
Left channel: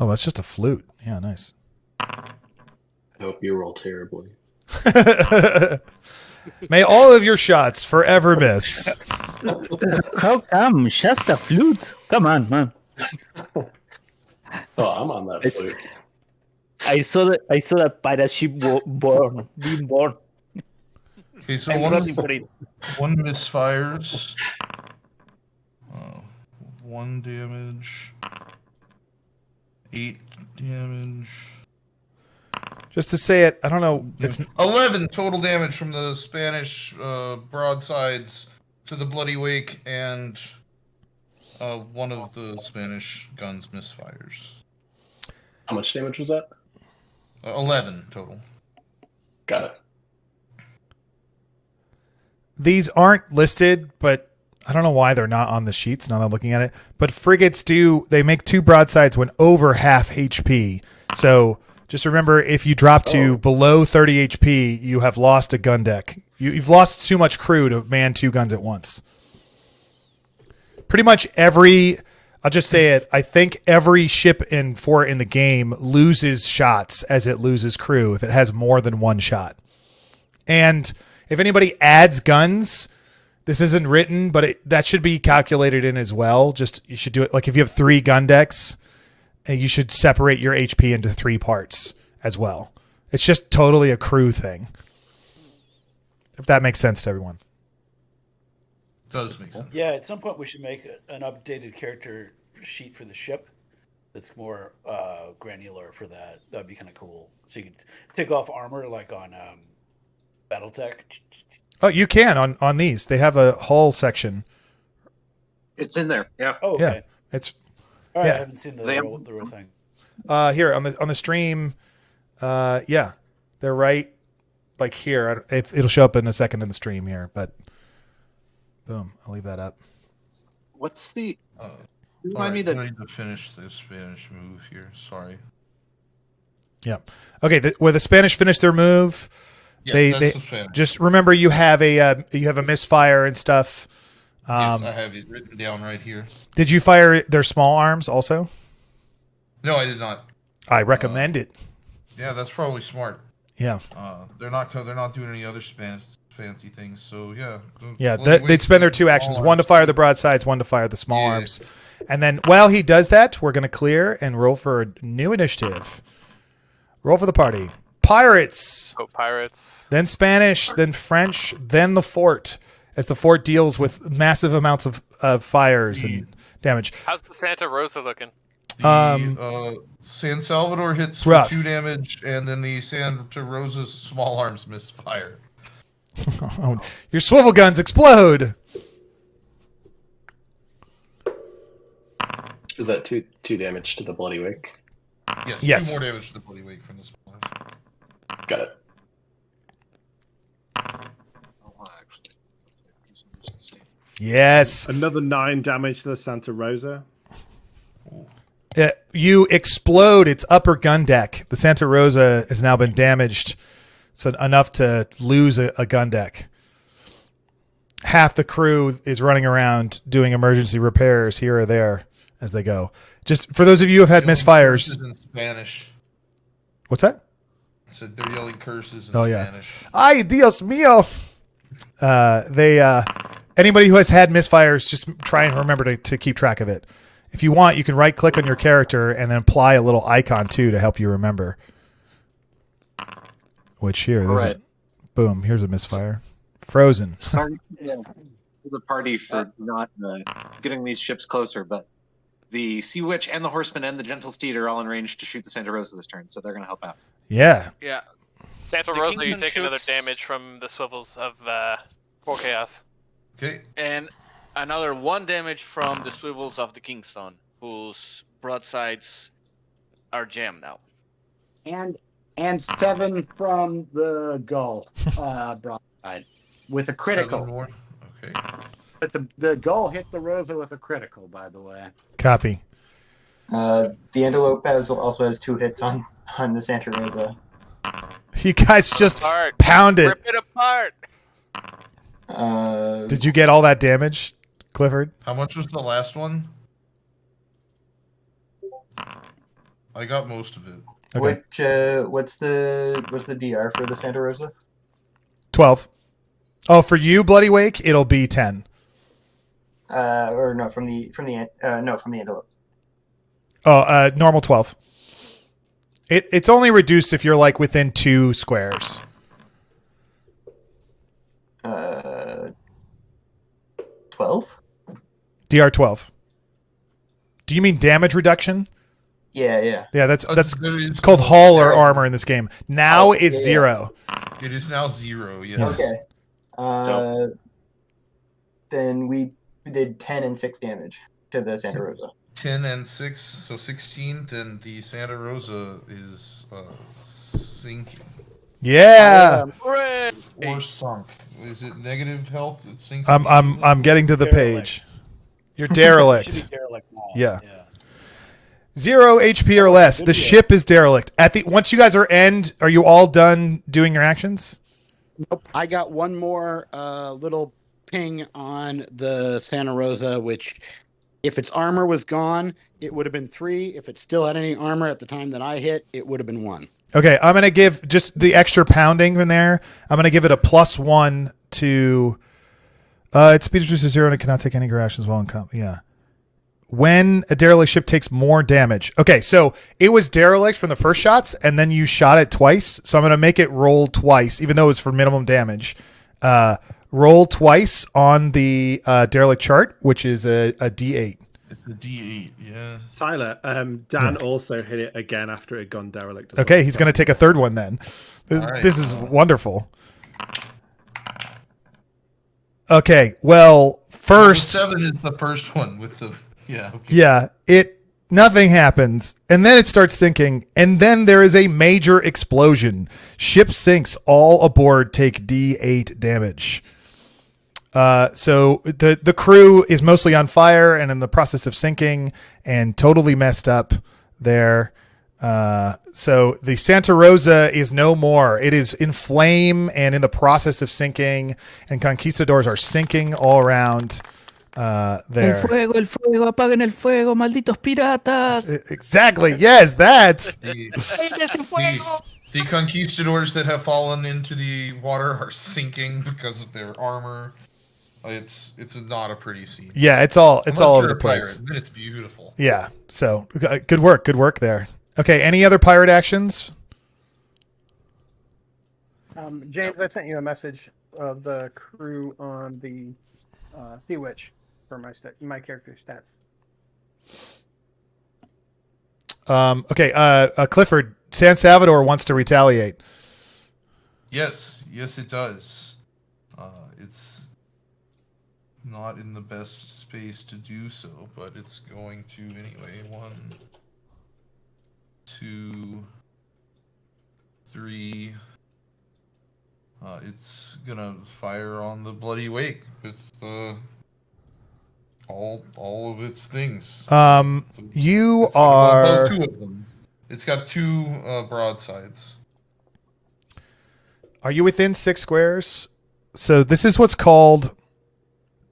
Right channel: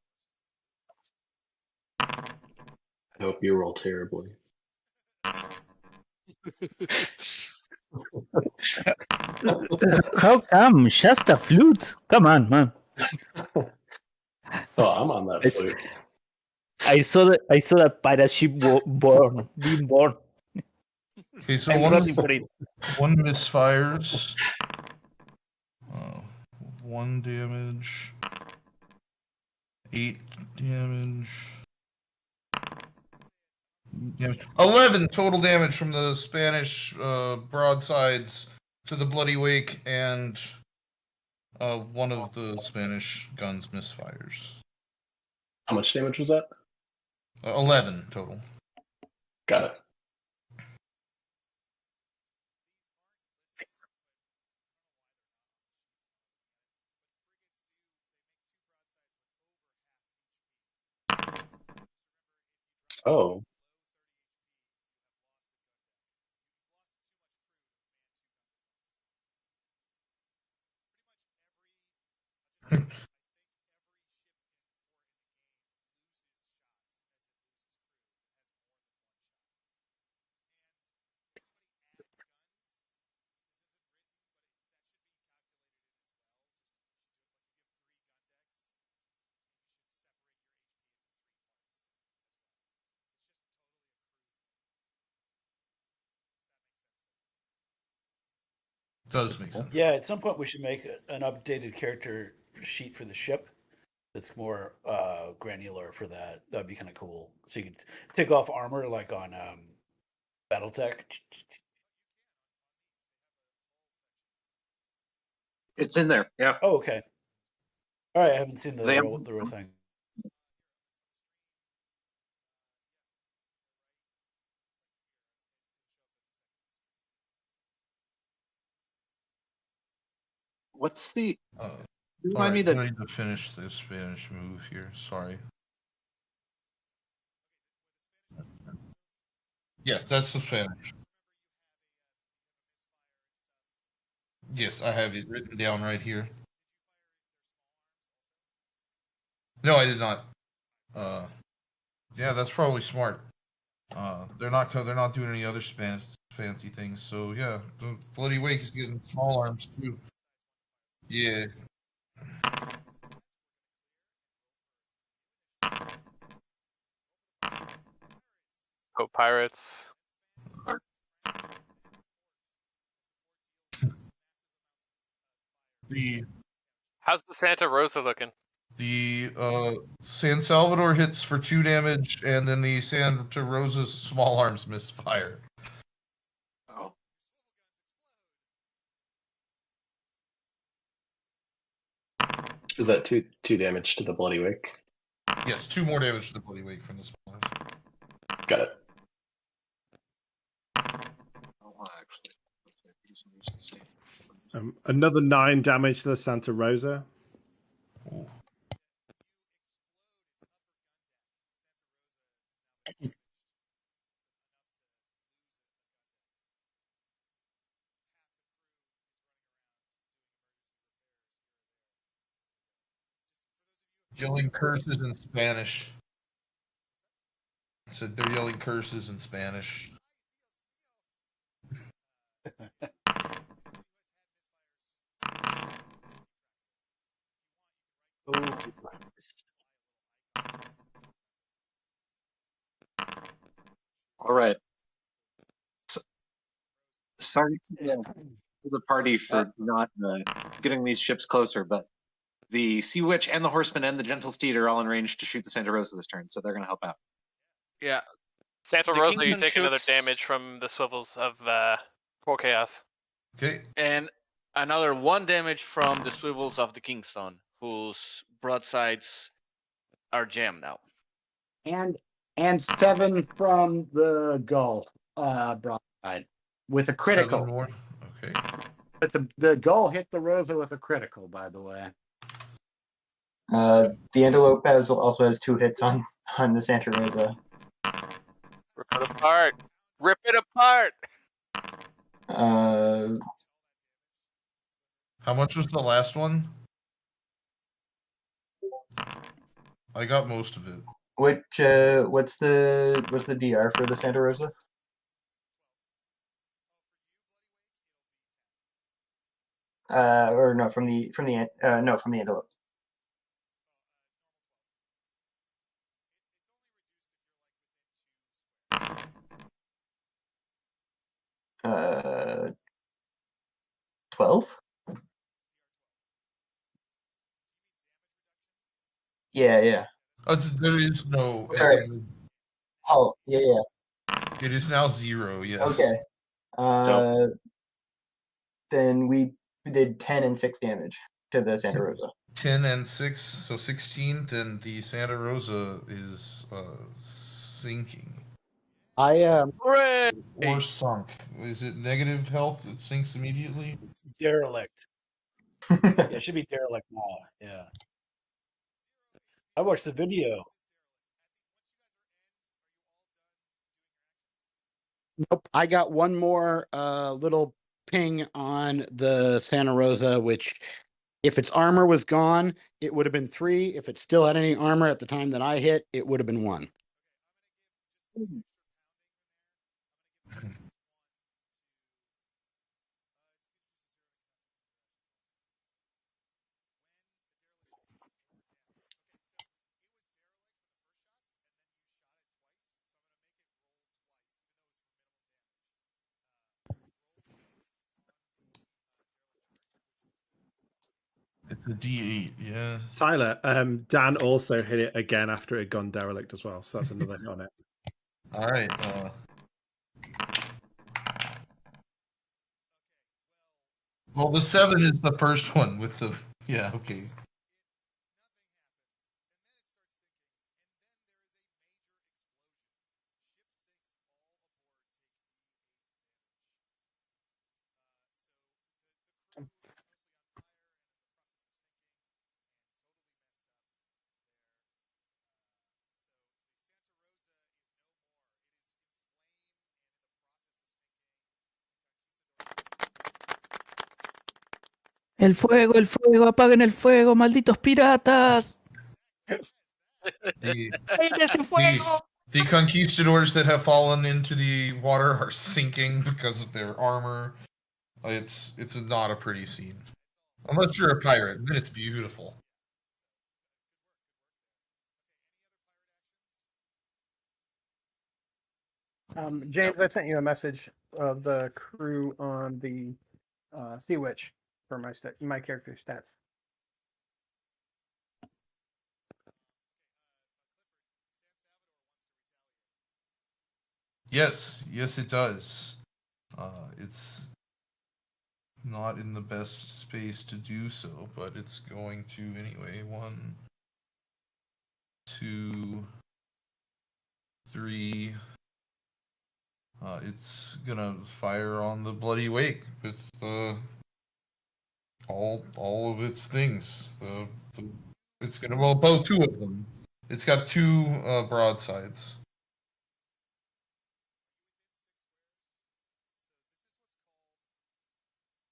Oh, that's just a flute. Yeah, nice. I hope you roll terribly. May all of your shots forever miss. How come? Just a flute? Come on, man. Oh, I'm on that flute. I saw that pirate ship being born. Okay, so I'm one misfires. 1 damage. 8 damage. Just to say it, I don't know. It's 11 total damage from the Spanish broadsides to the Bloody Wake, and one of the Spanish guns misfires. How much damage was that? 11 total. Got it. These aren't listed, but I don't know why they're not on the sheets now that I'm looking at it. But frigates they make 2 broadsides when over half HP. So just remember, if you drop to below 30 HP, you have lost a gun deck. You've lost too much crew to man 2 guns at once. Pretty much I'll just say it, I think every ship in the game loses shots as it loses crew if it has more than 1 shot. And if anybody adds guns, this isn't written, but that should be calculated in as well. Just you should do it like if you have 3 gun decks, and you should separate your HP into 3 parts as well. It's just totally a crew thing. If that makes sense to everyone. Does make sense. Yeah, at some point we should make an updated character sheet for the ship that's more granular for that. That'd be kind of cool. So you could take off armor like on BattleTech. Oh, you can on these. They have a whole section. It's in there. Yeah. Oh, okay. Yeah, it's all right. yeah. I haven't seen the real thing. Here on the stream, yeah, they're right like here. It'll show up in a second in the stream here, but boom, I'll leave that up. What's the? Remind me that I need to finish the Spanish move here. Sorry. Yeah. Okay. Where the Spanish finish their move, yeah, that's the Spanish. Just remember you have a misfire and stuff. Yes, I have it written down right here. Did you fire their small arms also? No, I did not. I recommend it. Yeah, that's probably smart. Yeah. They're not doing any other fancy things, so yeah. Yeah, they'd spend their 2 actions: 1 to fire the broadsides, 1 to fire the small arms. And then while he does that, we're going to clear and roll for a new initiative. Roll for the party. Pirates. Oh, pirates. Then Spanish, then French, then the fort, as the fort deals with massive amounts of fires and damage. How's the Santa Rosa looking? The San Salvador hits for rough. 2 damage, and then the Santa Rosa's small arms misfire. Oh, your swivel guns explode. Is that two damage to the Bloody Wake? Yes, 2 more damage to the Bloody Wake from the small arms. Got it. Yes. Another 9 damage to the Santa Rosa. You explode its upper gun deck. The Santa Rosa has now been damaged, so enough to lose a gun deck. Half the crew is running around doing emergency repairs here or there as they go. Just for those of you who have had misfires. Curses in Spanish. What's that? So they're yelling curses in Spanish. Ay, Dios mío. Anybody who has had misfires, just try and remember to keep track of it. If you want, you can right click on your character and then apply a little icon too to help you remember. Which here, all right. Boom, here's a misfire. Frozen. Sorry to the party for not getting these ships closer, but the Sea Witch and the Horseman and the Gentle Steed are all in range to shoot the Santa Rosa this turn, so they're going to help out. Yeah. Yeah. Santa The Rosa, you Kingsman take another shoots- damage from the swivels of Core Chaos. Okay. And another 1 damage from the swivels of the Kingston, whose broadsides are jammed now. And 7 from the Gull broadside with a critical. 7 more. Okay. But the Gull hit the Rosa with a critical, by the way. Copy. The Antelope also has 2 hits on the Santa Rosa. You guys just pounded. Rip it apart. Did you get all that damage, Clifford? How much was the last one? I got most of it. Okay. What's the DR for the Santa Rosa? 12. Oh, for you, Bloody Wake, it'll be 10. Or no, from the antelope. Oh, normal 12. It's only reduced if you're like within 2 squares. 12? DR 12. Do you mean damage reduction? Yeah. Yeah, that's it's called hull or armor in this game. Now it's 0. It is now 0, yes. Okay. Then we did 10 and 6 damage to the Santa Rosa. 10 and 6, so 16. Then the Santa Rosa is sinking. Yeah. Or sunk. Is it negative health? It sinks. I'm getting to the page. You're derelict. It should be derelict now. Yeah. 0 HP or less. The ship is derelict. Once you guys are you all done doing your actions? Nope. I got one more little ping on the Santa Rosa, which if its armor was gone, it would have been 3. If it still had any armor at the time that I hit, it would have been 1. Okay, I'm going to give just the extra pounding in there. I'm going to give it a +1 to its speed reduces to 0 and it cannot take any actions while in combat. Yeah. When a derelict ship takes more damage. Okay, so it was derelict from the first shots, and then you shot it twice. So I'm going to make it roll twice, even though it's for minimum damage. Roll twice on the derelict chart, which is a D8. It's a D8, yeah. Tyler, Dan also hit it again after it had gone derelict. Okay, he's going to take a third one then. This is wonderful. Okay, well, first... Well, the 7 is the first one with the... Yeah, okay. Yeah, nothing happens, and then it starts sinking, and then there is a major explosion. Ship sinks, all aboard take D8 damage. So the crew is mostly on fire and in the process of sinking and totally messed up there. So the Santa Rosa is no more. It is in flame and in the process of sinking, and conquistadors are sinking all around there. El fuego, apaguen el fuego, malditos piratas. Exactly. Yes, that's the conquistadors that have fallen into the water are sinking because of their armor. It's not a pretty scene. Yeah, it's all Unless all you're over a the place. pirate, then it's beautiful. Yeah. So good work there. Okay, any other pirate actions? James, I sent you a message of the crew on the Sea Witch for my character stats. Okay, Clifford, San Salvador wants to retaliate. Yes, it does. It's not in the best space to do so, but it's going to anyway. 1, 2, 3. It's gonna fire on the Bloody Wake with all of its things. You it's are well, 2 of them. It's got 2 broadsides. Are you within 6 squares? So this is what's called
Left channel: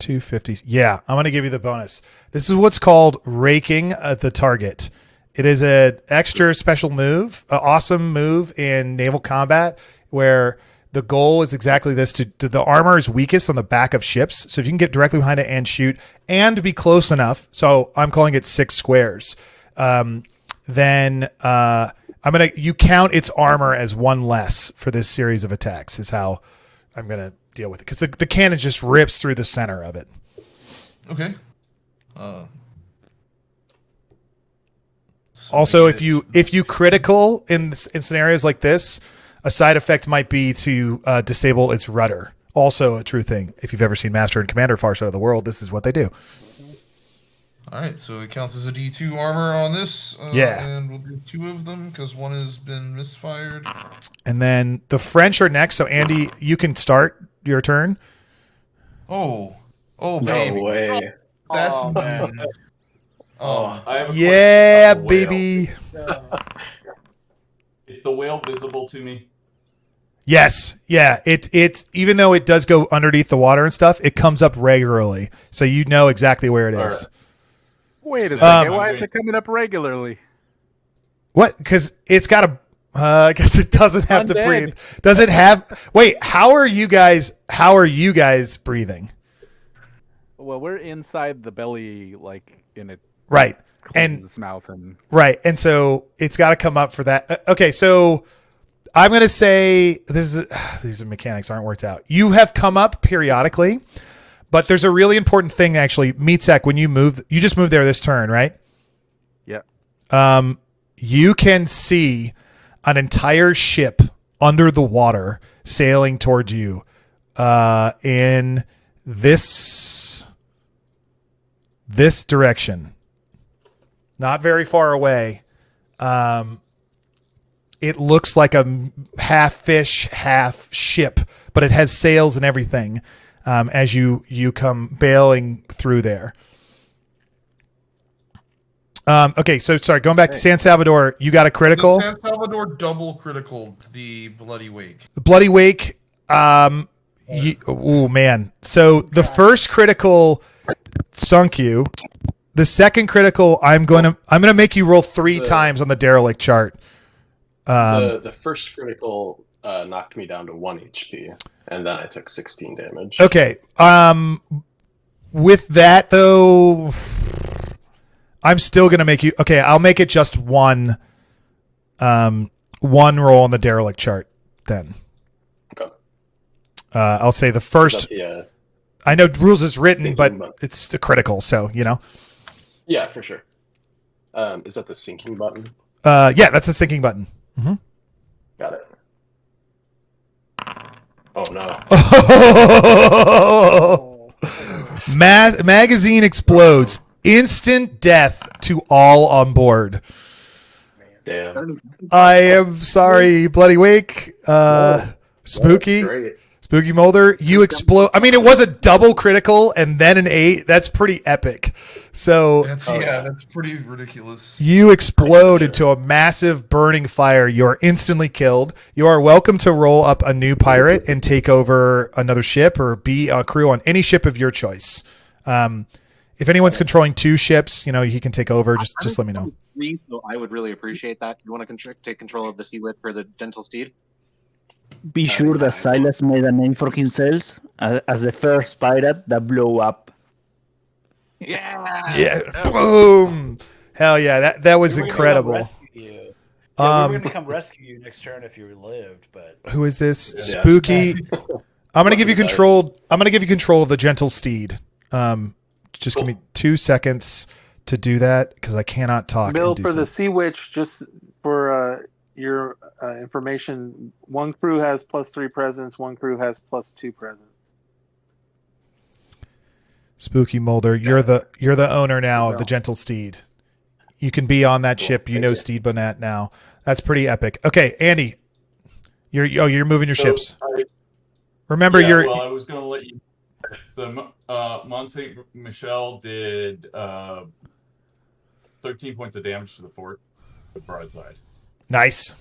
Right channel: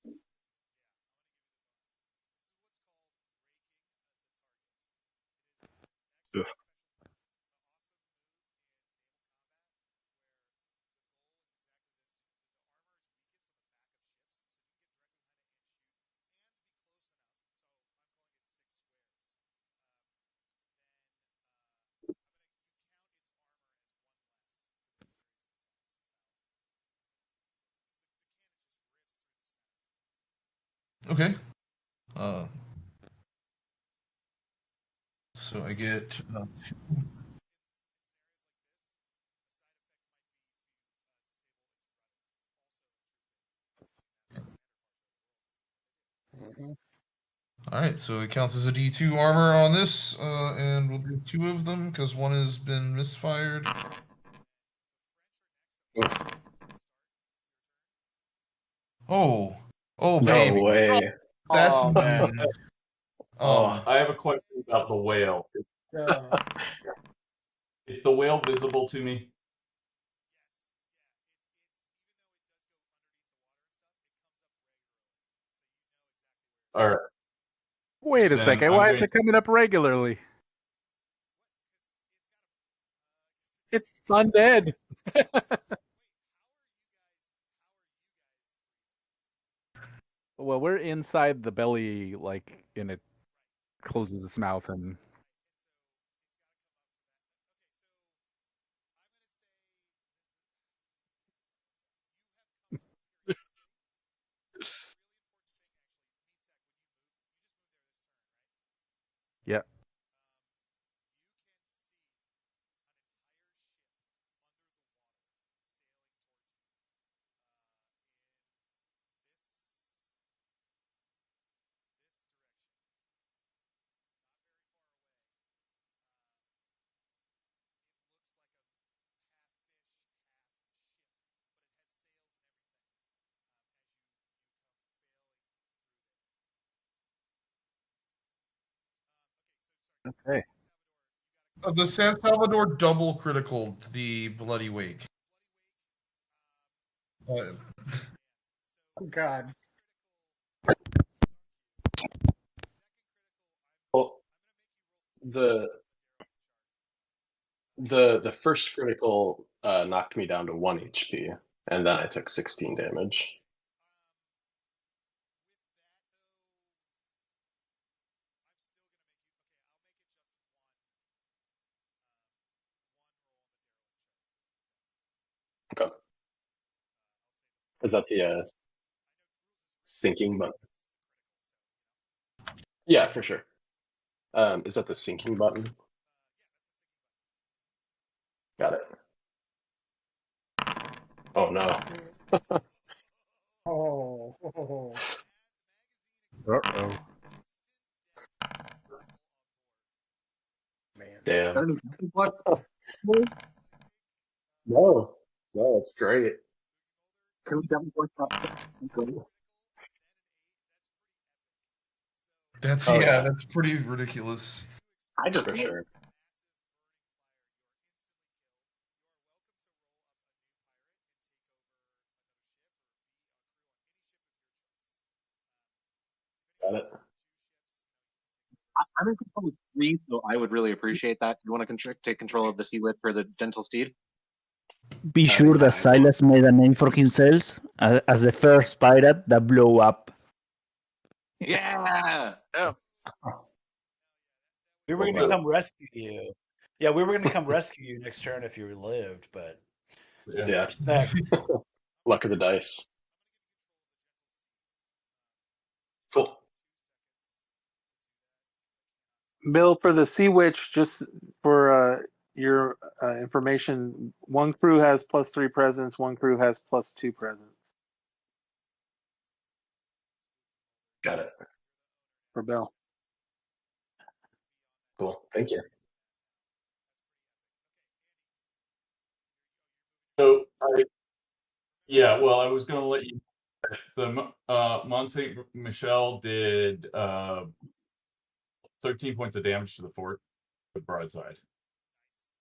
250s. Yeah, I'm gonna give you the bonus. This is what's called raking the target. It is an extra special move, an awesome move in naval combat where the goal is exactly this: to the armor is weakest on the back of ships. So if you can get directly behind it and shoot and be close enough, so I'm calling it 6 squares, then you count its armor as 1 less for this series of attacks is how I'm gonna deal with it, because the cannon just rips through the center of it. Okay. Also, if you critical in scenarios like this, a side effect might be to disable its rudder. Also a true thing. If you've ever seen Master and Commander Far Side of the World, this is what they do. All right, so it counts as a D2 armor on this. Yeah. And we'll do 2 of them because 1 has been misfired. And then the French are next. So Andy, you can start your turn. Oh, No baby. way. That's man. Oh, I have a question Yeah, about the whale. baby. Is the whale visible to me? Yes. Yeah. It's even though it does go underneath the water and stuff, it comes up regularly. So you know exactly where it is. Wait a second. Why is it coming up regularly? What? Because it's got a. I guess it doesn't have to Undead. breathe. Does it have? Wait. How are you guys breathing? Well, we're inside the belly, like in it. Right. Closes its mouth and. Right, and so it's got to come up for that. Okay, so I'm gonna say these mechanics aren't worked out. You have come up periodically, but there's a really important thing actually. Meatsack, when you move, you just moved there this turn, right? Yeah. You can see an entire ship under the water sailing towards you in this direction. Not very far away. It looks like a half fish, half ship, but it has sails and everything as you come bailing through there. Okay, so sorry, going back to San Salvador, you got a critical. The San Salvador double critical the Bloody Wake. The Bloody Wake. Oh man. So the first critical sunk you. The second critical, I'm gonna make you roll three times on the derelict chart. The first critical knocked me down to 1 HP, and then I took 16 damage. Okay. With that though, I'm still gonna make you. Okay, I'll make it just one roll on the derelict chart then. Okay. I'll say the first. I know rules is written, but it's a critical, so you know. Yeah, for sure. Is that the sinking button? Yeah, that's the sinking button. Mm-hmm. Got it. Oh no. Magazine explodes. Instant death to all on board. Damn. I am sorry, Bloody Wake. Spooky. Spooky Molder, you explode. I mean, it was a double critical and then an 8. That's pretty epic. So that's pretty ridiculous. You explode into a massive burning fire. You're instantly killed. You are welcome to roll up a new pirate and take over another ship or be a crew on any ship of your choice. If anyone's controlling 2 ships, you know, he can take over. Just let me know. So I would really appreciate that. You want to take control of the Sea Wit for the Gentle Steed? Be sure that Silas made a name for himself as the first pirate that blew up. Yeah. Boom. Hell yeah. That was incredible. We were going to come rescue you next turn if you lived, but who is this? Spooky. I'm going to give you control. I'm going to give you control of the Gentle Steed. Just give me 2 seconds to do that because I cannot talk. Bill, for the Sea Witch, just for your information, one crew has +3 presence, one crew has +2 presence. Spooky Molder, you're the owner now of the Gentle Steed. You can be on that ship. You know Steed Bonnet now. That's pretty epic. Okay, Andy, you're moving your ships. Remember, Well, I was going to let you. The Mont Saint Michel did 13 points of damage to the fort with broadside. Nice.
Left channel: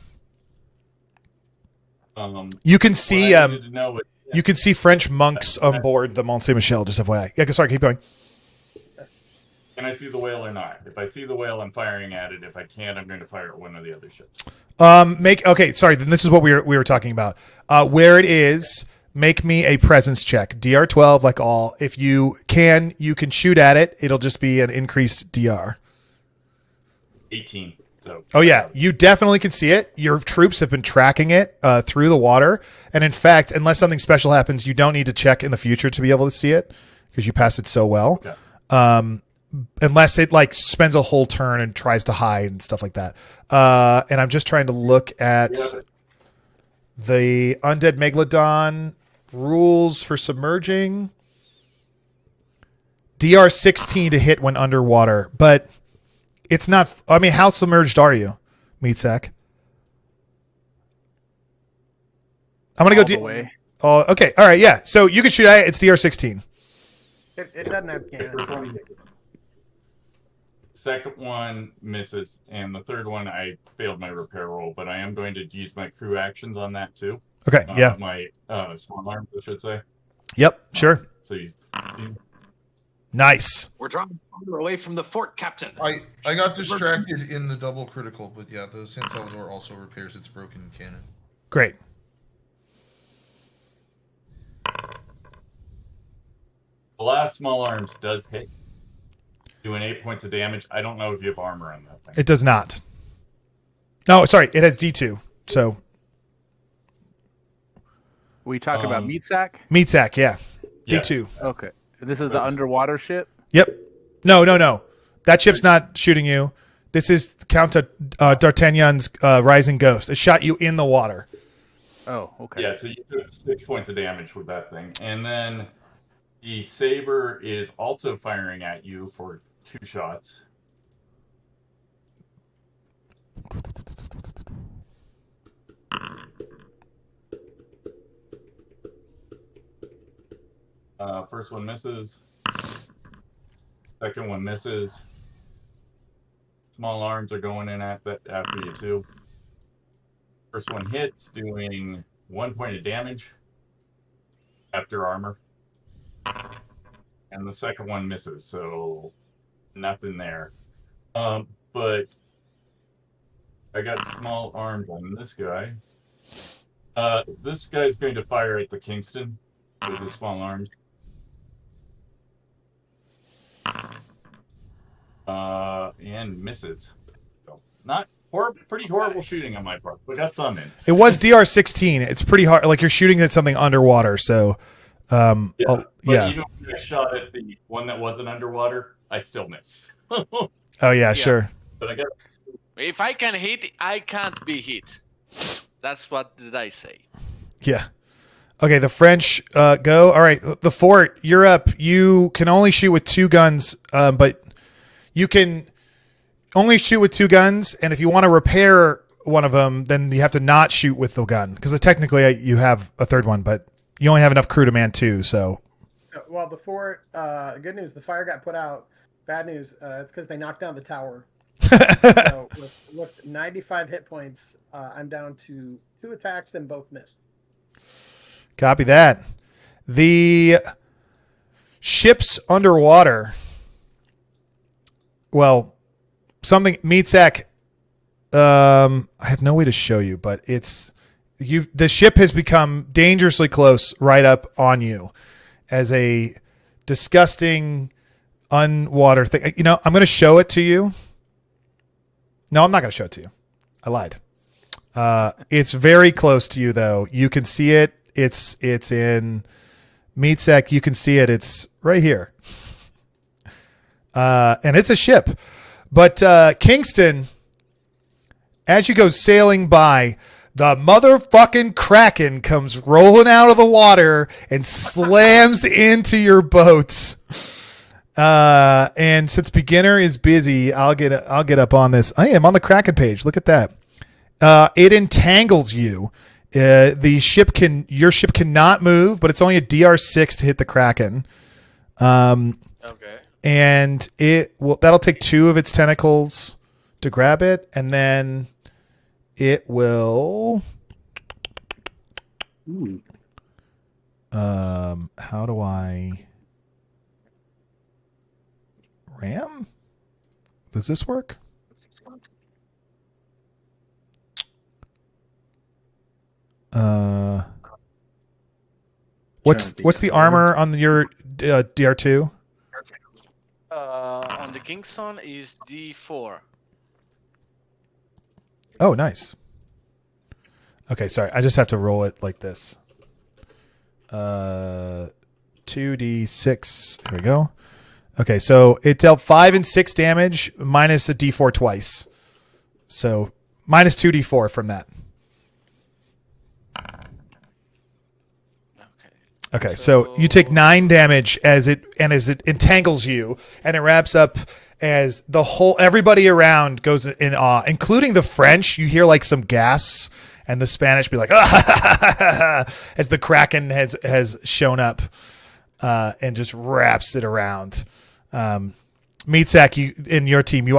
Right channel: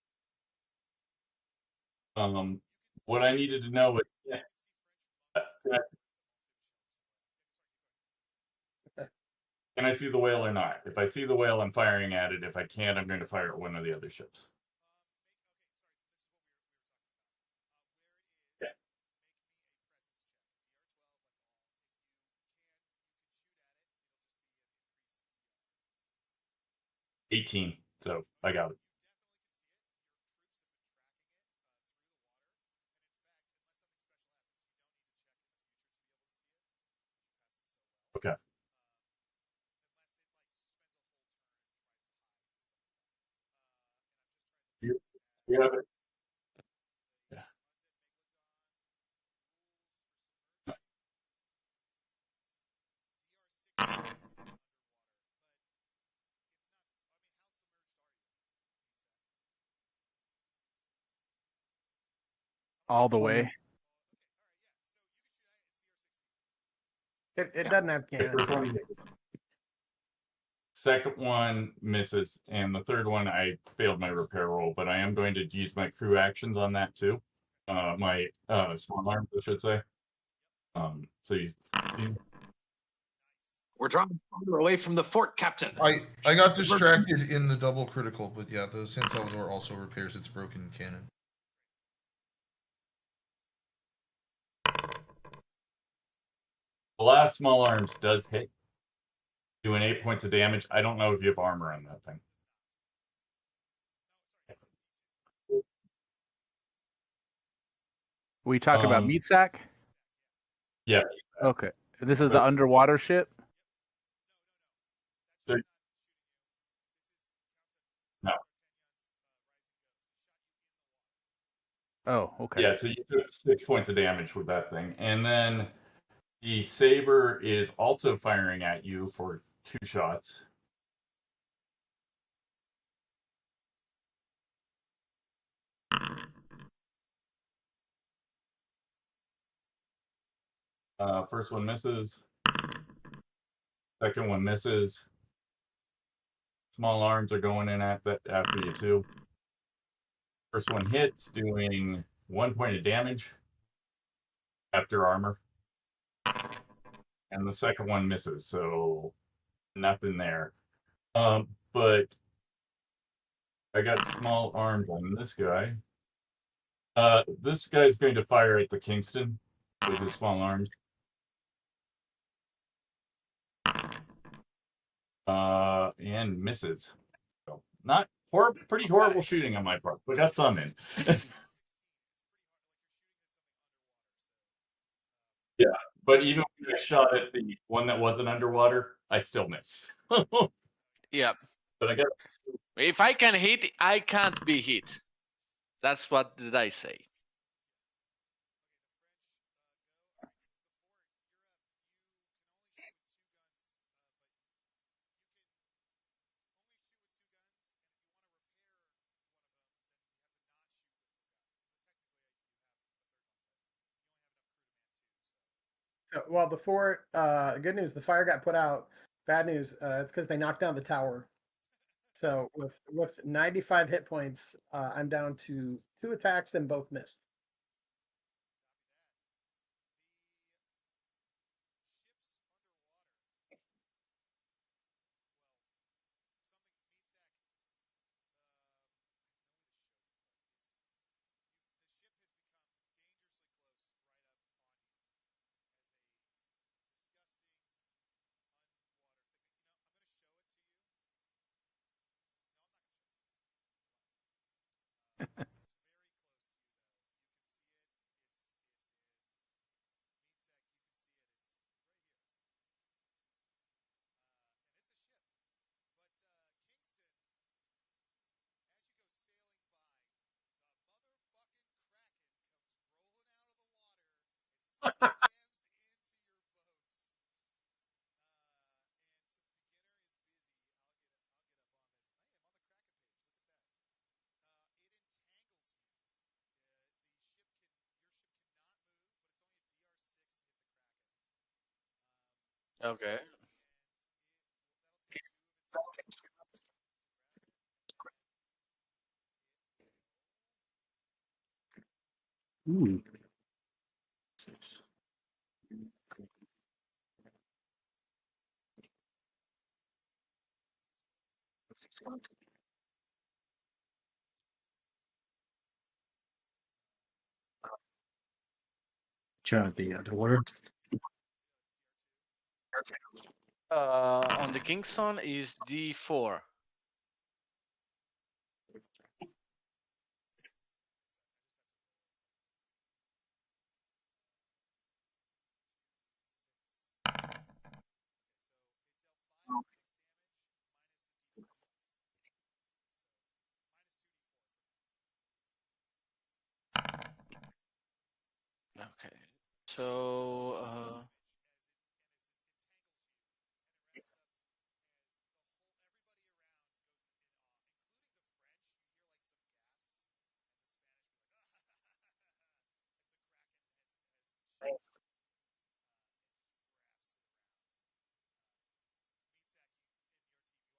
You can see you can see French monks on board the Mont Saint Michel. Just FYI. Yeah, sorry, keep going. Can I see the whale or not? If I see the whale, I'm firing at it. If I can't, I'm going to fire at one of the other ships. Sorry. Then this is what we were talking about. Where it is, make me a presence check. DR 12, like all. If you can shoot at it. It'll just be an increased DR. 18. So. Oh yeah, you definitely can see it. Your troops have been tracking it through the water, and in fact, unless something special happens, you don't need to check in the future to be able to see it because you passed it so well. Okay. Unless it like spends a whole turn and tries to hide and stuff like that. And I'm just trying to look at the Undead Megalodon rules for submerging. DR 16 to hit when underwater, but it's not. I mean, how submerged are you, Meatsack? I'm gonna go the way. Oh, okay. All right. Yeah. So you can shoot at it. It's DR 16. It doesn't have cannons. Second one misses, and the third one I failed my repair roll, but I am going to use my crew actions on that too. Okay. Yeah. My small arms, I should say. Yep. Sure. So you Nice. We're drawing farther away from the fort, Captain. I got distracted in the double critical, but yeah, the San Salvador also repairs its broken cannon. Great. The last small arms does hit, doing 8 points of damage. I don't know if you have armor on that thing. It does not. No, sorry, it has D2. So we talk about Meatsack? Meatsack, yeah. D2. Okay. This is the underwater ship? Yep. No. That ship's not shooting you. This is Count D'Artagnan's Rising Ghost. It shot you in the water. Oh, okay. Yeah, so you took 6 points of damage with that thing. And then the saber is also firing at you for 2 shots. First one misses. Second one misses. Small arms are going in after you too. First one hits, doing 1 point of damage after armor. And the second one misses, so nothing there. But I got small arms on this guy. This guy's going to fire at the Kingston with his small arms. And misses. So not pretty horrible shooting on my part, but got some in. It was DR-16. It's pretty hard. Like you're shooting at something underwater, so But even when I shot at the one that wasn't underwater, I still miss. Oh yeah, sure. But I got. If I can hit, I can't be hit. That's what did I say? Yeah. Okay, the French go. All right, the fort, you're up. You can only shoot with 2 guns, but you can only shoot with 2 guns, and if you want to repair one of them, then you have to not shoot with the gun, because technically you have a third one, but you only have enough crew to man 2, so. Well, the fort, good news, the fire got put out. Bad news, it's because they knocked down the tower. So with 95 hit points, I'm down to 2 attacks and both missed. Copy that. The ships underwater. Well, something Meatsack. I have no way to show you, but the ship has become dangerously close right up on you as a disgusting unwater thing. You know, I'm going to show it to you. No, I'm not going to show it to you. I lied. It's very close to you, though. You can see it. It's in Meatsack. You can see it. It's right here. And it's a ship. But Kingston, as you go sailing by, the motherfucking Kraken comes rolling out of the water and slams into your boats. And since beginner is busy, I'll get up on this. I am on the Kraken page. Look at that. It entangles you. Your ship cannot move, but it's only a DR6 to hit the Kraken. Okay. And that'll take 2 of its tentacles to grab it, and then it will. Ooh. How do I ram? Does this work? What's the armor on your DR2? On the Kingston is D4. Oh, nice. Okay, sorry. I just have to roll it like this. 2d6. Here we go. Okay, so it dealt 5 and 6 damage minus a d4 twice. So minus 2d4 from that. Okay, so you take 9 damage as it entangles you, and it wraps up as everybody around goes in awe, including the French. You hear like some gasps, and the Spanish be like, ah, as the Kraken has shown up, and just wraps it around. Meatsack, you in your team, you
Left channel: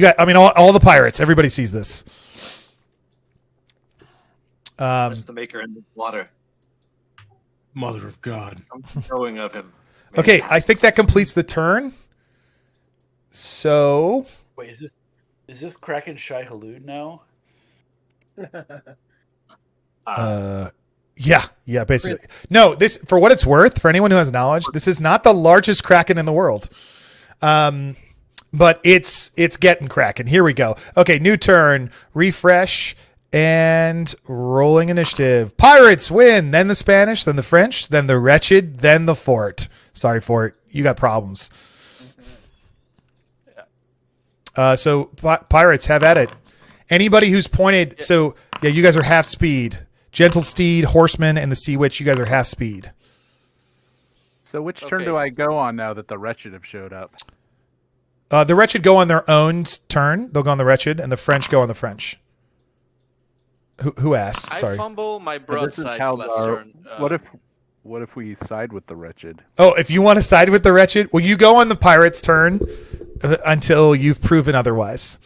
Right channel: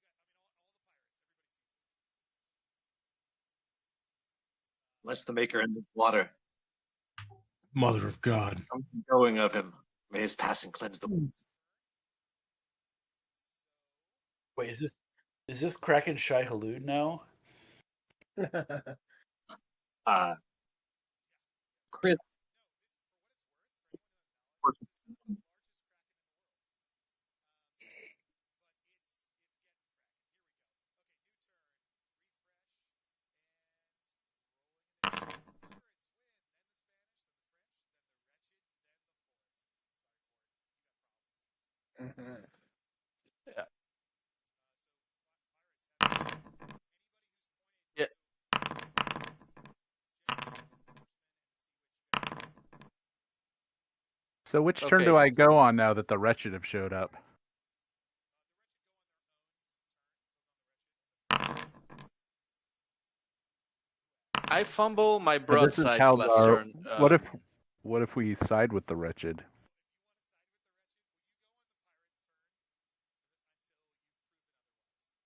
got. I mean, all the pirates. Everybody sees this. Bless the maker in this water. Mother of God. I'm knowing of him. Okay, I think that completes the turn. So Wait, is this Kraken Shai Halud now? Yeah, basically. No, this, for what it's worth, for anyone who has knowledge, this is not the largest Kraken in the world. But it's getting Kraken. Here we go. Okay, new turn, refresh, and rolling initiative. Pirates win, then the Spanish, then the French, then the Wretched, then the Fort. Sorry, Fort, you got problems. So Pirates, have at it. Anybody who's pointed, so yeah, you guys are half speed. Gentle Steed, Horseman, and the Sea Witch, you guys are half speed. So which turn do I go on now that the Wretched have showed up? The Wretched go on their own turn. They'll go on the Wretched, and the French go on the French. Who asked? Sorry. I fumble my broadside last turn. What if we side with the Wretched? Oh, if you want to side with the Wretched, well, you go on the Pirates' turn until you've proven otherwise.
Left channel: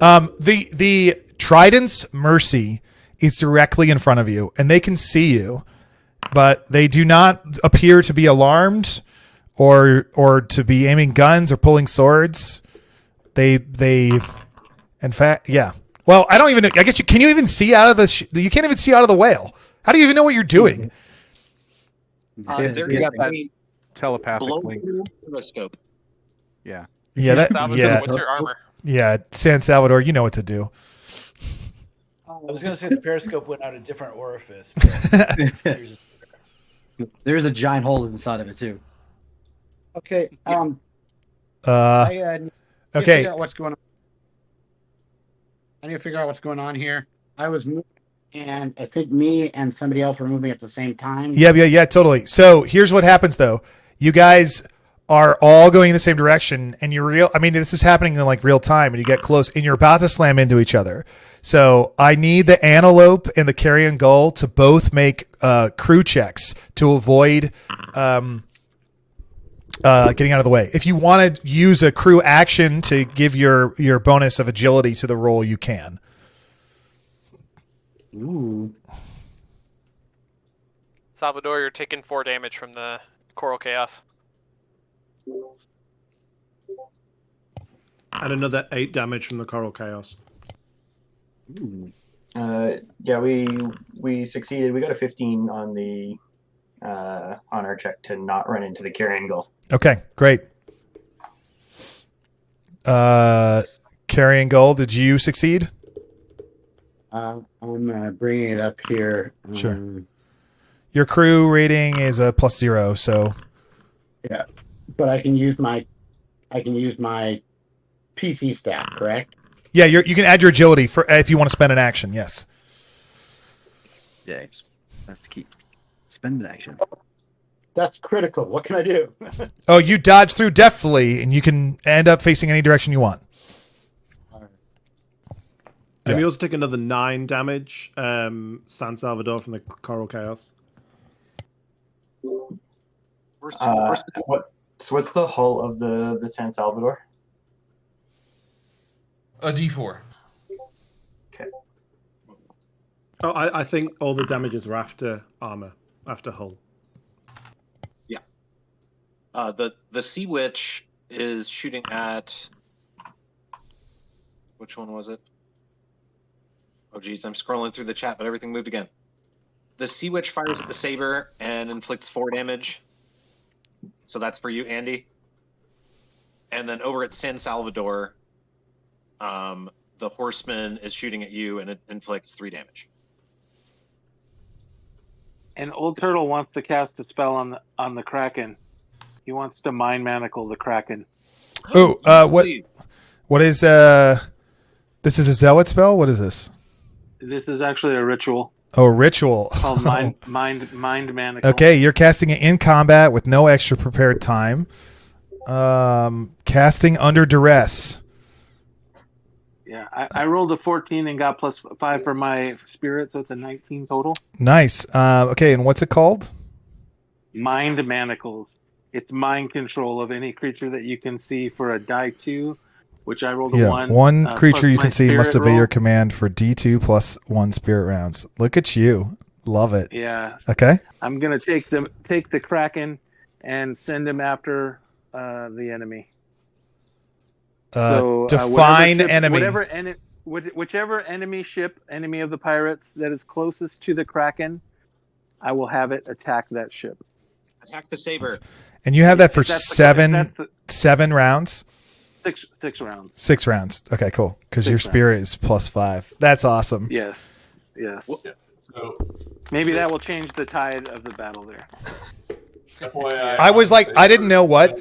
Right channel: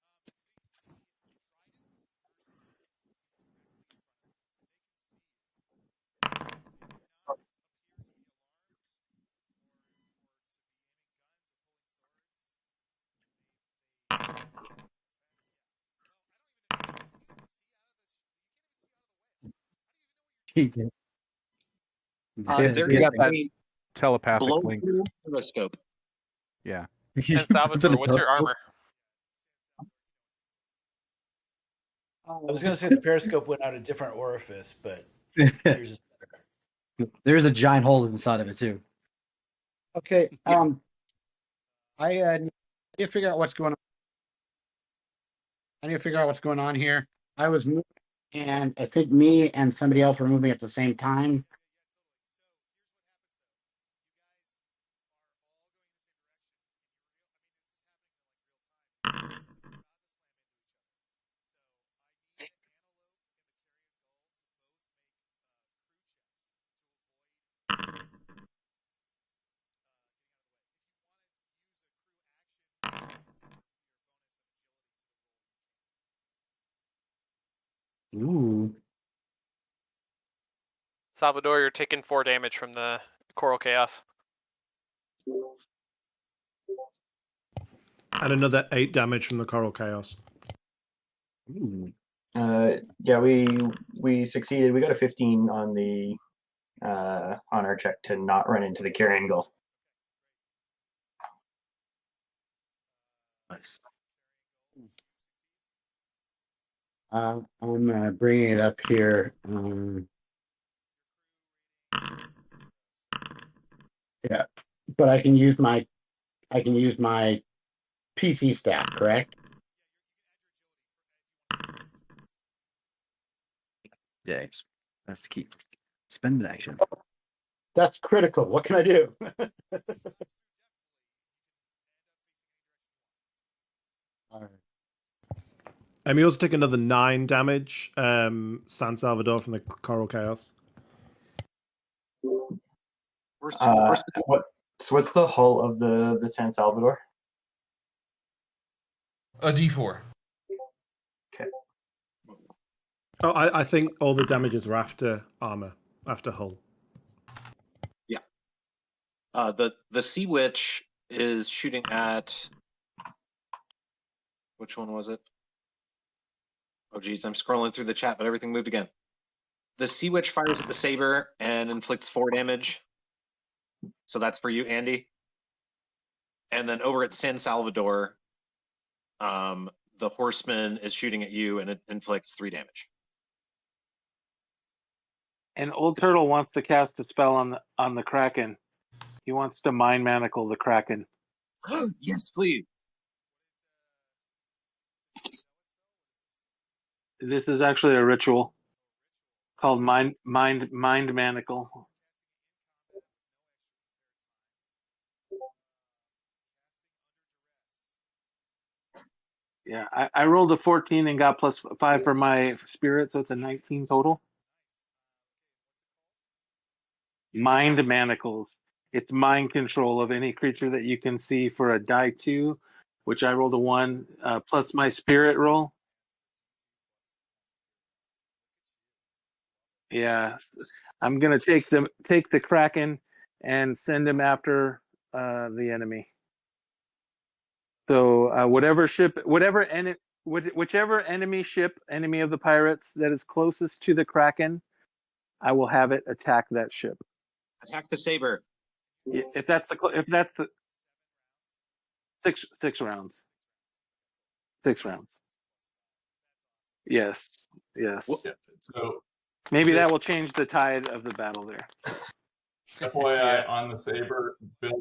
The Trident's Mercy is directly in front of you, and they can see you, but they do not appear to be alarmed or to be aiming guns or pulling swords. They in fact, yeah. Well, I don't even know. I guess can you even see out of you can't even see out of the whale. How do you even know what you're doing? There you is got that a telepathic blow link. through periscope. Yeah. Yeah. Salvador, what's your armor? Yeah, San Salvador, you know what to do. I was going to say the periscope went out a different orifice, but there's a giant hole inside of it too. Okay. I need to okay. figure out what's going on. I need to figure out what's going on here. I was moving, and I think me and somebody else were moving at the same time. Yeah, totally. So here's what happens though. You guys are all going in the same direction, and this is happening in like real time, and you get close, and you're about to slam into each other. So I need the Antelope and the Carrion Gull to both make crew checks to avoid getting out of the way. If you want to use a crew action to give your bonus of agility to the roll, you can. Ooh. Salvador, you're taking 4 damage from the Coral Chaos. And another 8 damage from the Coral Chaos. Ooh. Yeah, we succeeded. We got a 15 on the on our check to not run into the Carrion Gull. Okay, great. Carrion Gull, did you succeed? I'm bringing it up here. Sure. Your crew rating is a +0, so yeah. But I can use my PC stat, correct? Yeah, you can add your agility for if you want to spend an action. Yes. Yeah, that's the key. Spend an action. That's critical. What can I do? Oh, you dodge through deftly, and you can end up facing any direction you want. And you also take another 9 damage, San Salvador, from the Coral Chaos. What's the hull of the San Salvador? A D4. Okay. Oh, I think all the damages are after armor, after hull. Yeah. The Sea Witch is shooting at... Which one was it? Oh, geez, I'm scrolling through the chat, but everything moved again. The Sea Witch fires at the Saber and inflicts 4 damage. So that's for you, Andy. And then over at San Salvador, the Horseman is shooting at you and it inflicts 3 damage. And Old Turtle wants to cast a spell on the Kraken. He wants to mind manacle the Kraken. Oh, what is this is a zealot spell? What is this? This is actually a ritual. Oh, ritual. Called mind manacle. Okay, you're casting it in combat with no extra prepared time. Casting under duress. Yeah, I rolled a 14 and got +5 for my spirit, so it's a 19 total. Nice. Okay, and what's it called? Mind manacles. It's mind control of any creature that you can see for a die 2, which I rolled a 1. One creature you can see must obey roll. your command for D2 +1 spirit rounds. Look at you. Love it. Yeah. Okay. I'm gonna take the Kraken and send him after the enemy. Define enemy. Whichever enemy ship, enemy of the pirates that is closest to the Kraken, I will have it attack that ship. Attack the saber. And you have that for If that's the- seven rounds? Six rounds. 6 rounds. Okay, cool. Because 6 your spirit is +5. That's awesome. Yes. So Maybe that will change the tide of the battle there. I was like, I didn't know what.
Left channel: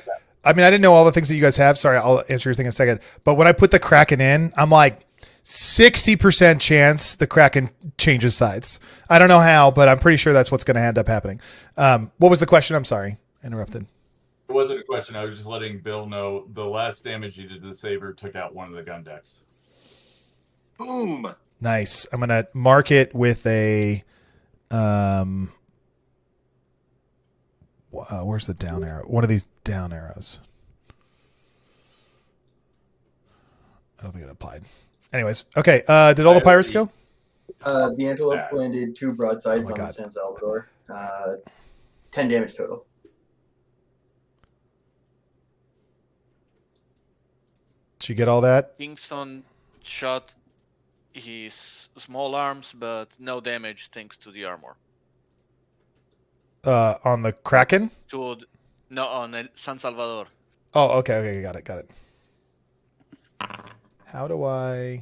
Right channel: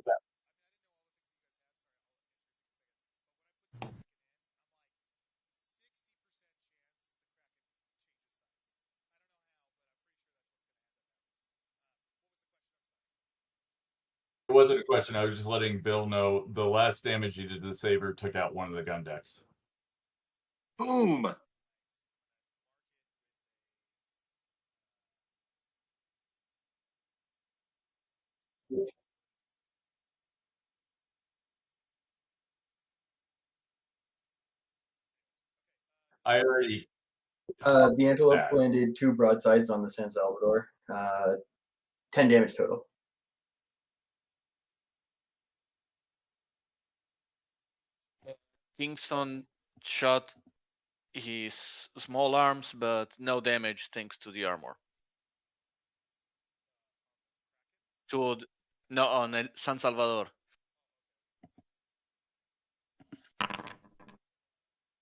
I mean, I didn't know all the things that you guys have. Sorry, I'll answer your thing in a second. But when I put the Kraken in, I'm like, 60% chance the Kraken changes sides. I don't know how, but I'm pretty sure that's what's going to end up happening. What was the question? I'm sorry. Interrupted. It wasn't a question. I was just letting Bill know the last damage you did to the saber took out one of the gun decks. Boom. Nice. I'm going to mark it with a... where's the down arrow? One of these down arrows. I don't think it applied. Anyways, okay. Did all the pirates go? The Antelope landed 2 broadsides on the San Salvador. 10 damage total. Did you get all that? Kingston shot his small arms, but no damage thanks to the armor. On the Kraken? No, on San Salvador. Oh, okay, got it. How do I...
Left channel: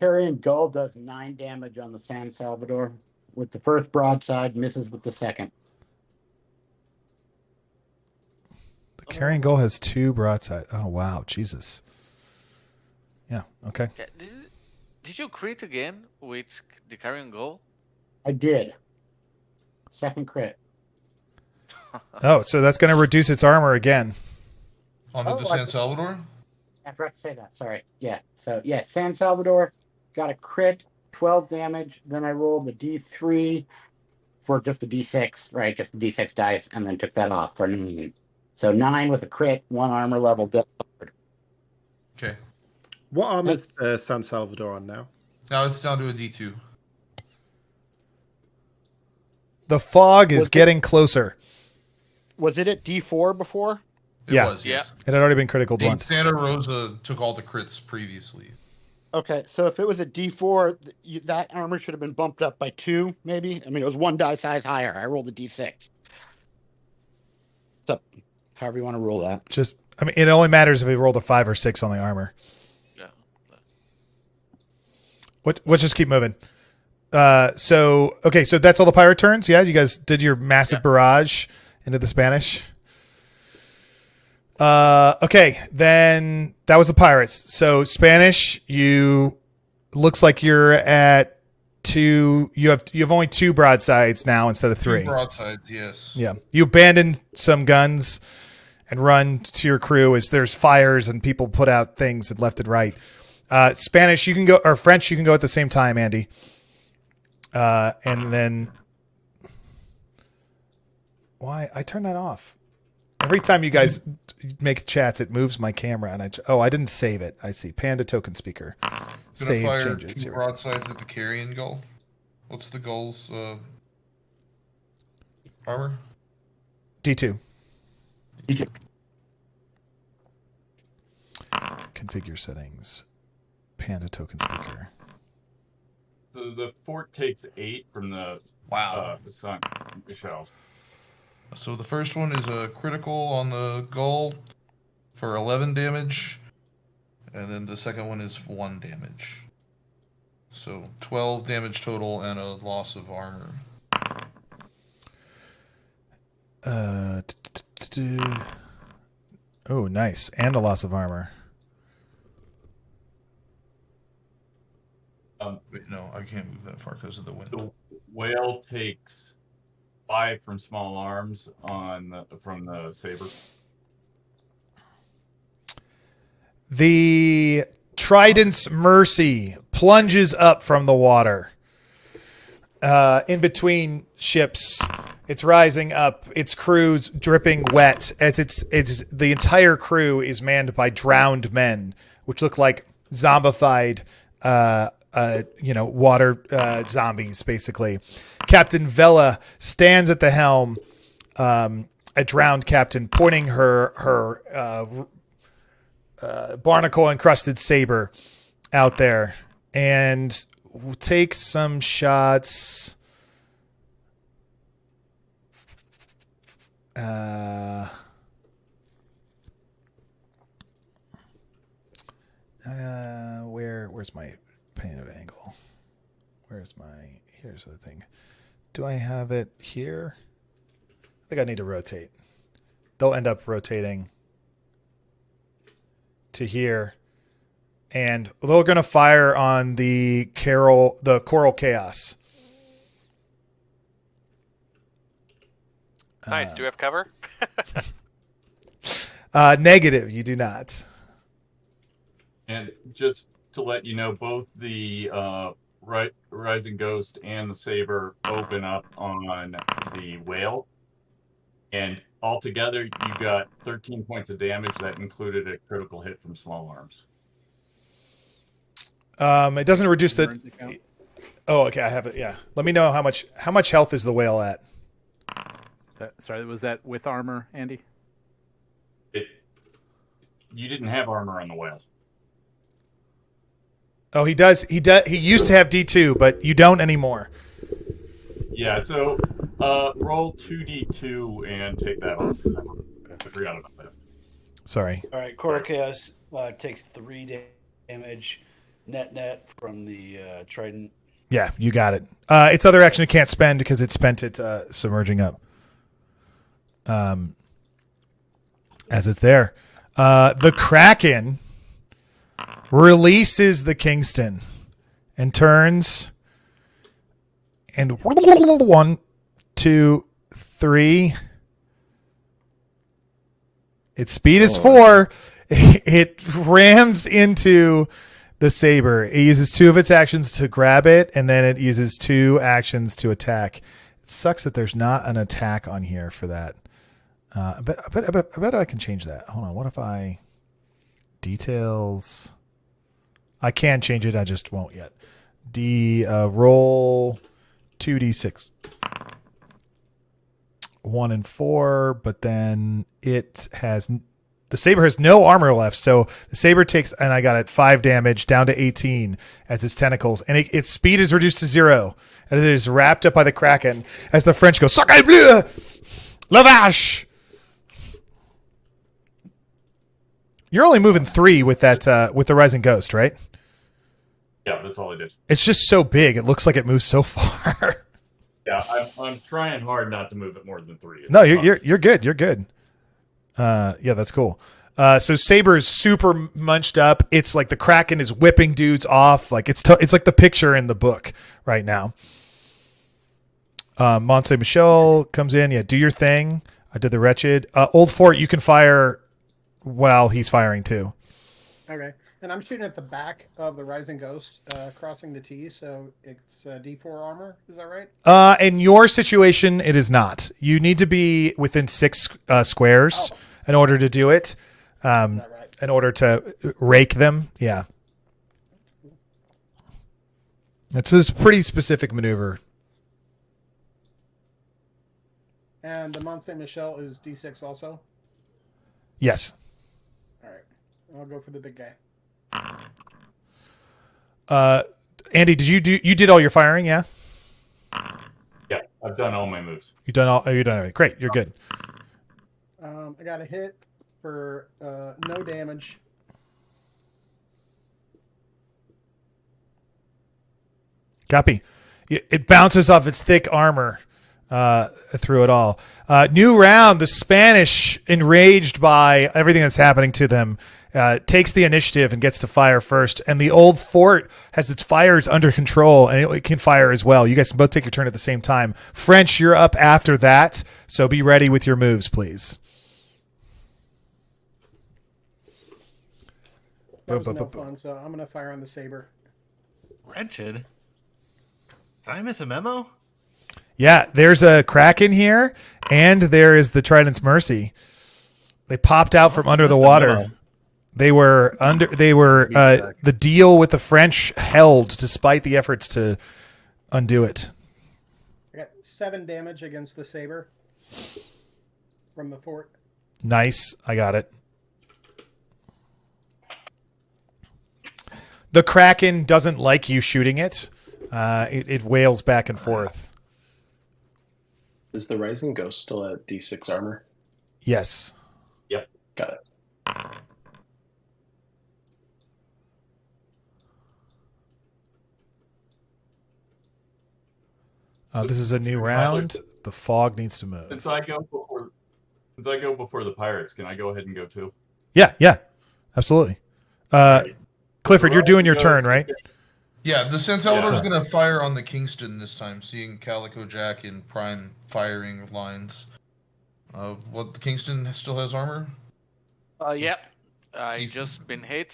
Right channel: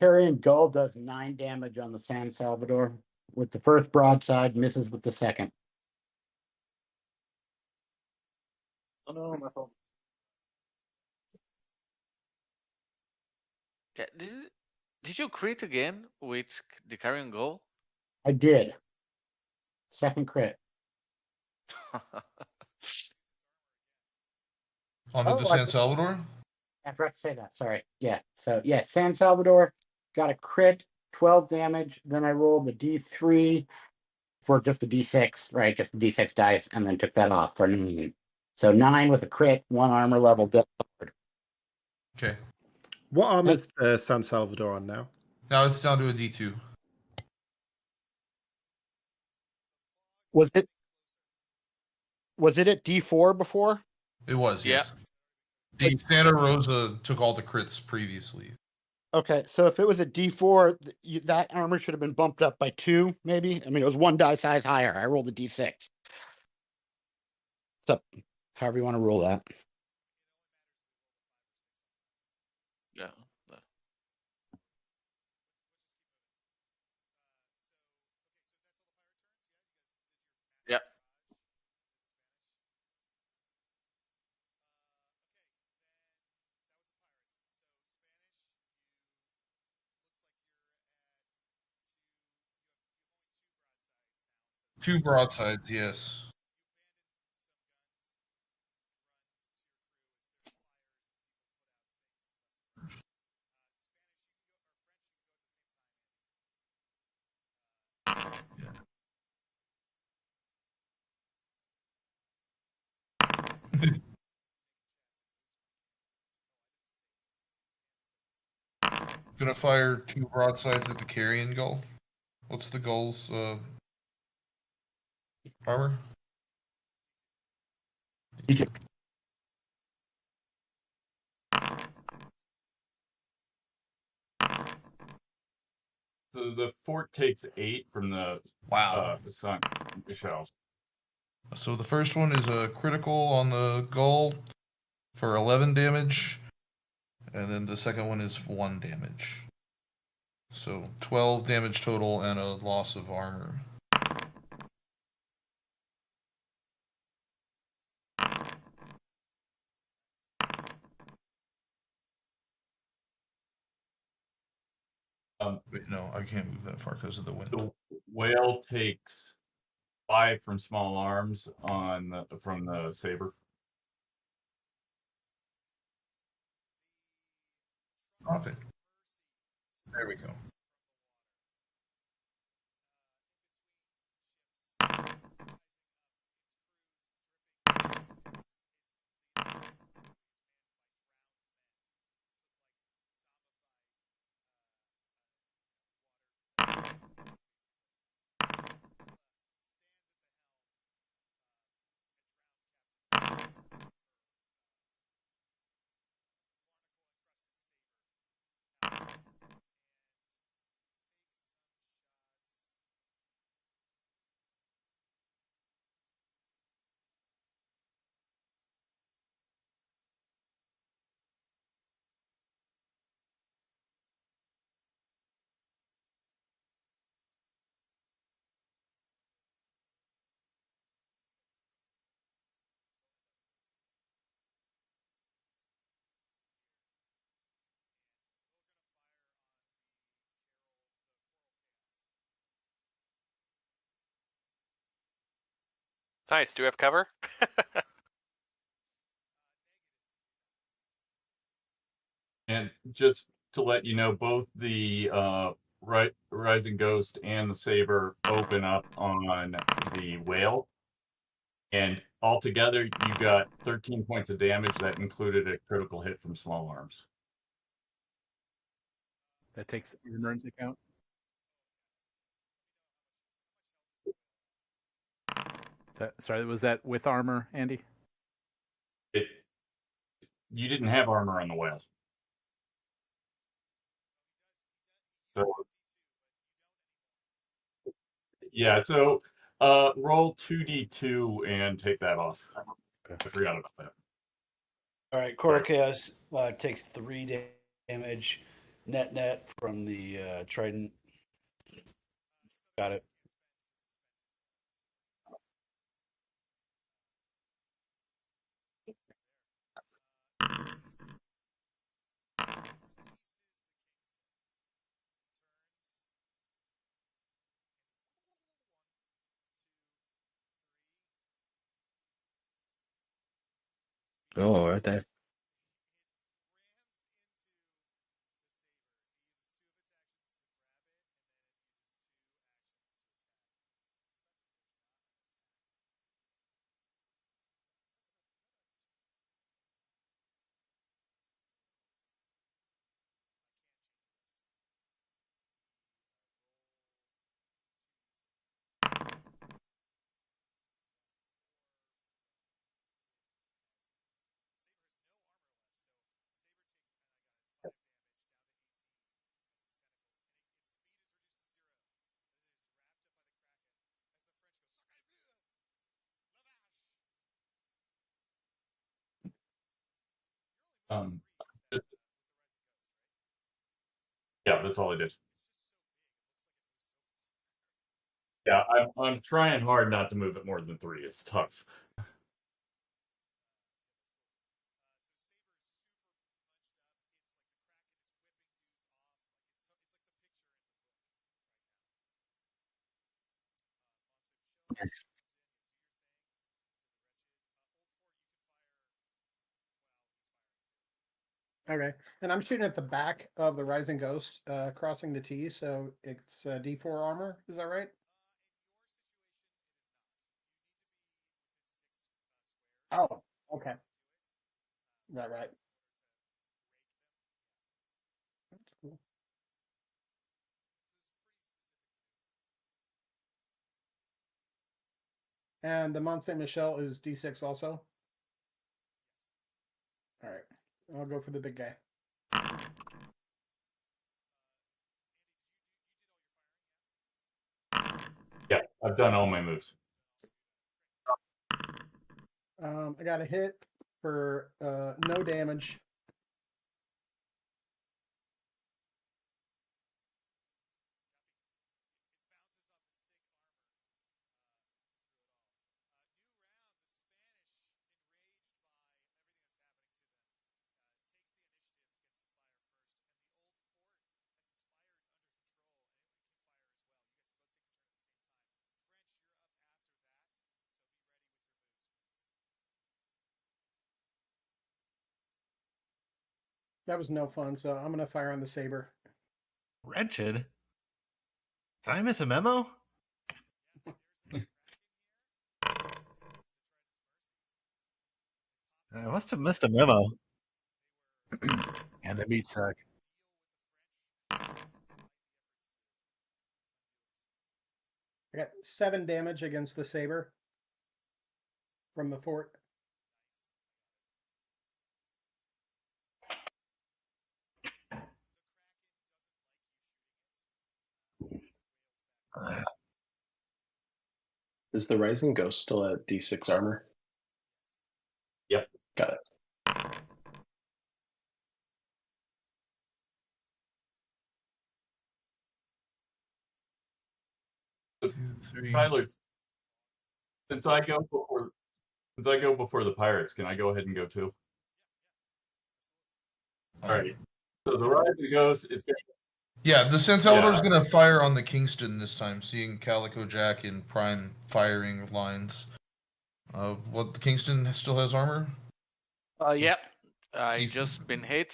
Carrion Gull does 9 damage on the San Salvador with the first broadside, misses with the second. The Carrion Gull has 2 broadside. Oh, wow. Jesus. Yeah, okay. Yeah, did you crit again with the Carrion Gull? I did. Second crit. Oh, so that's going to reduce its armor again. Onto the San Salvador? I forgot to say that. Sorry. Yeah. So, yeah, San Salvador got a crit, 12 damage. Then I rolled the D3 for just the D6, right? Just the D6 dice, and then took that off for 9. So 9 with a crit, 1 armor level. Okay. What armor is San Salvador on now? Now it's down to a D2. The fog is getting closer. Was it at D4 before? It was, yes. It had already been critical once. Santa Rosa took all the crits previously. Okay, so if it was a D4, that armor should have been bumped up by 2, maybe? I mean, it was 1 die size higher. I rolled a D6. So, however you want to roll that. Just, I mean, it only matters if we rolled a 5 or 6 on the armor. Yeah. Let's just keep moving. So that's all the pirate turns? Yeah, you guys did your massive barrage into the Spanish? Okay, then that was the pirates. So Spanish, looks like you're at 2. You have only 2 broadsides now instead of 3. 2 broadsides, yes. Yeah, you abandoned some guns and run to your crew as there's fires and people put out things and left and right. Spanish, you can go, or French, you can go at the same time, Andy. And then why I turn that off? Every time you guys make chats, it moves my camera, and I didn't save it. I see Panda token speaker. Gonna fire 2 broadsides at the Carrion Gull. What's the Gull's armor? D2. Configure settings. Panda token speaker. So the fort takes 8 from the sun shell. So the first one is a critical on the Gull for 11 damage, and then the second one is 1 damage. So 12 damage total and a loss of armor. Oh, nice. And a loss of armor. Wait, no, I can't move that far because of the wind. The whale takes 5 from small arms from the saber. The Trident's Mercy plunges up from the water. In between ships, it's rising up. Its crew's dripping wet. It's the entire crew is manned by drowned men, which look like zombified water zombies, basically. Captain Vela stands at the helm, a drowned captain, pointing her barnacle-encrusted saber out there, and takes some shots. Where's my pane of angle? Here's the thing. Do I have it here? I think I need to rotate. They'll end up rotating to here. And they're going to fire on the Coral Chaos. Nice. Do we have cover? Negative. You do not. And just to let you know, both the Rising Ghost and the Saber open up on the whale. And altogether, you got 13 points of damage. That included a critical hit from small arms. It doesn't reduce the... Oh, okay. I have it. Yeah. Let me know how much health is the whale at. Sorry, was that with armor, Andy? You didn't have armor on the whale. Oh, he does. He used to have D2, but you don't anymore. Yeah, so roll 2d2 and take that off. I forgot about that. Sorry. All right, Coral Chaos takes 3 damage net from the trident. Yeah, you got it. Its other action it can't spend because it spent it submerging up. As it's there. The Kraken releases the Kingston and turns and 1, 2, 3. Its speed is 4. Okay. It rams into the saber. It uses 2 of its actions to grab it, and then it uses 2 actions to attack. It sucks that there's not an attack on here for that. I bet I can change that. Hold on. What if I details? I can change it. I just won't yet. Roll 2d6. 1 and 4, but then it has the saber has no armor left, so the saber takes, and I got it 5 damage down to 18 as its tentacles, and its speed is reduced to 0, and it is wrapped up by the Kraken as the French go "Sacre bleu, la vache." You're only moving 3 with that with the Rising Ghost, right? Yeah, that's all I did. It's just so big; it looks like it moves so far. Yeah, I'm trying hard not to move it more than 3. No, you're good. You're good. Yeah, that's cool. So Saber is super munched up. It's like the Kraken is whipping dudes off. Like it's like the picture in the book right now. Monte Michel comes in. Yeah, do your thing. I did the Wretched. Old Fort, you can fire while he's firing too. Okay. And I'm shooting at the back of the Rising Ghost, crossing the T, so it's D4 armor. Is that right? In your situation, it is not. You need to be within 6 squares in order to do it. Is that right? In order to rake them, yeah. It's a pretty specific maneuver. And the Monte Michel is D6 also? Yes. All right. I'll go for the big guy. Andy, you did all your firing? Yeah. Yeah, I've done all my moves. You've done everything. Great, you're good. I got a hit for no damage. Copy. It bounces off its thick armor through it all. New round. The Spanish, enraged by everything that's happening to them, takes the initiative and gets to fire first. And the Old Fort has its fires under control, and it can fire as well. You guys can both take your turn at the same time. French, you're up after that, so be ready with your moves, please. That was no fun, so I'm going to fire on the Saber. Wretched? Did I miss a memo? Yeah, there's a Kraken here, and there is the Trident's Mercy. They popped out from under the water. They were the deal with the French held despite the efforts to undo it. I got 7 damage against the saber from the fort. Nice. I got it. The Kraken doesn't like you shooting it. It wails back and forth. Is the Rising Ghost still at D6 armor? Yes. Yep. Got it. This is a new round. The fog needs to move. Since I go before the pirates, can I go ahead and go too? Yeah, absolutely. Clifford, you're doing your turn, right? Yeah, the San Salvador's going to fire on the Kingston this time, seeing Calico Jack in prime firing lines. The Kingston still has armor? Yep. I just been hit.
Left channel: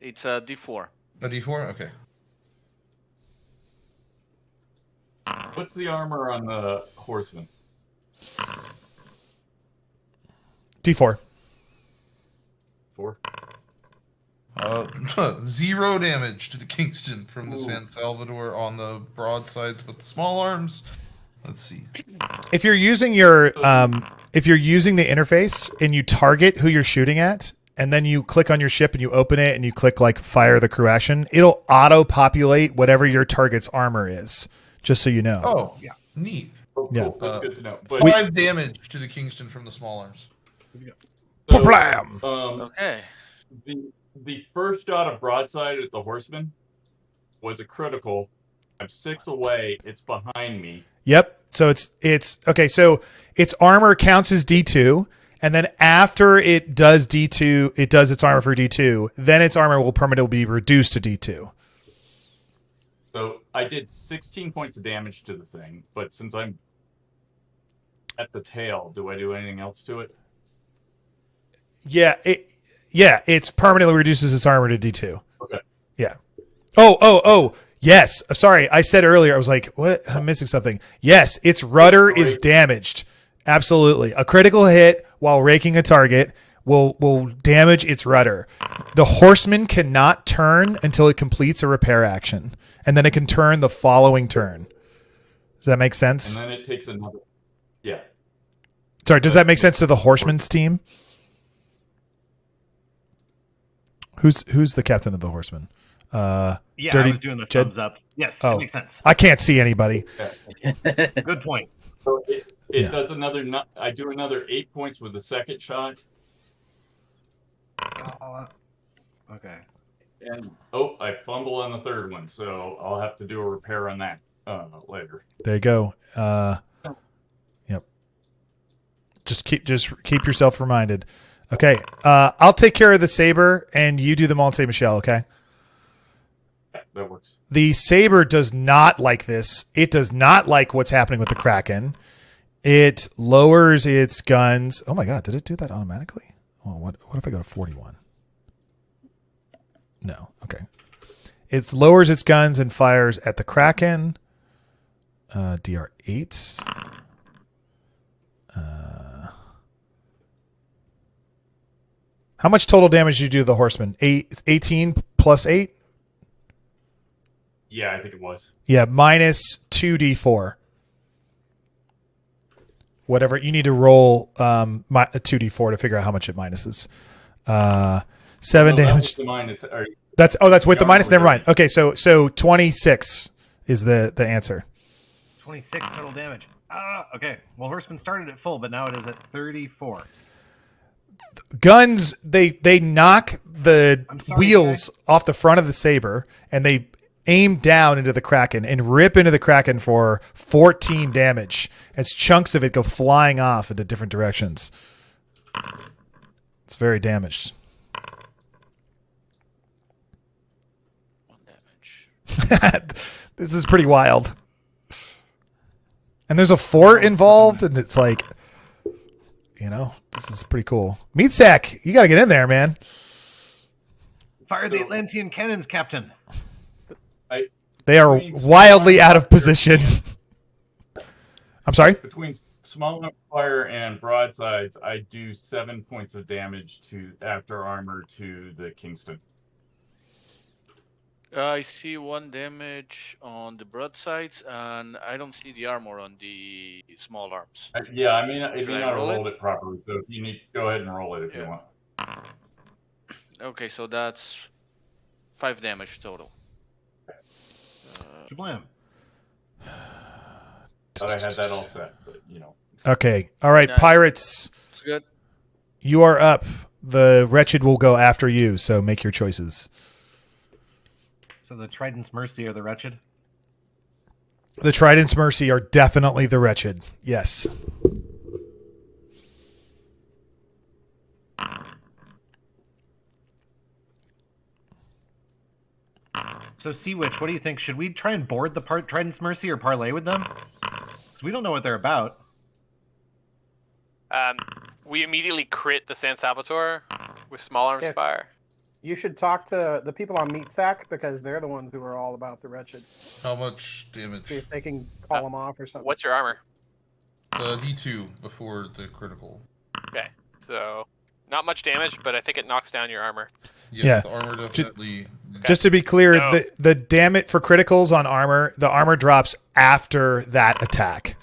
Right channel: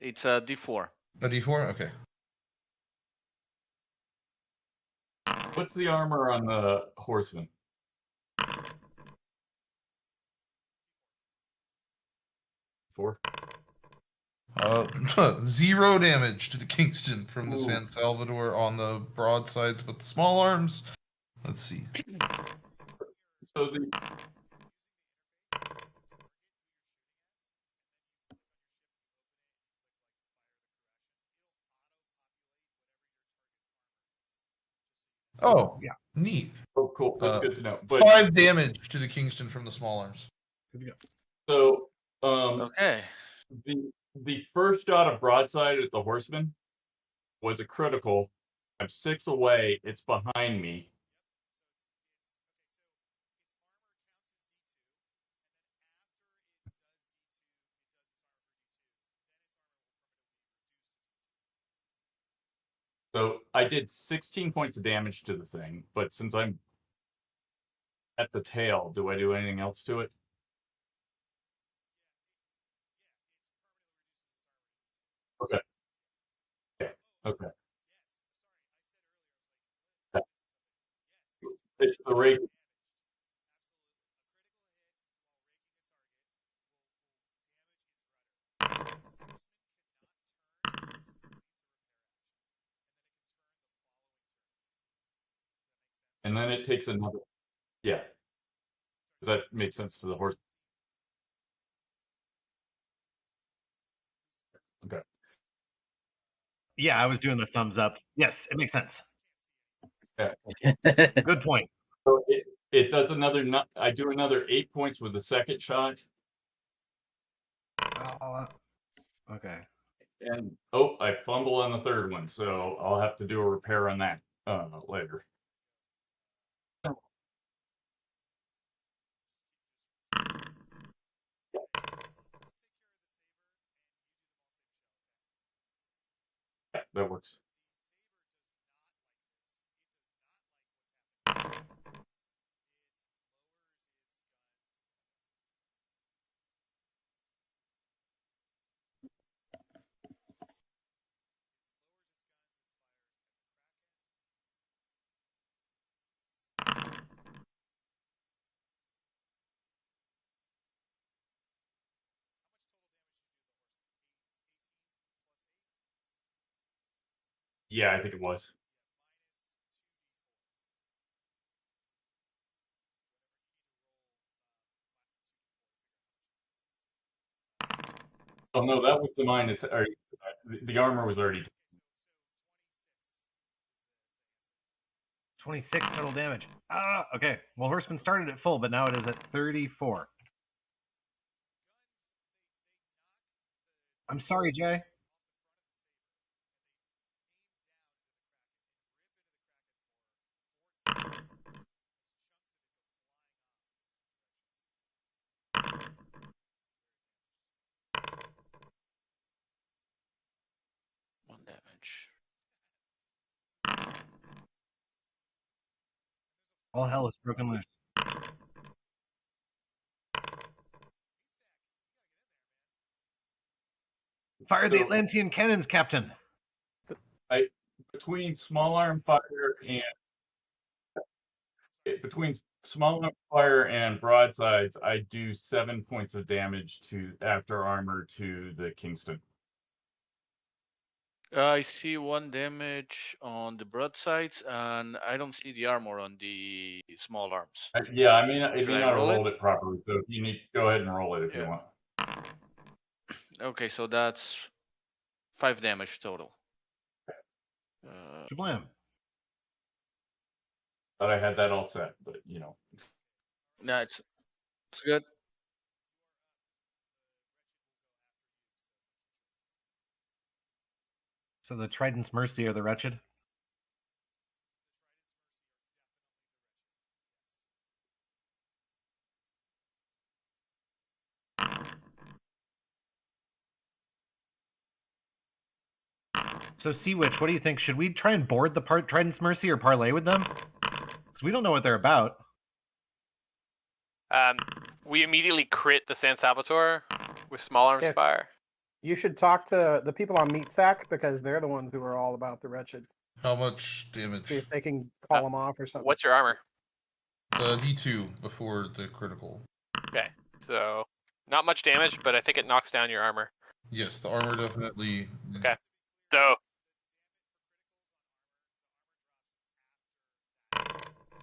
It's a D4. A D4? Okay. What's the armor on the horseman? D4. 4. 0 damage to the Kingston from the San Salvador on the broadsides, but the small arms. Let's see. If you're using your if you're using the interface and you target who you're shooting at, and then you click on your ship and you open it and you click like fire the crew action, it'll auto populate whatever your target's armor is. Just so you know. Oh, yeah, neat. Oh, cool. That's good to know. 5 damage to the Kingston from the small arms. So, okay. The first shot of broadside at the horseman was a critical. I'm 6 away. It's behind me. Yep. So it's okay. So its armor counts as D2, and then after it does D2, it does its armor for D2. Then its armor will permanently be reduced to D2. So I did 16 points of damage to the thing, but since I'm at the tail, do I do anything else to it? Yeah, it's permanently reduces its armor to D2. Okay. Yeah. Oh, yes. I'm sorry. I said earlier, I was like, what? I'm missing something. Yes, its rudder is damaged. Absolutely. A critical hit while raking a target will damage its rudder. The horseman cannot turn until it completes a repair action, and then it can turn the following turn. Does that make sense? And then it takes another. Yeah. Sorry, does that make sense to the horseman's team? Who's the captain of the horseman? I was doing the thumbs up. Yes, it makes sense. I can't see anybody. Good point. So it does another. I do another 8 points with the second shot. Okay. And I fumble on the third one, so I'll have to do a repair on that later. There you go. Yep. Just keep yourself reminded. Okay. I'll take care of the saber, and you do the Mont Saint Michel. Okay. Yeah, that works. The saber does not like this. It does not like what's happening with the Kraken. It lowers its guns. Oh my God! Did it do that automatically? Oh, what if I go to 41? No. Okay. It lowers its guns and fires at the Kraken. DR8. How much total damage did you do to the horseman? 18 plus 8? Yeah, I think it was. Yeah, minus 2d4. Whatever. You need to roll a 2d4 to figure out how much it minuses. 7 damage. That was the minus. That's with the minus. Never mind. Okay, so 26 is the answer. 26 total damage. Okay. Well, horseman started at full, but now it is at 34. Guns, they knock the wheels guy. off the front of the saber, and they aim down into the Kraken and rip into the Kraken for 14 damage as chunks of it go flying off into different directions. It's very damaged. 1 damage. This is pretty wild. And there's a fort involved, and it's like, this is pretty cool. Meatsack, you got to get in there, man. Fire the Atlantean cannons, Captain. They are wildly out of position. I'm sorry? small arms fire and broadsides, I do 7 points of damage after armor to the Kingston. I see 1 damage on the broadsides, and I don't see the armor on the small arms. Yeah, I mean, it Should may I not have roll rolled it? it properly, so if you need, go ahead and roll it if you want. Okay, so that's 5 damage total. Shablam. Thought I had that all set, but Okay. All right, Nice. Pirates. It's good. You are up. The Wretched will go after you, so make your choices. So the Trident's Mercy are the Wretched? The Trident's Mercy are definitely the Wretched. Yes. So Sea Witch, what do you think? Should we try and board the Trident's Mercy or parlay with them? Because we don't know what they're about. We immediately crit the San Salvatore with small arms fire. You should talk to the people on Meatsack because they're the ones who are all about the Wretched. How much damage? See if they can call them off or something. What's your armor? D2 before the critical. Okay, so not much damage, but I think it knocks down your armor. Yes, the armor definitely. Just to be clear, No. the damage for criticals on armor, the armor drops after that attack.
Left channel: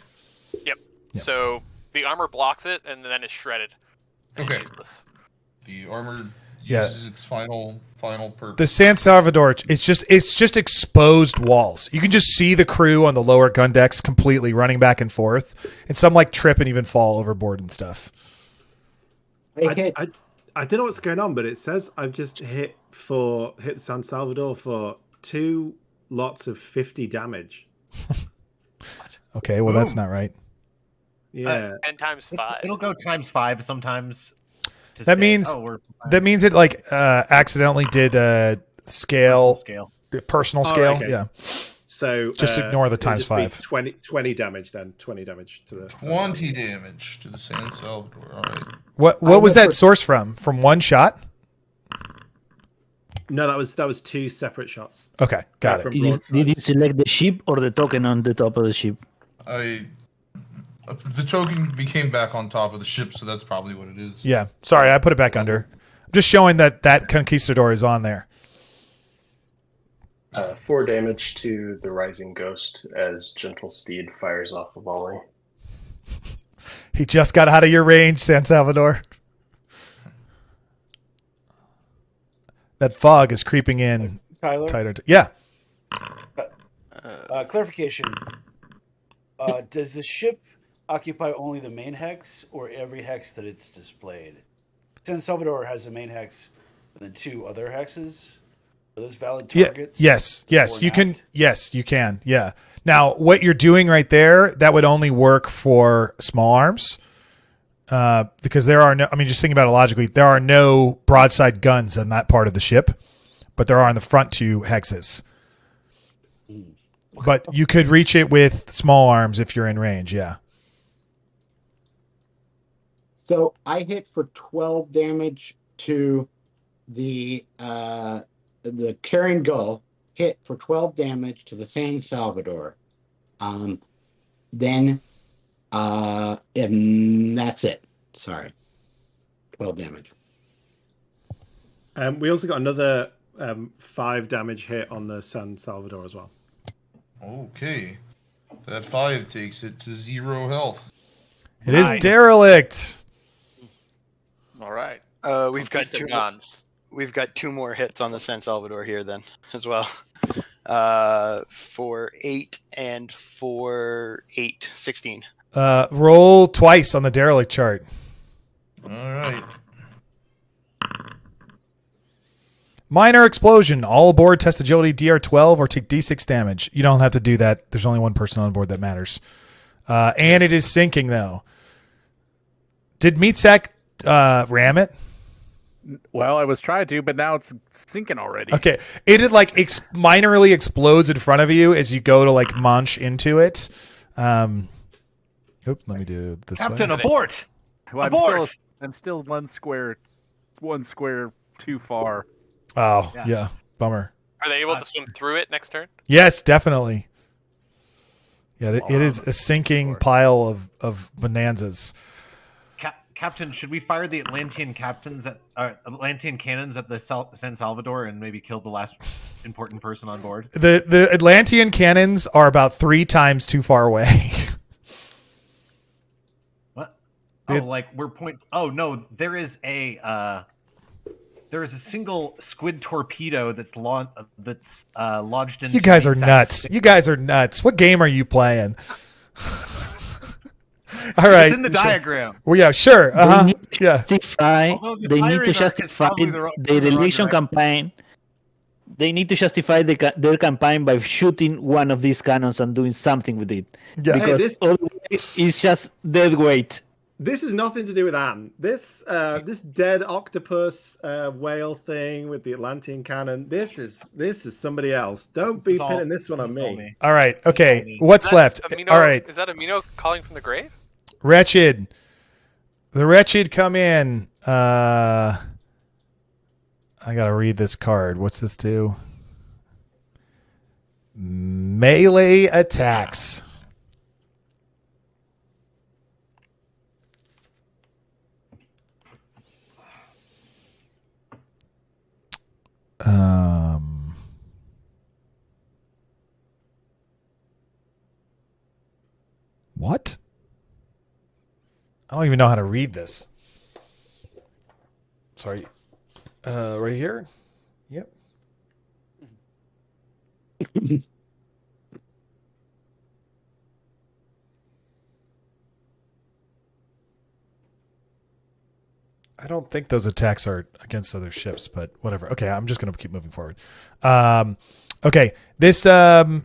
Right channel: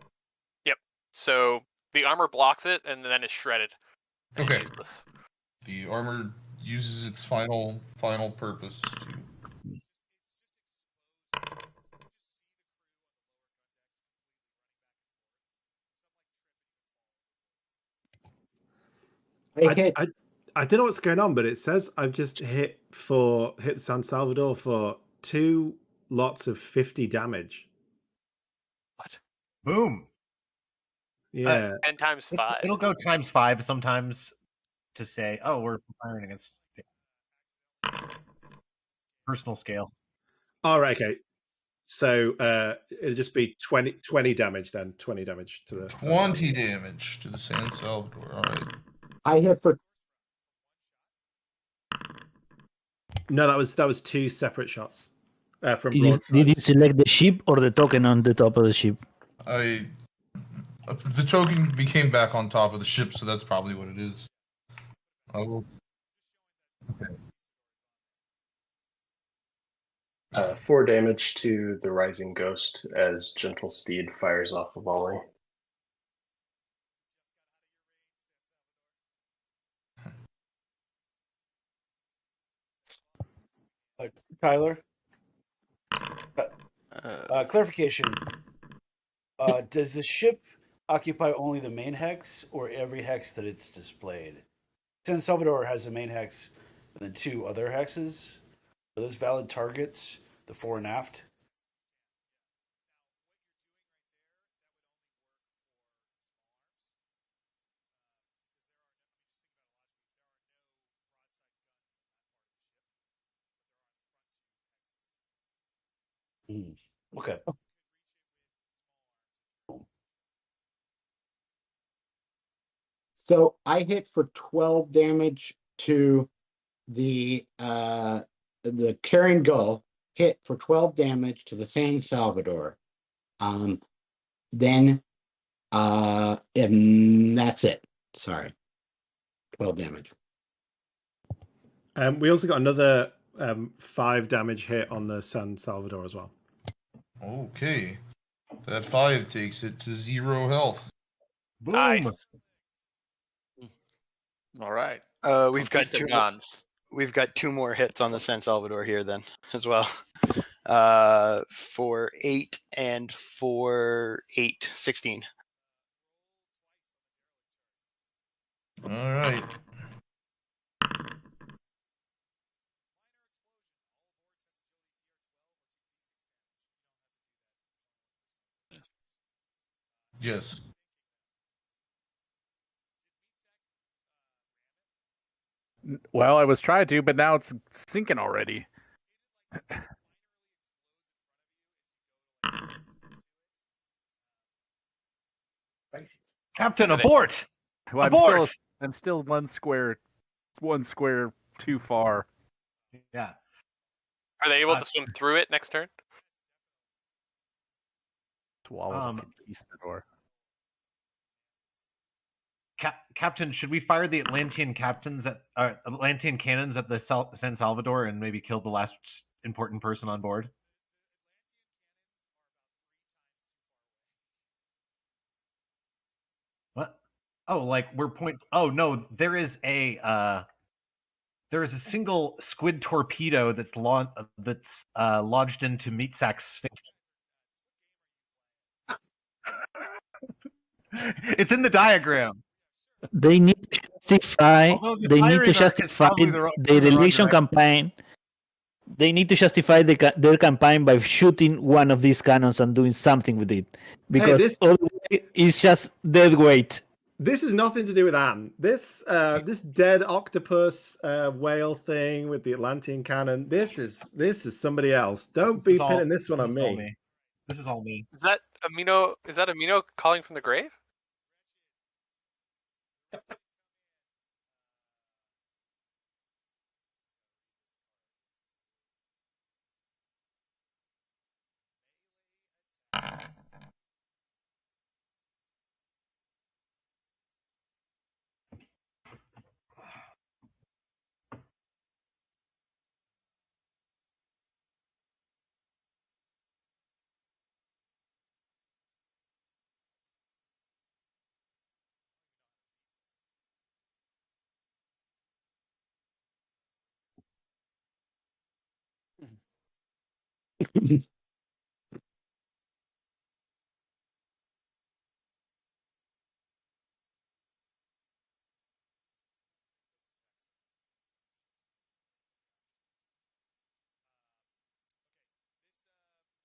Yep. So the armor blocks it and then is shredded. And Okay. useless. The armor uses its final purpose. The San Salvador, it's just exposed walls. You can just see the crew on the lower gun decks completely running back and forth, and some like trip and even fall overboard and stuff. I don't know what's going on, but it says I've just hit San Salvador for 2 lots of 50 damage. Okay, well that's not right. Yeah. 10 times 5. It'll go times 5 sometimes. To That say, means oh, we're it like accidentally did Personal scale. Personal Oh, scale. okay. Yeah. So Just ignore the it'll times just be 5. 20 damage then. 20 damage to the 20 damage to the San Salvador. All right. What was that source from? From one shot? No, that was 2 separate shots. Okay, got From Did you broadsides. select the ship or the token on the top of the ship? The token became back on top of the ship, so that's probably what it is. Yeah. Sorry, I put it back under. I'm just showing that Conquistador is on there. 4 damage to the Rising Ghost as Gentle Steed fires off a volley. He just got out of your range, San Salvador. That fog is creeping in Tyler? tighter. Yeah. Clarification. Does the ship occupy only the main hex or every hex that it's displayed? San Salvador has a main hex and then 2 other hexes. Are those valid targets? Yes. before You and can. aft? Yes, you can. Yeah. Now, what you're doing right there, that would only work for small arms. Because there are no, I mean, just thinking about it logically, there are no broadside guns on that part of the ship, but there are on the front 2 hexes. But you could reach it with small arms if you're in range. Yeah. So I hit for 12 damage to the carrying gull. Hit for 12 damage to the San Salvador. Then and that's it. Sorry. 12 damage. We also got another 5 damage hit on the San Salvador as well. Okay. That 5 takes it to 0 health. It is derelict. All right. We've got Piece of 2 guns. We've got 2 more hits on the San Salvador here then as well. For 8 and for 8, 16. Roll twice on the derelict chart. All right. Minor explosion. All aboard test agility DR12 or take D6 damage. You don't have to do that. There's only one person on board that matters. And it is sinking though. Did Meatsack ram it? Well, I was trying to, but now it's sinking already. Okay. It had like minorly explodes in front of you as you go to like munch into it. Let me do this. Captain, way. abort! Well, Abort! I'm still one square too far. Oh, yeah. Bummer. Are they able to swim through it next turn? Yes, definitely. Yeah, it is a sinking pile of bonanzas. Captain, should we fire the Atlantean cannons at the San Salvador and maybe kill the last important person on board? The Atlantean cannons are about 3 times too far away. What? Oh, like we're point. Oh no, there is a single squid torpedo that's lodged into. You guys are Meatsack's nuts. You guys are nuts. What game are you playing? All right. It's in the diagram. Well, yeah, sure. They need to Yeah. justify. They need to justify the relation campaign. They need to justify their campaign by shooting one of these cannons and doing something with it, because otherwise it's just dead weight. This has nothing to do with Anne. This dead octopus whale thing with the Atlantean cannon. This is somebody else. Don't be pinning this one on me. All right. Okay. What's left? Amino, All right. Is that Amino calling from the grave? Wretched. The Wretched come in. I gotta read this card. What's this do? Melee attacks. What? I don't even know how to read this. Sorry. Right here? Yep. I don't think those attacks are against other ships, but whatever. Okay, I'm just going to keep moving forward. Okay, this the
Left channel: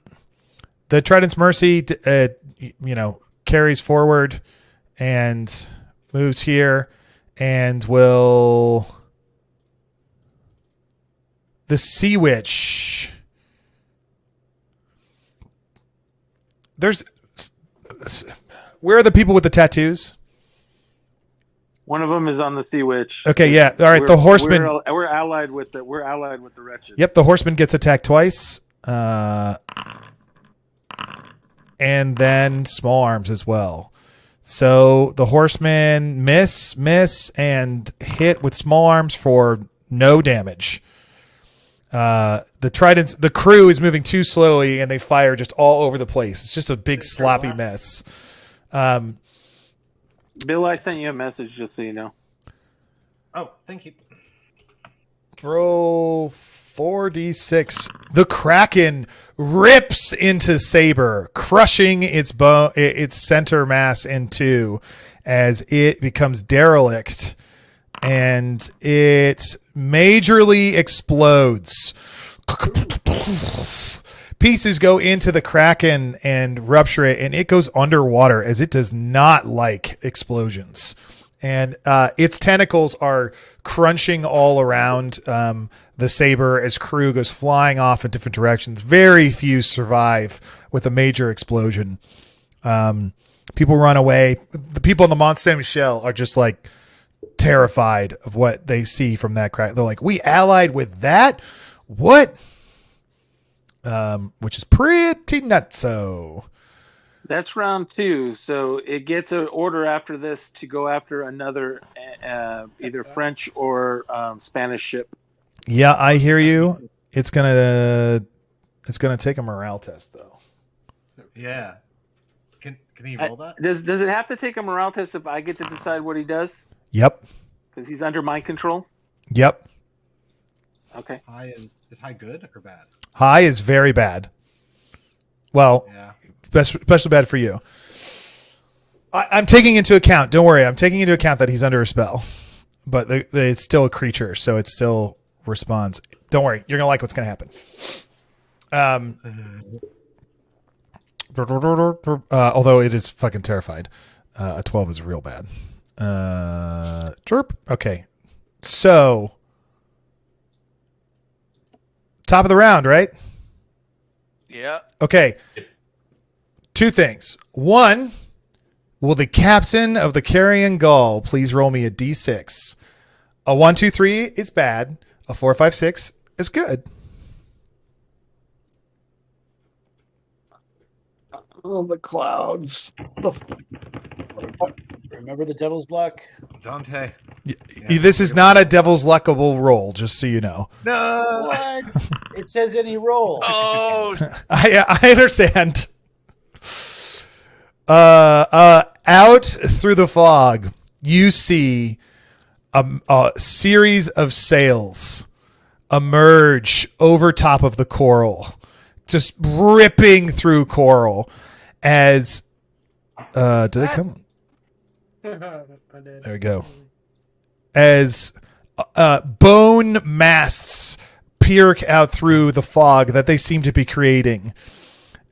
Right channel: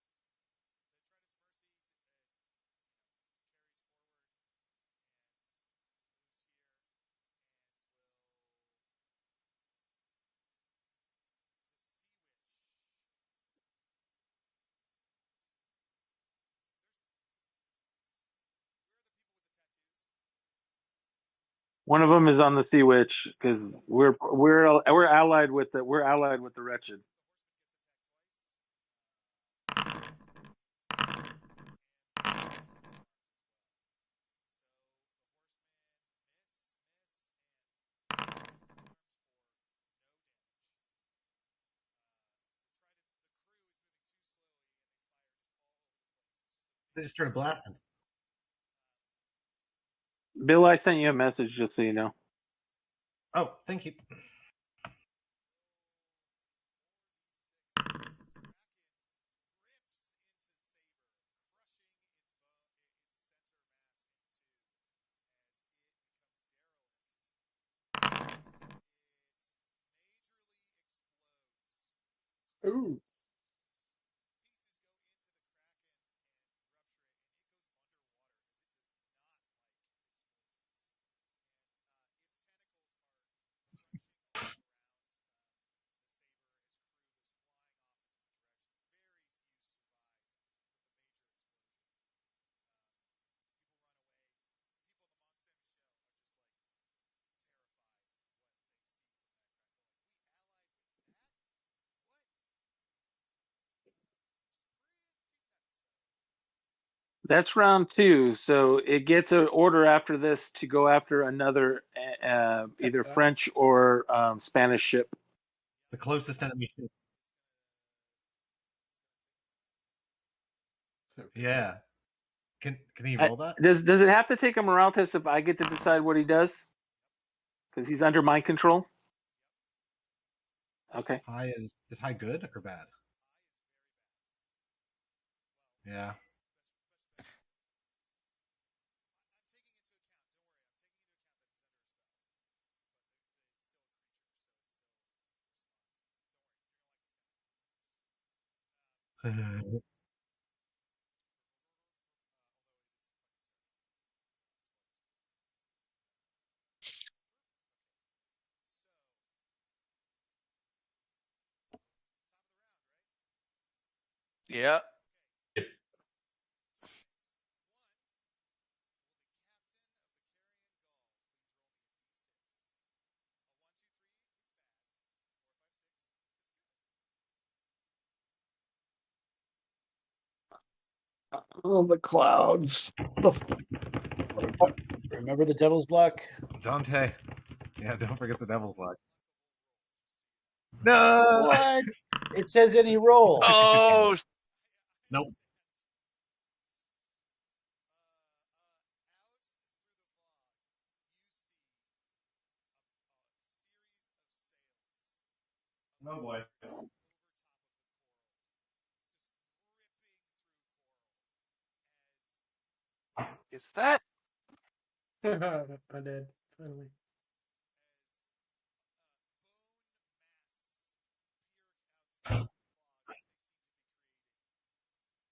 Trident's Mercy, carries forward and moves here, and will the Sea Witch. Where are the people with the tattoos? One of them is on the Sea Witch. Okay, yeah. All right, the Horseman. We're allied with the Wretched. Yep, the Horseman gets attacked twice. And then small arms as well. So the Horseman miss, and hit with small arms for no damage. The Tridents, the crew is moving too slowly, and they fire just all over the place. It's just a big sloppy mess. Bill, I sent you a message just so you know. Oh, thank you. Roll 4d6. The Kraken rips into Saber, crushing its center mass in two as it becomes derelict, and it majorly explodes. Pieces go into the Kraken and rupture it, and it goes underwater as it does not like explosions. And its tentacles are crunching all around the Saber as crew goes flying off in different directions. Very few survive with a major explosion. People run away. The people in the Mont Saint Michel are just like terrified of what they see from that crack. They're like, we allied with that? What? Which is pretty nutso. That's round 2, so it gets an order after this to go after another either French or Spanish ship. Yeah, I hear you. It's gonna take a morale test though. Yeah. Can he roll that? Does it have to take a morale test if I get to decide what he does? Yep. Because he's under my control. Yep. Okay. Is high good or bad? High is very bad. Well, yeah. Especially bad for you. I'm taking into account. Don't worry. I'm taking into account that he's under a spell, but it's still a creature, so it still responds. Don't worry. You're gonna like what's gonna happen. Although it is fucking terrified. A 12 is real bad. Chirp. Okay. So top of the round, right? Yeah. Okay. 2 things. 1, will the captain of the Carrion Gull please roll me a d6? A 1, 2, 3 is bad. A 4, 5, 6 is good. Oh, the clouds. Remember the devil's luck? Dante. This is not a devil's luckable roll, just so you know. No. What? It says any roll. Oh, I understand. Out through the fog, you see a series of sails emerge over top of the coral, just ripping through coral as did it come? There we go. As bone masts peer out through the fog that they seem to be creating.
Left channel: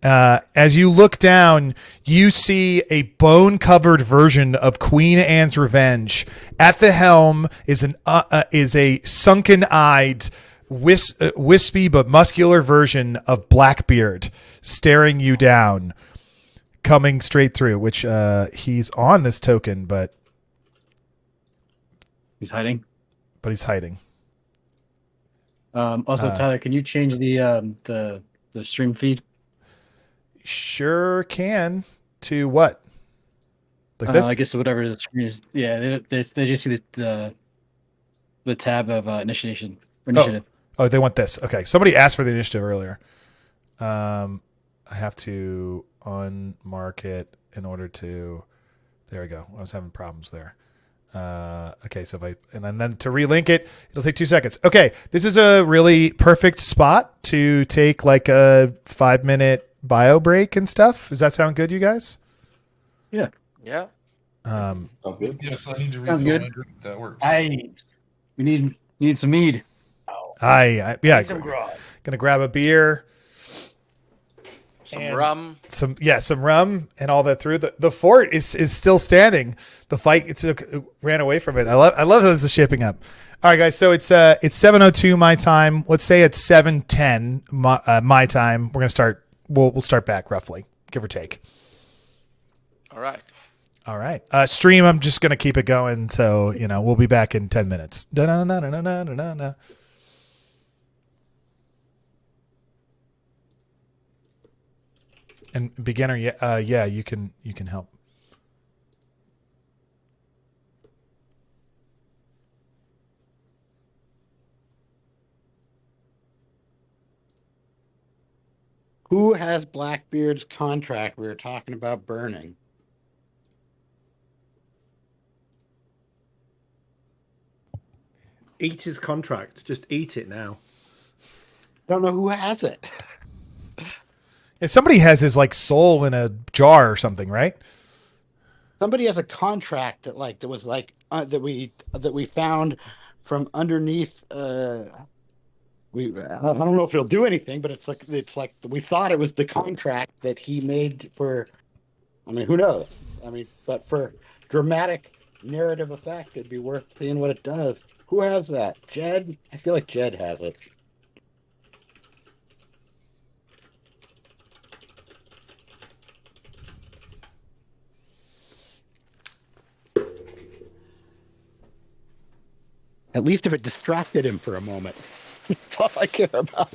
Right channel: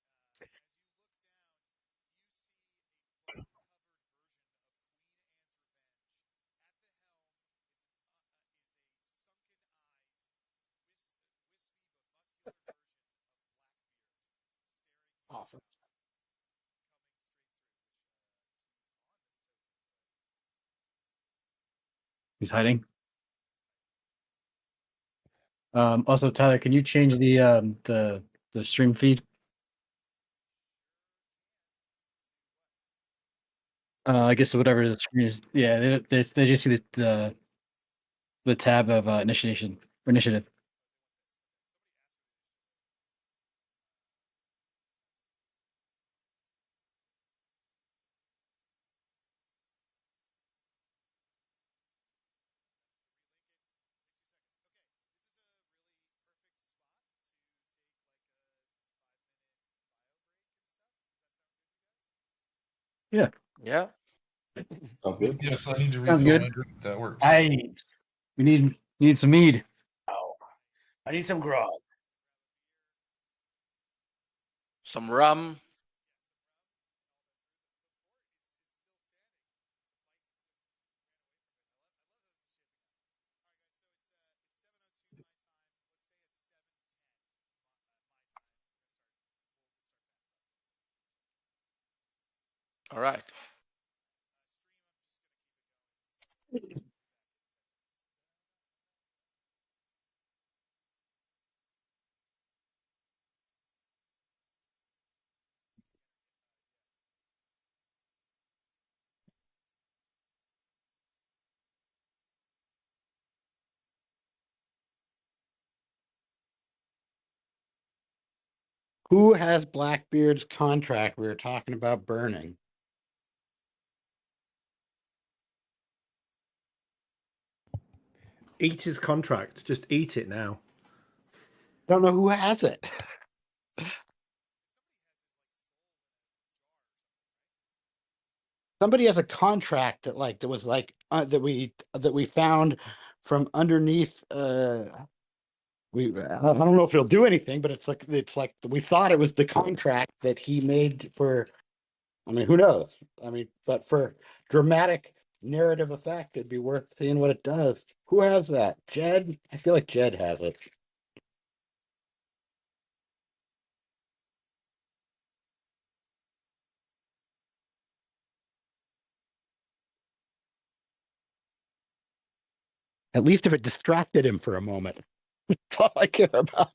As you look down, you see a bone-covered version of Queen Anne's Revenge. At the helm is a sunken-eyed, wispy but muscular version of Blackbeard, staring you down, coming straight through. Which he's on this token, but he's hiding. But he's hiding. Also, Tyler, can you change the stream feed? Sure can. To what? Like this? I guess whatever the screen is. Yeah, they just see the tab of initiative. Oh, they want this. Okay, somebody asked for the initiative earlier. I have to unmark it in order to. There we go. I was having problems there. Okay, so and then to relink it, it'll take 2 seconds. Okay, this is a really perfect spot to take like a 5-minute bio break and stuff. Does that sound good, you guys? Yeah. Yeah. Sounds good. Yes, I need to refill my drink. That works. We need some mead. Yeah. Need some grog. Gonna grab a beer. Some rum. Some rum and all that through. The fort is still standing. The fight it ran away from it. I love how this is shaping up. All right, guys. So it's 7:02 my time. Let's say it's 7:10 my time. We're gonna start. We'll start back roughly, give or take. All right. Stream. I'm just gonna keep it going. So we'll be back in 10 minutes. Da-na-na-na-na-na-na-na. And beginner, yeah, you can help. Who has Blackbeard's contract we were talking about burning? Eat his contract. Just eat it now. Don't know who has it. If somebody has his soul in a jar or something, right? Somebody has a contract that was that we found from underneath. I don't know if it'll do anything, but it's like we thought it was the contract that he made for. I mean, who knows? I mean, but for dramatic narrative effect, it'd be worth seeing what it does. Who has that? Jed? I feel like Jed has it. At least if it distracted him for a moment. That's all I care about.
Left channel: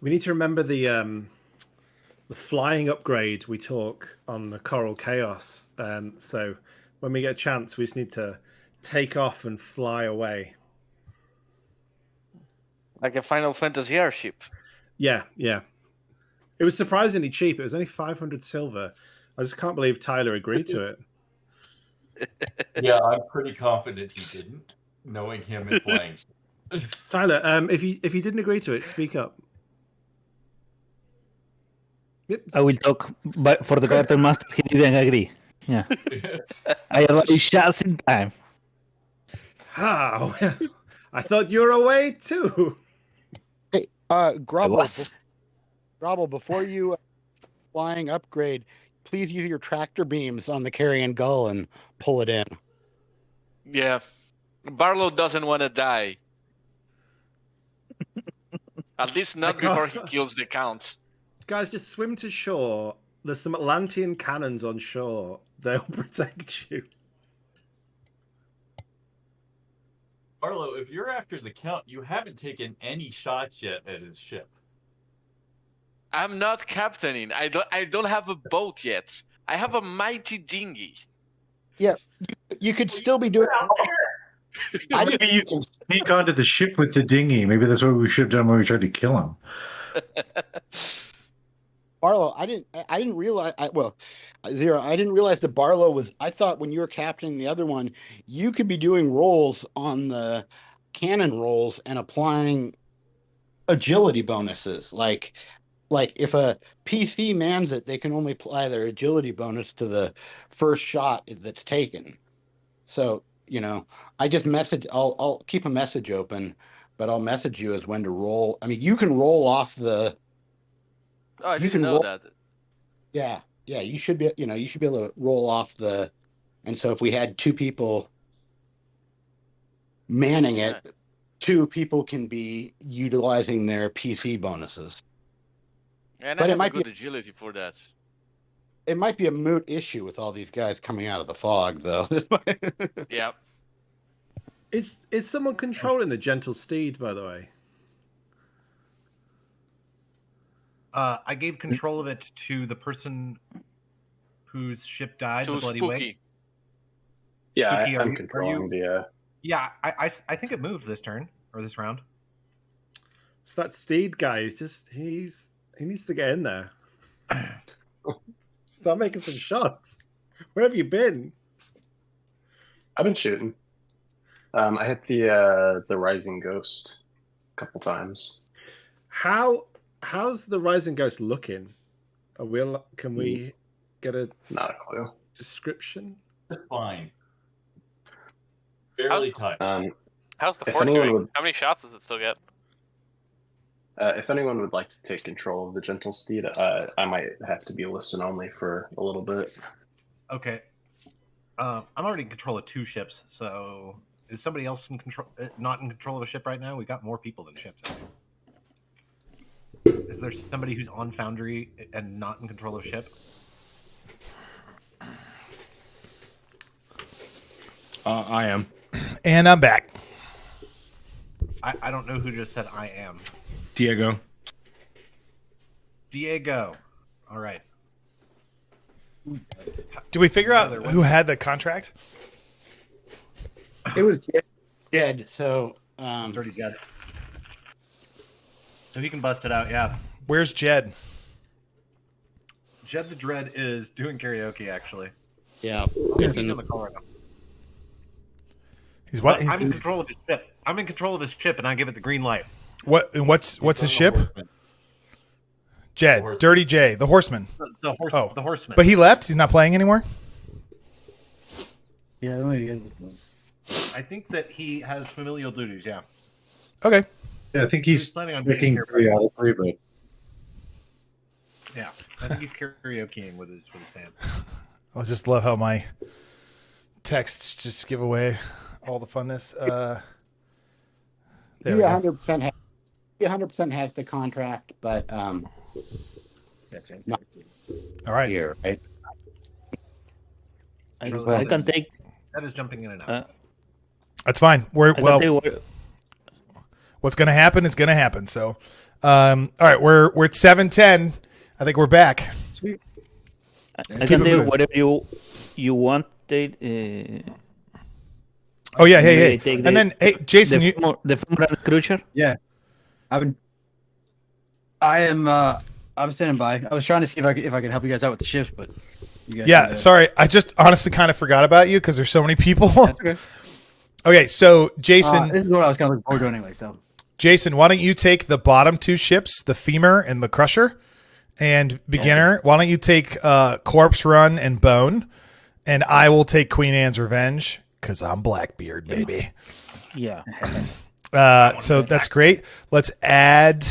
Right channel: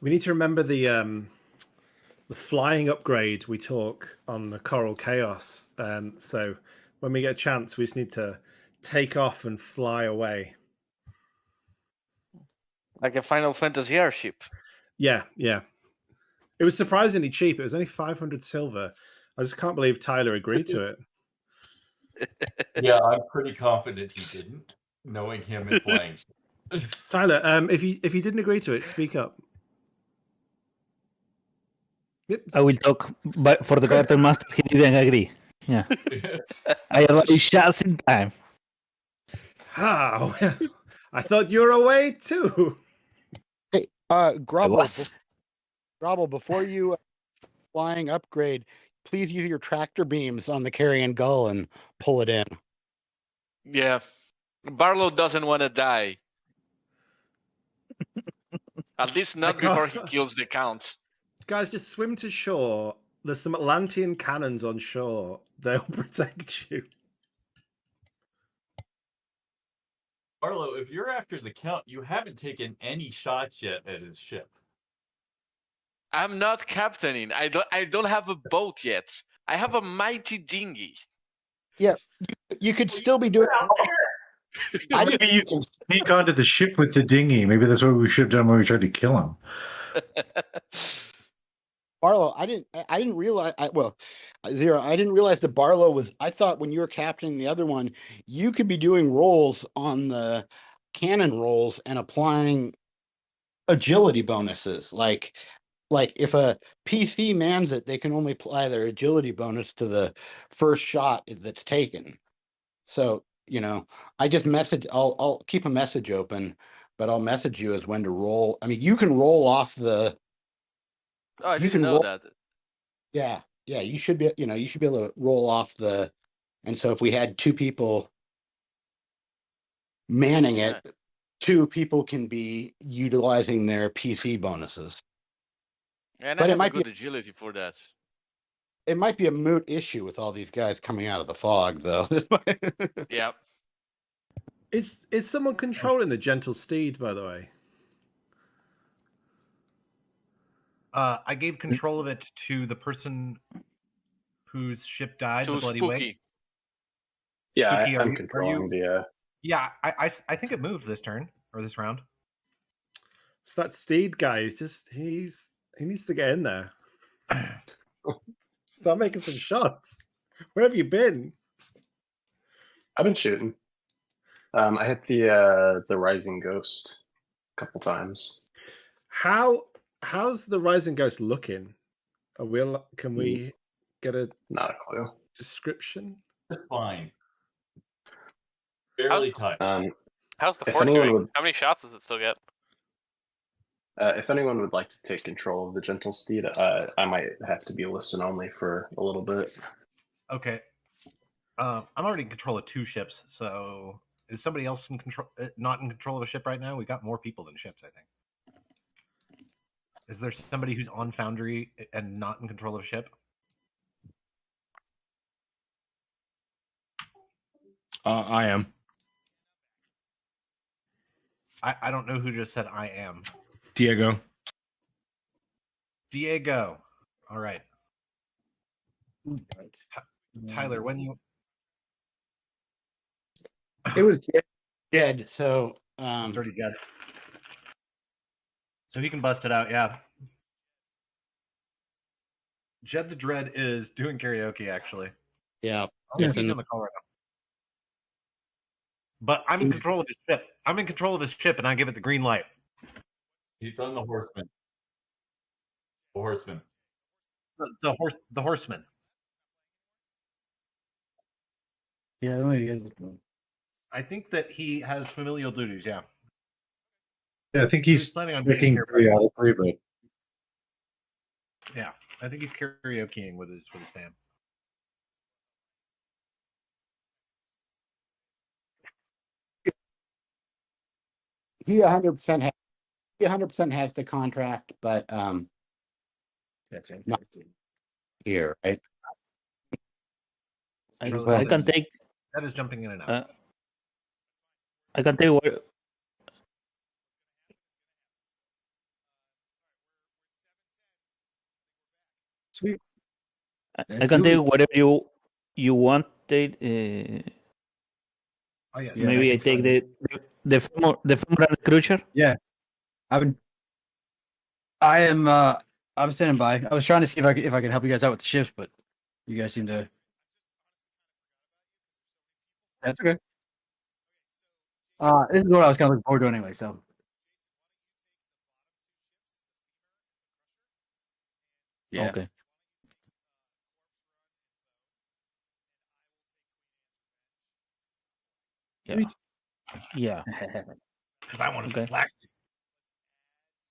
We need to remember the the flying upgrade we talk on the Coral Chaos. So when we get a chance, we just need to take off and fly away. Like a Final Fantasy airship. Yeah. It was surprisingly cheap. It was only 500 silver. I just can't believe Tyler agreed to it. Yeah, I'm pretty confident he didn't, knowing him and playing. Tyler, if you didn't agree to it, speak up. Yep. I will talk, but for the quartermaster, he didn't agree. Yeah, I arrived just in time. How? I thought you were away too. Hey, Grobble, before you flying upgrade, please use your tractor beams on the carrion gull and pull it in. Yeah. Barlow doesn't want to die. At least not before he kills the counts. Guys, just swim to shore. There's some Atlantean cannons on shore. They'll protect you. Barlow, if you're after the Count, you haven't taken any shots yet at his ship. I'm not captaining. I don't have a boat yet. I have a mighty dinghy. Yeah, you could still be doing. Maybe you can sneak onto the ship with the dinghy. Maybe that's what we should have done when we tried to kill him. Barlow, I didn't realize. Zero. I didn't realize that Barlow was. I thought when you were captaining the other one, you could be doing rolls on the cannon rolls and applying agility bonuses. Like if a PC mans it, they can only apply their agility bonus to the first shot that's taken. So I just message. I'll keep a message open, but I'll message you as when to roll. I mean, you can roll off the. Oh, I didn't know that. Yeah, you should be. You should be able to roll off the. And so if we had two people manning it, two people can be utilizing their PC bonuses. And but I it have might good be agility for that. It might be a moot issue with all these guys coming out of the fog, though. Yeah. Is someone controlling the gentle steed, by the way? I gave control of it to the person whose ship died. To the Bloody Spooky. Way. Yeah, Spooky, I'm controlling the. Yeah, I think it moved this turn or this round. So that steed guy is just he needs to get in there. Start making some shots. Where have you been? I've been shooting. I hit the Rising Ghost a couple times. How's the Rising Ghost looking? Can we get a not a clue description? Fine. Barely touched. How's the if fort anyone doing? would- How many shots does it still get? If anyone would like to take control of the Gentle Steed, I might have to be listen only for a little bit. Okay. I'm already in control of two ships, so is somebody else in control? Not in control of a ship right now? We got more people than ships, I think. Is there somebody who's on Foundry and not in control of a ship? I am. And I'm back. I don't know who just said I am. Diego. All right. Do we figure out Tyler, who had the contract? It was Jed. So Dirty Jed. So he can bust it out. Yeah. Where's Jed? Jed the Dread is doing karaoke, actually. Yeah. He's on the call right now. He's what? I'm in control of his ship. I'm in control of his ship, and I give it the green light. What's his ship? Jed, Dirty J, the Horseman. The Horseman. But he left. He's not playing anymore. Yeah, I don't know he is. I think that he has familial duties. Yeah. Okay. Yeah, I think he's planning on picking being here. periodically, but Yeah, I think he's karaokeing with his band. I just love how my texts just give away all the funness. He 100% has the contract, but not all right here, right? I can take. That is jumping in and out. That's fine. What's going to happen is going to happen. So, all right, we're at 7:10. I think we're back. Sweet. I can do whatever you want. Oh yeah, hey. Take And then, hey, Jason, the Fumbrand Cruiser. Yeah, I'm standing by. I was trying to see if I could help you guys out with the ships, but you guys. Yeah, sorry, I just honestly kind of forgot about you because there's so many people. That's okay. Okay, so Jason, this is what I was kind of looking forward to anyway. So, Jason, why don't you take the bottom two ships, the Femur and the Crusher, and Beginner? Okay. Why don't you take Corpse Run and Bone, and I will take Queen Anne's Revenge because I'm Blackbeard, baby. Yeah. So that's great. Let's add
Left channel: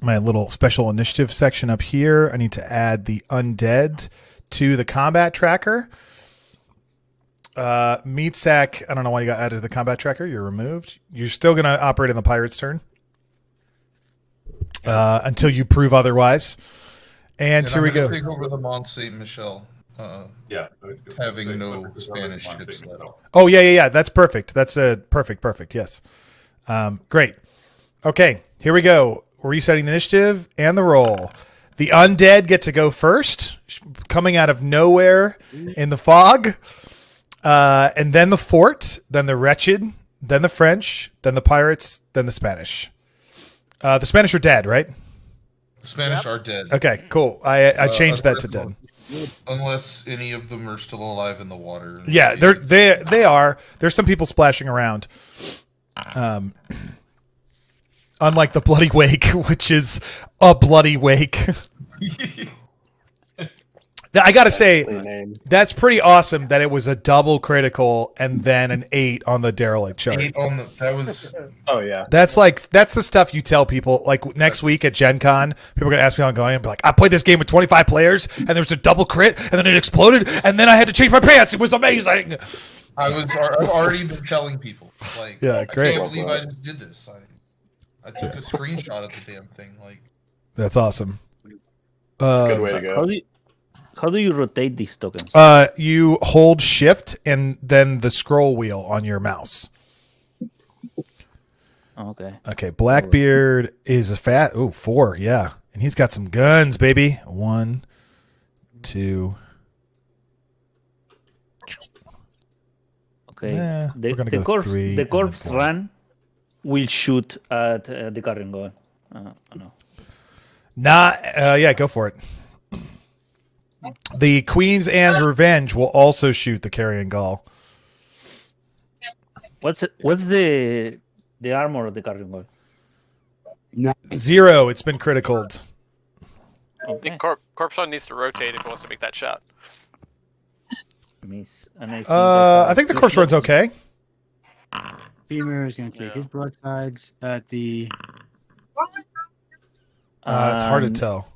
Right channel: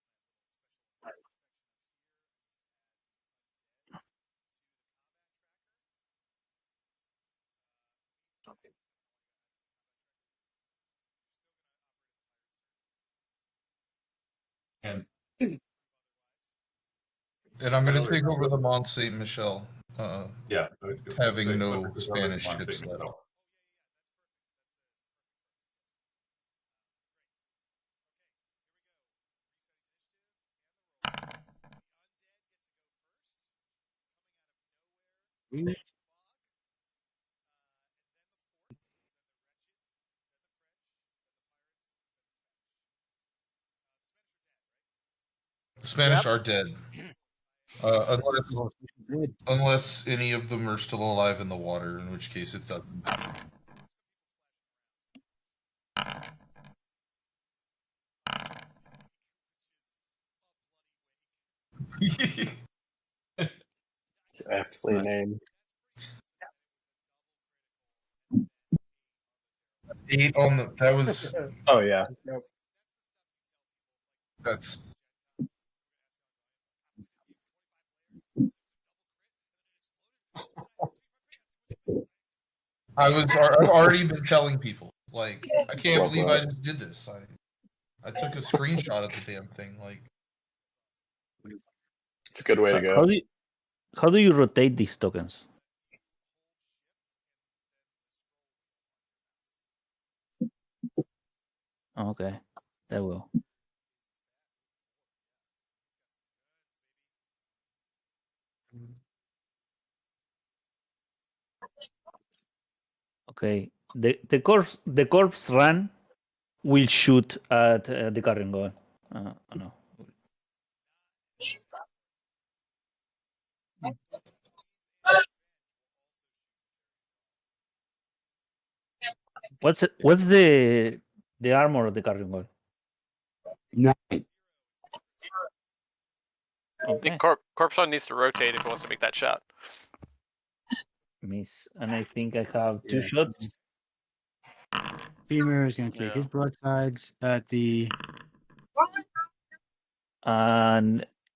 my little special initiative section up here. I need to add the undead to the combat tracker. Meatsack, I don't know why you got added to the combat tracker. You're removed. You're still going to operate in the pirate's turn until you prove otherwise. And here I'm we going go. to take over the Mont Saint Michel. Having no Spanish ships left. Oh yeah. That's perfect. That's a perfect. Yes. Great. Okay, here we go. We're resetting the initiative and the roll. The undead get to go first, coming out of nowhere in the fog. And then the fort, then the wretched, then the French, then the pirates, then the Spanish. The Spanish are dead, right? The Spanish are dead. Okay, cool. I changed that to dead. Unless any of them are still alive in the water. Yeah, they are. There's some people splashing around. Unlike the Bloody Wake, which is a bloody wake. I gotta say, that's pretty awesome that it was a double critical and then an 8 on the derelict chart. That was. Oh yeah. That's the stuff you tell people. Like next week at Gen Con, people are gonna ask me how I'm going and be like, I played this game with 25 players and there was a double crit and then it exploded and then I had to change my pants. It was amazing. I've already been telling people. Like, Yeah, I great. can't believe I just did this. I took a screenshot of the damn thing. Like, that's awesome. It's a good way to go. How do you rotate these tokens? You hold shift and then the scroll wheel on your mouse. Okay. Okay, Blackbeard is a fat. Oh, 4, yeah. And he's got some guns, baby. 1, 2. Okay. The corpse run will shoot at the carrion gun. No. Yeah, go for it. The Queen's Anne's Revenge will also shoot the carrion gull. What's the armor of the carrion gun? 0. It's been criticaled. I think Corpse Run needs to rotate if he wants to make that shot. Miss. And I think the Corpse Run's okay. Femur is going to take his broadsides at the. It's hard to tell.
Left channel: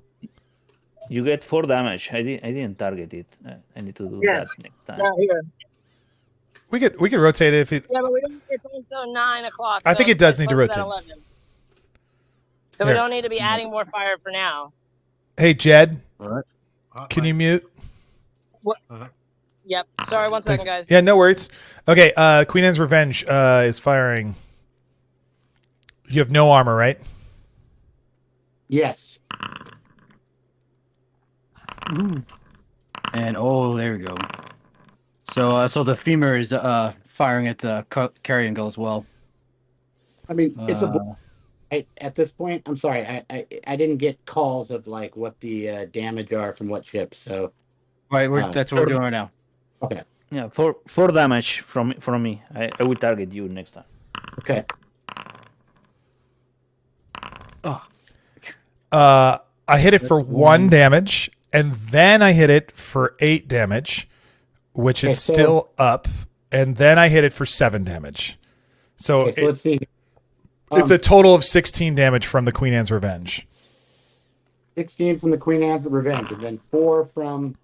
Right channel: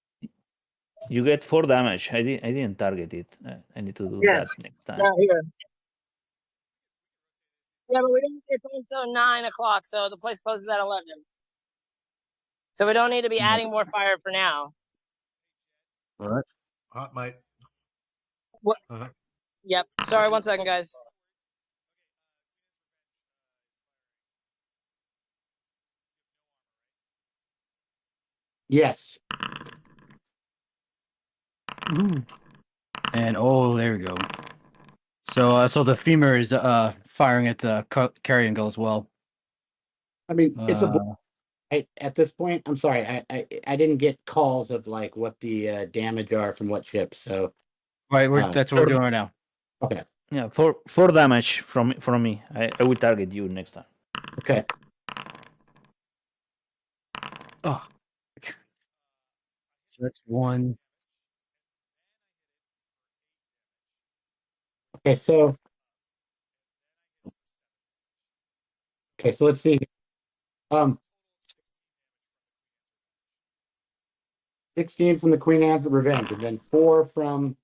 You get 4 damage. I didn't target it. I need to do that next time. Yeah, here. We could rotate it if it. Yeah, but we don't get until 9 o'clock. I think it does need to supposed rotate. at 11. So we don't need to be adding more fire for now. Hey, Jed. What? Can you mute? What? Yep. Sorry, 1 second, guys. Yeah, no worries. Okay, Queen Anne's Revenge is firing. You have no armor, right? Yes. Ooh. And there we go. So the femur is firing at the carrion gull as well. I mean, it's at this point. I'm sorry, I didn't get calls of like what the damage are from what ships. So right, that's what we're doing right now. Okay. Yeah, 4 damage from me. I will target you next time. Okay. I hit it for 1 damage, and then I hit it for 8 damage, which is still up, and then I hit it for 7 damage. So, let's see. It's a total of 16 damage from the Queen Anne's Revenge. 16 from the Queen Anne's Revenge, and then 4 from.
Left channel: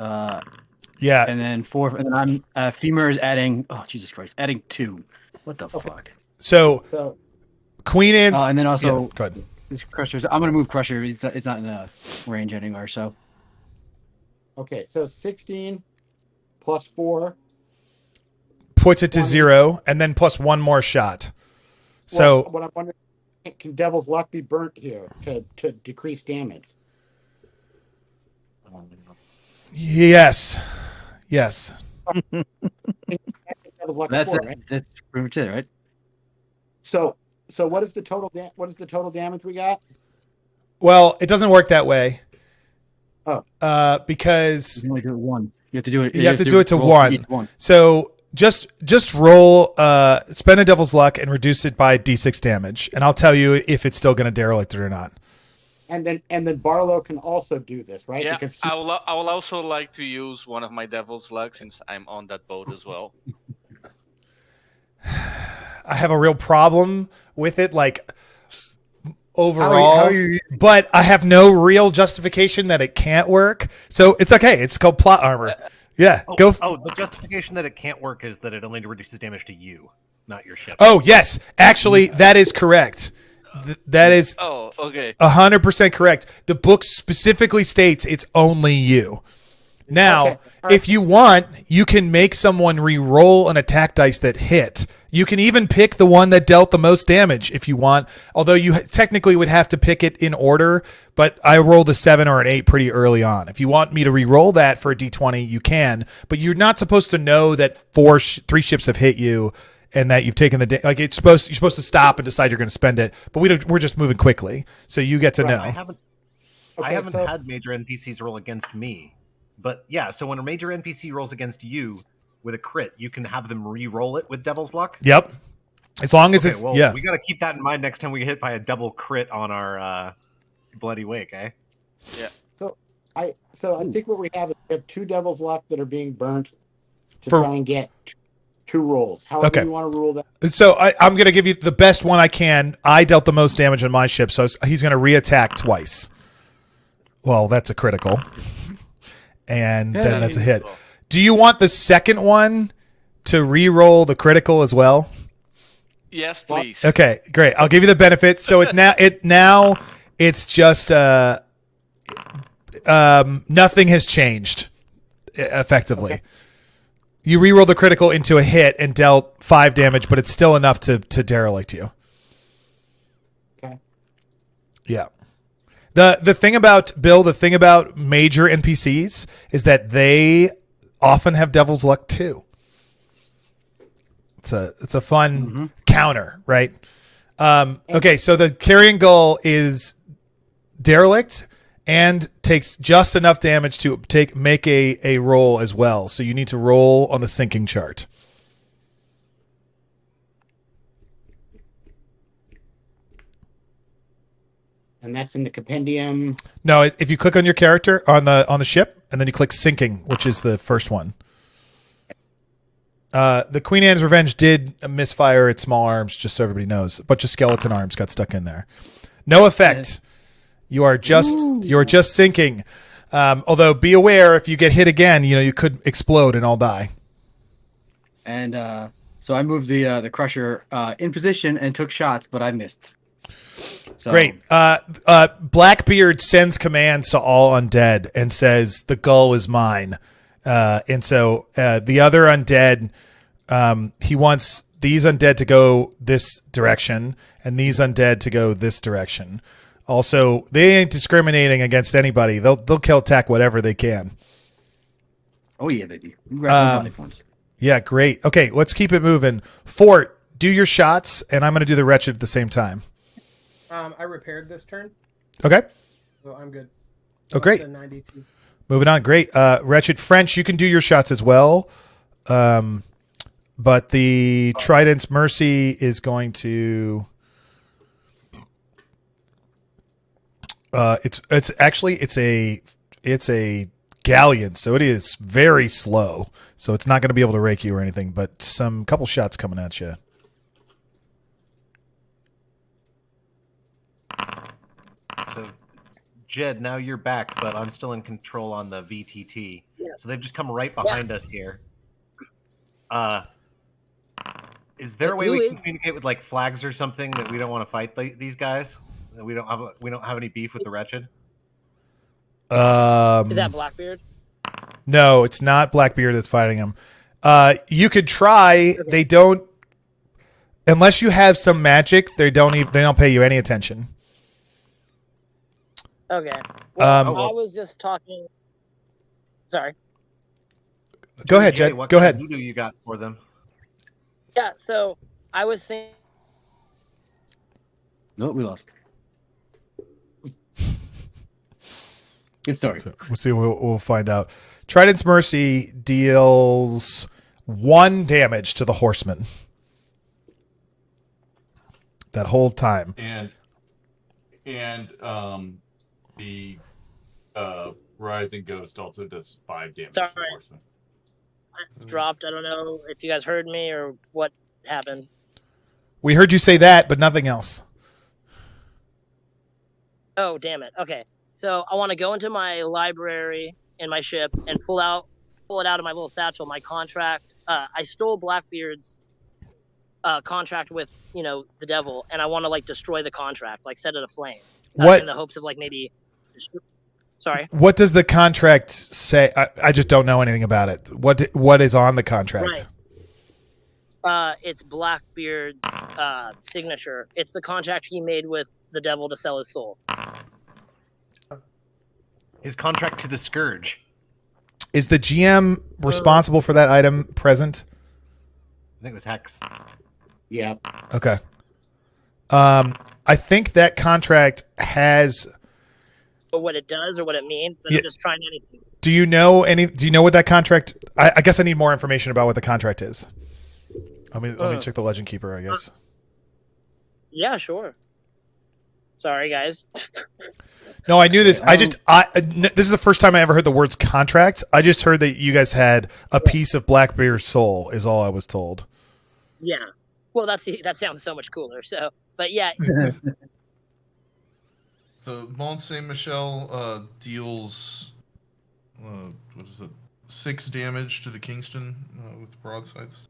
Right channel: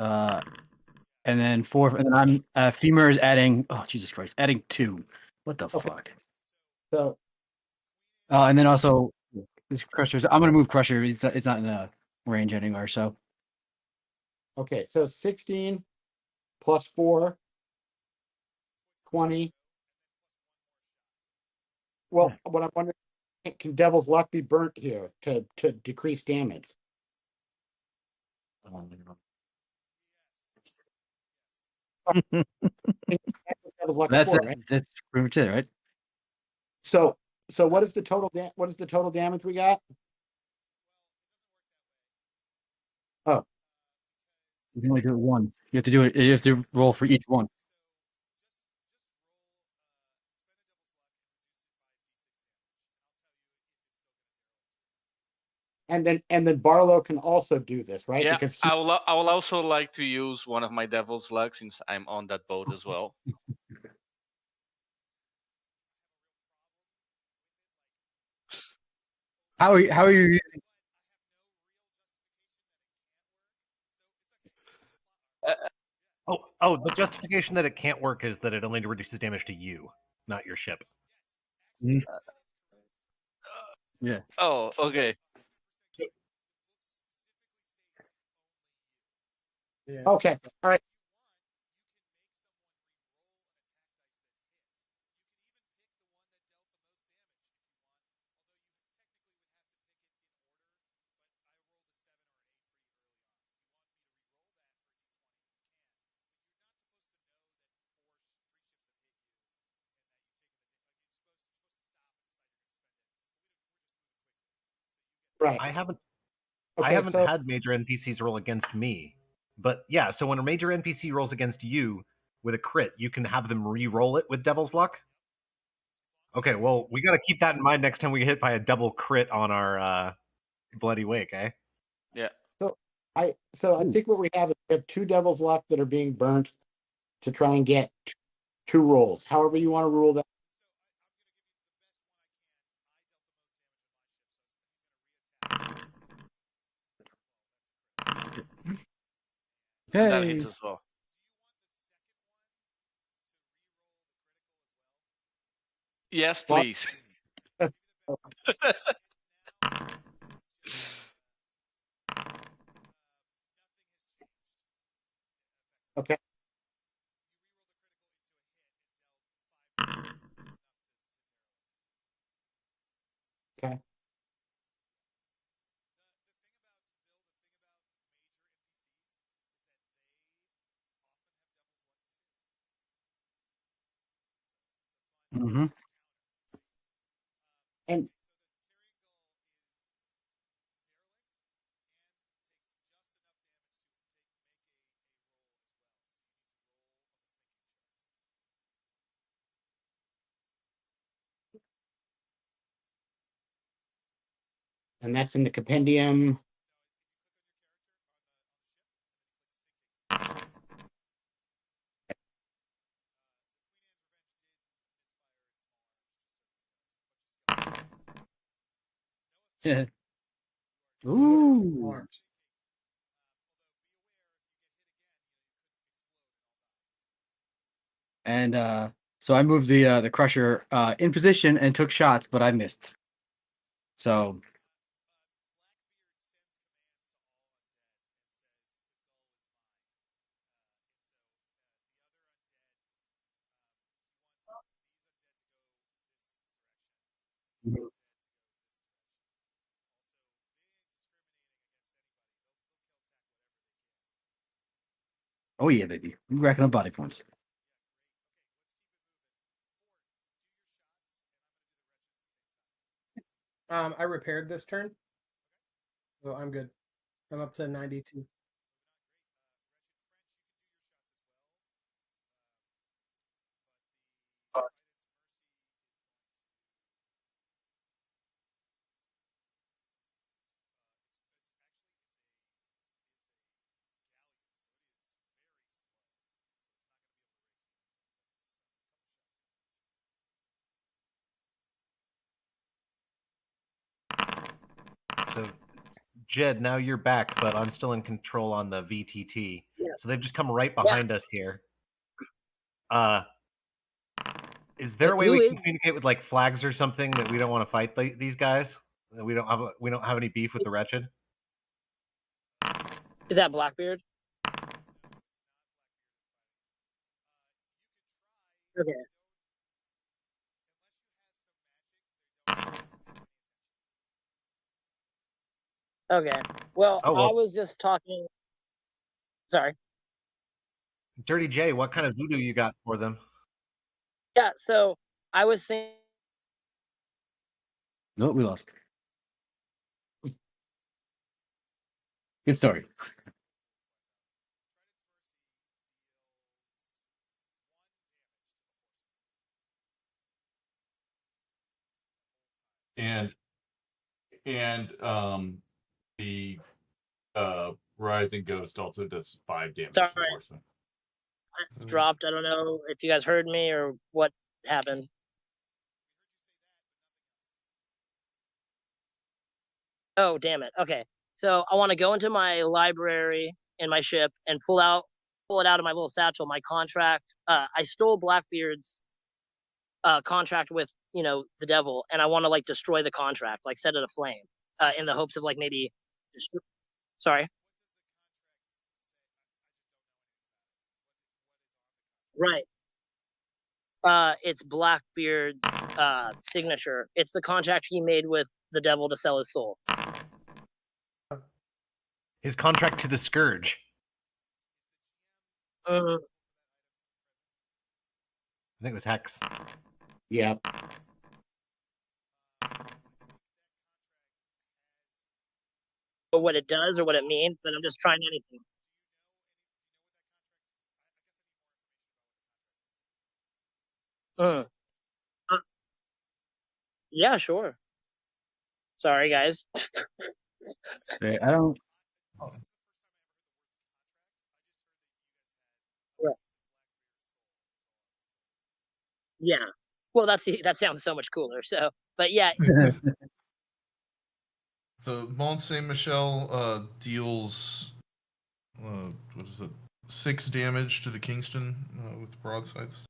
Yeah, and then 4, and then I'm femur is adding. Oh Jesus Christ, adding 2. What the fuck? So Queen Anne's, and then also go ahead. This Crusher's. I'm gonna move Crusher. It's not in the range anymore. So. Okay, so 16 plus 4 puts it to 0, and then plus 1 more shot. So what I'm wondering, Can Devil's Luck be burnt here to decrease damage? Yes. Yes. Devil's Luck That's before, right? That's pretty much it, right? So what is the total damage we got? Well, it doesn't work that way. Oh. Because you can only do it one. You have to do it. You have to do it to one. So just roll, spend a Devil's Luck and reduce it by D6 damage, and I'll tell you if it's still going to derelict it or not. And then Barlow can also do this, right? Yeah, Because I will also like to use one of my Devil's Luck since I'm on that boat as well. I have a real problem with it, like overall. How are you? But I have no real justification that it can't work, so it's okay. It's called plot armor. Yeah, go. The justification that it can't work is that it only reduces damage to you, not your ship. Oh yes, actually, that is correct. That is. Oh, okay. 100% correct. The book specifically states it's only you. Now, if you want, you can make someone re-roll an attack dice that hit. You can even pick the one that dealt the most damage if you want, although you technically would have to pick it in order, but I rolled a 7 or an 8 pretty early on. If you want me to re-roll that for a d20, you can, but you're not supposed to know that 3 ships have hit you and that you've taken the like you're supposed to stop and decide you're going to spend it, but we're just moving quickly, so you get to know. I haven't had major NPCs roll against me, but yeah. So when a major NPC rolls against you with a crit, you can have them re-roll it with Devil's Luck. Yep, as long as we got to keep that in mind next time we get hit by a double crit on our Bloody Wake, eh? Yeah. So I think what we have is we have 2 Devil's Luck that are being burnt to try and get 2 rolls. However you want to rule that. So I'm going to give you the best one I can. I dealt the most damage on my ship, so he's going to re-attack twice. Well, that's a critical. And then that's a hit. Do you want the second one to re-roll the critical as well? Yes, please. Okay, great. I'll give you the benefit. So now it's just nothing has changed effectively. Okay. You re-roll the critical into a hit and dealt 5 damage, but it's still enough to derelict you. Okay. Yeah. The thing about major NPCs is that they often have Devil's Luck too. It's a fun counter, right? Okay, so the carrion gull is derelict and takes just enough damage to make a roll as well. So you need to roll on the sinking chart. And that's in the compendium. No, if you click on your character on the ship, and then you click sinking, which is the first one. The Queen Anne's Revenge did misfire its small arms, just so everybody knows. A bunch of skeleton arms got stuck in there. No effect. You're just sinking. Although be aware, if you get hit again, you could explode and all die. And so I moved the crusher in position and took shots, but I missed. So. Great. Blackbeard sends commands to all undead and says, "The gull is mine." And so the other undead, he wants these undead to go this direction and these undead to go this direction. Also, they ain't discriminating against anybody. They'll attack whatever they can. Oh yeah, baby. We grab body points. Yeah, great. Okay, let's keep it moving. Fort, do your shots, and I'm going to do the Wretched at the same time. I repaired this turn. Okay. So I'm good. Oh, great. 92. Moving on. Great. Wretched French, you can do your shots as well. But the Trident's Mercy is going to... it's a galleon, so it is very slow. So it's not going to be able to rake you or anything, but couple shots coming at you. So, Jed, now you're back, but I'm still in control on the VTT. Yeah. So they've just come right behind us here. Is there a way we can communicate with like flags or something that we don't want to fight these guys? That we don't have any beef with the Wretched? Is that Blackbeard? No, it's not Blackbeard that's fighting him. You could try. Okay. They don't. Unless you have some magic, they don't pay you any attention. Okay. Well, well- I was just talking. Sorry. Go ahead, Jay. Jed. What Go kind ahead. of voodoo you got for them? Yeah. So I was thinking. Nope, we lost. Good story. We'll see. We'll find out. Trident's Mercy deals 1 damage to the horseman. That whole time. And the Rising Ghost also does 5 damage to the Sorry. horseman. I dropped. I don't know if you guys heard me or what happened. We heard you say that, but nothing else. Oh, damn it. Okay. So I want to go into my library in my ship and pull it out of my little satchel, my contract. I stole Blackbeard's contract with, the devil, and I want to like destroy the contract, like set it aflame. What? In the hopes of like maybe sorry. What does the contract say? I just don't know anything about it. What is on the contract? Right. It's Blackbeard's signature. It's the contract he made with the devil to sell his soul. His contract to the Scourge. Is the GM responsible for that item present? I think it was Hex. Yeah. Okay. I think that contract has. What it does or what it means, but I'm just trying anything. Do you know what that contract? I guess I need more information about what the contract is. Let me check the Legend Keeper, I guess. Yeah, sure. Sorry, guys. No, I knew this. This is the first time I ever heard the words contracts. I just heard that you guys had a piece of Blackbeard's soul, is all I was told. Yeah. Well, that sounds so much cooler. So, but yeah. The Mont Saint Michel deals 6 damage to the Kingston with broadsides.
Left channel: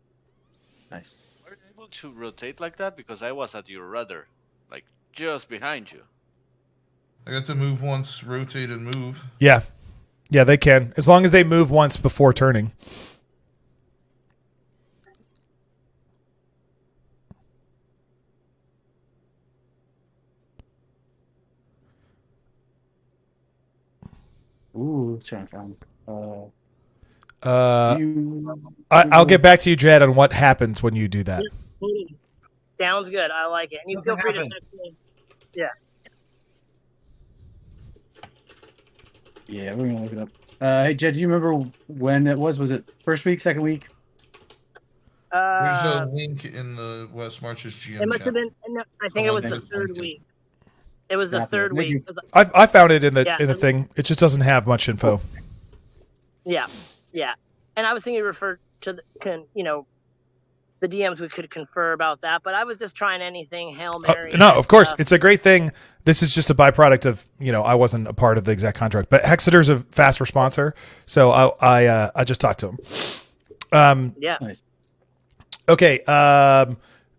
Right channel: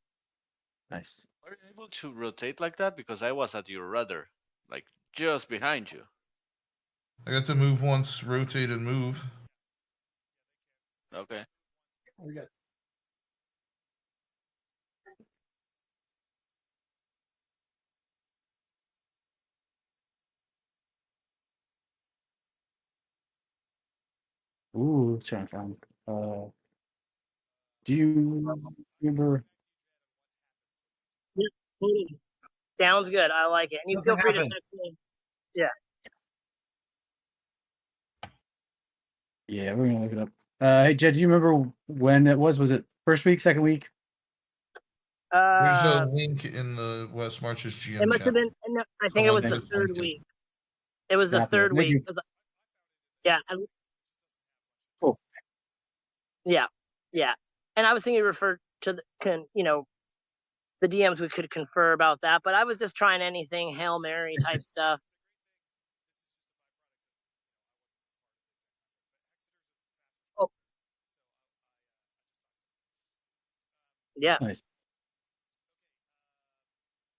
Nice. Were you able to rotate like that? Because I was at your rudder, like just behind you. I got to move once, rotate and move. Yeah, they can, as long as they move once before turning. Ooh, trying to find. I'll get back to you, Jed, on what happens when you do that. Sounds good. I like it. And you feel free to text me. Yeah. Yeah, we're gonna look it up. Hey, Jed, do you remember when it was? Was it first week, second week? There's a link in the West Marches GM It must chat. have been. No, I think it was the third week. It was the third week. I found it in the Yeah, thing. It just doesn't have much info. Yeah, yeah. And I was thinking you referred to the DMs. We could confer about that, but I was just trying anything Hail Mary. No, of course, stuff. it's a great thing. This is just a byproduct of I wasn't a part of the exact contract, but Hexeter's a fast responser, so I just talked to him. Yeah. Nice. Okay.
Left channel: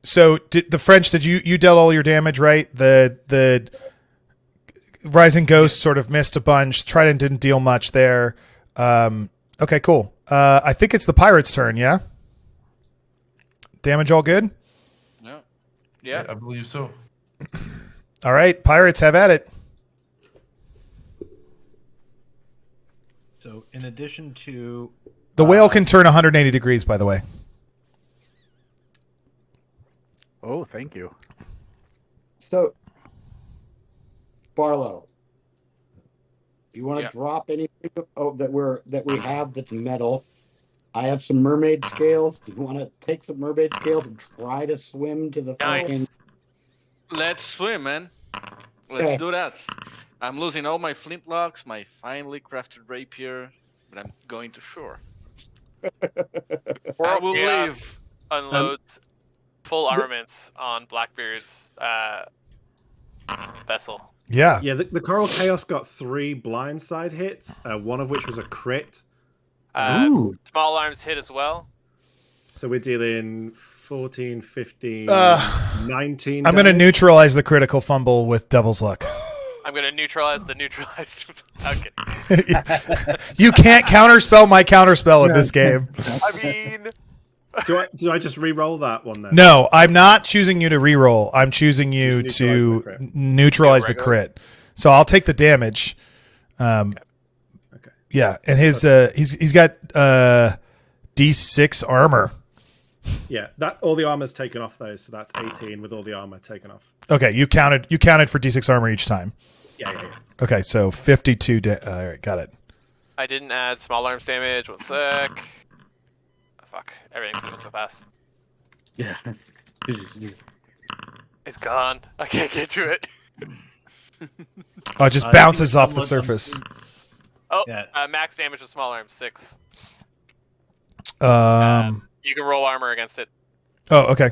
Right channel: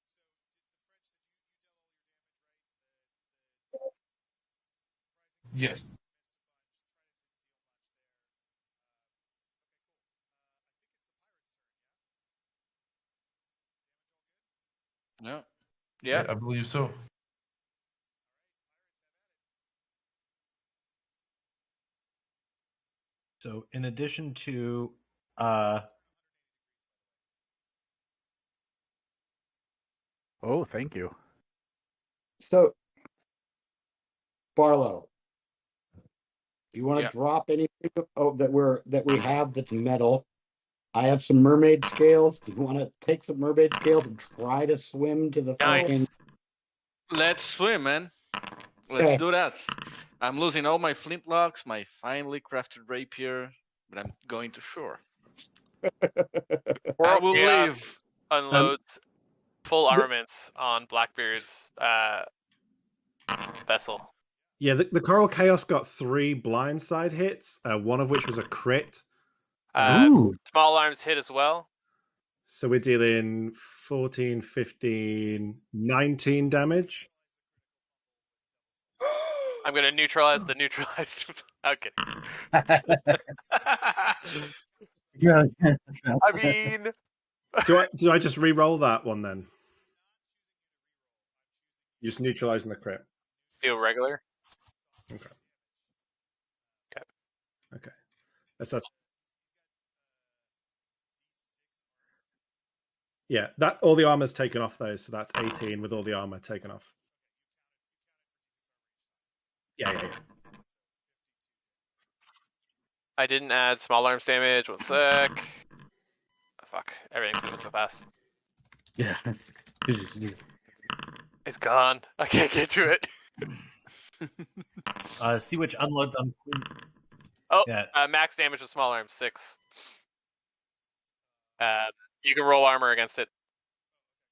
So the French, did you dealt all your damage, right? The Rising Ghost sort of missed a bunch. Trident didn't deal much there. Okay, cool. I think it's the Pirates' turn. Yeah. Damage all good? Yeah. Yeah. I believe so. All right, Pirates, have at it. So, in addition to The whale can turn 180 degrees, by the way. Oh, thank you. So, Barlow, do you want to drop anything that we have that's metal? I have some mermaid scales. Do you want to take some mermaid scales and try to swim to the fucking? Let's swim, man. Let's do that. I'm losing all my flintlocks, my finely crafted rapier, but I'm going to shore. Or I will leave. Unloads full armaments on Blackbeard's vessel. Yeah. Yeah, the Coral Chaos got 3 blindside hits, one of which was a crit. Small arms hit as well. So we're dealing 14, 15, 19 I'm going to damage. neutralize the critical fumble with Devil's Luck. I'm going to neutralize the neutralized. Okay. You can't counterspell my counterspell in this game. I mean, Do I just re-roll that one then? No, I'm not choosing you to re-roll. I'm choosing you to neutralize the crit. So I'll take the damage. Okay. Yeah, and his he's got D6 armor. Yeah, that all the armor's taken off though, so that's 18 with all the armor taken off. Okay, you counted for D6 armor each time. Yeah. Okay, so 52. All right, got it. I didn't add small arms damage. 1 sec. Oh, fuck, everything's moving so fast. Yeah. It's gone. I can't get to it. Oh, it just bounces off the surface. Oh, max damage with small arms 6. You can roll armor against it. Oh, okay.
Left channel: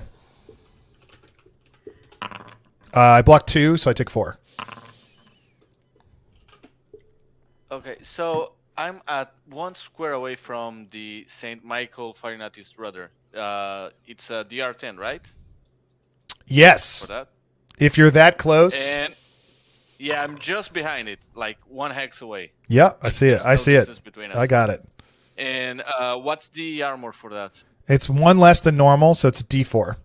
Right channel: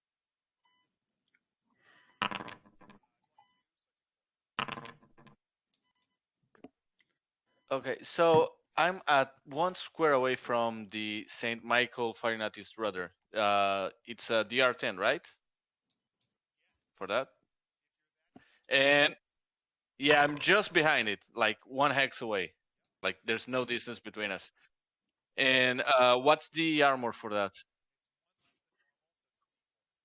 I blocked 2, so I take 4. Okay, so I'm at 1 square away from the Saint Michael firing at his rudder. It's a DR10, right? Yes. For that. If you're that close. And yeah, I'm just behind it, like 1 hex away. Yeah, I see it. I see it. I got it. And what's the armor for that? It's 1 less than normal, so it's a D4.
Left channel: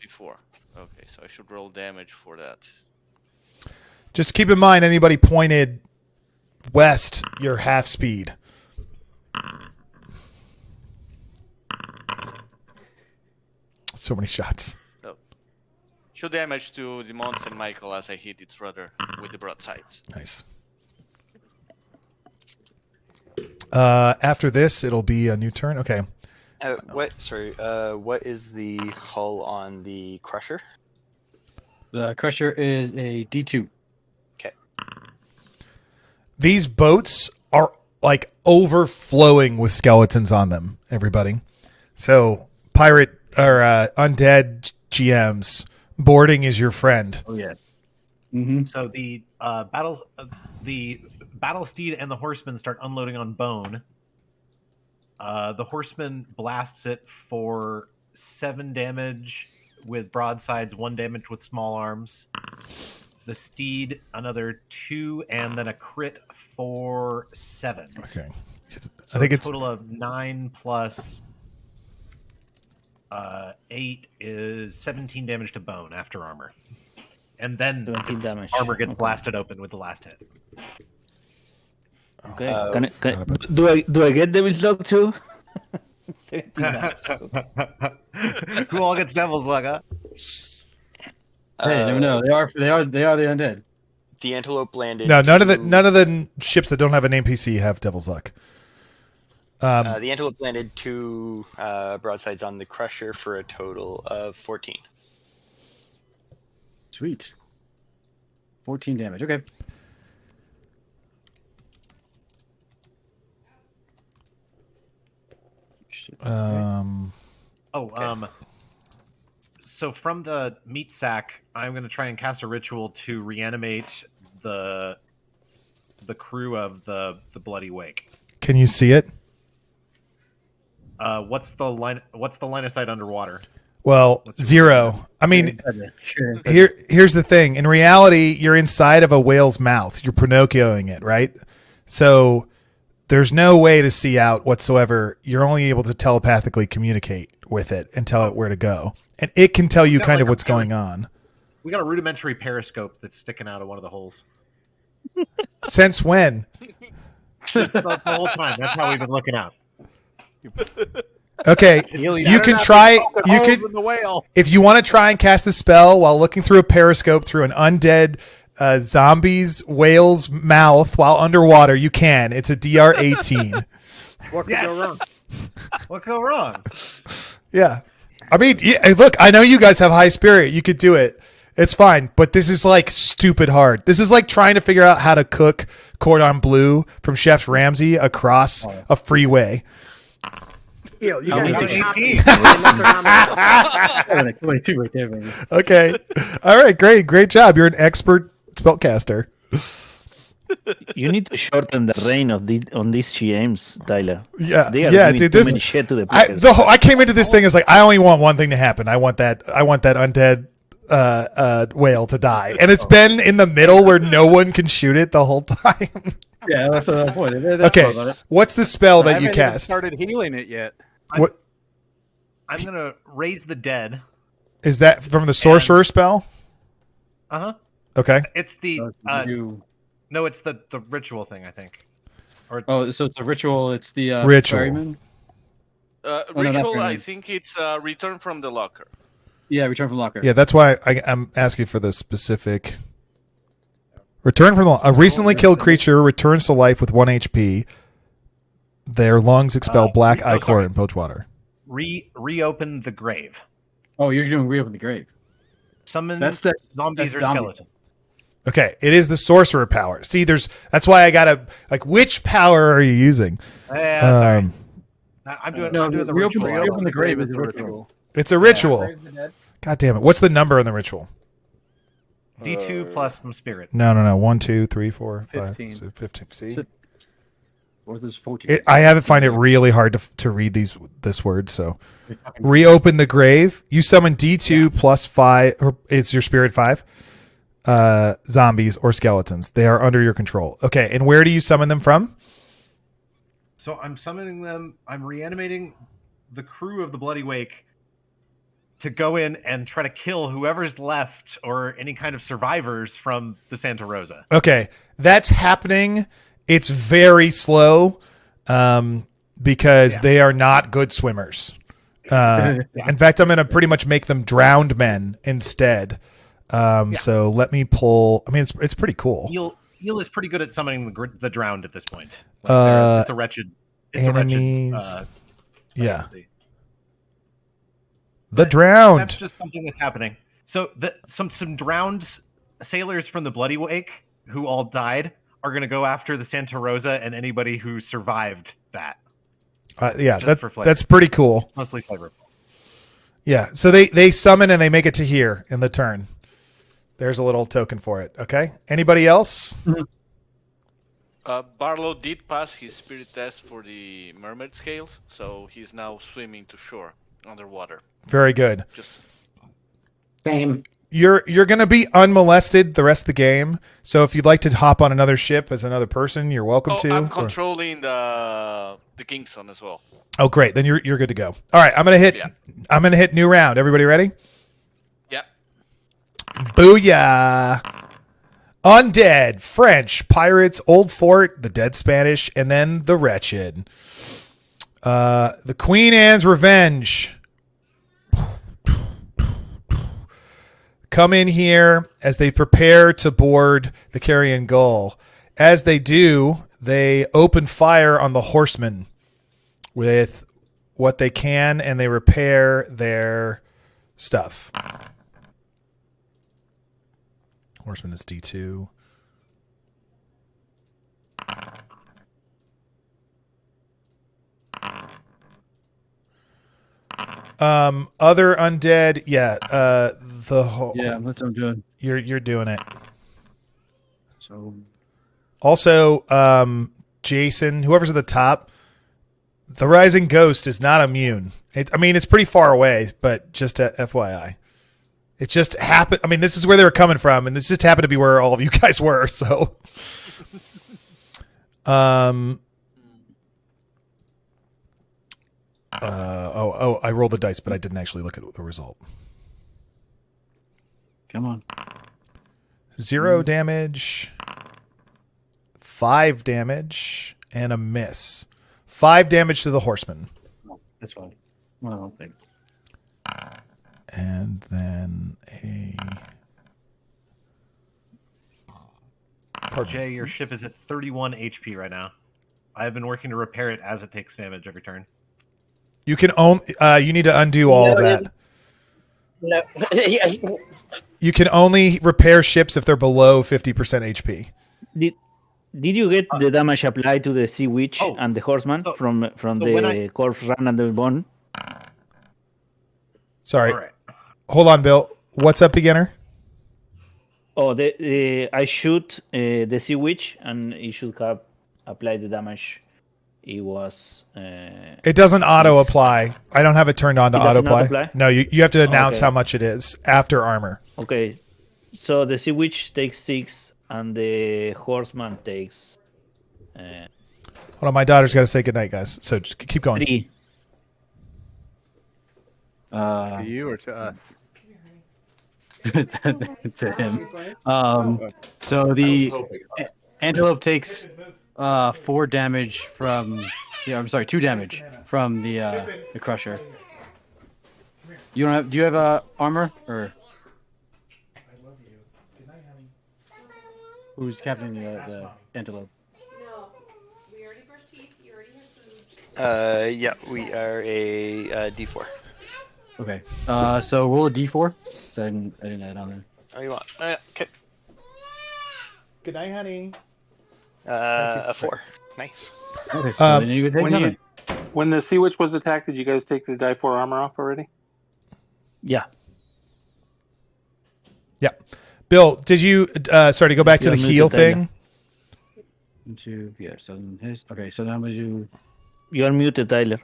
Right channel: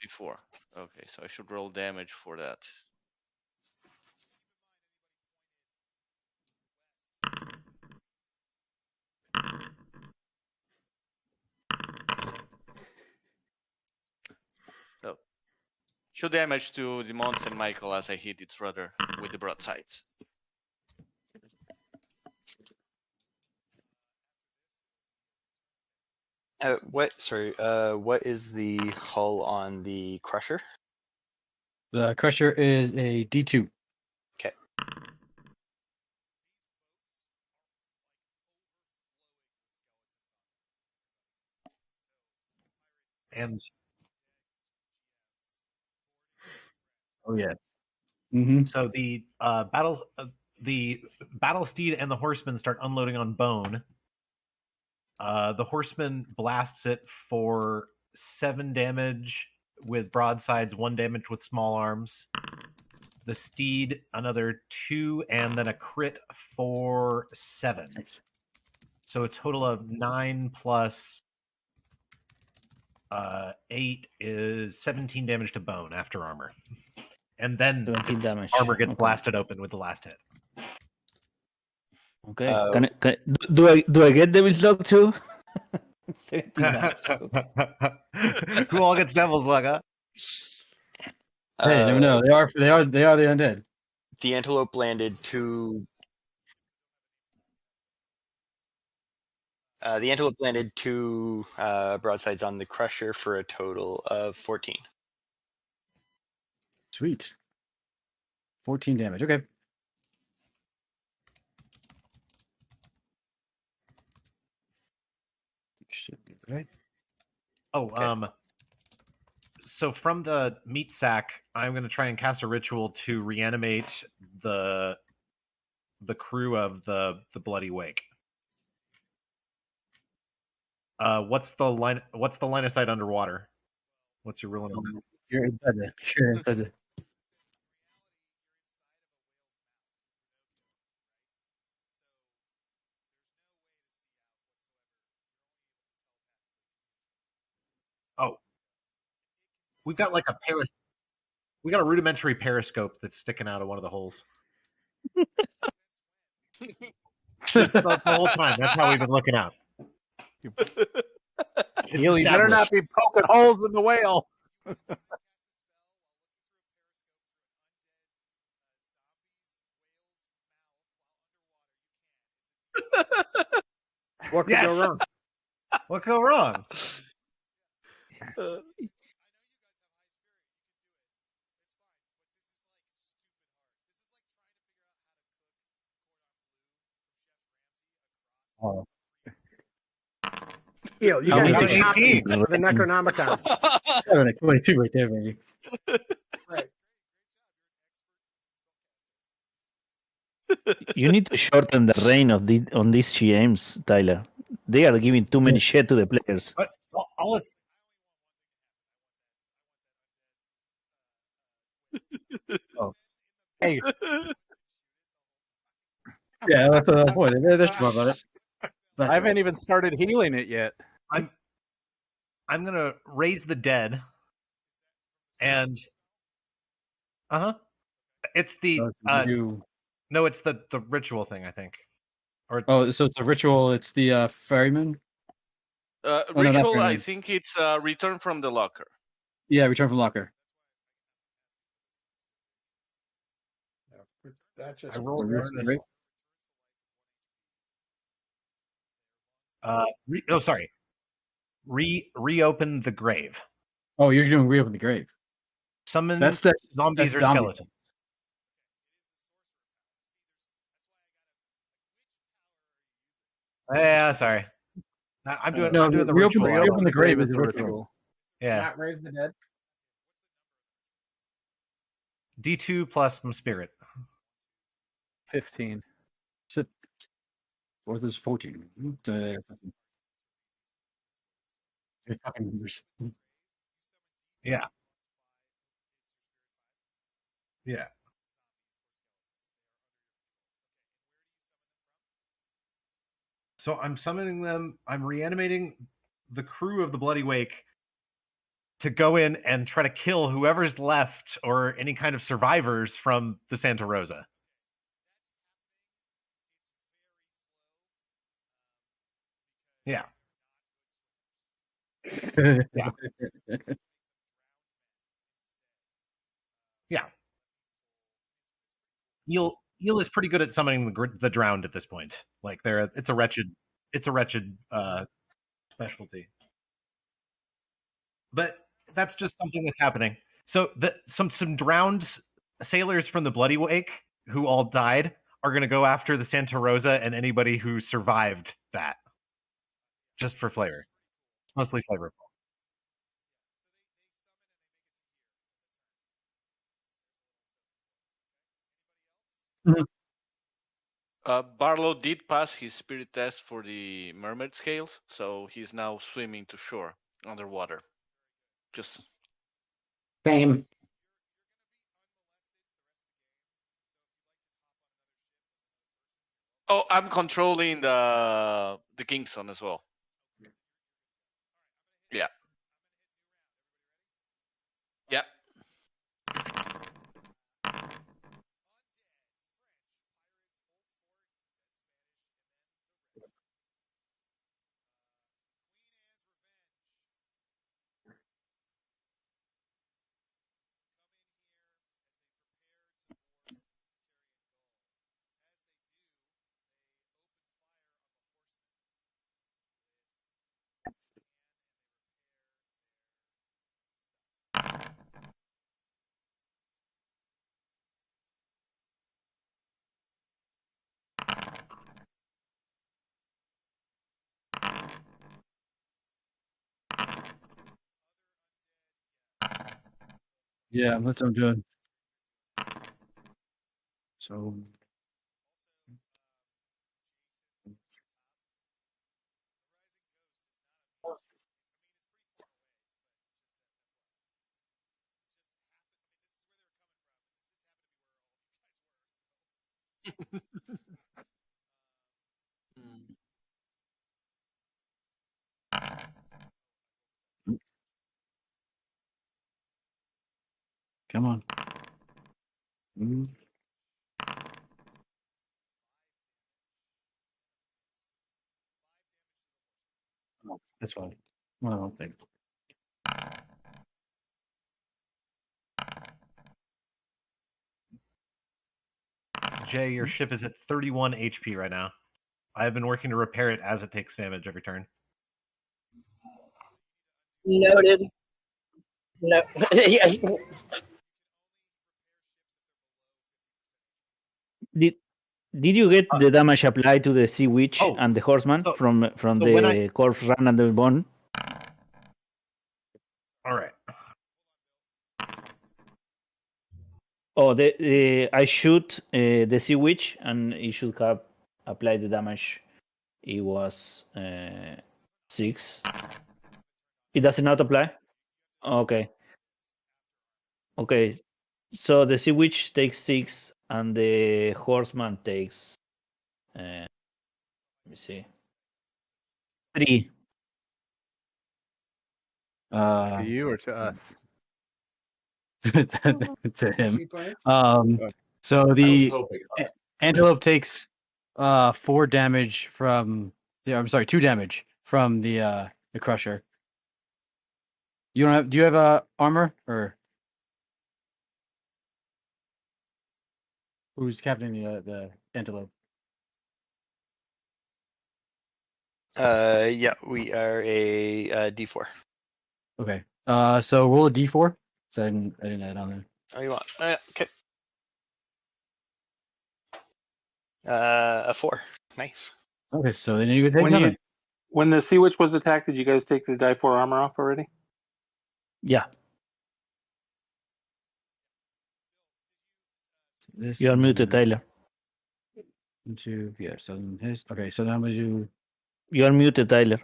D4. Okay, so I should roll damage for that. Just keep in mind, anybody pointed west, you're half speed. So many shots. So, show damage to the Mount St. Michael as I hit its rudder with the broadsides. Nice. After this, it'll be a new turn. Okay. What is the hull on the Crusher? The Crusher is a D2. Okay. These boats are like overflowing with skeletons on them, everybody. So pirate or undead GMs, boarding is your friend. Oh yeah. Mm-hmm. So the battle steed and the horseman start unloading on Bone. The horseman blasts it for 7 damage with broadsides, 1 damage with small arms. The steed another 2, and then a crit for 7. Okay. So I think it's a total of 9 plus 8 is 17 damage to Bone after armor. And then armor gets blasted open with the last hit. Okay. Do I get Devil's Luck too? Who all gets Devil's Luck, huh? Hey, never know. They are the undead. The Antelope landed. No, none of the ships that don't have an NPC have Devil's Luck. The Antelope landed 2 broadsides on the Crusher for a total of 14. Sweet. 14 damage. Okay. So from the Meatsack, I'm going to try and cast a ritual to reanimate the crew of the Bloody Wake. Can you see it? What's the line of sight underwater? Well, 0. I mean, here's the thing. In reality, you're inside of a whale's mouth. You're Pinocchioing it, right? So there's no way to see out whatsoever. You're only able to telepathically communicate with it and tell it where to go. And it can tell you kind of what's going on. We got a rudimentary periscope that's sticking out of one of the holes. Since when? Since the whole time. That's how we've been looking out. Okay, you can try. In the whale. If you want to try and cast a spell while looking through a periscope through an undead zombie's whale's mouth while underwater, you can. It's a DR 18. What could go wrong? What could go wrong? Yeah. I mean, look, I know you guys have high spirit. You could do it. It's fine. But this is like stupid hard. This is like trying to figure out how to cook cordon bleu from Chef Ramsay across a freeway. You got 18. 22 right there, baby. Okay. All right. Great job. You're an expert spellcaster. You need to shorten the reign of on these GMs, Tyler. Yeah, they are giving too many shit to the players. I came into this thing as like, I only want one thing to happen. I want that undead whale to die, and it's been in the middle where no one can shoot it the whole time. Yeah, that's the point. Okay, what's the spell that you I haven't cast? even started healing it yet. I'm gonna raise the dead. Is that from the sorcerer spell? Uh-huh. Okay. It's the no, it's the ritual thing, I think. Or so it's a ritual. It's the Ritual. ferryman. Oh, no, not Ritual, I ferryman. think it's return from the locker. Yeah, return from locker. Yeah, that's why I'm asking for the specific. Return from a recently killed creature returns to life with 1 HP. Their lungs expel black ichor and poach water. Reopen the grave. Oh, you're doing reopen the grave. Summon zombies or skeletons. Okay, it is the sorcerer power. See, that's why I gotta which power are you using? Sorry. I'm doing the ritual. Reopen the grave is a ritual. It's a ritual. Raise the dead. God damn it! What's the number on the ritual? D2 plus some spirit. No. 1, 2, 3, 4, 5, 15. 6, 15. See? Or there's 14. I have find it really hard to read this word. So, reopen the grave. You summon D2 plus 5. Or it's your spirit 5. Zombies or skeletons. They are under your control. Okay, and where do you summon them from? So I'm summoning them. I'm reanimating the crew of the Bloody Wake to go in and try to kill whoever's left or any kind of survivors from the Santa Rosa. Okay, that's happening. It's very slow because they are not good swimmers. In fact, I'm going to pretty much make them drowned men instead. So let me pull. I mean, it's pretty cool. Eel is pretty good at summoning the drowned at this point. It's a wretched. Yeah. The drowned. That's just something that's happening. So some drowned sailors from the Bloody Wake who all died are going to go after the Santa Rosa and anybody who survived that. That's pretty cool. Mostly flavorful. Yeah. So they summon and they make it to here in the turn. There's a little token for it. Okay. Anybody else? Barlow did pass his spirit test for the mermaid scales, so he's now swimming to shore underwater. Very good. Same. You're going to be unmolested the rest of the game. So if you'd like to hop on another ship as another person, you're welcome to. I'm controlling the Kingston as well. Oh, great. Then you're good to go. All right, I'm going to hit new round. Everybody ready? Yeah. Booyah. Undead, French, Pirates, Old Fort, the Dead Spanish, and then the Wretched. The Queen Anne's Revenge. Come in here as they prepare to board the Carrion Gull. As they do, they open fire on the horsemen with what they can, and they repair their stuff. Horseman is D2. Other undead, the whole that's what I'm doing. You're doing it. So also, Jason, whoever's at the top, the Rising Ghost is not immune. It's pretty far away, but just FYI. It just happened. I mean, this is where they were coming from, and this just happened to be where all of you guys were. So, I rolled the dice, but I didn't actually look at the result. Come on. 0 damage, 5 damage, and a miss. 5 damage to the horseman. Oh, that's fine. Well, I don't think. And then Jay, your ship is at 31 HP right now. I have been working to repair it as it takes damage every turn. You can you need to undo all of that. No. You can only repair ships if they're below 50% HP. Did you get the damage applied to the Sea Witch and the Horseman from the Corpse Run and the Bone? Sorry. All right. Hold on, Bill. What's up, beginner? Oh, I shoot the Sea Witch, and it should have applied the damage. It was. It doesn't auto apply. I don't have it turned on to auto apply. No, you have to announce how much it is after armor. Okay, so the Sea Witch takes 6, and the Horseman takes. Hold on, my daughter's got to say goodnight, guys. So just keep going. 3. To you or to us? to him. So the antelope takes 4 damage from. Yeah, I'm sorry, 2 damage from the crusher. You don't have? Do you have armor or? Who's captaining the antelope? Yeah, we are a D4. Okay. So roll a D4. So I didn't add on there. Oh, you want? Okay. Good night, honey. A 4. Nice. Okay. So then you would take another. When the Sea Witch was attacked, did you guys take the die 4 armor off already? Yeah. Yeah. Bill, did you? Sorry to go back to the heal thing. So his. Okay. So now would you? You are muted, Tyler.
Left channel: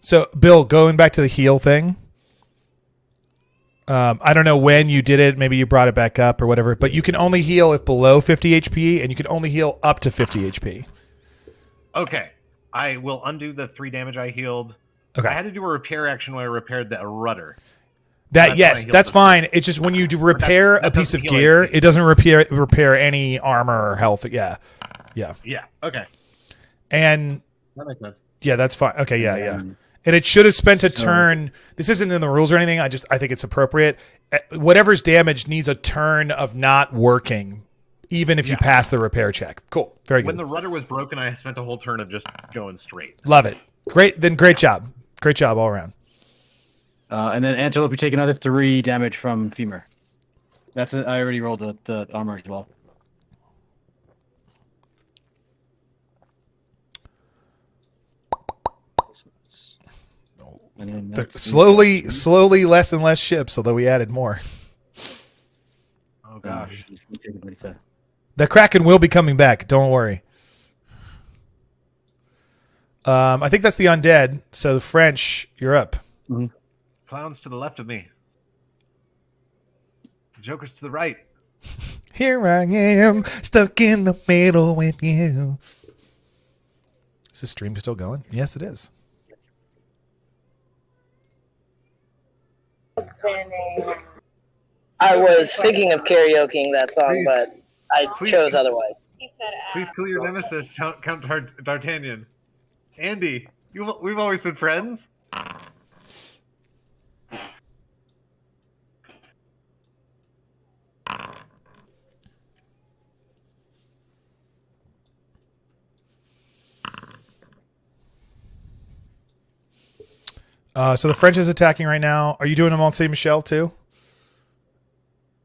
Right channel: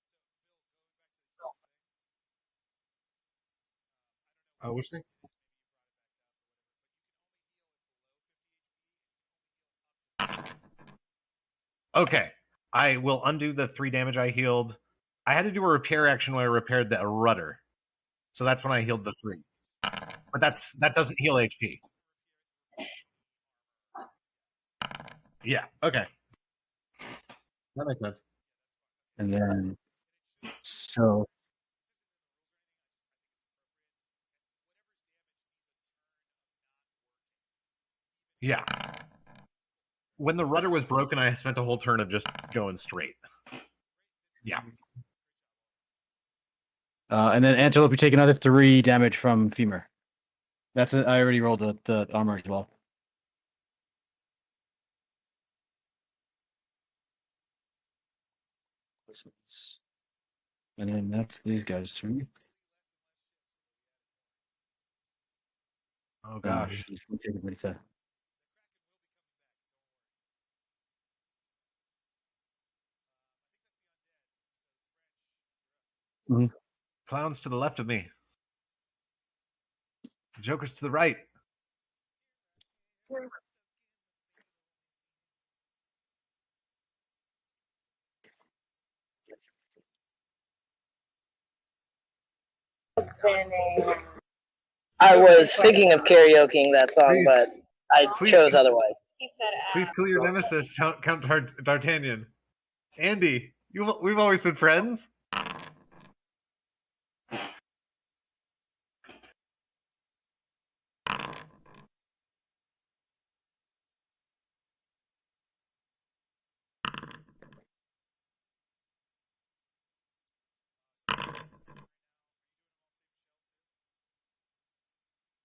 So Bill, going back to the heal thing. I don't know when you did it. Maybe you brought it back up or whatever. But you can only heal if below 50 HP, and you can only heal up to 50 HP. Okay. I will undo the 3 damage I healed. Okay. I had to do a repair action where I repaired the rudder. That's fine. It's just when you do repair a piece of gear, it doesn't repair any armor or health. Yeah. Okay. And that makes sense. Yeah, that's fine. Okay. Yeah. And it should have spent a turn. This isn't in the rules or anything. I think it's appropriate. Whatever's damaged needs a turn of not working, even if you pass the repair check. Cool. Very good. When the rudder was broken, I spent a whole turn of just going straight. Love it. Great. Then great job. Great job all around. And then Antelope, you take another 3 damage from Femur. I already rolled the armor as well. And then slowly less and less ships, although we added more. Oh gosh. The Kraken will be coming back. Don't worry. I think that's the undead. So the French, you're up. Mm-hmm. Clowns to the left of me. Joker's to the right. Here I am, stuck in the middle with you. Is the stream still going? Yes, it is. I was thinking of karaokeing that song, but I chose otherwise. Please kill your nemesis, Count D'Artagnan. Andy, we've always been friends. So the French is attacking right now. Are you doing a Mont Saint Michel too?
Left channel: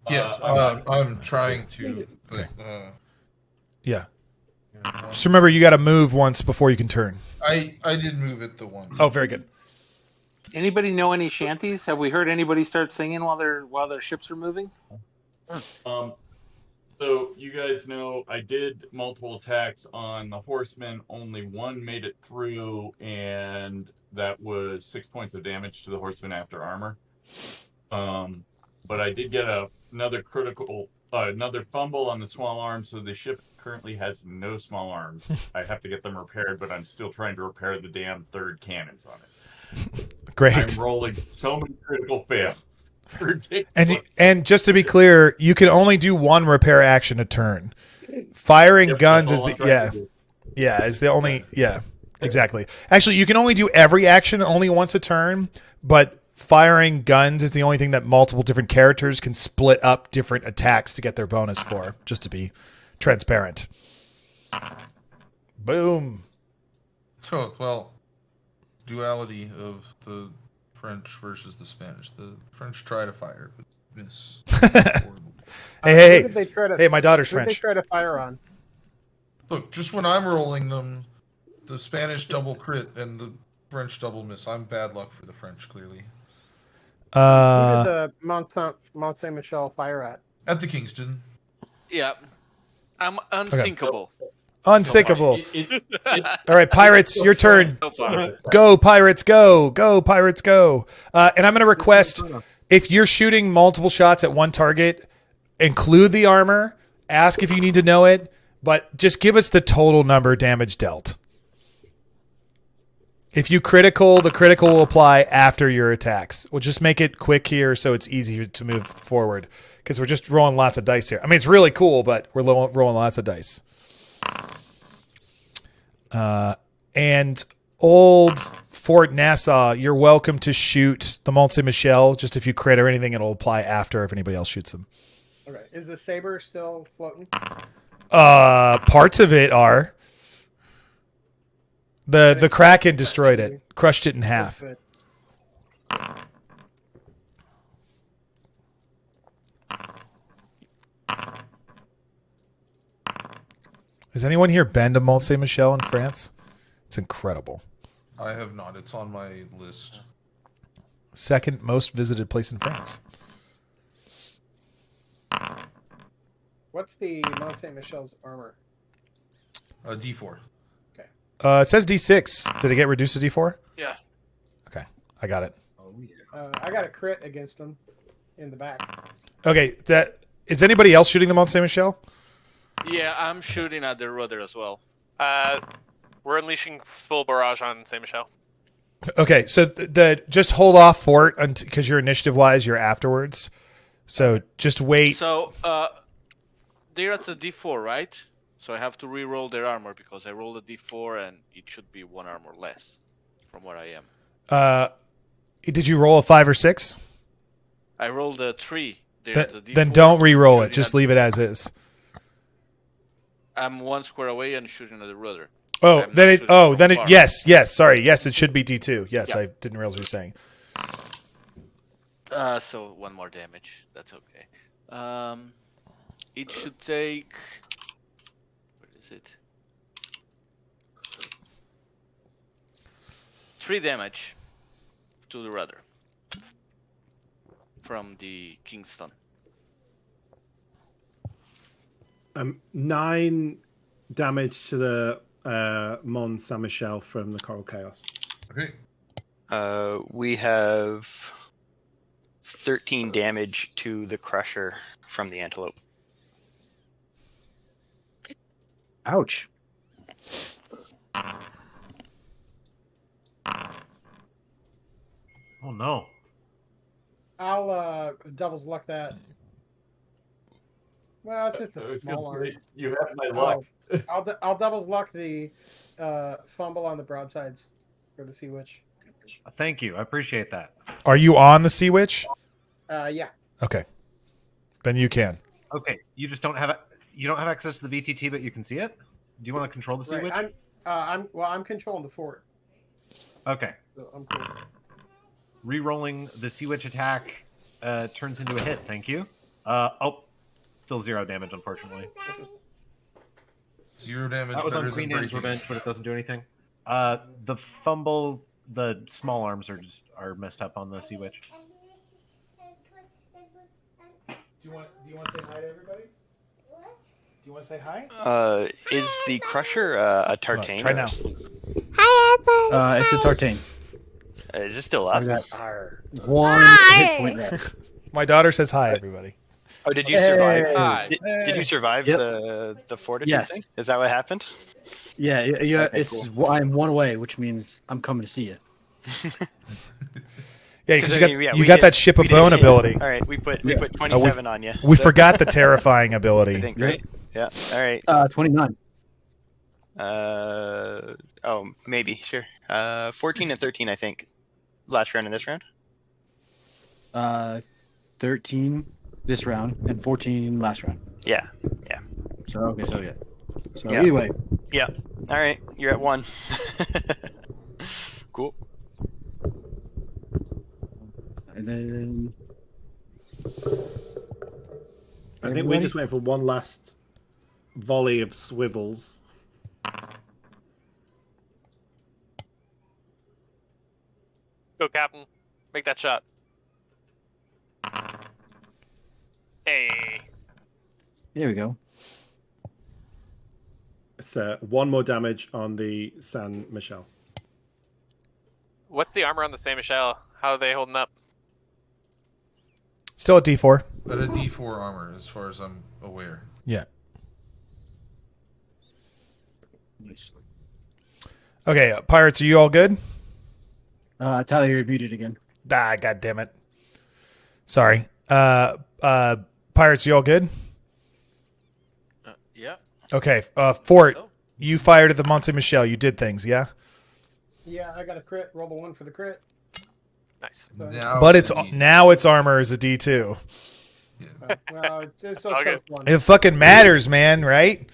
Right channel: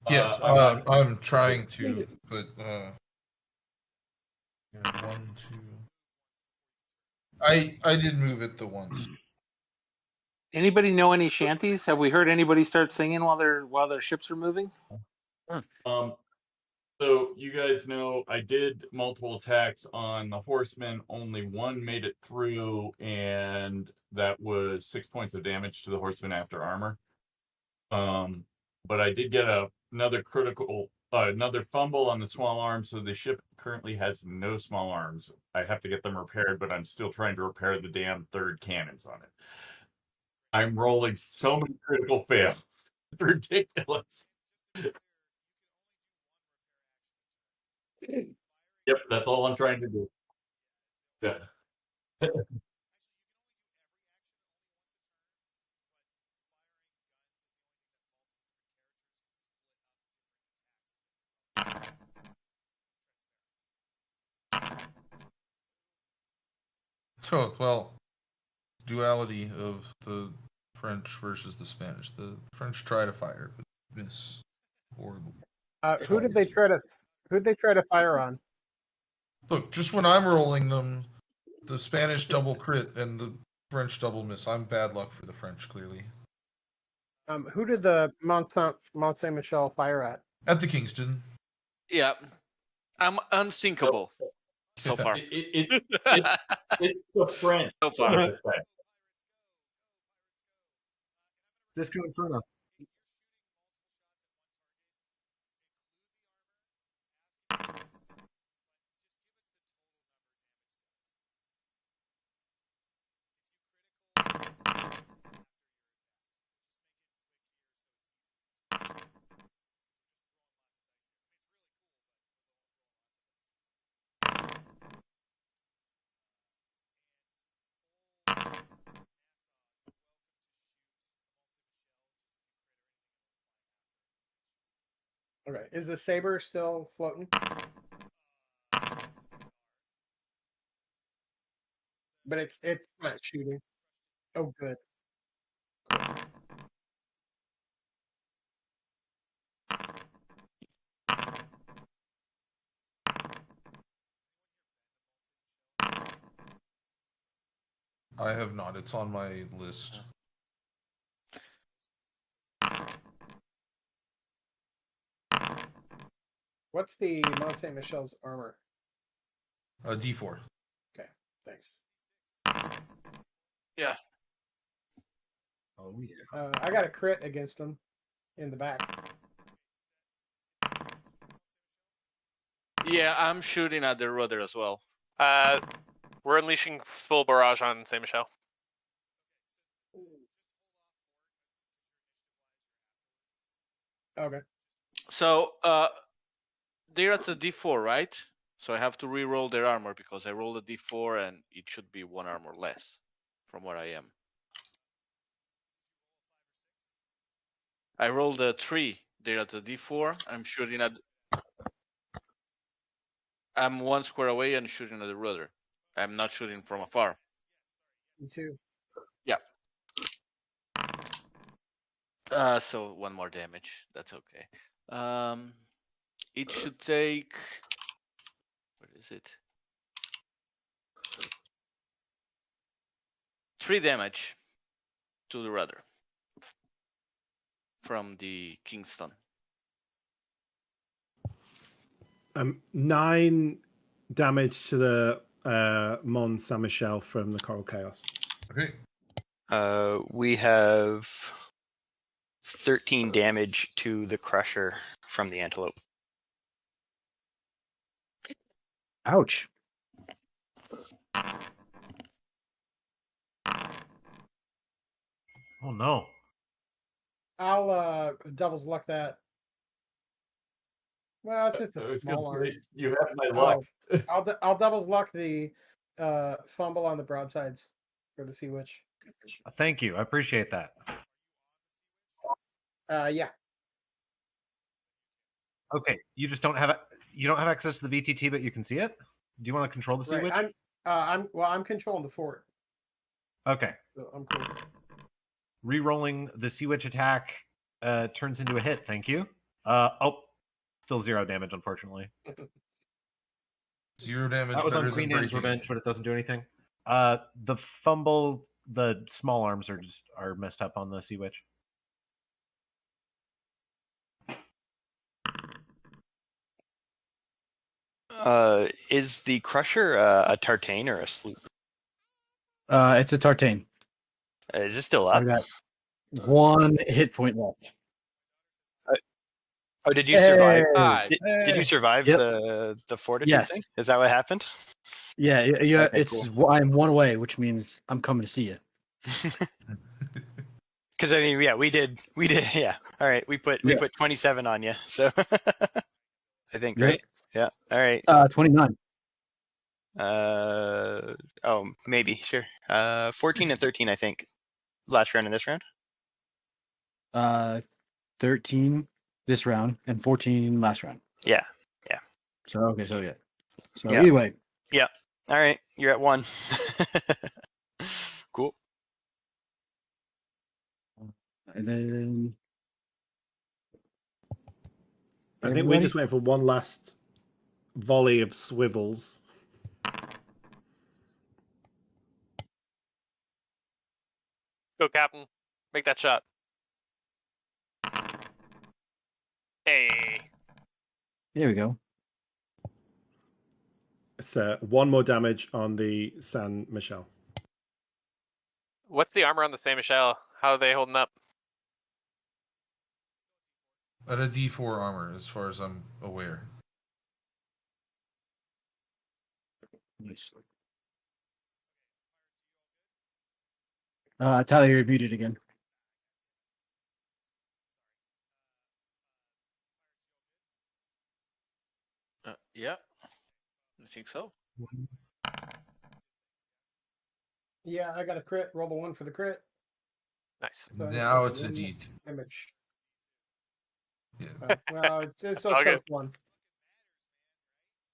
Yes, I'm trying to. But, yeah. Just remember, you got to move once before you can turn. I did move it the once. Oh, very good. Anybody know any shanties? Have we heard anybody start singing while their ships are moving? So you guys know I did multiple attacks on the horsemen. Only one made it through, and that was 6 points of damage to the horseman after armor. But I did get another fumble on the small arms, so the ship currently has no small arms. I have to get them repaired, but I'm still trying to repair the damn 3rd cannons on it. Great. I'm rolling so many critical fails. Ridiculous. And just to be clear, you can only do 1 repair action a turn. Firing guns is the only exactly. Actually, you can only do every action only once a turn, but firing guns is the only thing that multiple different characters can split up different attacks to get their bonus for, just to be transparent. Boom. So, well, duality of the French versus the Spanish. The French try to fire, but miss. Hey, who did they try to, my daughter's who French. Did they try to fire on? Look, just when I'm rolling them, the Spanish double crit and the French double miss. I'm bad luck for the French, clearly. Who did the Mont Saint Michel fire at? At the Kingston. Yeah. I'm unsinkable. Unsinkable. All right, Pirates, your turn. Go, Pirates, go. Go, Pirates, go. And I'm going to request, if you're shooting multiple shots at one target, include the armor. Ask if you need to know it, but just give us the total number damage dealt. If you critical, the critical will apply after your attacks. We'll just make it quick here so it's easier to move forward because we're just rolling lots of dice here. I mean, it's really cool, but we're rolling lots of dice. And old Fort Nassau, you're welcome to shoot the Mont Saint Michel. Just if you crit or anything, it'll apply after if anybody else shoots them. Okay. Is the saber still floating? Parts of it are. The Kraken destroyed it, crushed it in half. Has anyone here been to Mont Saint Michel in France? It's incredible. I have not. It's on my list. Second most visited place in France. What's the Mont Saint Michel's armor? D4. Okay. It says D6. Did it get reduced to D4? Yeah. Okay, I got it. Oh yeah. I got a crit against them in the back. Okay, is anybody else shooting the Mont Saint Michel? Yeah, I'm shooting at the rudder as well. We're unleashing full barrage on Saint Michel. Okay, so just hold off fort because your initiative wise, you're afterwards. So just wait. So they're at the D4, right? So I have to re-roll their armor because I rolled a D4 and it should be 1 armor less from where I am. Did you roll a 5 or 6? I rolled a 3. They're at the D4. Then don't re-roll it. Just leave it as is. I'm 1 square away and shooting at the rudder. Yes. Sorry. Yes, it should be D2. Yes, yeah. I didn't realize what you were saying. So 1 more damage. That's okay. It should take. Where is it? 3 damage to the rudder from the Kingston. 9 damage to the Mont Saint Michel from the Coral Chaos. Okay. We have 13 damage to the Crusher from the Antelope. Ouch. Oh no. I'll devil's luck that. Well, it's just a small arm. You have my luck. I'll devil's luck the fumble on the broadsides for the Sea Witch. Thank you. I appreciate that. Are you on the Sea Witch? Yeah. Okay. Then you can. Okay. You just don't have you don't have access to the VTT, but you can see it. Do you want to control the Sea Witch? I'm controlling the fort. Okay. So I'm cool. Rerolling the Sea Witch attack turns into a hit. Thank you. Still 0 damage, unfortunately. 0 damage. That was on Queen Anne's Revenge, but it doesn't do anything. The fumble, the small arms are messed up on the Sea Witch. Do you want to say hi to everybody? Do you want to say hi? Is the Crusher a Tartane or a Sloop? Hi, it's a Tartane. Is it still up? I got 1 hit point left. My daughter says hi, everybody. Oh, did you survive? Hi. Did you survive the fortitude Yes. thing? Is that what happened? Yeah. Okay, it's cool. I'm 1 away, which means I'm coming to see you. Yeah, because you got that ship of bone ability. All right, we put 27 on you. We forgot the terrifying ability. I think, right? Yeah. All right. 29. Oh, maybe, sure. 14 and 13, I think. Last round and this round. 13 this round and 14 last round. Yeah. So anyway. Yeah. All right, you're at 1. Cool. And then I think we're just waiting for one last volley of swivels. Go, Captain. Make that shot. Hey. There we go. It's 1 more damage on the San Michel. What's the armor on the Saint Michel? How are they holding up? Still at D4. At a D4 armor, as far as I'm aware. Yeah. Nice. Okay, Pirates, are you all good? Tyler, you're muted again. God damn it. Sorry. Pirates, you all good? Yeah. Okay. Fort, you fired at the Mont Saint Michel. You did things, yeah? Yeah, I got a crit. Roll the 1 for the crit. Nice. But it's armor is a D2. Well, it's so one. It fucking matters, man, right?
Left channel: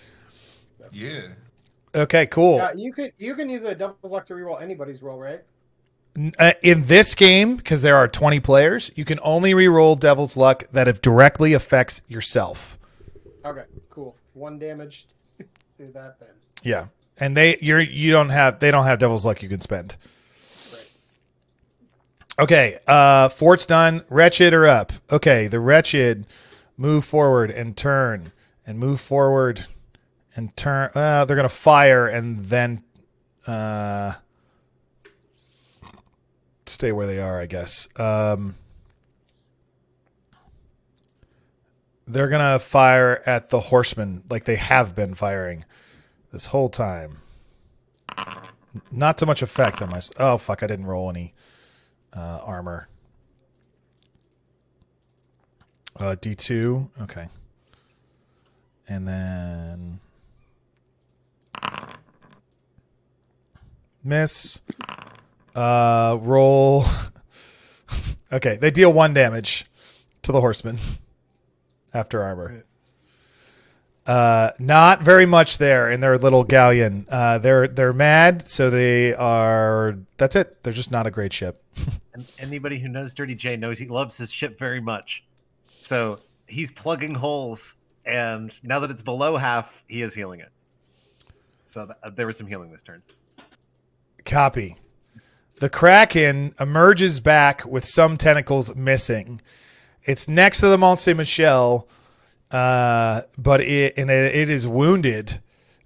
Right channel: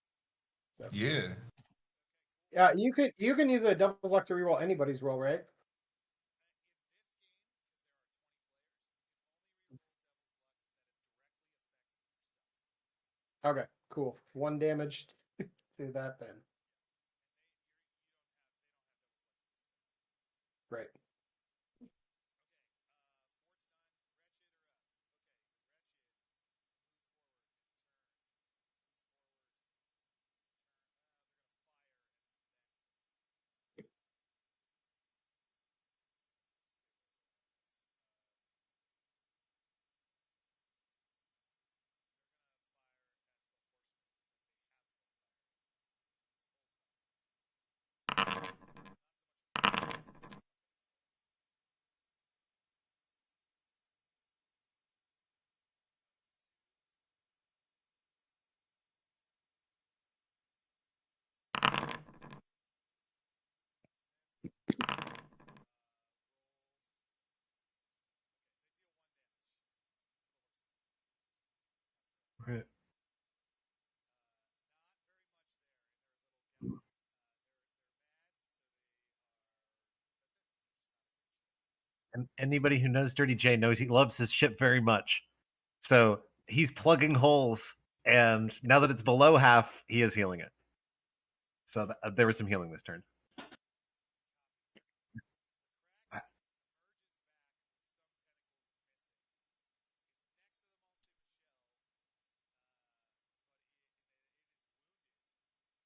Yeah. Okay, cool. Yeah, you can use a Devil's Luck to reroll anybody's roll, right? In this game, because there are 20 players, you can only reroll Devil's Luck that it directly affects yourself. Okay, cool. 1 damage to that then. Yeah, and they don't have Devil's Luck you can spend. Right. Okay, Fort's done. Wretched are up. Okay, the Wretched move forward and turn and move forward and turn. They're gonna fire and then stay where they are, I guess. They're gonna fire at the horsemen like they have been firing this whole time. Not too much effect on my. Oh fuck! I didn't roll any armor. D2. Okay. And then miss. Roll. Okay, they deal 1 damage to the horseman after armor. Not very much there in their little galleon. They're mad, so they are. That's it. They're just not a great ship. And anybody who knows Dirty J knows he loves his ship very much. So he's plugging holes, and now that it's below half, he is healing it. So there was some healing this turn. Copy. The Kraken emerges back with some tentacles missing. It's next to the Mont Saint Michel, but it is wounded.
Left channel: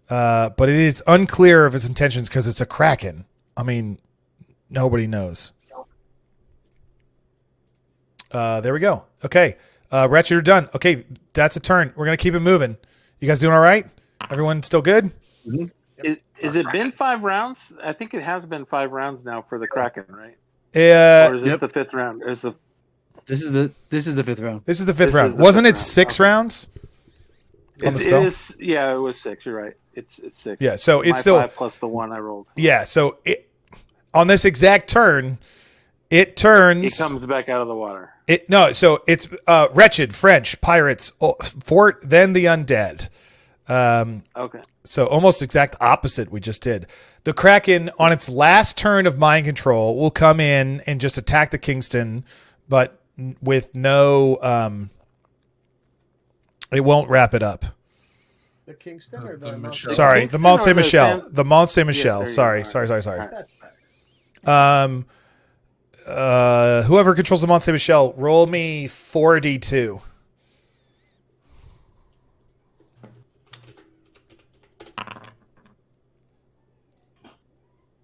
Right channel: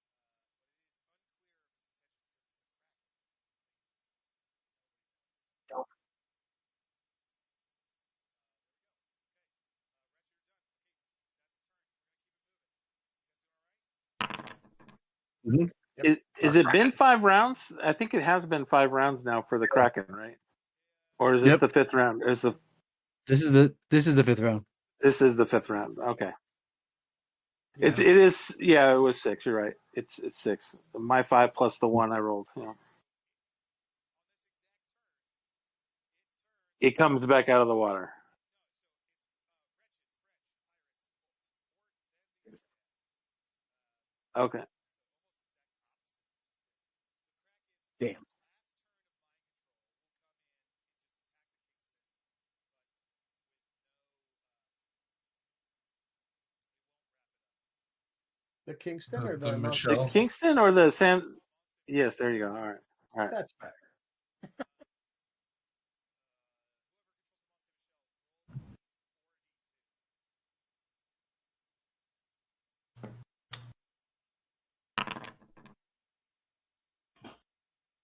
But it is unclear of its intentions because it's a Kraken. I mean, nobody knows. There we go. Okay. Wretched are done. Okay, that's a turn. We're going to keep it moving. You guys doing all right? Everyone still good? Mm-hmm. Is it been 5 rounds? I think it has been 5 rounds now for the Kraken, right? Or is this the 5th round? This is the 5th round. This is the 5th round. Wasn't it 6 rounds? It is. Yeah, it was 6. You're right. It's 6. Yeah, so it's my still 5 plus the 1 I rolled. Yeah, so on this exact turn, it turns. It comes back out of the water. So it's Wretched, French, Pirates, Fort, then the Undead. Okay. So almost exact opposite we just did. The Kraken on its last turn of mind control will come in and just attack the Kingston, but with no it won't wrap it up. The Kingston or the Sorry, the Mont Saint Michel. The Mont Saint Michel. Yes, sorry. That's bad. Whoever controls the Mont Saint Michel, roll me 4d2.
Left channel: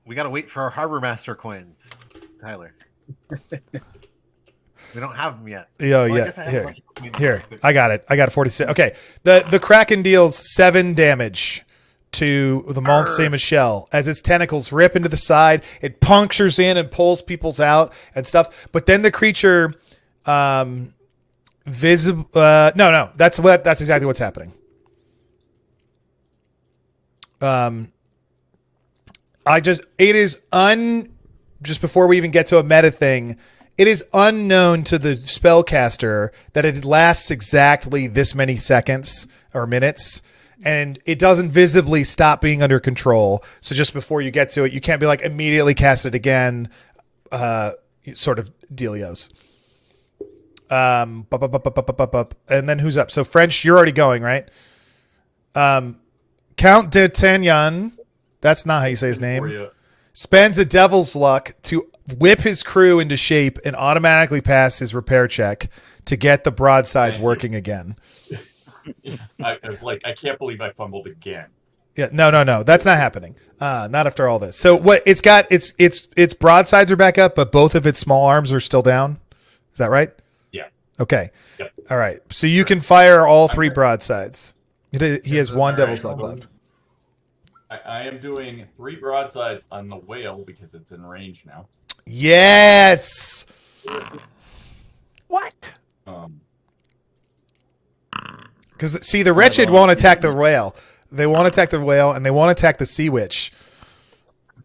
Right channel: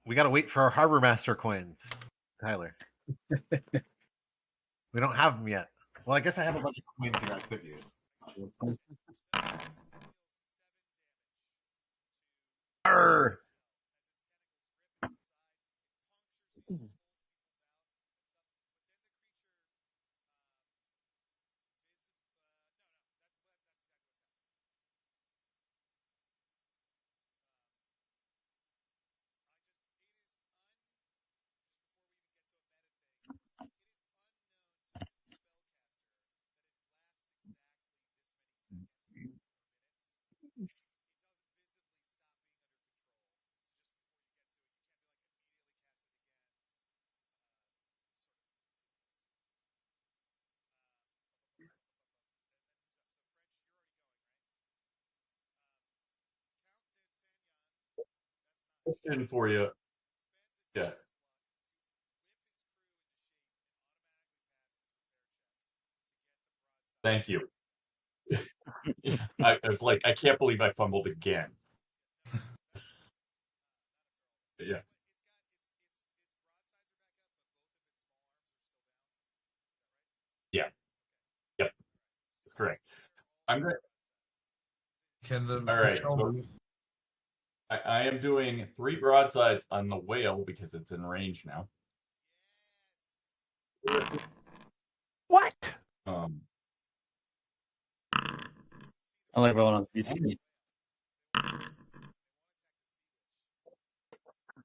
We gotta wait for our Harbor Master coins, Tyler. We don't have them yet. Yeah, well, yeah. I guess I have a bunch of coins. Here, I got it. I got 46. Okay, the Kraken deals 7 damage to the Mont Saint Michel as its tentacles rip into the side. It punctures in and pulls people's out and stuff. But then the creature, no, that's exactly what's happening. Just before we even get to a meta thing, it is unknown to the spellcaster that it lasts exactly this many seconds or minutes, and it doesn't visibly stop being under control. So just before you get to it, you can't be like immediately cast it again, sort of dealios. And then who's up? So French, you're already going, right? Count d'Artagnan, that's not how you say his name, spends a devil's luck to whip his crew into shape and automatically pass his repair check to get the broadsides working again. I was like, I can't believe I fumbled again. Yeah, no, that's not happening. Not after all this. So what it's got, its broadsides are back up, but both of its small arms are still down. Is that right? Yeah. Okay. Yep. All right. So you can fire all 3 broadsides. He has 1 devil's luck left. I am doing 3 broadsides on the whale because it's in range now. Yes. What? Because see, the wretched won't attack the whale. They won't attack the whale, and they won't attack the sea witch.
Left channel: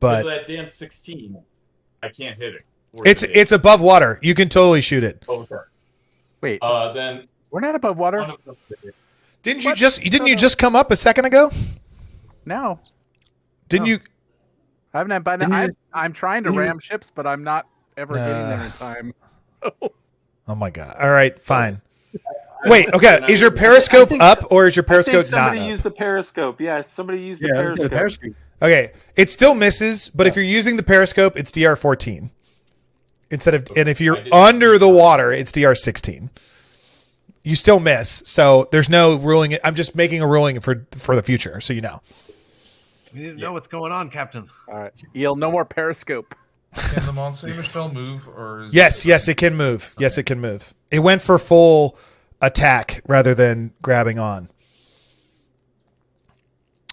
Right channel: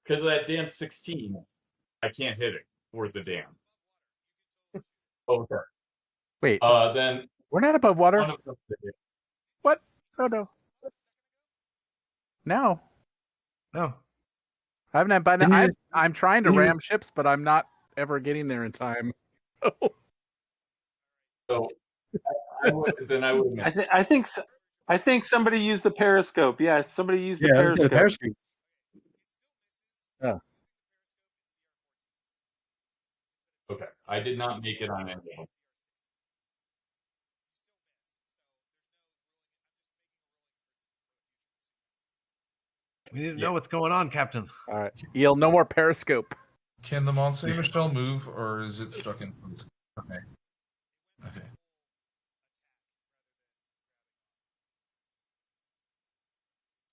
But that damn 16, I can't hit it. It's above water. You can totally shoot it. Okay. Wait. Then we're not above water. Didn't you just come up a second ago? No. Didn't you? I haven't. By now, I'm trying to ram ships, but I'm not ever getting there in time. Oh my god! All right, fine. Wait. Okay. Is your periscope up or is your periscope I think somebody not up? used the periscope. Yeah, somebody used the periscope. Okay, it still misses, but if you're using the periscope, it's DR14 instead of, and if you're under the water, it's DR16. You still miss, so there's no ruling. I'm just making a ruling for the future, so you know. We need to know what's going on, Captain. All right, Eel, no more periscope. Can the Mont Saint Michel move, or is Yes, it can move. Okay. Yes, it can move. It went for full attack rather than grabbing on.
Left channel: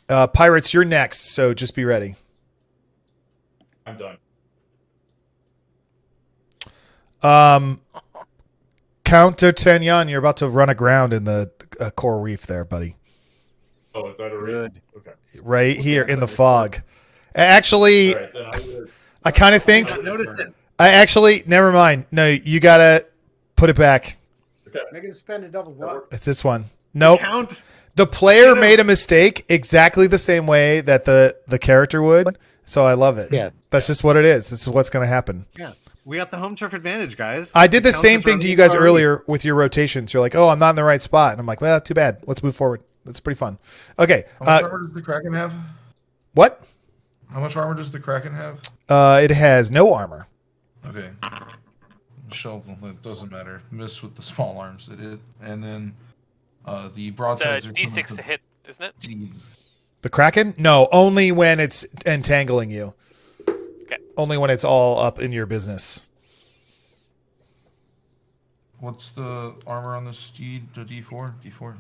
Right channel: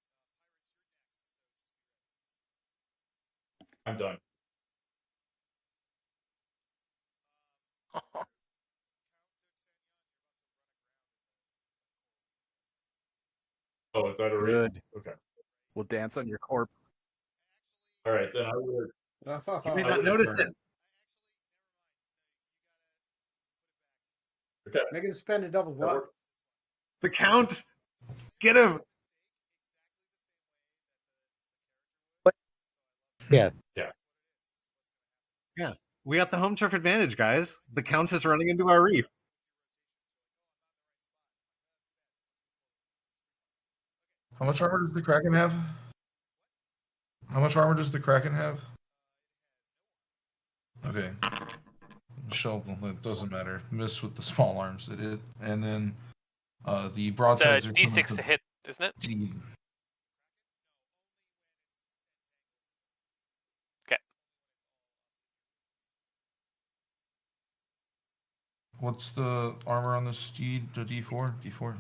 Pirates, you're next, so just be ready. I'm done. Count D'Artagnan, you're about to run aground in the coral reef there, buddy. Oh, is that a reef? Okay. Right here in the fog. Actually, right, I kind of think. I actually, never mind. No, you gotta put it back. Okay. Make him spend a double what? It's this one. Nope. Count. The player made a mistake exactly the same way that the character would. So I love it. Yeah. That's just what it is. This is what's going to happen. Yeah. We got the home turf advantage, guys. I did the same thing to you guys already. earlier with your rotations. You're like, oh, I'm not in the right spot. And I'm like, well, too bad. Let's move forward. That's pretty fun. Okay. How much armor does the Kraken have? What? How much armor does the Kraken have? It has no armor. Okay. Michelle, it doesn't matter. Miss with the small arms. It is. And then the broadsides It's are D6 to hit, isn't it? The Kraken? No, only when it's entangling you. Okay. Only when it's all up in your business. What's the armor on the steed? The D4? D4.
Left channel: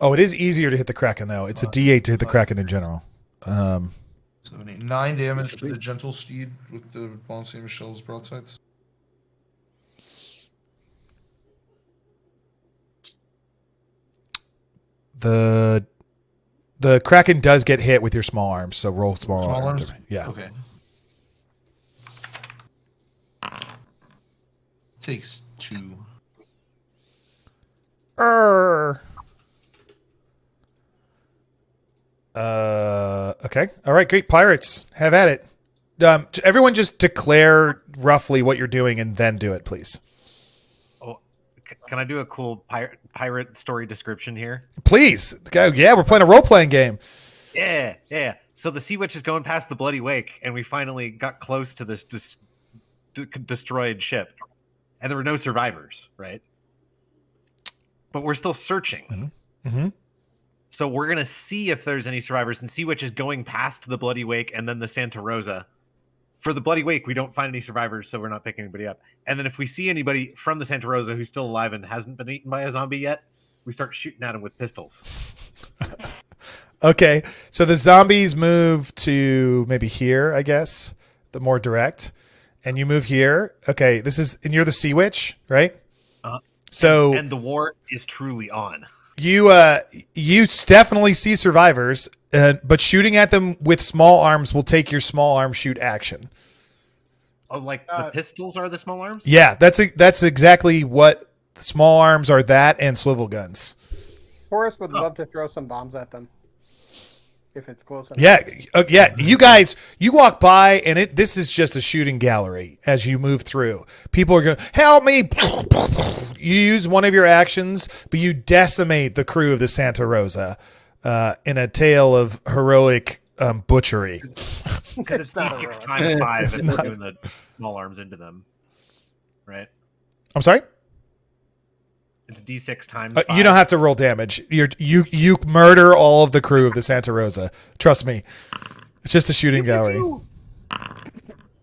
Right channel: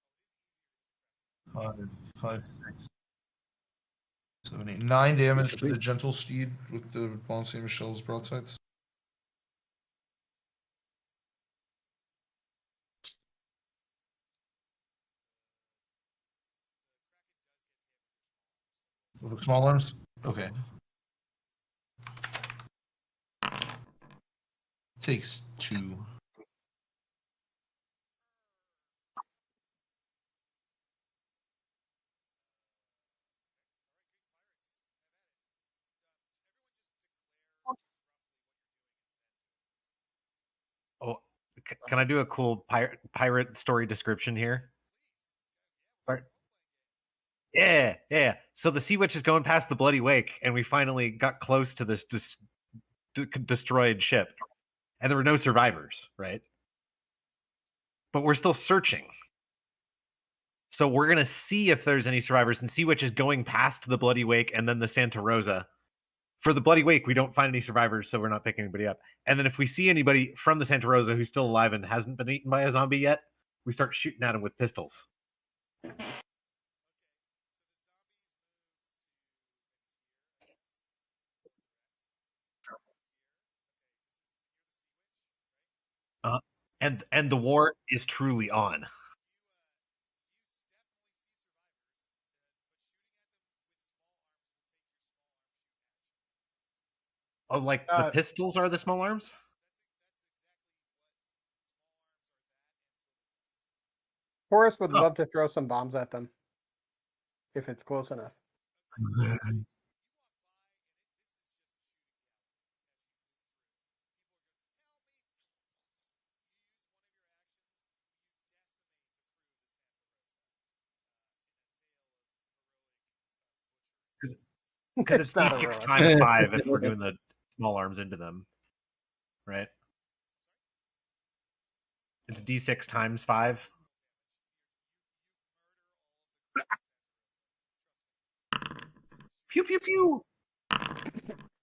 Oh, it is easier to hit the Kraken, though. It's a D8 to hit the Kraken in general. 7, 8, 9 damage to the gentle steed with the Mont Saint Michel's broadsides. The Kraken does get hit with your small arms, so roll small arms. Yeah. Okay. Takes 2. Okay. All right. Great. Pirates, have at it. Everyone, just declare roughly what you're doing and then do it, please. Oh, can I do a cool pirate story description here? Please. Go. Yeah, we're playing a role playing game. Yeah. So the Sea Witch is going past the Bloody Wake, and we finally got close to this destroyed ship, and there were no survivors, right? But we're still searching. Mm-hmm. So we're going to see if there's any survivors. And Sea Witch is going past the Bloody Wake and then the Santa Rosa. For the Bloody Wake, we don't find any survivors, so we're not picking anybody up. And then if we see anybody from the Santa Rosa who's still alive and hasn't been eaten by a zombie yet, we start shooting at them with pistols. Okay. So the zombies move to maybe here, I guess, the more direct. And you move here. Okay. And you're the Sea Witch, right? So and the war is truly on. You definitely see survivors, but shooting at them with small arms will take your small arm shoot action. Oh, like the pistols are the small arms? Yeah, that's exactly what small arms are. That and swivel guns. Forrest would love to throw some bombs at them if it's close enough. Yeah. You guys, you walk by and this is just a shooting gallery as you move through. People are going, help me. You use one of your actions, but you decimate the crew of the Santa Rosa in a tale of heroic butchery. Because it's D6 times 5 and we're doing the small arms into them, right? I'm sorry? It's D6 times 5. You don't have to roll damage. You murder all of the crew of the Santa Rosa. Trust me. It's just a shooting gallery.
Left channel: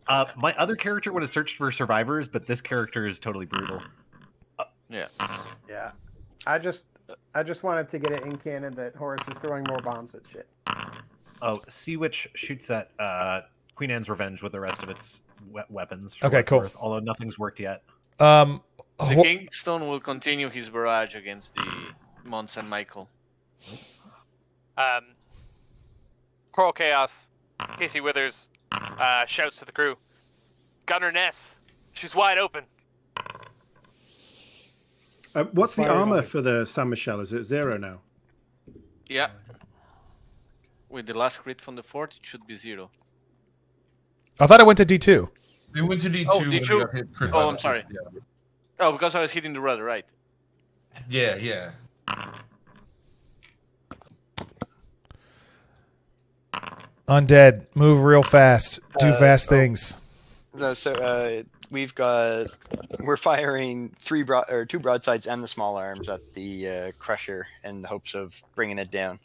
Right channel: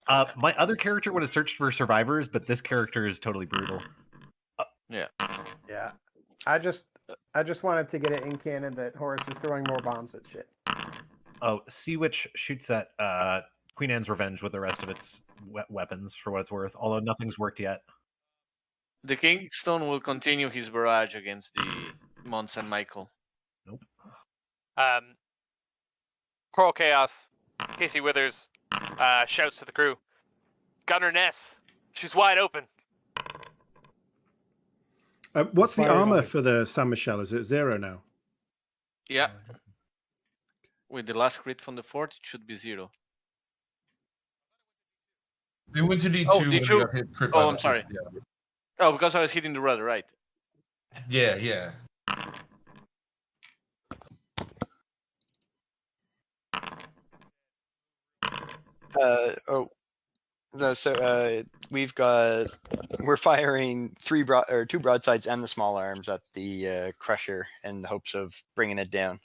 My other character would have searched for survivors, but this character is totally brutal. Yeah. Yeah. I just wanted to get it in canon that Horace is throwing more bombs at shit. Oh, Sea Witch shoots at Queen Anne's Revenge with the rest of its weapons. For Okay, what it's cool. worth, although nothing's worked yet. The Kingstone will continue his barrage against the Mons and Michael. Coral Chaos, Casey Withers, shouts to the crew, Gunner Ness, she's wide open. What's the Fire armor away. for the San Michelle? Is it 0 now? Yeah. With the last crit from the fort, it should be 0. I thought it went to D2. It went to D2 Oh, when it D2? got hit crit by Oh, the I'm sorry. fort, Yeah. Oh, because I was hitting the rudder, right? Yeah. Undead, move real fast. Do fast things. No, so we're firing two broadsides and the small arms at the crusher in the hopes of bringing it down.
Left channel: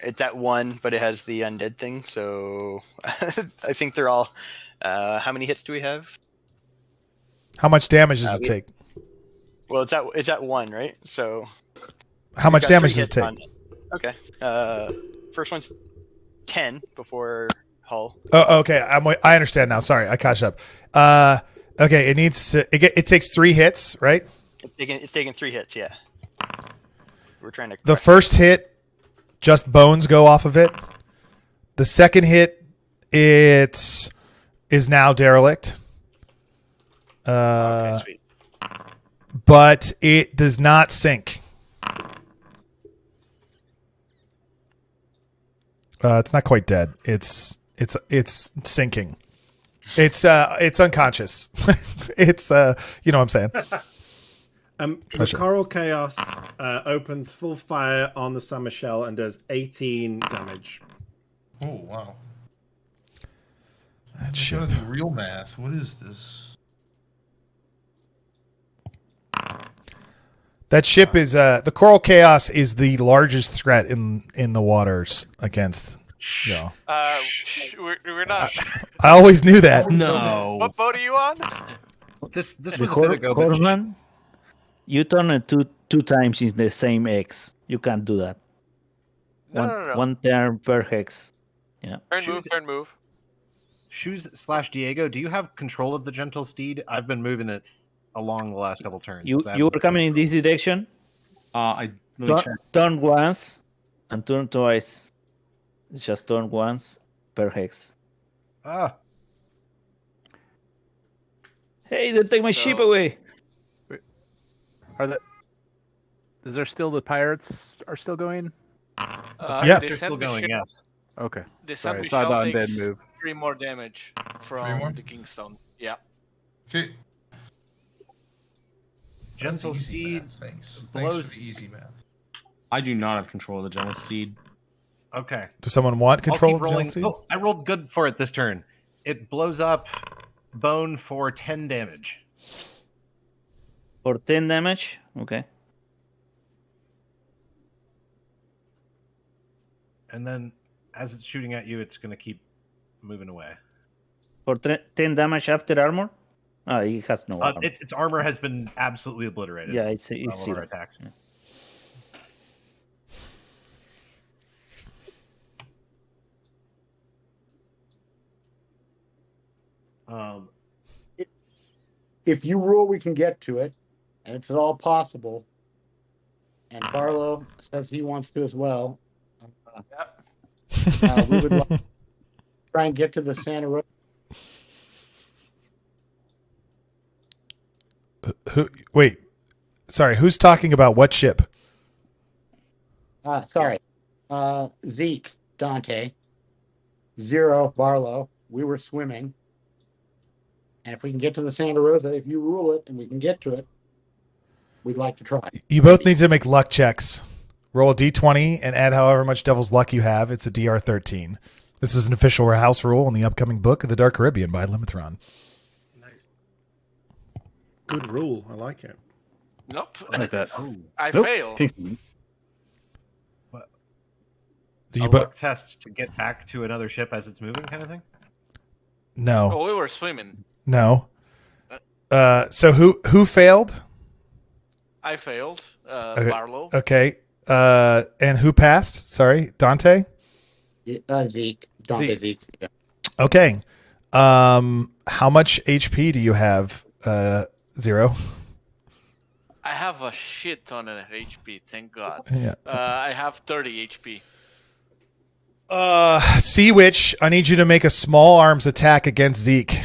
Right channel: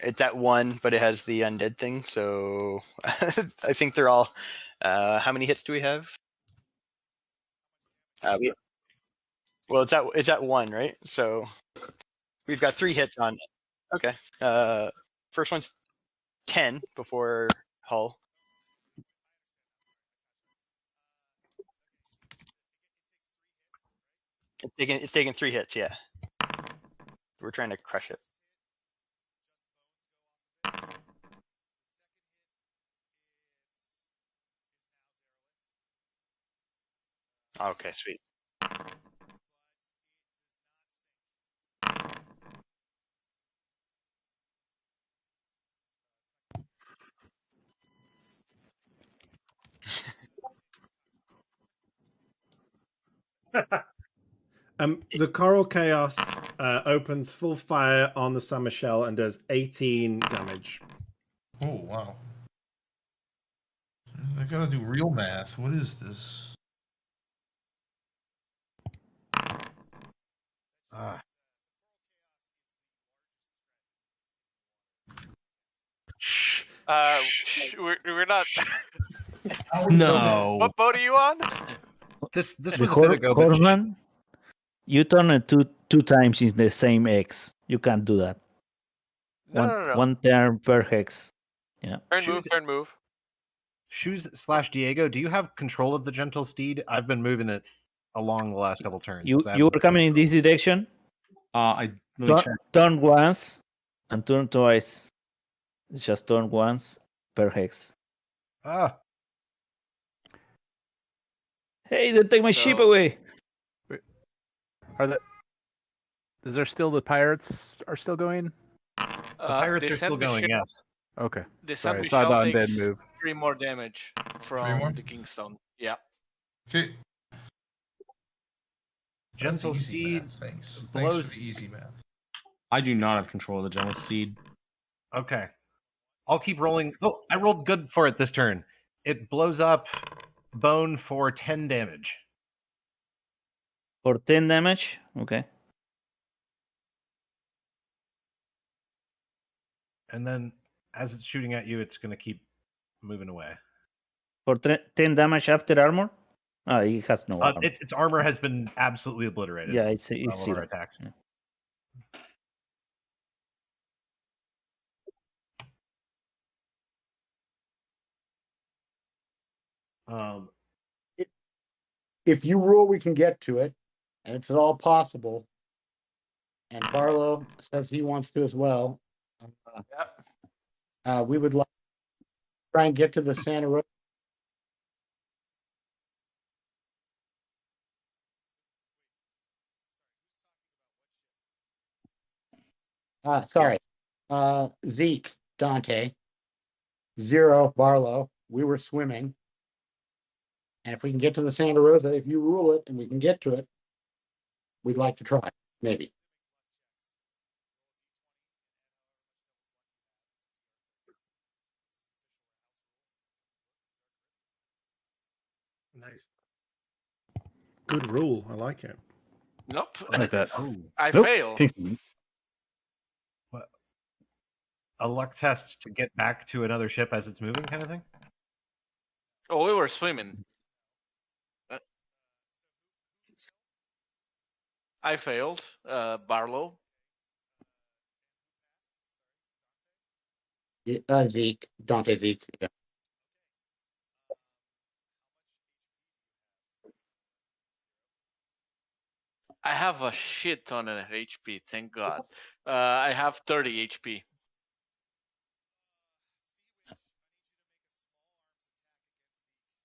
It's at 1, but it has the undead thing, so I think they're all. How many hits do we have? How much damage does it take? Well, it's at 1, right? So how much damage does it take? Okay. First one's 10 before hull. Oh, okay. I understand now. Sorry, I caught up. Okay, it takes 3 hits, right? It's taking 3 hits. Yeah. We're trying to. The first hit, just bones go off of it. The second hit, is now derelict. Okay, sweet. But it does not sink. It's not quite dead. It's sinking. It's unconscious. It's you know what I'm saying. The Coral Chaos opens full fire on the San Michelle and does 18 damage. Oh wow! I gotta do real math. What is this? That ship is the Coral Chaos is the largest threat in the waters against. We're not. I always knew that. No. What boat are you on? This The was a bit ago. but- Horseman, you turn it two times in the same X. You can't do that. No. One turn per hex. Yeah. Turn move. Shoes/Diego, do you have control of the gentle steed? I've been moving it along the last couple turns. You were coming in this direction. Let me check. Turn once and turn twice. It's just turn once per hex. Ah. Hey, they take my ship away. Is there still the pirates are still going? Yeah, they're still going. Yes. Okay. The Sorry, San I saw the Michelle undead takes move. 3 more damage from the Kingstone. Yeah. Okay. Gentle That's easy steed math. Thanks blows- for the easy math. I do not have control of the general seed. Okay. Does someone want I'll control? keep rolling. Oh, I rolled good for it this turn. It blows up bone for 10 damage. For 10 damage? Okay. And then as it's shooting at you, it's going to keep moving away. For 10 damage after armor? Oh, he has no armor. Its armor has been absolutely obliterated. Yeah, it's all of our zero. attacks. Yeah. If you rule, we can get to it, and it's all possible. And Barlow says he wants to as well. We would like to try and get to the Santa Rosa. Wait, sorry. Who's talking about what ship? Sorry. Zeke, Dante, 0, Barlow. We were swimming. And if we can get to the Santa Rosa, if you rule it and we can get to it, we'd like to try. You both need to make luck checks. Roll a d20 and add however much devil's luck you have. It's a DR 13. This is an official house rule in the upcoming book of the Dark Caribbean by Limithron. Nice. Good rule. I like it. Nope. I like that. I Nope. fail. Do a you luck test to get back to another ship as it's moving, kind of thing? No. Oh, we were swimming. No. So who failed? I failed. Okay. Barlow. Okay. And who passed? Sorry, Dante. Zeke. Dante Zeke. Yeah. Okay. How much HP do you have? 0. I have a shit ton of HP. Thank God. Yeah. I have 30 HP. Sea Witch, I need you to make a small arms attack against Zeke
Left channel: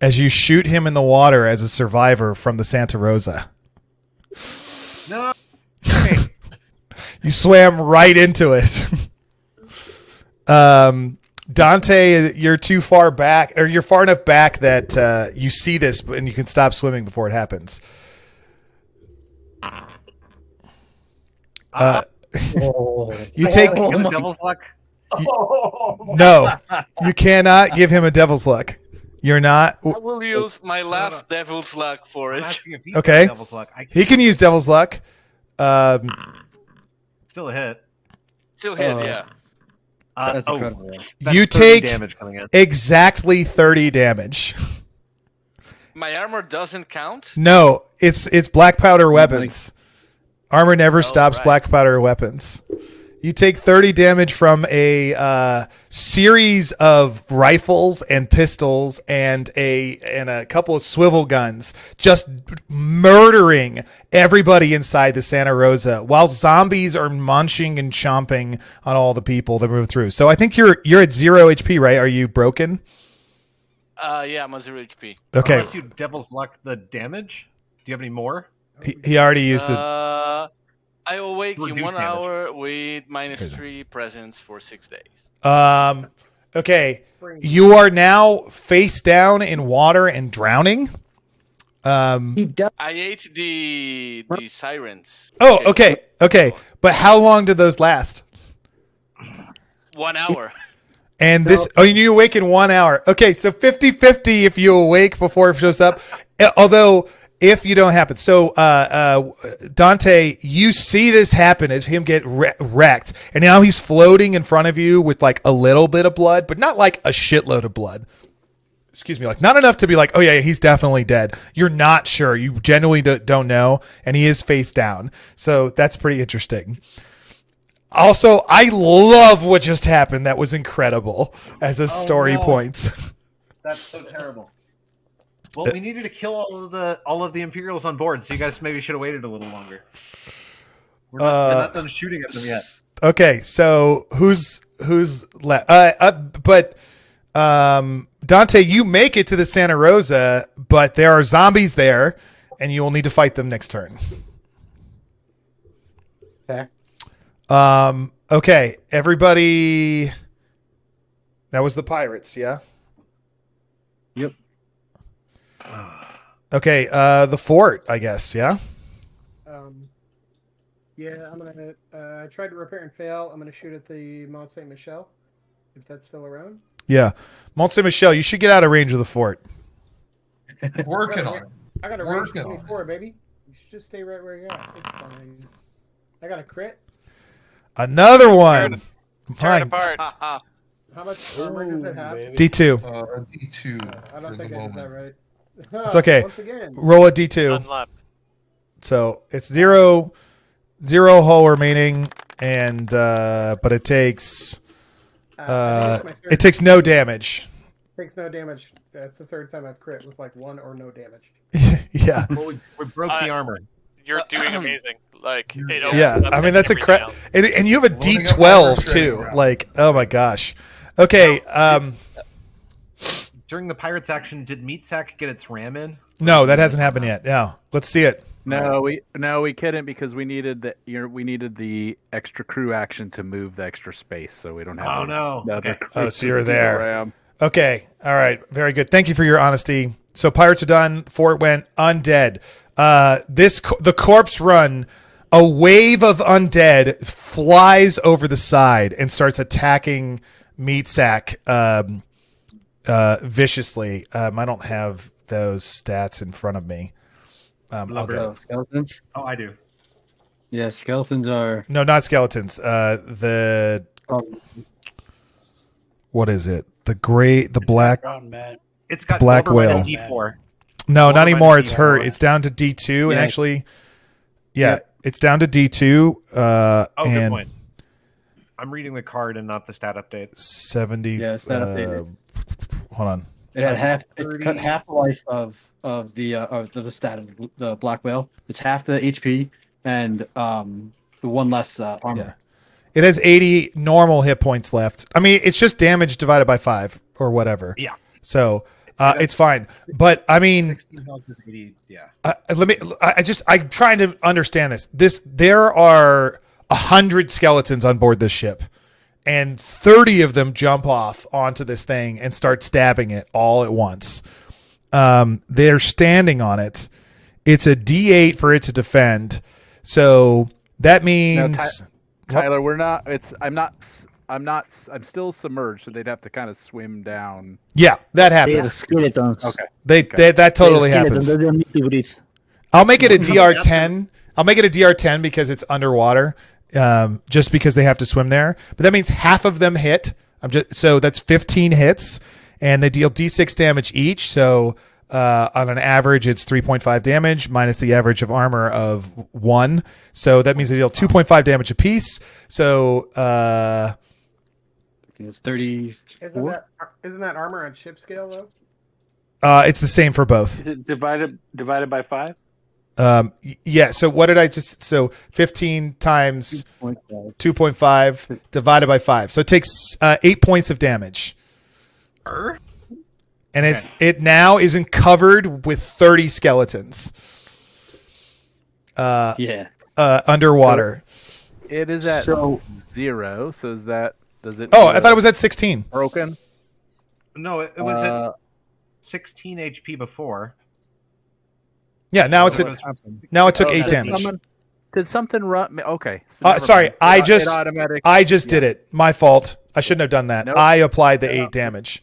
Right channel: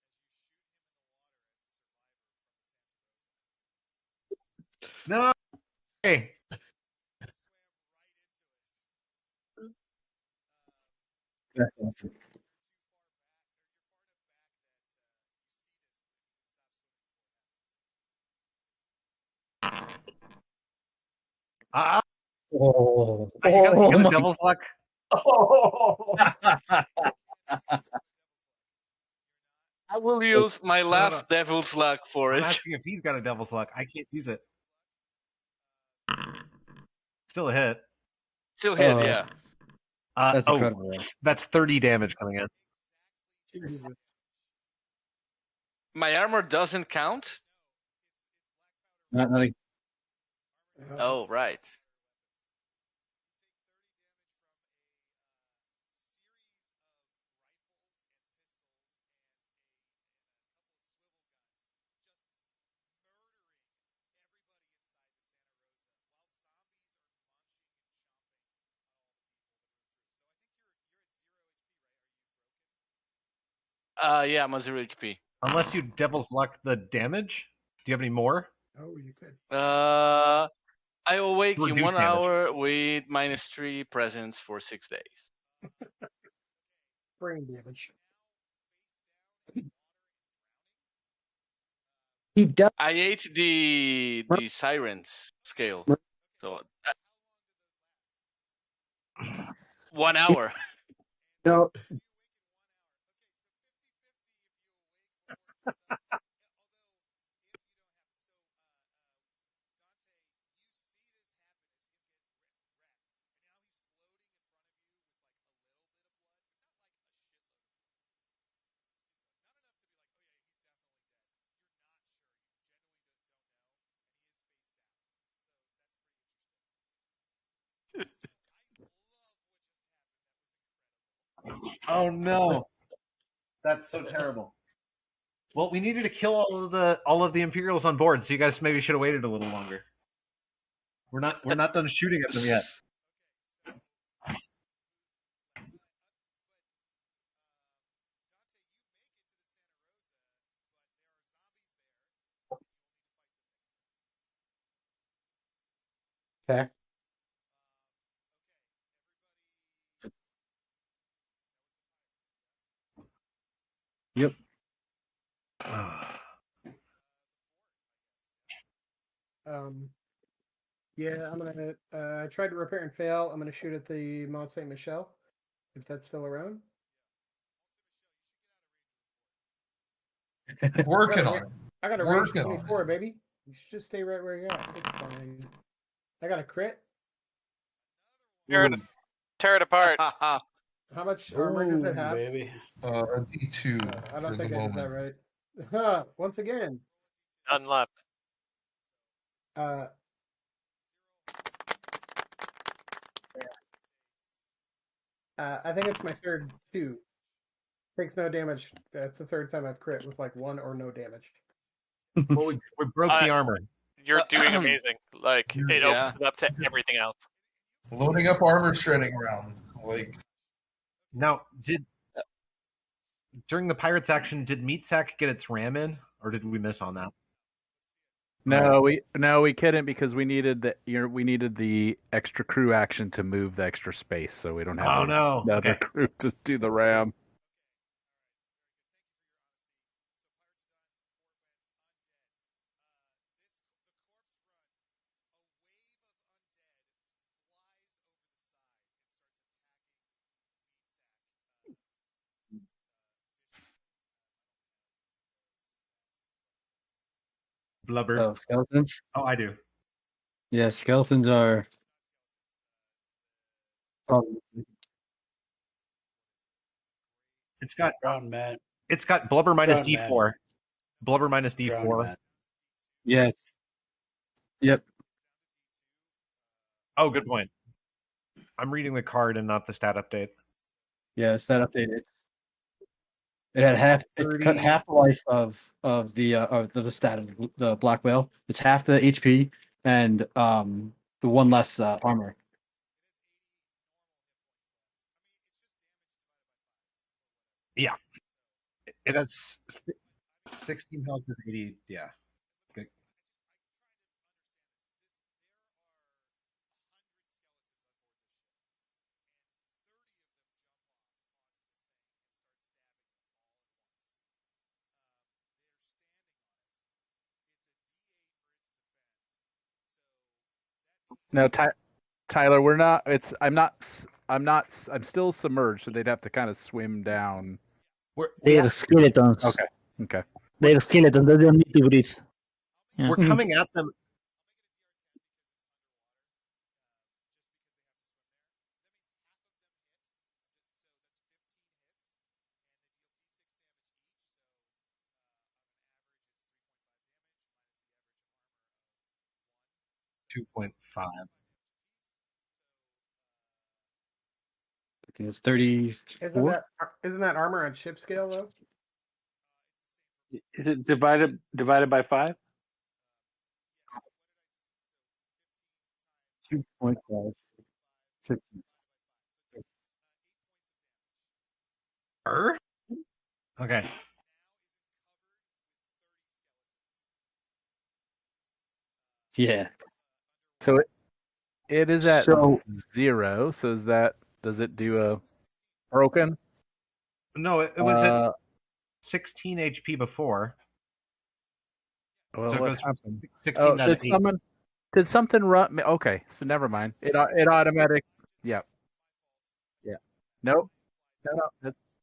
as you shoot him in the water as a survivor from the Santa Rosa. No. Okay. You swam right into it. Dante, you're too far back, or you're far enough back that you see this and you can stop swimming before it happens. You take devil's luck. No, you cannot give him a devil's luck. You're not. I will use my last devil's luck for it. Okay. Devil's luck. He can use devil's luck. Still a hit. Still hit, yeah. That's incredible. That's You 30 take damage coming in. exactly 30 damage. My armor doesn't count? No, it's black powder weapons. Armor never stops right. black powder weapons. You take 30 damage from a series of rifles and pistols and a couple of swivel guns, just murdering everybody inside the Santa Rosa, while zombies are munching and chomping on all the people that move through. So I think you're at 0 HP, right? Are you broken? Yeah, I'm on 0 HP. Okay. Unless you devil's luck the damage. Do you have any more? He already used it. I awake in Reduce 1 damage. hour with -3 presence for 6 days. Okay. You are now face down in water and drowning. I ate the sirens. Oh, okay. But how long did those last? 1 hour. And this, you awake in 1 hour. Okay, so 50-50 if you awake before it shows up. Although, if you don't happen. So, Dante, you see this happen as him get wrecked. And now he's floating in front of you with like a little bit of blood, but not like a shitload of blood. Excuse me, like not enough to be like, oh yeah, he's definitely dead. You're not sure. You genuinely don't know. And he is face down. So that's pretty interesting. Also, I love what just happened. That was incredible as a story points. That's so terrible. Well, we needed to kill all of the Imperials on board, so you guys maybe should have waited a little longer. We're not done shooting at them yet. Okay, so who's left? But Dante, you make it to the Santa Rosa, but there are zombies there, and you will need to fight them next turn. Okay. Okay, everybody. That was the pirates, yeah? Yep. Okay, the fort, I guess, yeah? Yeah, I'm gonna try to repair and fail. I'm gonna shoot at the Mont Saint Michel, if that's still around. Yeah. Mont Saint Michel, you should get out of range of the fort. Working on it. I got a range Working on 24, baby. You should just stay right where you're at. It's fine. I got a crit. Another one. Tear it apart. How much armor does it have? D2. D2. I don't think I did that right. It's okay. Once again. Roll a D2. None left. So it's zero hull remaining, and but it takes I think it's my third it takes no damage. Takes no damage. That's the third time I've crit with like 1 or no damage. Yeah. Well, we broke the armor. You're doing amazing. Like it Yeah, I mean that's incredible, and you have a Loading up D12 armor shredding too. round. Like, oh my gosh. Okay. During the Pirates action, did Meatsack get its ram in? No, that hasn't happened yet. No, let's see it. No, we couldn't because we needed the extra crew action to move the extra space, so we don't have. Oh, no. The other Okay. crew So you're to do the there. ram. Okay. All right. Very good. Thank you for your honesty. So pirates are done. Fort went undead. The corpse run. A wave of undead flies over the side and starts attacking Meatsack viciously. I don't have those stats in front of me. Skeletons? Oh, I do. Yeah, skeletons are. No, not skeletons. The What is it? The black. It's got Black Golden Whale. minus D4. No, Golden not anymore. minus It's her. D4. It's down to D2. Yeah. Actually, yeah, Yep. it's down to D2. Oh, good and point. I'm reading the card and not the stat update. 70. Yeah, stat updated. Hold on. It had it cut half the life of the stat of the Black Whale. It's half the HP and the one less armor. It has 80 normal hit points left. I mean, it's just damage divided by 5 or whatever. Yeah. So it's fine. But I mean, 16 health is 80. Yeah. I'm trying to understand this. There are 100 skeletons on board this ship, and 30 of them jump off onto this thing and start stabbing it all at once. They're standing on it. It's a D8 for it to defend. So that means No, Tyler, we're not. I'm still submerged, so they'd have to kind of swim down. Yeah, that happens. They're skeletons. Okay. That totally happens. They don't need to breathe. I'll make it a DR10. I'll make it a DR10 because it's underwater. Just because they have to swim there. But that means half of them hit. So that's 15 hits, and they deal D6 damage each. So on an average, it's 3.5 damage minus the average of armor of 1. So that means they deal 2.5 damage apiece. So it's 34. Isn't that armor on ship scale though? it's the same for both. Is it divided by 5? Yeah. So what did I just? So 15 times 2.5 divided by 5. So it takes 8 points of damage. And it now isn't covered with 30 skeletons. Underwater. So it is at 0. So is that? Does it? Oh, I thought it was at 16. Broken. No, it was at 16 HP before. Yeah, now So it took 8 damage. Did something run? Okay. So never Sorry, mind. I It just did it. My fault. I shouldn't have done that. Nope. I applied the 8 damage.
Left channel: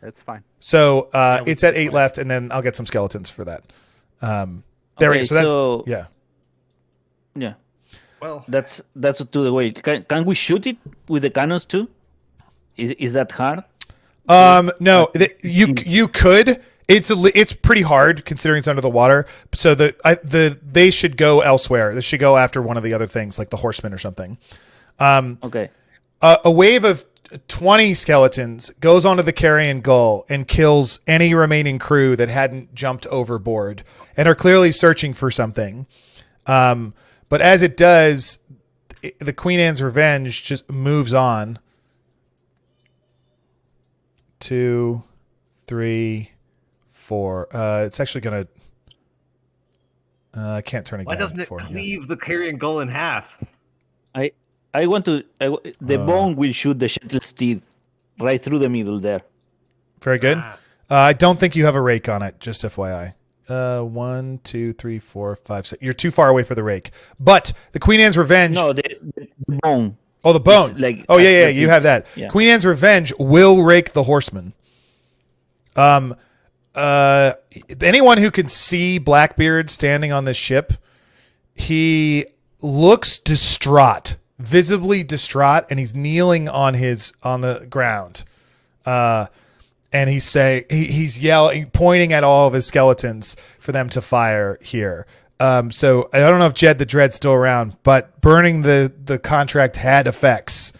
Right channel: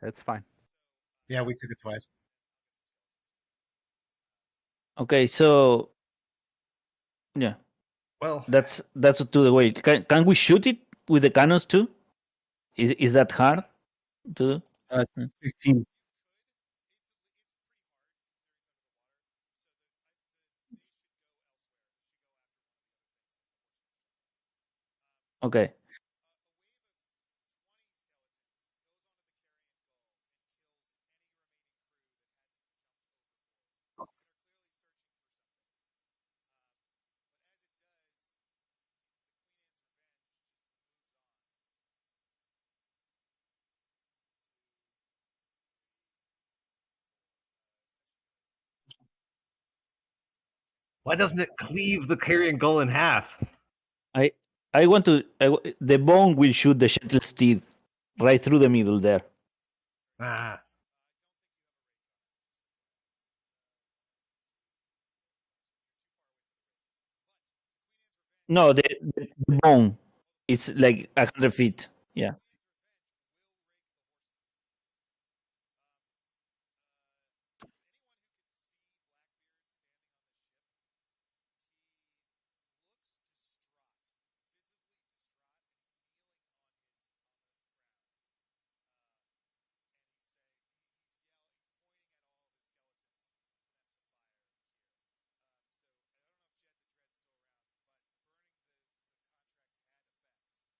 It's fine. So it's at 8 left, and then I'll get some skeletons for that. There Okay, we go. So that's, yeah. Well, that's to the way. Can we shoot it with the cannons too? Is that hard? No, you could. It's pretty hard considering it's under the water. So they should go elsewhere. They should go after one of the other things like the horsemen or something. Okay. A wave of 20 skeletons goes onto the carrion gull and kills any remaining crew that hadn't jumped overboard and are clearly searching for something. But as it does, the Queen Anne's Revenge just moves on. 2, 3, 4. It's actually gonna. I can't turn it. Why doesn't it cleave the carrion gull in half? I want to. The bone will shoot the shuttle steed right through the middle there. Very good. I don't think you have a rake on it. Just FYI. 1, 2, 3, 4, 5, 6. You're too far away for the rake. But the Queen Anne's Revenge. No, the bone. Oh, the bone. It's like yeah. You have that. Yeah. Queen Anne's Revenge will rake the horseman. Anyone who can see Blackbeard standing on this ship, he looks distraught, visibly distraught, and he's kneeling on the ground. And he's yelling, pointing at all of his skeletons for them to fire here. So I don't know if Jed the Dread's still around, but burning the contract had effects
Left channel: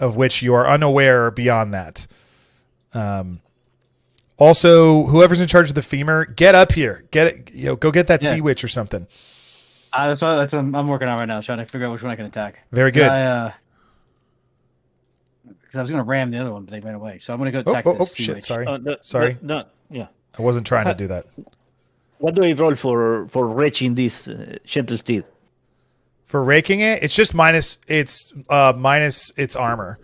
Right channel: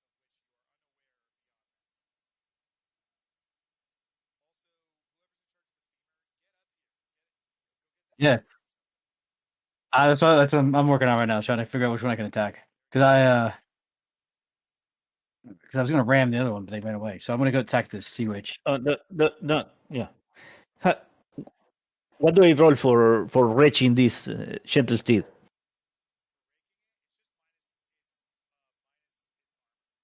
of which you are unaware beyond that. Also, whoever's in charge of the femur, get up here. Get it. Go get that sea witch or something. That's what I'm working on right now, trying to figure out which one I can attack. Very good. Because I was going to ram the other one, but they ran away. So I'm going to go attack this sea witch. Sorry. Sorry. I wasn't trying to do that. What do I roll for wretching this shuttle steed? For raking it, it's just minus its armor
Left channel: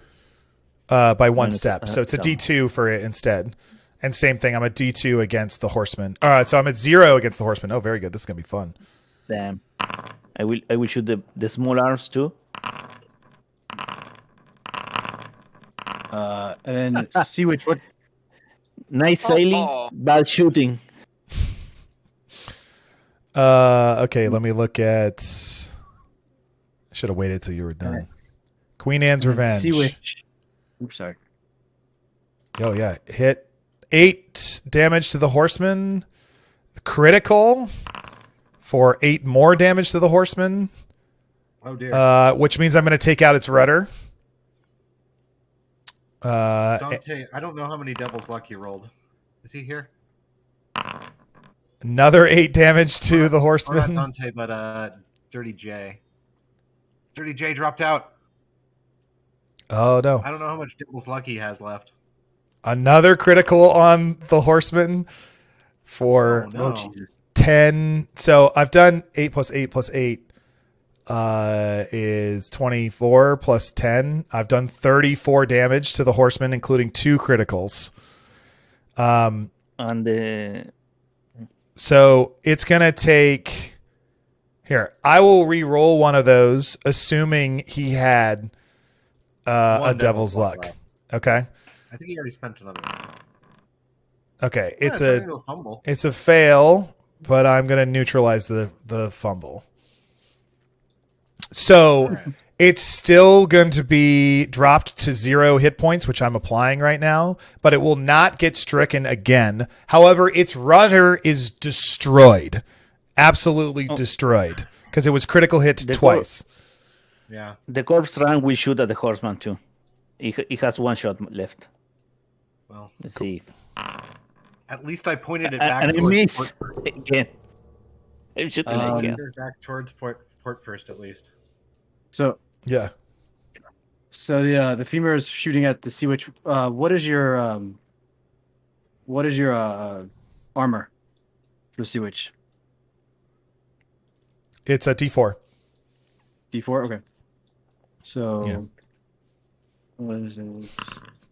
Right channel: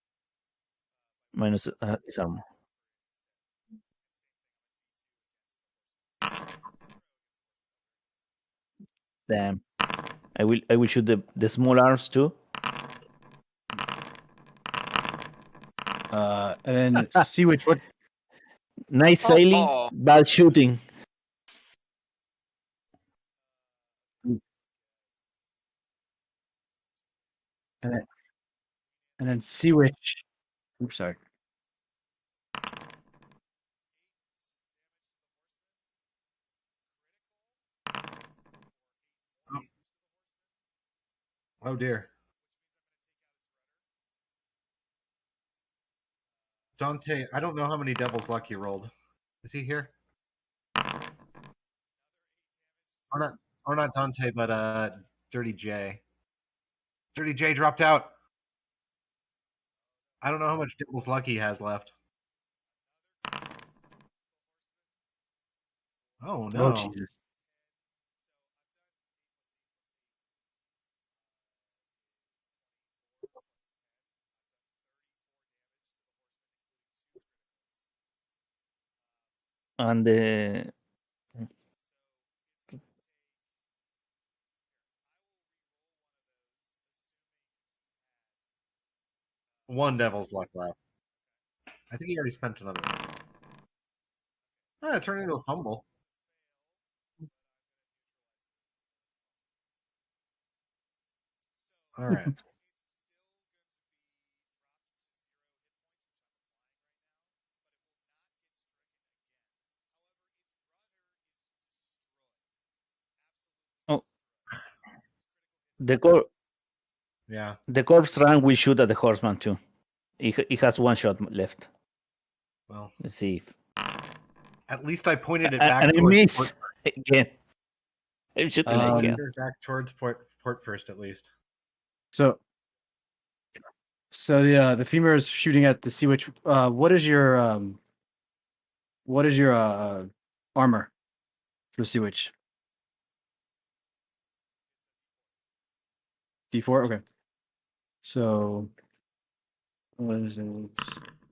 by 1 step. So it's a D2 for it instead. And same thing, I'm a D2 against the horseman. So I'm at 0 against the horseman. Oh, very good. This is gonna be fun. Damn. I will shoot the small arms too. And then sea witch. What? Nice sailing, bad shooting. Okay, let me look at. I should have waited till you were done. Queen Anne's And then Revenge. Sea Witch. Oops, sorry. Oh yeah, hit 8 damage to the horseman. Critical for 8 more damage to the horseman. Oh dear. Which means I'm going to take out its rudder. Dante, I don't know how many Devil's Luck you rolled. Is he here? Another 8 damage to the Or horseman. not Dante, but Dirty J. Dirty J dropped out. Oh no! I don't know how much Devil's Luck he has left. Another critical on the horseman for Oh, no. 10. So I've done 8 plus 8 plus 8 is 24 plus 10. I've done 34 damage to the horseman, including 2 criticals. So it's gonna take. Here, I will re-roll one of those, assuming he had a Devil's Luck. left. Okay. I think he already spent another one. Okay, Yeah, it's turning into a fumble. it's a fail, but I'm gonna neutralize the fumble. So it's still going to be dropped to 0 hit points, which I'm applying right now, but it will not get stricken again. However, its rudder is destroyed, absolutely destroyed, because it was critical hit twice. Yeah. The corpse run will shoot at the horseman too. He has 1 shot left. Well, let's see. At least I pointed it back. And I towards miss port. again. I'm shooting again. Back towards port first, at least. So yeah. So the femur is shooting at the Sea Witch. What is your armor for the Sea Witch? It's a D4. D4. Okay. So what is it?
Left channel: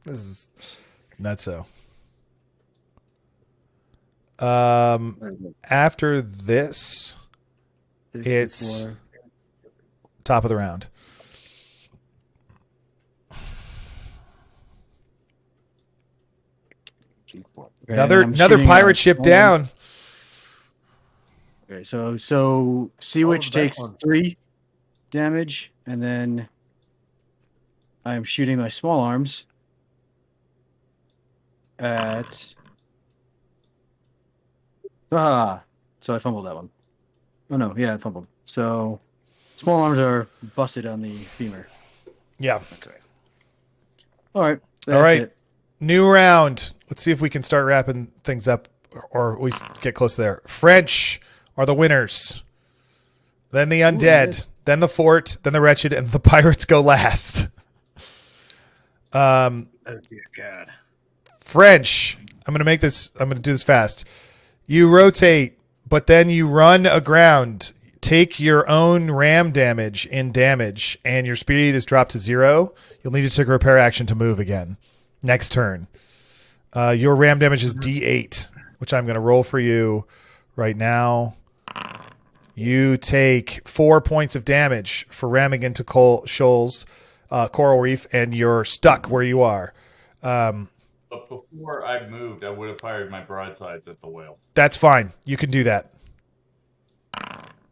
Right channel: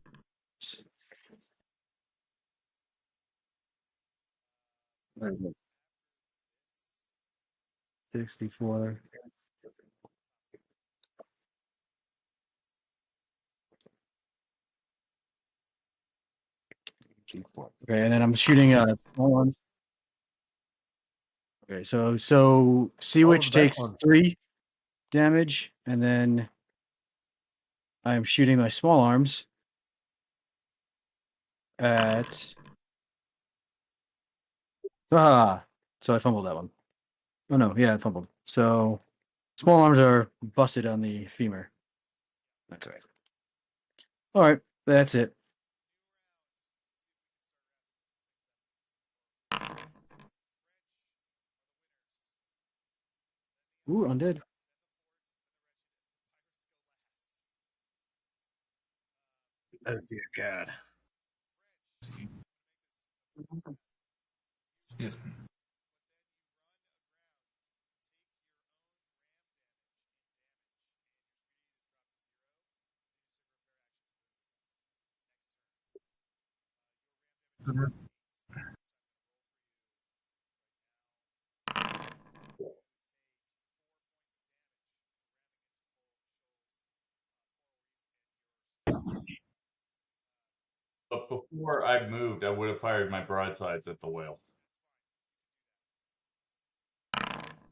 This is nutso. After this, it's top of the round. Okay, Another pirate ship down. Okay, so Sea Witch takes 3 damage, and then I'm shooting my small arms at. So I fumbled that one. Oh no, yeah, I fumbled. So small arms are busted on the femur. Yeah. That's right. All right. That's All right. it. New round. Let's see if we can start wrapping things up or we get close there. French are the winners. Then the undead, then the fort, then the wretched, and the pirates go last. Oh dear God. French. I'm going to do this fast. You rotate, but then you run aground. Take your own ram damage in damage, and your speed is dropped to 0. You'll need to take a repair action to move again. Next turn. Your ram damage is D8, which I'm going to roll for you right now. You take 4 points of damage for ramming into Shoals, Coral Reef, and you're stuck where you are. But before I moved, I would have fired my broadsides at the whale. That's fine. You can do that.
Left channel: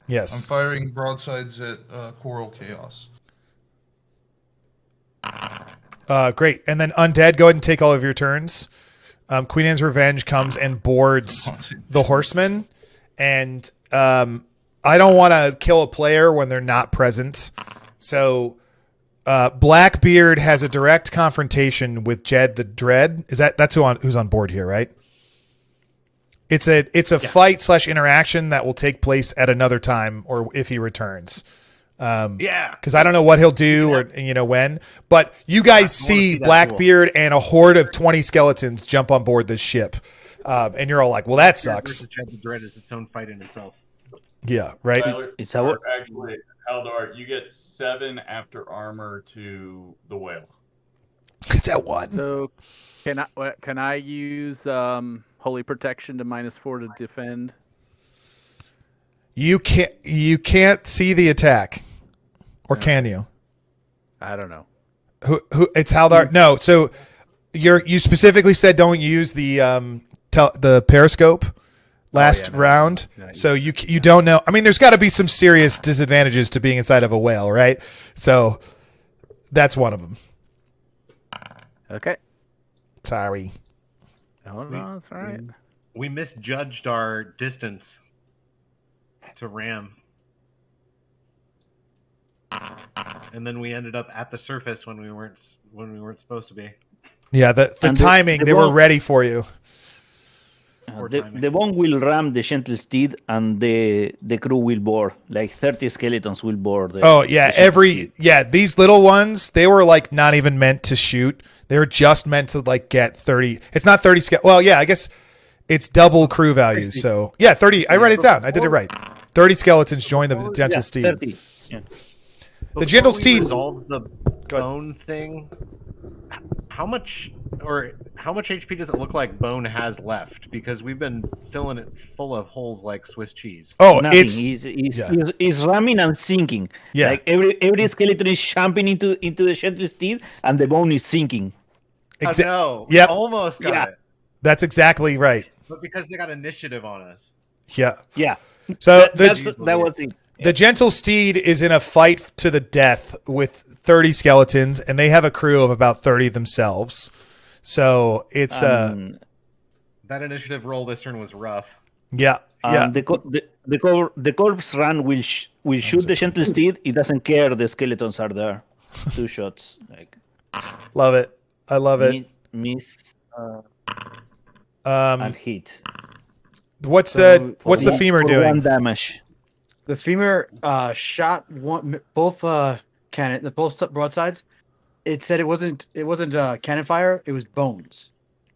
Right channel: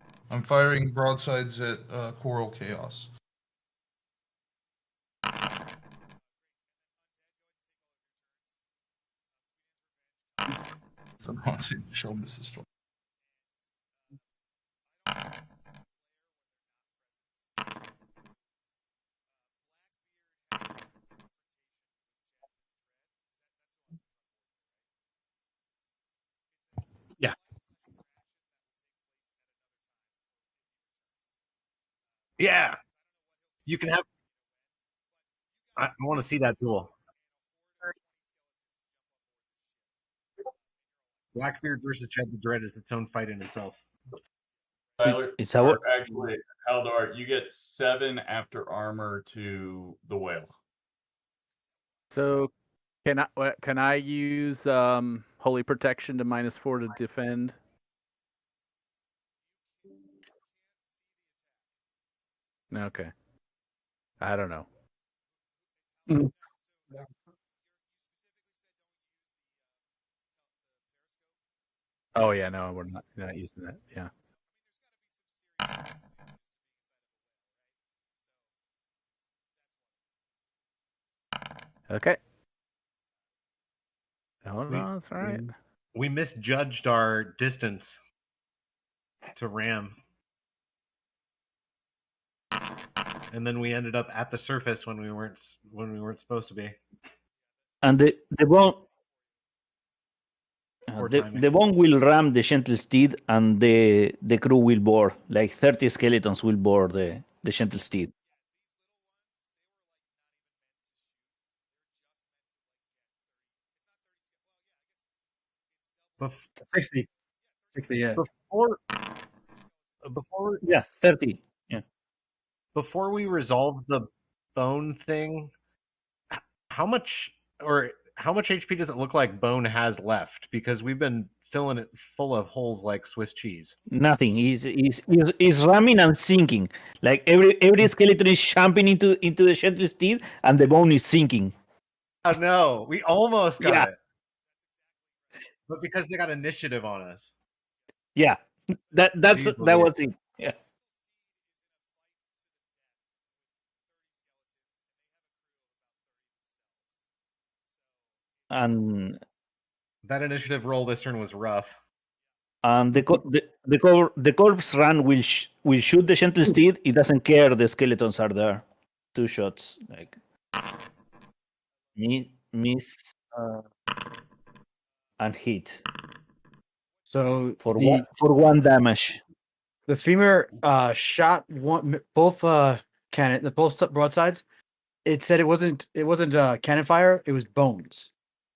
Yes. I'm firing broadsides at Coral Chaos. Great. And then Undead, go ahead and take all of your turns. Queen Anne's Revenge comes and boards the horseman. And I don't want to kill a player when they're not present. So Blackbeard has a direct confrontation with Jed the Dread. That's who's on board here, right? It's a fight / interaction that will take place at another time or if he returns. Because I don't know what he'll do or when. But you guys see Blackbeard and a horde of 20 skeletons jump on board this ship, and you're all like, "Well, that sucks." Jed the Dread is its own fight in itself. Yeah, right. It's actually Haldor. You get 7 after armor to the whale. It's at 1. So can I use Holy Protection to -4 to defend? You can't see the attack, or can you? I don't know. Who? It's Haldor. No. So you specifically said don't use the periscope last round. So you don't know. I mean, there's got to be some serious disadvantages to being inside of a whale, right? So That's one of them. Okay. Sorry. Oh no, that's all right. We misjudged our distance to ram. And then we ended up at the surface when we weren't supposed to be. Yeah, the timing, they were ready for you. The bone will ram the gentle steed, and the crew will board. Like 30 skeletons will board. These little ones, they were like not even meant to shoot. They were just meant to like get 30. It's not 30 Well, yeah, I guess it's double crew value. So yeah, 30. I wrote it down. I did it right. 30 skeletons join the gentle steed. 30. Yeah. The gentle steed. Resolve the bone thing. How much HP does it look like Bone has left? Because we've been filling it full of holes like Swiss cheese. Oh, nothing. He's ramming and sinking. Yeah. Like every skeleton is jumping into the gentle steed, and the bone is sinking. No. Yep. Almost got it. That's exactly right. But because they got initiative on us. Yeah. Yeah. So that was it. The gentle steed is in a fight to the death with 30 skeletons, and they have a crew of about 30 themselves. So it's that initiative roll this turn was rough. Yeah. The corpse run will shoot the gentle steed. It doesn't care the skeletons are there. 2 shots. Like love it. I love it. Miss and hit. What's the femur doing? 1 damage. The femur shot both broadsides. It said it wasn't cannon fire. It was bones.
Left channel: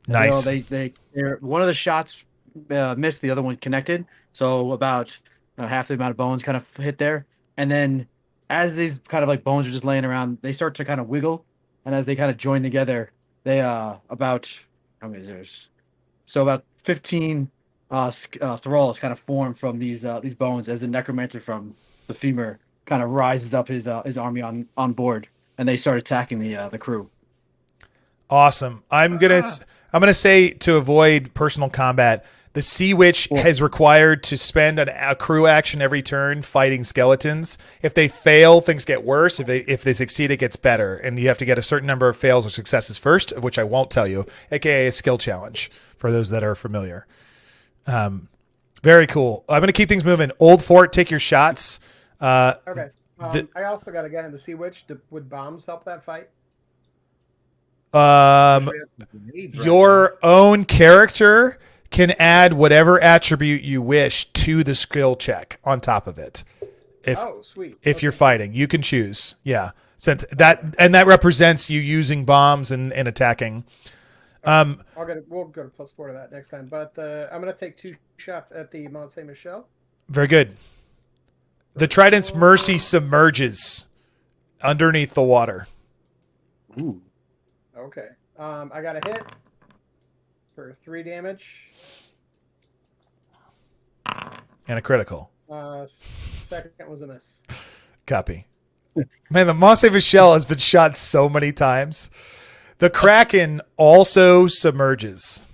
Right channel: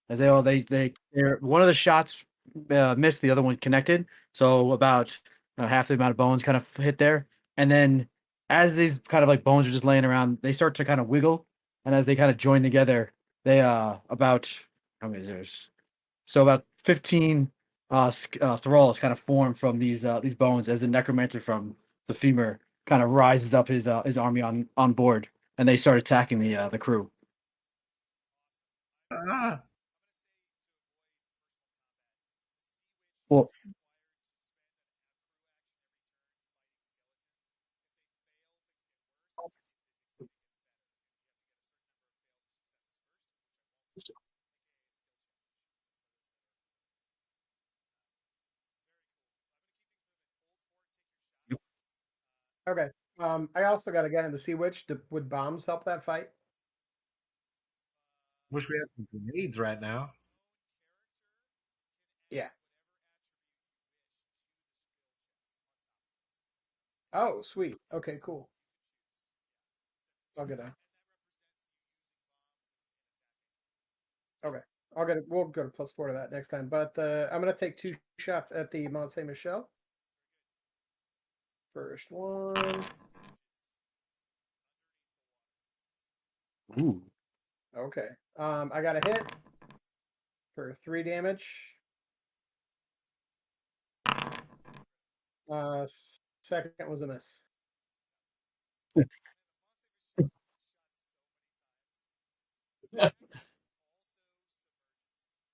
Nice. They one of the shots missed. The other one connected. So about half the amount of bones kind of hit there. And then as these kind of like bones are just laying around, they start to kind of wiggle. And as they kind of join together, they about how many there's so about 15 thralls kind of form from these bones as the necromancer from the femur kind of rises up his army on board, and they start attacking the crew. Awesome. I'm gonna say, to avoid personal combat, the Sea Witch is required to spend a crew action every turn fighting skeletons. If they fail, things get worse. If they succeed, it gets better, and you have to get a certain number of fails or successes first, of which I won't tell you, aka a skill challenge for those that are familiar. Very cool. I'm going to keep things moving. Old Fort, take your shots. Okay. I also got a guy in the Sea Witch. Would bombs help that fight? Your own character can add whatever attribute you wish to the skill check on top of it. Sweet. If you're fighting, you can choose. Yeah. Since that represents you using bombs and attacking. We'll go to +4 to that next time. But I'm going to take 2 shots at the Mont Saint Michel. Very good. The Trident's Mercy submerges underneath the water. Ooh. Okay. I got a hit for 3 damage. And a critical. Second was a miss. Copy. Man, the Mont Saint Michel has been shot so many times. The Kraken also submerges.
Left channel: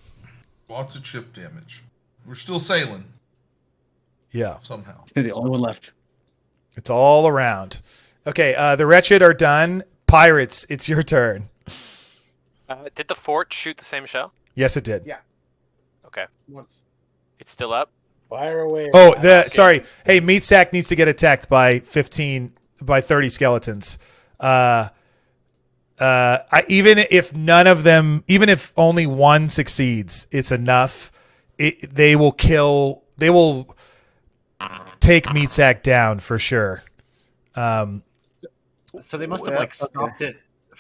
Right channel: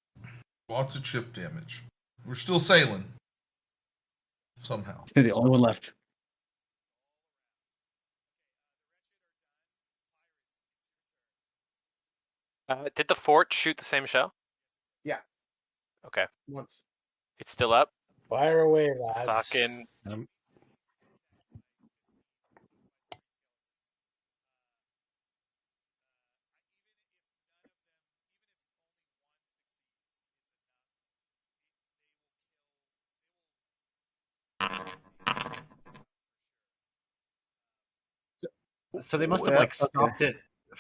Lots of chip damage. We're still sailing. Yeah. Somehow. You're the only one left. It's all around. Okay, the Wretched are done. Pirates, it's your turn. Did the fort shoot the same shell? Yes, it did. Yeah. Okay. Once. It's still up? Fire away. Oh, sorry. Hey, Meatsack needs to get attacked by 30 skeletons. Even if only one succeeds, it's enough. They will take Meatsack down for sure. So they must have stopped it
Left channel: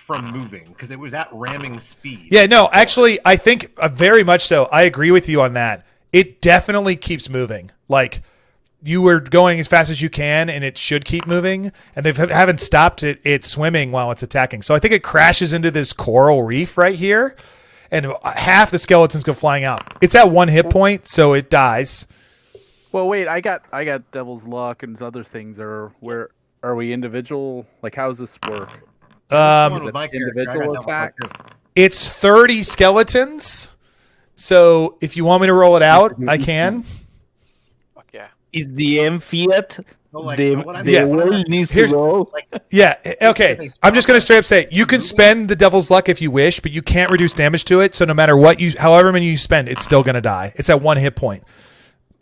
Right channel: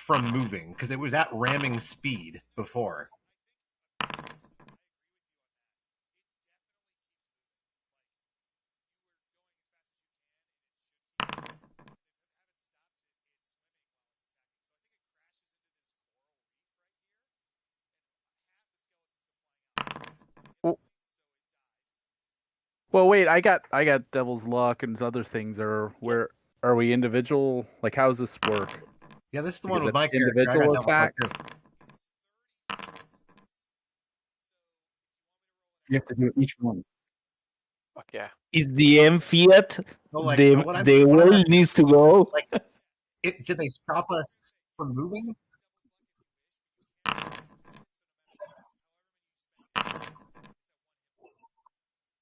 from moving because it was at ramming speed. Yeah, no, actually, I think very much so. I agree with you on that. It definitely keeps moving. Like, you were going as fast as you can, and it should keep moving. And they haven't stopped it swimming while it's attacking. So I think it crashes into this coral reef right here, and half the skeletons go flying out. It's at 1 hit point, so it dies. Well, wait, I got Devil's Luck and other things. Where are we individual? Like, how does this work? Is it individual attacks? It's 30 skeletons. So if you want me to roll it out, I can. Fuck yeah. Is the M Fiat like, the way it needs to go? Yeah. Okay. they I'm just gonna stop straight up say you can spend the Devil's Luck if you wish, but you can't reduce damage to it. So no matter what however many you spend, it's still gonna die. It's at 1 hit point.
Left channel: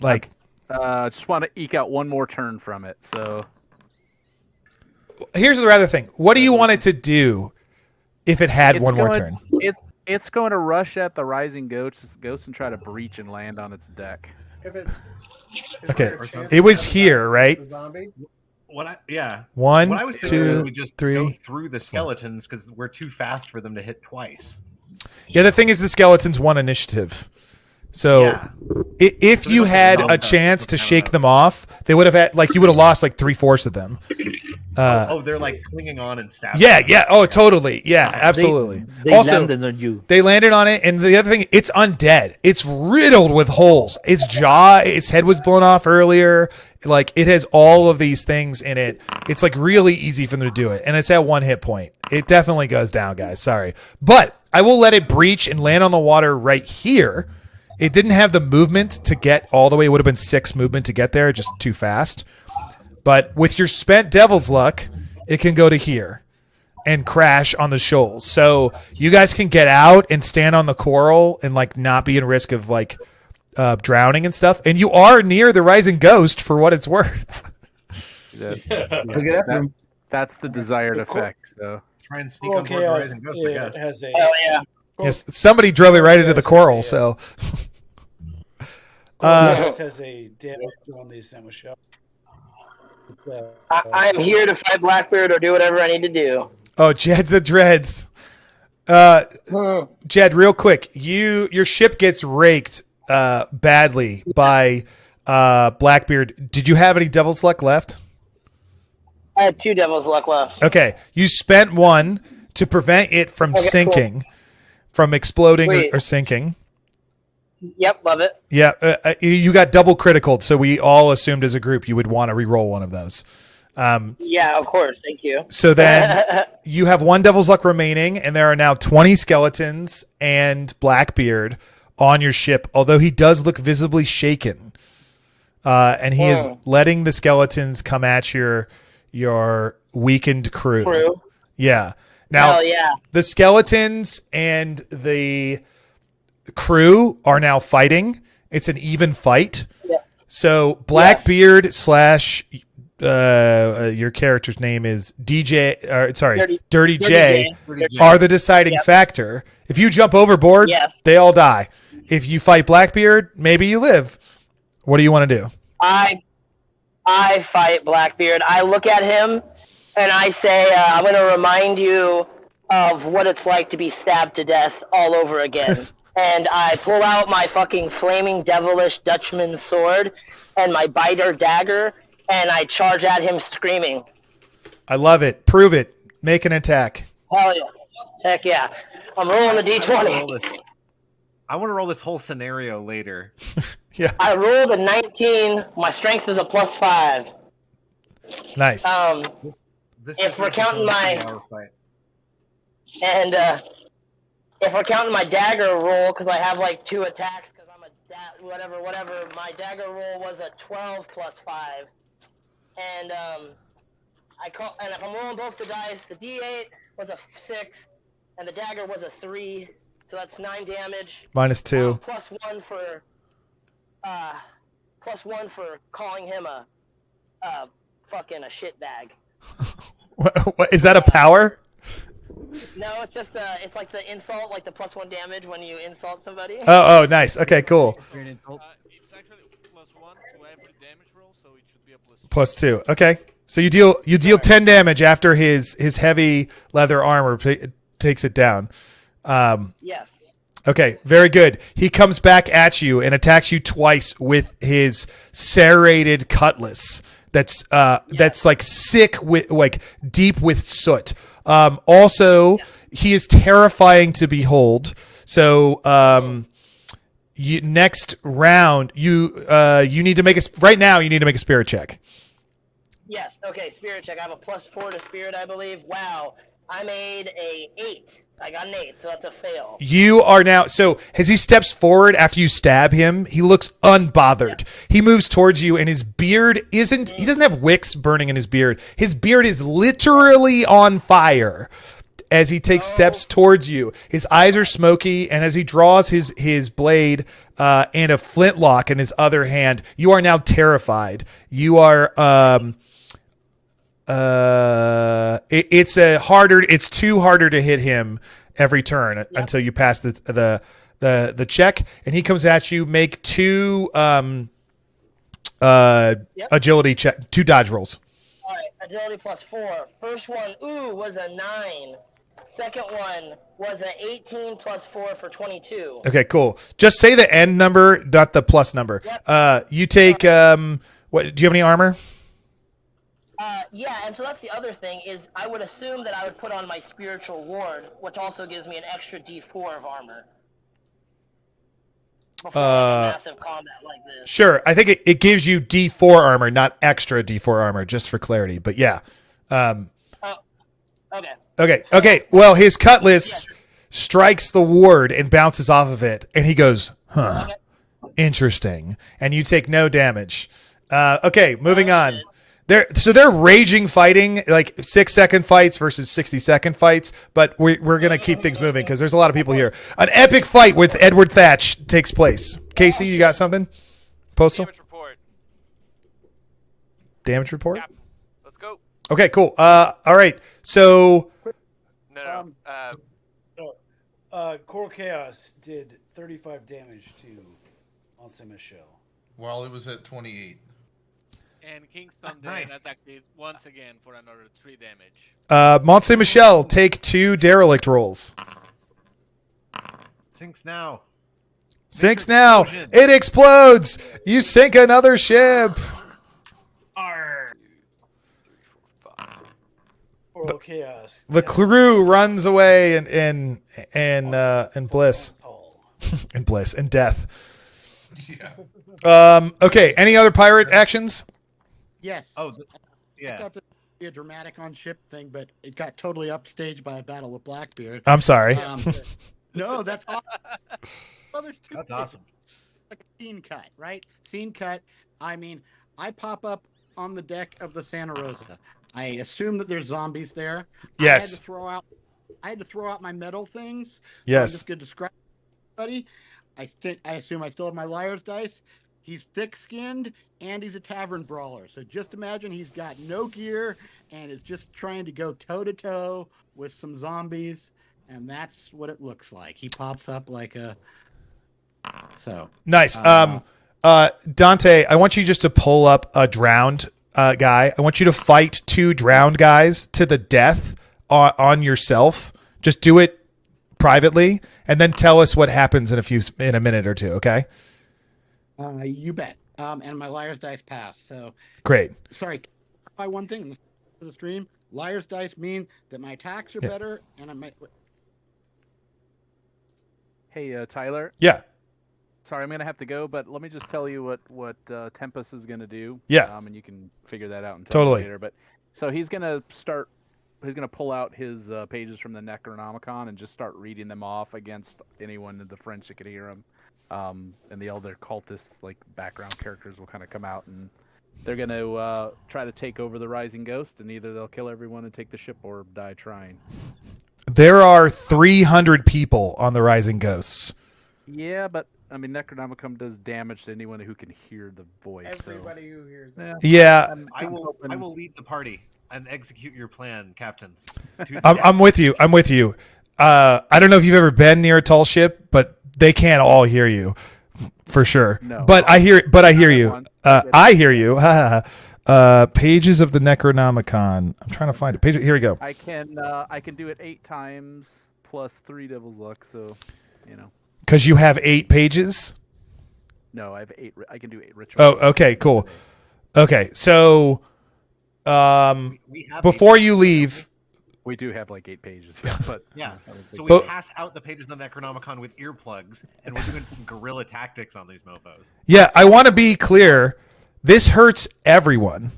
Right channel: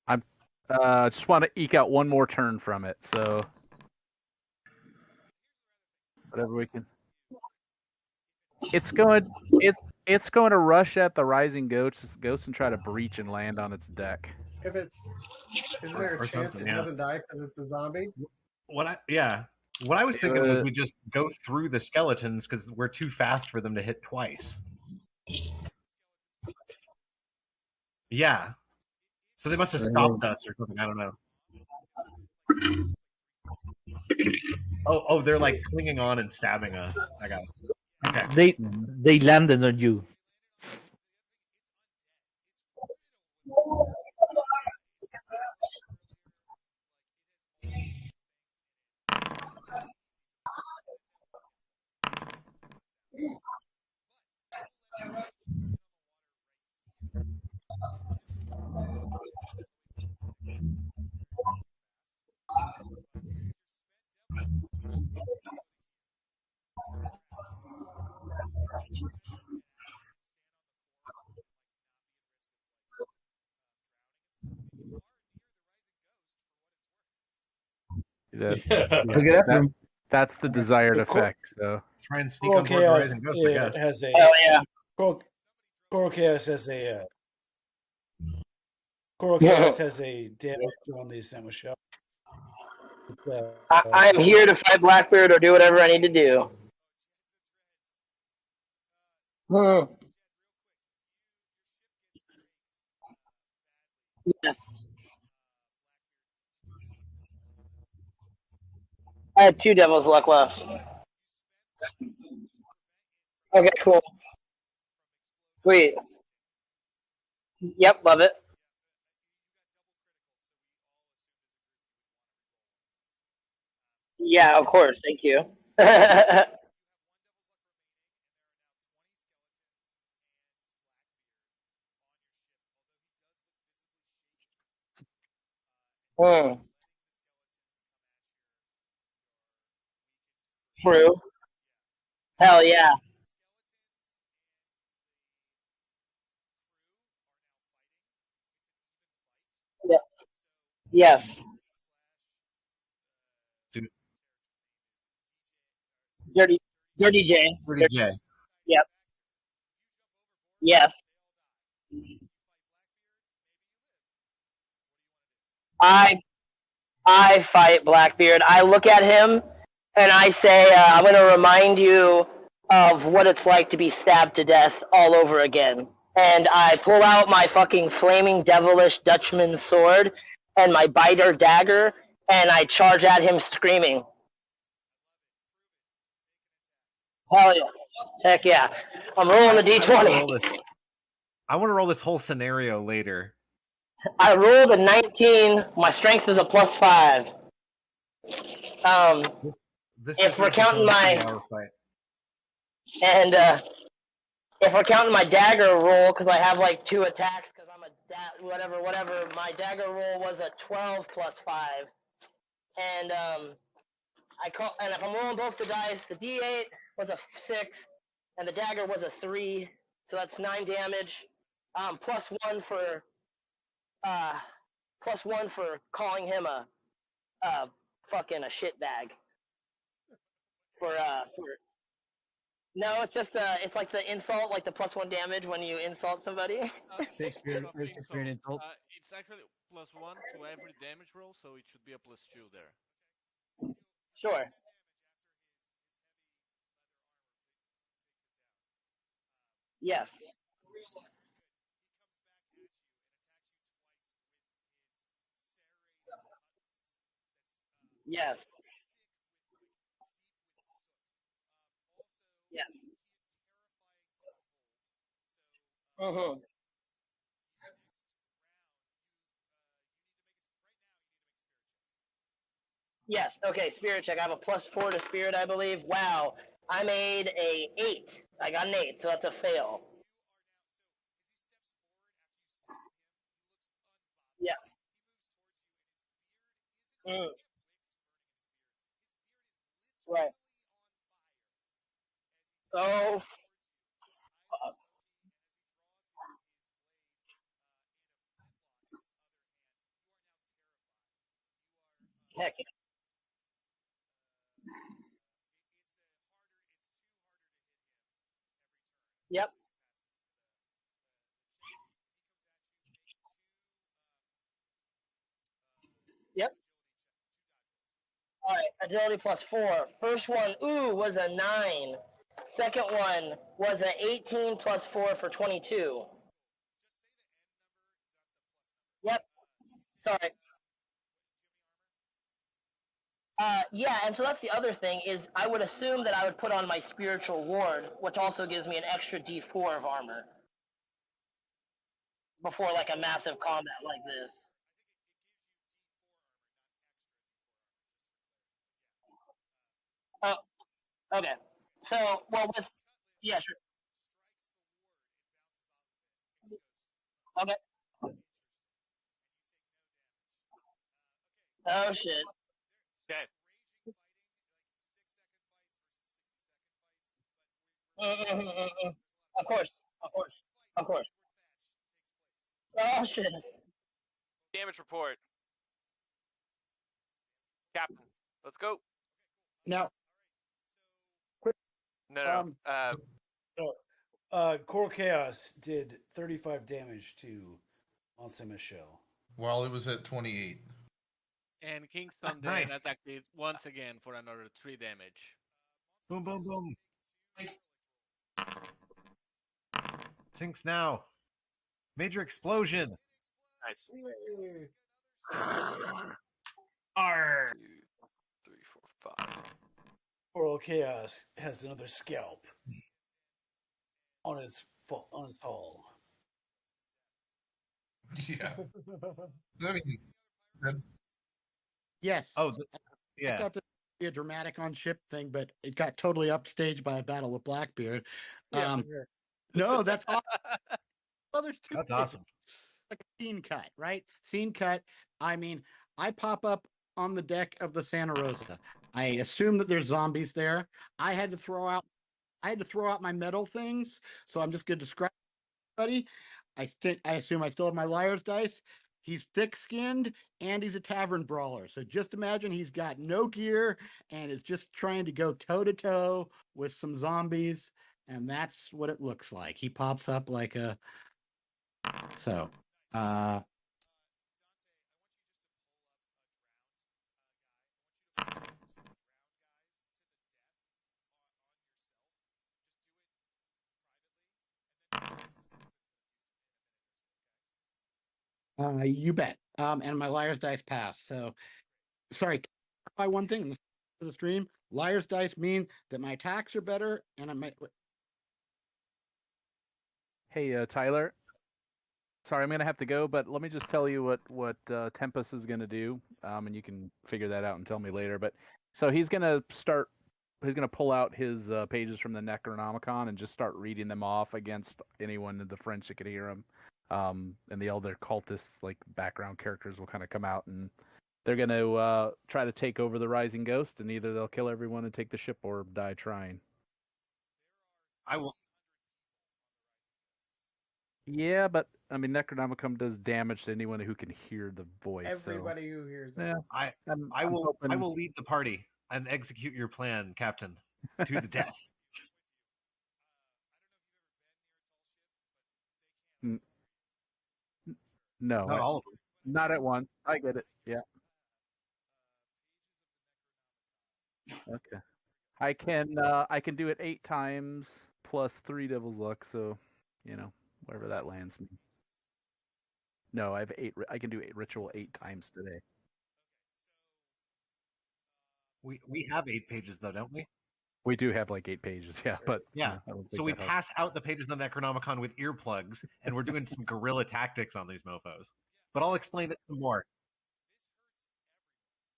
Like, just want to eke out one more turn from it. So here's the other thing. What do you want it to do if it had one more turn? It's going to rush at the Rising Ghost and try to breach and land on its deck. If it's Okay. It was here, right? Zombie. What I One, what I was thinking is two, we just three. go through the skeletons because we're too fast for them to hit twice. Yeah, the thing is the skeletons won initiative. So Yeah. if So they you must have had knocked a out chance to something, I don't shake know. them off, they would have had you would have lost like 3/4 of them. They're like clinging on and stabbing. Yeah, yeah. Oh, totally. Yeah, absolutely. They Also, landed on you. They landed on it, and the other thing, it's undead. It's riddled with holes. Its jaw, its head was blown off earlier. Like, it has all of these things in it. It's like really easy for them to do it, and it's at 1 hit point. It definitely goes down, guys. Sorry, but I will let it breach and land on the water right here. It didn't have the movement to get all the way. It would have been 6 movement to get there, just too fast. But with your spent Devil's Luck, it can go to here and crash on the shoals. So you guys can get out and stand on the coral and like not be in risk of like drowning and stuff. And you are near the Rising Ghost for what it's worth. That's the desired effect. So try and sneak on board the Rising Ghost, I guess. Has a, Yes, somebody drove it right into the coral. So has a damage on the sandwich shell. I am here to fight Blackbeard or do whatever I need to do. Oh, Jed's the dreads. Jed, real quick, your ship gets raked badly by Blackbeard. Did you have any Devil's Luck left? I had 2 Devil's Luck left. Okay, you spent 1 to prevent it from sinking, from exploding or sinking. Yep, love it. Yeah, you got double critical, so we all assumed as a group you would want to re-roll one of those. Yeah, of course. Thank you. So then you have 1 Devil's Luck remaining, and there are now 20 skeletons and Blackbeard on your ship, although he does look visibly shaken. And he is letting the skeletons come at your weakened crew. Yeah. Now, Hell yeah. the skeletons and the crew are now fighting. It's an even fight. Yeah. So Blackbeard slash your character's name is DJ. Dirty J. Are the deciding factor. If you jump overboard, they all die. If you fight Blackbeard, maybe you live. What do you want to do? I fight Blackbeard. I look at him and I say, I'm going to remind you of what it's like to be stabbed to death all over again. And I pull out my fucking flaming devilish Dutchman sword and my biter dagger, and I charge at him screaming. I love it. Prove it. Make an attack. Hell yeah. Heck yeah. I'm rolling the D20. I want to roll this whole scenario later. Yeah. I rolled a 19. My strength is a +5. Nice. If we're counting my... And if we're counting my dagger roll, because I have like 2 attacks, because I'm a whatever, my dagger roll was a 12 +5. And and if I'm rolling both the dice, the D8 was a 6, and the dagger was a 3, so that's 9 damage. -2. +1 for calling him a fucking a shitbag. What is that a power? No, it's just it's like the insult, like the +1 damage when you insult somebody. Oh, nice. Okay, cool. It's actually +1 to every damage roll, so it should be a +2. +2. Okay. So you deal 10 damage after his heavy leather armor takes it down. Yes. Okay, very good. He comes back at you and attacks you twice with his serrated cutlass. That's like sick with like deep with soot. Also, he is terrifying to behold. So next round you need to make a spirit check. Yes. Okay. Spirit check. I have a +4 to spirit, I believe. Wow. I made a 8. I got an 8, so that's a fail. You are now. So as he steps forward after you stab him, he looks unbothered. Yeah. He moves towards you, and his beard isn't. He doesn't have wicks burning in his beard. His beard is literally on fire. As he takes steps towards you, his eyes are smoky, and as he draws his blade and a flintlock in his other hand, you are now terrified. You are it's too harder to hit him every turn until you pass the check, and he comes at you. Make 2 agility check, 2 dodge rolls. All right, agility +4. First one, was a 9. Second one was an 18 +4 for 22. Okay, cool. Just say the end number, not the plus number. Yep. You take what? Do you have any armor? Yeah, and so that's the other thing is I would assume that I would put on my spiritual ward, which also gives me an extra D4 of armor. Before like a massive combat like this. Sure, I think it gives you D4 armor, not extra D4 armor, just for clarity. But yeah. Okay. Okay. Well, his cutlass strikes the ward and bounces off of it, and he goes, "Huh, interesting." And you take no damage. Okay, moving on. They're raging fighting, like 6-second fights versus 60-second fights, but we're gonna keep things moving because there's a lot of people here. An epic fight with Edward Thatch takes place. Casey, you got something? Postal? Damage report. Damage report? Yeah. Let's go. Okay, cool. All right. So Coral Chaos did 35 damage to Mont Michel. While it was at 28. And King Thunder attacked it once again for another 3 damage. Mont Michel, take 2 derelict rolls. Sinks now. Sinks now. It explodes. You sink another ship. Arr. Coral Chaos. The crew runs away in bliss. In bliss and death. Yeah. Okay. Any other pirate actions? Yes. Oh, yeah. I thought this would be a dramatic on ship thing, but it got totally upstaged by a battle with Blackbeard. I'm sorry. No, that's awesome. Well, there's 2 That's awesome. Like a scene cut, right? Scene cut. I mean, I pop up on the deck of the Santa Rosa. I assume that there's zombies there. Yes. I had to throw out my metal things. Yes. So I'm just going to describe everybody. I assume I still have my liar's dice. He's thick-skinned, and he's a tavern brawler. So just imagine he's got no gear and is just trying to go toe-to-toe with some zombies, and that's what it looks like. He pops up like a... So... Nice. Dante, I want you just to pull up a drowned guy. I want you to fight 2 drowned guys to the death on yourself. Just do it privately, and then tell us what happens in a minute or 2, okay? You bet. And my liar's dice pass. So great. Sorry, by one thing for the stream, liar's dice mean that my attacks are better, and I might. Hey, Tyler. Yeah. Sorry, I'm gonna have to go, but let me just tell you what Tempest is gonna do. Yeah. And you can figure that out and tell me later. But so he's gonna pull out his pages from the Necronomicon and just start reading them off against anyone in the French that could hear him. And the other cultists, like background characters, will kind of come out, and they're going to try to take over the Rising Ghost, and either they'll kill everyone and take the ship or die trying. There are 300 people on the Rising Ghosts. Yeah, but I mean, Necronomicon does damage to anyone who can hear the voice. Everybody who hears it. Yeah. I will lead the party and execute your plan, Captain. I'm with you. I don't know if you've ever been near a tall ship, but they can't all hear you, for sure. No, but I hear you. I hear you. Pages of the Necronomicon. I'm trying to find it. Here we go. I can do it 8 times plus 3 Devil's Luck. So, Because you have 8 pages. No, I have 8. I can do 8 rituals. Oh, okay, cool. Okay, so we have before you leave. We do have like 8 pages, yeah. But yeah, so we pass out the pages of the Necronomicon with earplugs, and we're doing some guerrilla tactics on these mofos. Yeah, I want to be clear. This hurts everyone.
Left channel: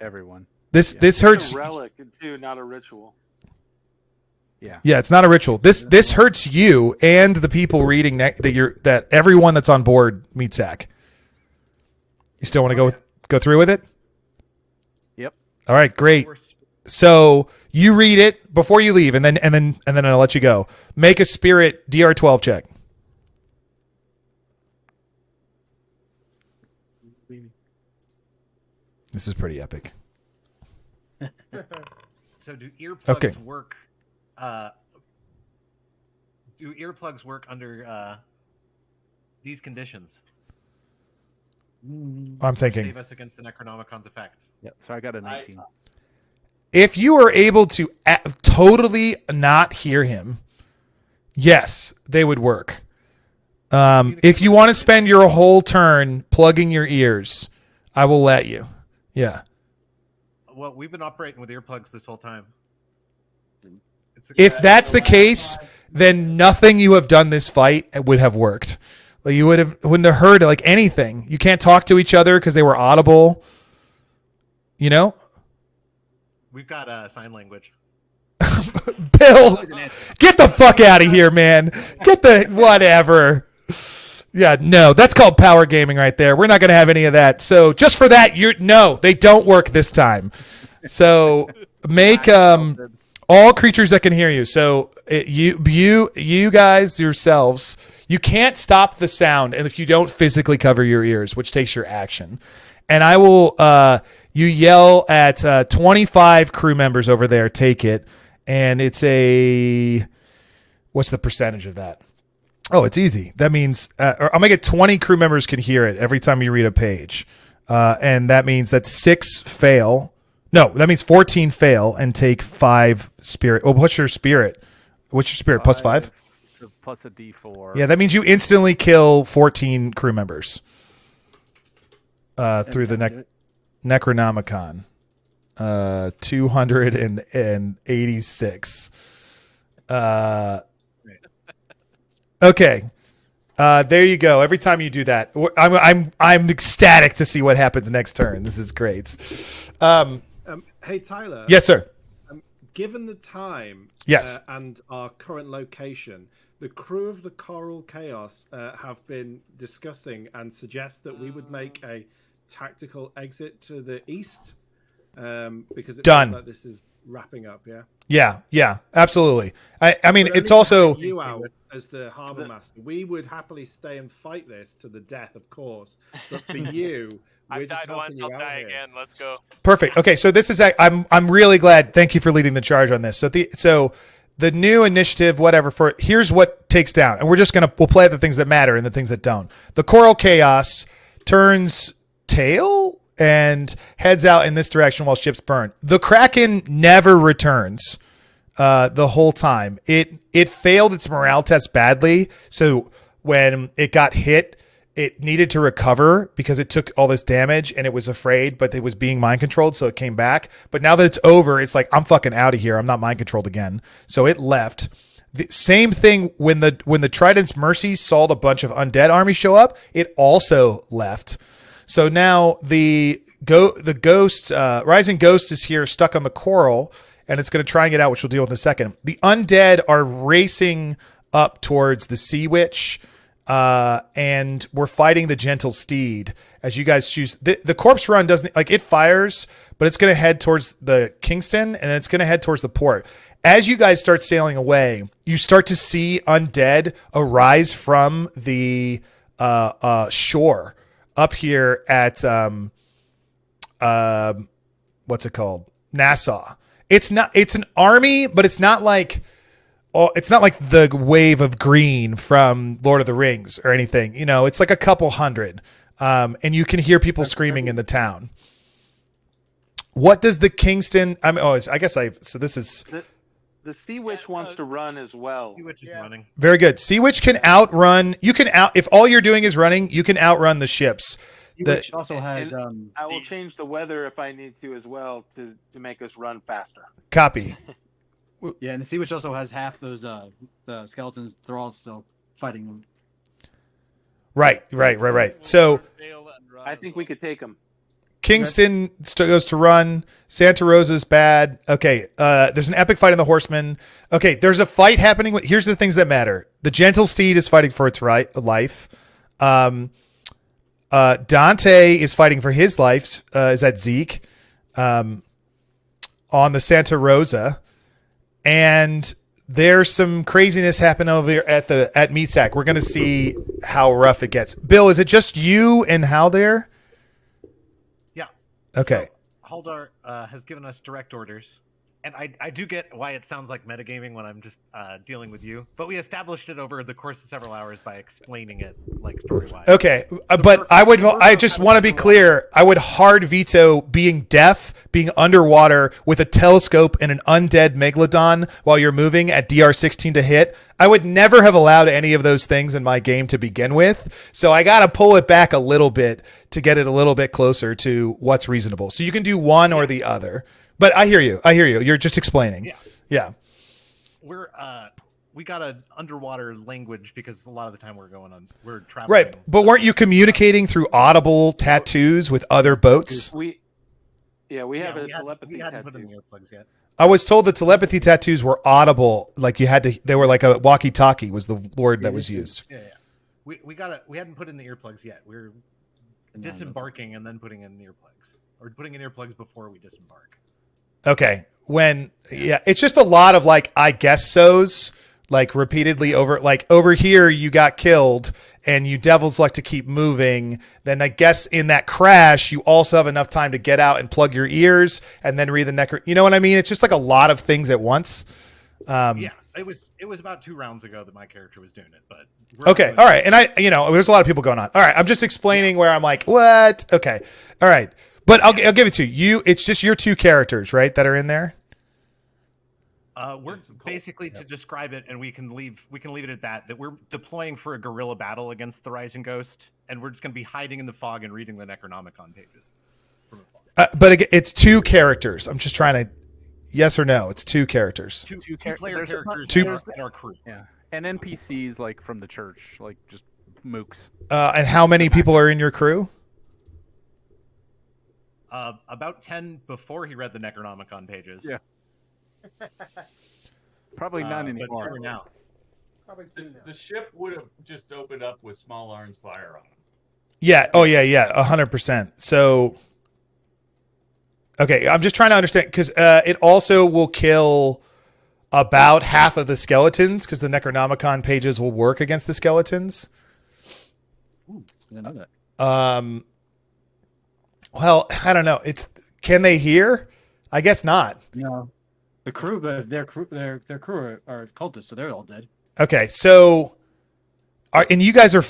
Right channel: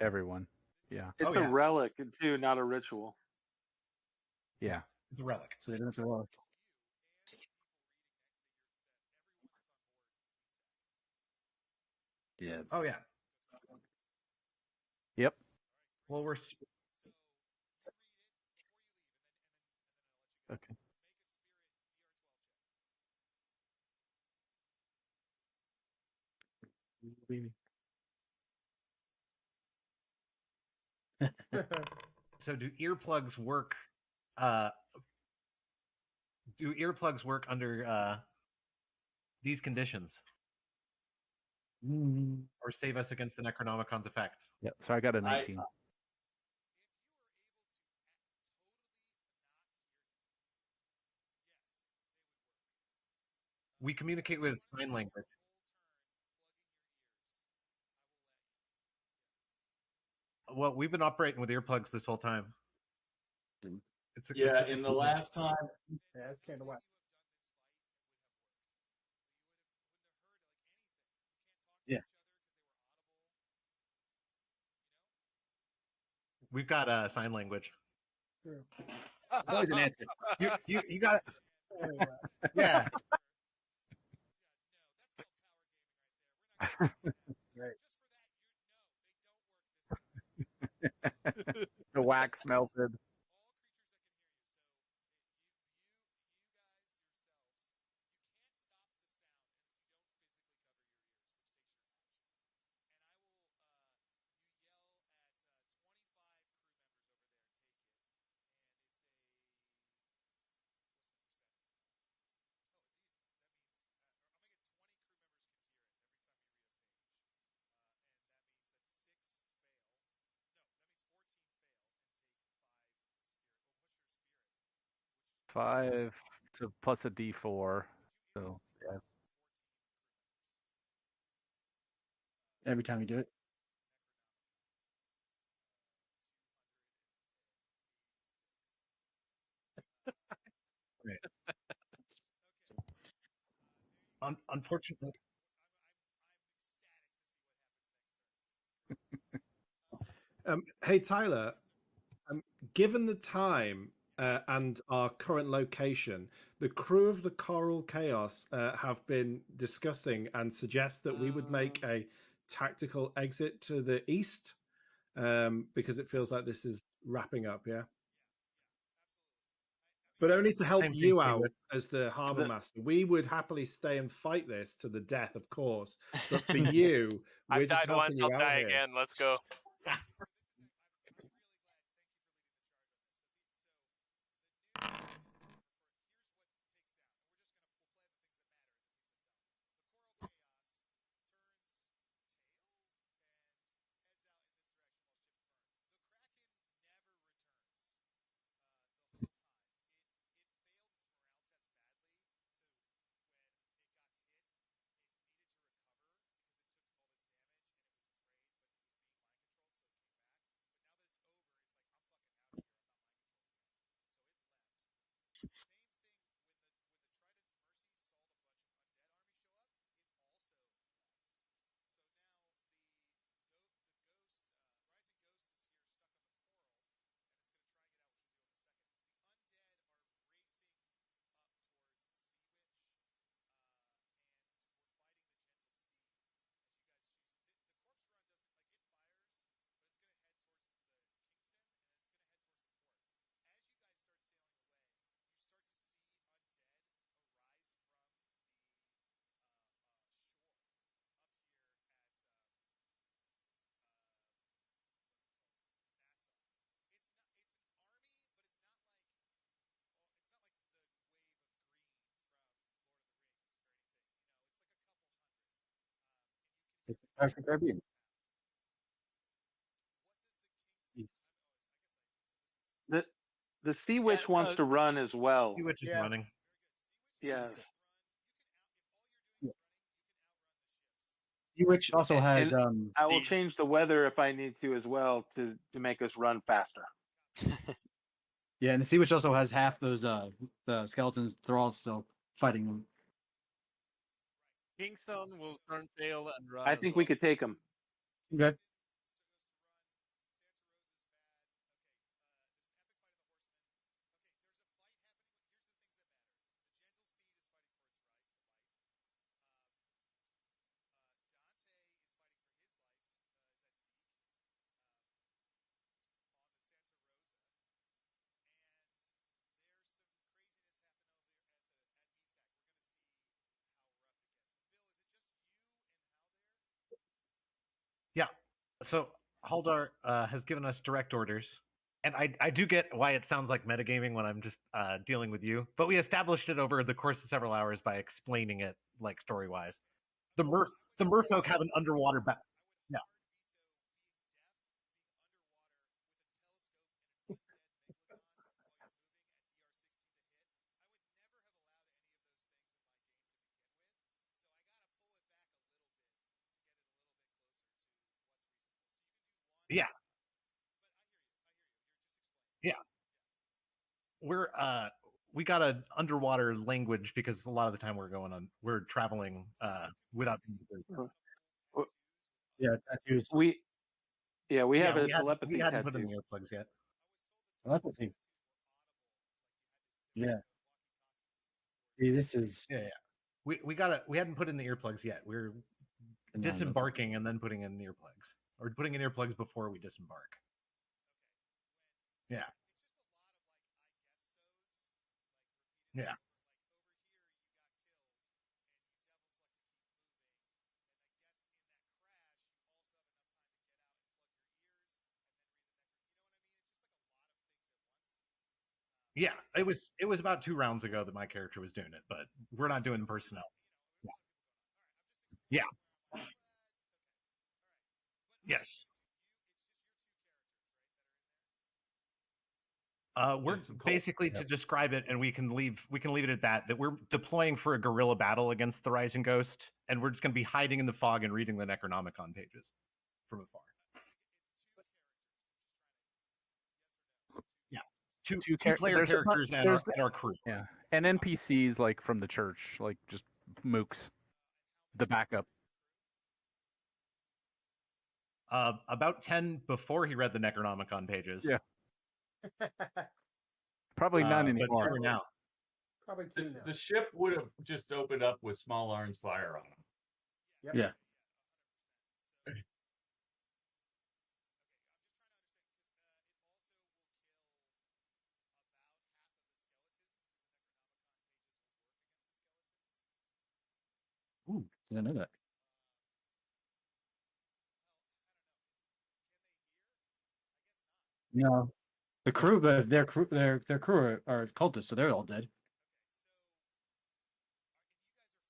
Everyone. This hurts. It's a relic too, not a ritual. Yeah. Yeah, it's not a ritual. This hurts you and the people reading that everyone that's on board Meatsack. You still want to go through with it? Yep. All right, great. So you read it before you leave, and then I'll let you go. Make a spirit DR12 check. This is pretty epic. So do earplugs work? Do earplugs work under these conditions? I'm thinking. Save us against the Necronomicon's effects. Yeah, so I got a 19. If you are able to totally not hear him, yes, they would work. If you want to spend your whole turn plugging your ears, I will let you. Yeah. Well, we've been operating with earplugs this whole time. If that's the case, then nothing you have done this fight would have worked. Like you wouldn't have heard like anything. You can't talk to each other because they were audible. You know? We've got sign language. Bill, get the fuck out of here, man. Get the whatever. Yeah, no, that's called power gaming right there. We're not going to have any of that. So just for that, no, they don't work this time. So make all creatures that can hear you. So you guys yourselves, you can't stop the sound, and if you don't physically cover your ears, which takes your action. And I will, you yell at 25 crew members over there. Take it, and it's what's the percentage of that? Oh, it's easy. That means I'm gonna get 20 crew members can hear it every time you read a page, and that means that 6 fail. No, that means 14 fail and take 5 spirit. Oh, what's your spirit? What's your spirit? Plus 5? It's a plus a D4. Yeah, that means you instantly kill 14 crew members through the Necronomicon. 286. Okay. There you go. Every time you do that, I'm ecstatic to see what happens next turn. This is great. Hey Tyler. Yes, sir. Given the time, yes, and our current location, the crew of the Coral Chaos have been discussing and suggest that we would make a tactical exit to the east, because it feels like this is wrapping up. Yeah, absolutely. I mean, But it's only to also have you out as the harbor master. We would happily stay and fight this to the death, of course. But for you, we're I've just died once, helping you I'll out die here. again. Let's go. perfect. Okay, so this is I'm really glad. Thank you for leading the charge on this. So the new initiative, whatever. Here's what takes down, and we'll play the things that matter and the things that don't. The Coral Chaos turns tail and heads out in this direction while ships burn. The Kraken never returns the whole time. It failed its morale test badly, so when it got hit, it needed to recover because it took all this damage and it was afraid, but it was being mind controlled, so it came back. But now that it's over, it's like, I'm fucking out of here. I'm not mind controlled again. So it left. The same thing when the Trident's Mercy saw a bunch of undead armies show up, it also left. So now the ghost, Rising Ghost is here stuck on the coral, and it's going to try and get out, which we'll deal with in a second. The undead are racing up towards the Sea Witch, and we're fighting the Gentle Steed as you guys choose. The corpse run doesn't, like, it fires, but it's going to head towards the Kingston, and then it's going to head towards the port. As you guys start sailing away, you start to see undead arise from the shore up here at what's it called? Nassau. It's an army, but it's not like the wave of green from Lord of the Rings or anything. You know, it's like a couple hundred. And you can hear people screaming in the town. What does the Kingston? So this is the Sea Witch wants to run as well. Sea Witch is running. very good. Sea Witch can outrun. If all you're doing is running, you can outrun the ships. Which also has I will change the weather if I need to as well to make us run faster. Copy. Yeah, and the Sea Witch also has half those the skeletons. They're all still fighting them. Right. So I think we could take them. Kingston goes to run. Santa Rosa's bad. Okay. There's an epic fight in the Horsemen. Okay. There's a fight happening. Here's the things that matter. The gentle steed is fighting for its life. Dante is fighting for his life. Is that Zeke? On the Santa Rosa. And there's some craziness happening over here at Meatsack. We're going to see how rough it gets. Bill, is it just you and Hal there? Yeah. Okay. So Haldar has given us direct orders, and I do get why it sounds like metagaming when I'm just dealing with you, but we established it over the course of several hours by explaining it like story-wise. Okay, but I just want to be clear. I would hard veto being deaf, being underwater with a telescope and an undead megalodon while you're moving at DR16 to hit. I would never have allowed any of those things in my game to begin with. So I got to pull it back a little bit to get it a little bit closer to what's reasonable. So you can do one or the other. But I hear you. You're just explaining. Yeah. We got an underwater language because a lot of the time we're traveling. Right. But weren't you communicating through audible tattoos with other boats? We have a We telepathy hadn't put in tattoo. the earplugs yet. I was told the telepathy tattoos were audible. Like they were like a walkie-talkie was the word that was used. Yeah. We hadn't put in the earplugs yet. We're disembarking and then putting in the earplugs, or putting in earplugs before we disembark. Okay. It's just a lot of like, I guess so's like repeatedly over here, you got killed and you devils like to keep moving. Then I guess in that crash, you also have enough time to get out and plug your ears and then read the necro. You know what I mean? It's just like a lot of things at once. It was about 2 rounds ago that my character was doing it, but okay. All right. And there's a lot of people going on. All right. I'm just explaining where I'm like, what? Okay. All right. But I'll give it to you. It's just your 2 characters, right, that are in there. We're basically to describe it, and we can leave it at that. That we're deploying for a guerrilla battle against the Rising Ghost, and we're just going to be hiding in the fog and reading the Necronomicon pages from afar. But again, it's 2 characters. I'm just trying to, yes or no? It's 2 characters. Two player characters and our crew. Yeah, and NPCs like from the church, like just mooks. And how many people are in your crew? About 10 before he read the Necronomicon pages. Yeah. Probably none anymore. Now. Probably 2 now. The ship would have just opened up with small arms fire on them. Yeah. Oh yeah. 100%. So, okay. I'm just trying to understand because it also will kill about half of the skeletons because the Necronomicon pages will work against the skeletons. Ooh, I didn't know that. Well, I don't know. Can they hear? I guess not. No. The crew, but their crew are cultists, so they're all dead. Okay, so, and you guys are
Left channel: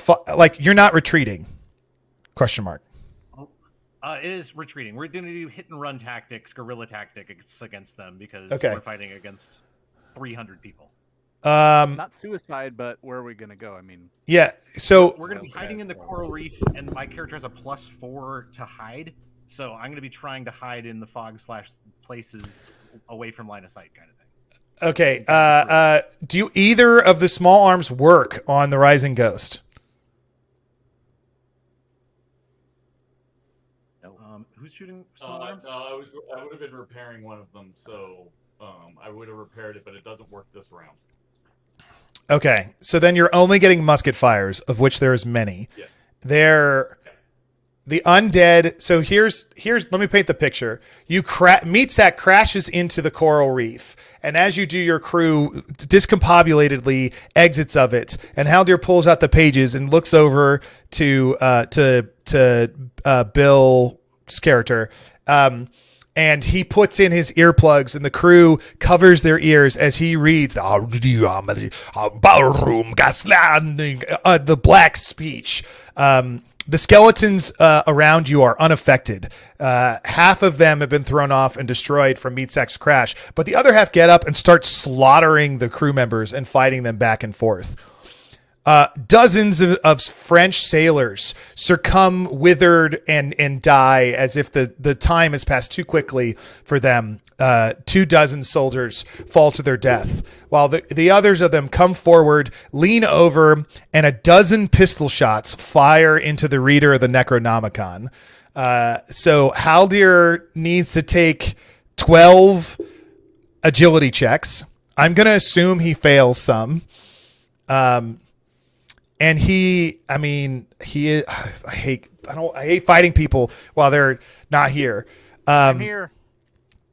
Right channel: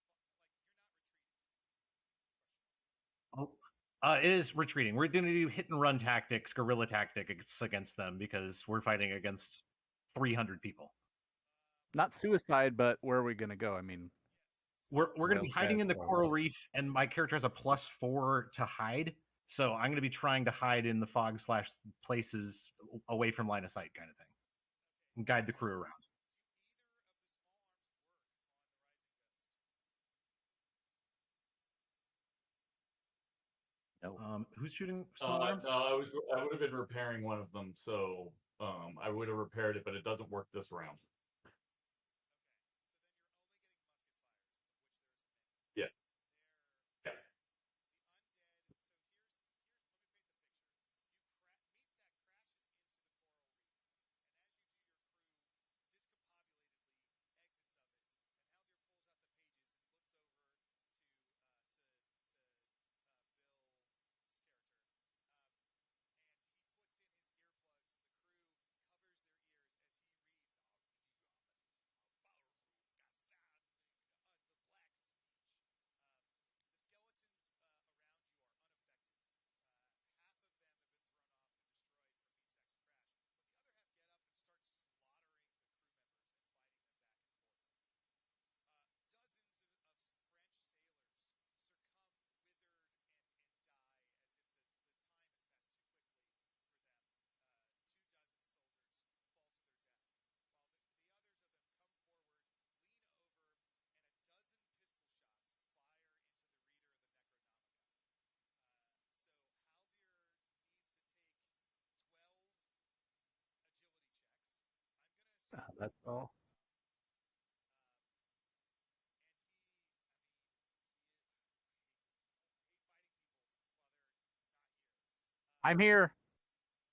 you're not retreating? Question mark. It is retreating. We're going to do hit and run tactics, guerrilla tactics against them because we're fighting against 300 people. Not suicide, but where are we going to go? I mean, yeah. So we're going to be hiding in the coral reef, and my character has a +4 to hide. So I'm going to be trying to hide in the fog / places away from line of sight, kind of thing. Okay. Do either of the small arms work on the Rising Ghost? No. Who's shooting small arms? No, I would have been repairing one of them, so I would have repaired it, but it doesn't work this round. Okay, so then you're only getting musket fires, of which there's many. Yeah. The undead. So here's. Let me paint the picture. Meatsack crashes into the coral reef, and as you do, your crew discombobulatedly exits of it. And Haldir pulls out the pages and looks over to Bill's character, and he puts in his earplugs, and the crew covers their ears as he reads the ballroom gaslanding, the black speech. The skeletons around you are unaffected. Half of them have been thrown off and destroyed from Meatsack's crash, but the other half get up and start slaughtering the crew members and fighting them back and forth. Dozens of French sailors succumb, withered, and die as if the time has passed too quickly for them. 24 soldiers fall to their death, while the others of them come forward, lean over, and 12 pistol shots fire into the reader of the Necronomicon. So Haldir needs to take 12 agility checks. I'm going to assume he fails some. And I hate fighting people while they're not here. I'm here.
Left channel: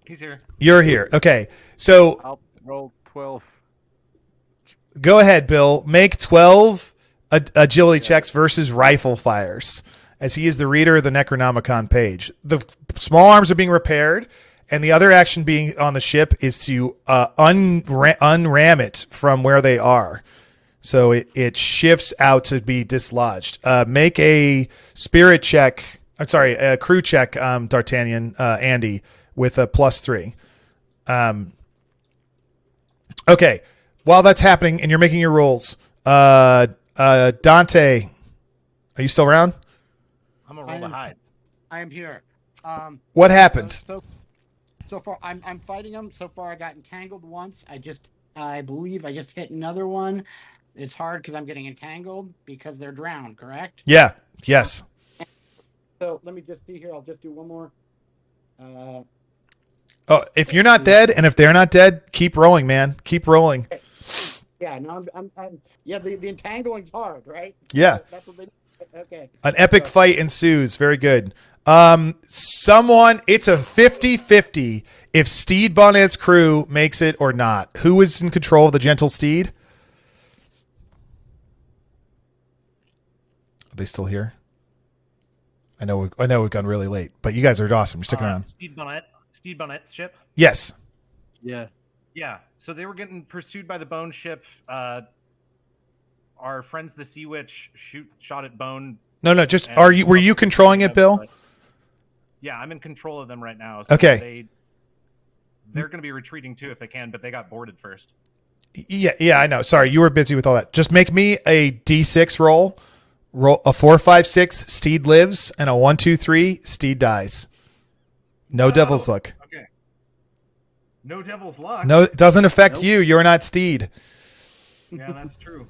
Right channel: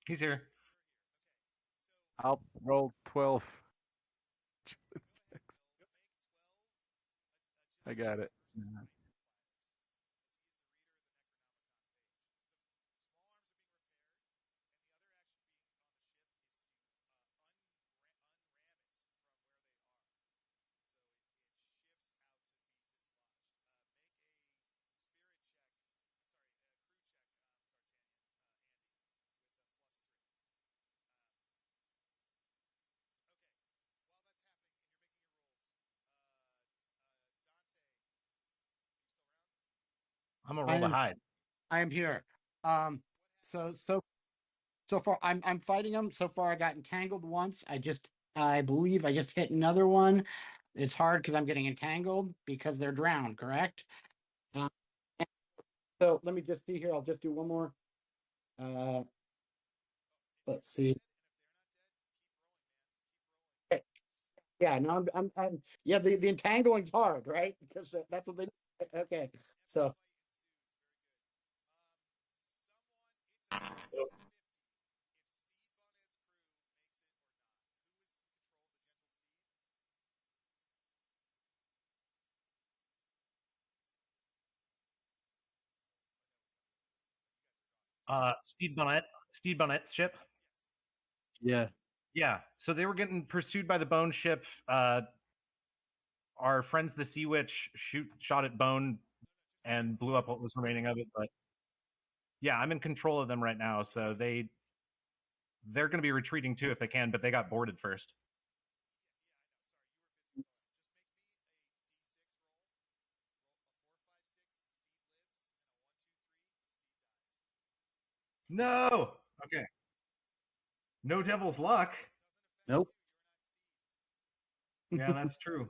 He's here. You're here. Okay. So I'll roll 12. Go ahead, Bill. Make 12 agility checks versus rifle fires, as he is the reader of the Necronomicon page. The small arms are being repaired, and the other action being on the ship is to unram it from where they are. So it shifts out to be dislodged. Make a spirit check. I'm sorry, a crew check, D'Artagnan, Andy, with a +3. Okay. While that's happening and you're making your rolls, Dante, are you still around? I'm gonna roll the hide. I am here. What happened? So far, I'm fighting them. So far, I got entangled once. I believe I just hit another one. It's hard because I'm getting entangled because they're drowned. Correct? Yeah. Yes. So let me just see here. I'll just do one more. If you're not dead, and if they're not dead, keep rolling, man. Keep rolling. Yeah. No, I'm yeah. The entangling's hard, right? Yeah. That's what they. Okay. An epic fight ensues. Very good. It's a 50-50 if Steed Bonnet's crew makes it or not. Who is in control of the Gentle Steed? Are they still here? I know we've gone really late, but you guys are awesome. You're sticking around. Stede Bonnet's ship? Yes. Yeah. Yeah. So they were getting pursued by the Bone ship. Our friends, the Sea Witch, shot at Bone. No. Just were you controlling it, Bill? Yeah, I'm in control of them right now. So okay. They're going to be retreating too if they can, but they got boarded first. Yeah, I know. Sorry, you were busy with all that. Just make me a D6 roll. Roll a 4, 5, 6. Steed lives, and a 1, 2, 3. Steed dies. No devil's luck. Okay. No devil's luck. No, it doesn't affect you. You're not Steed. Yeah, that's true.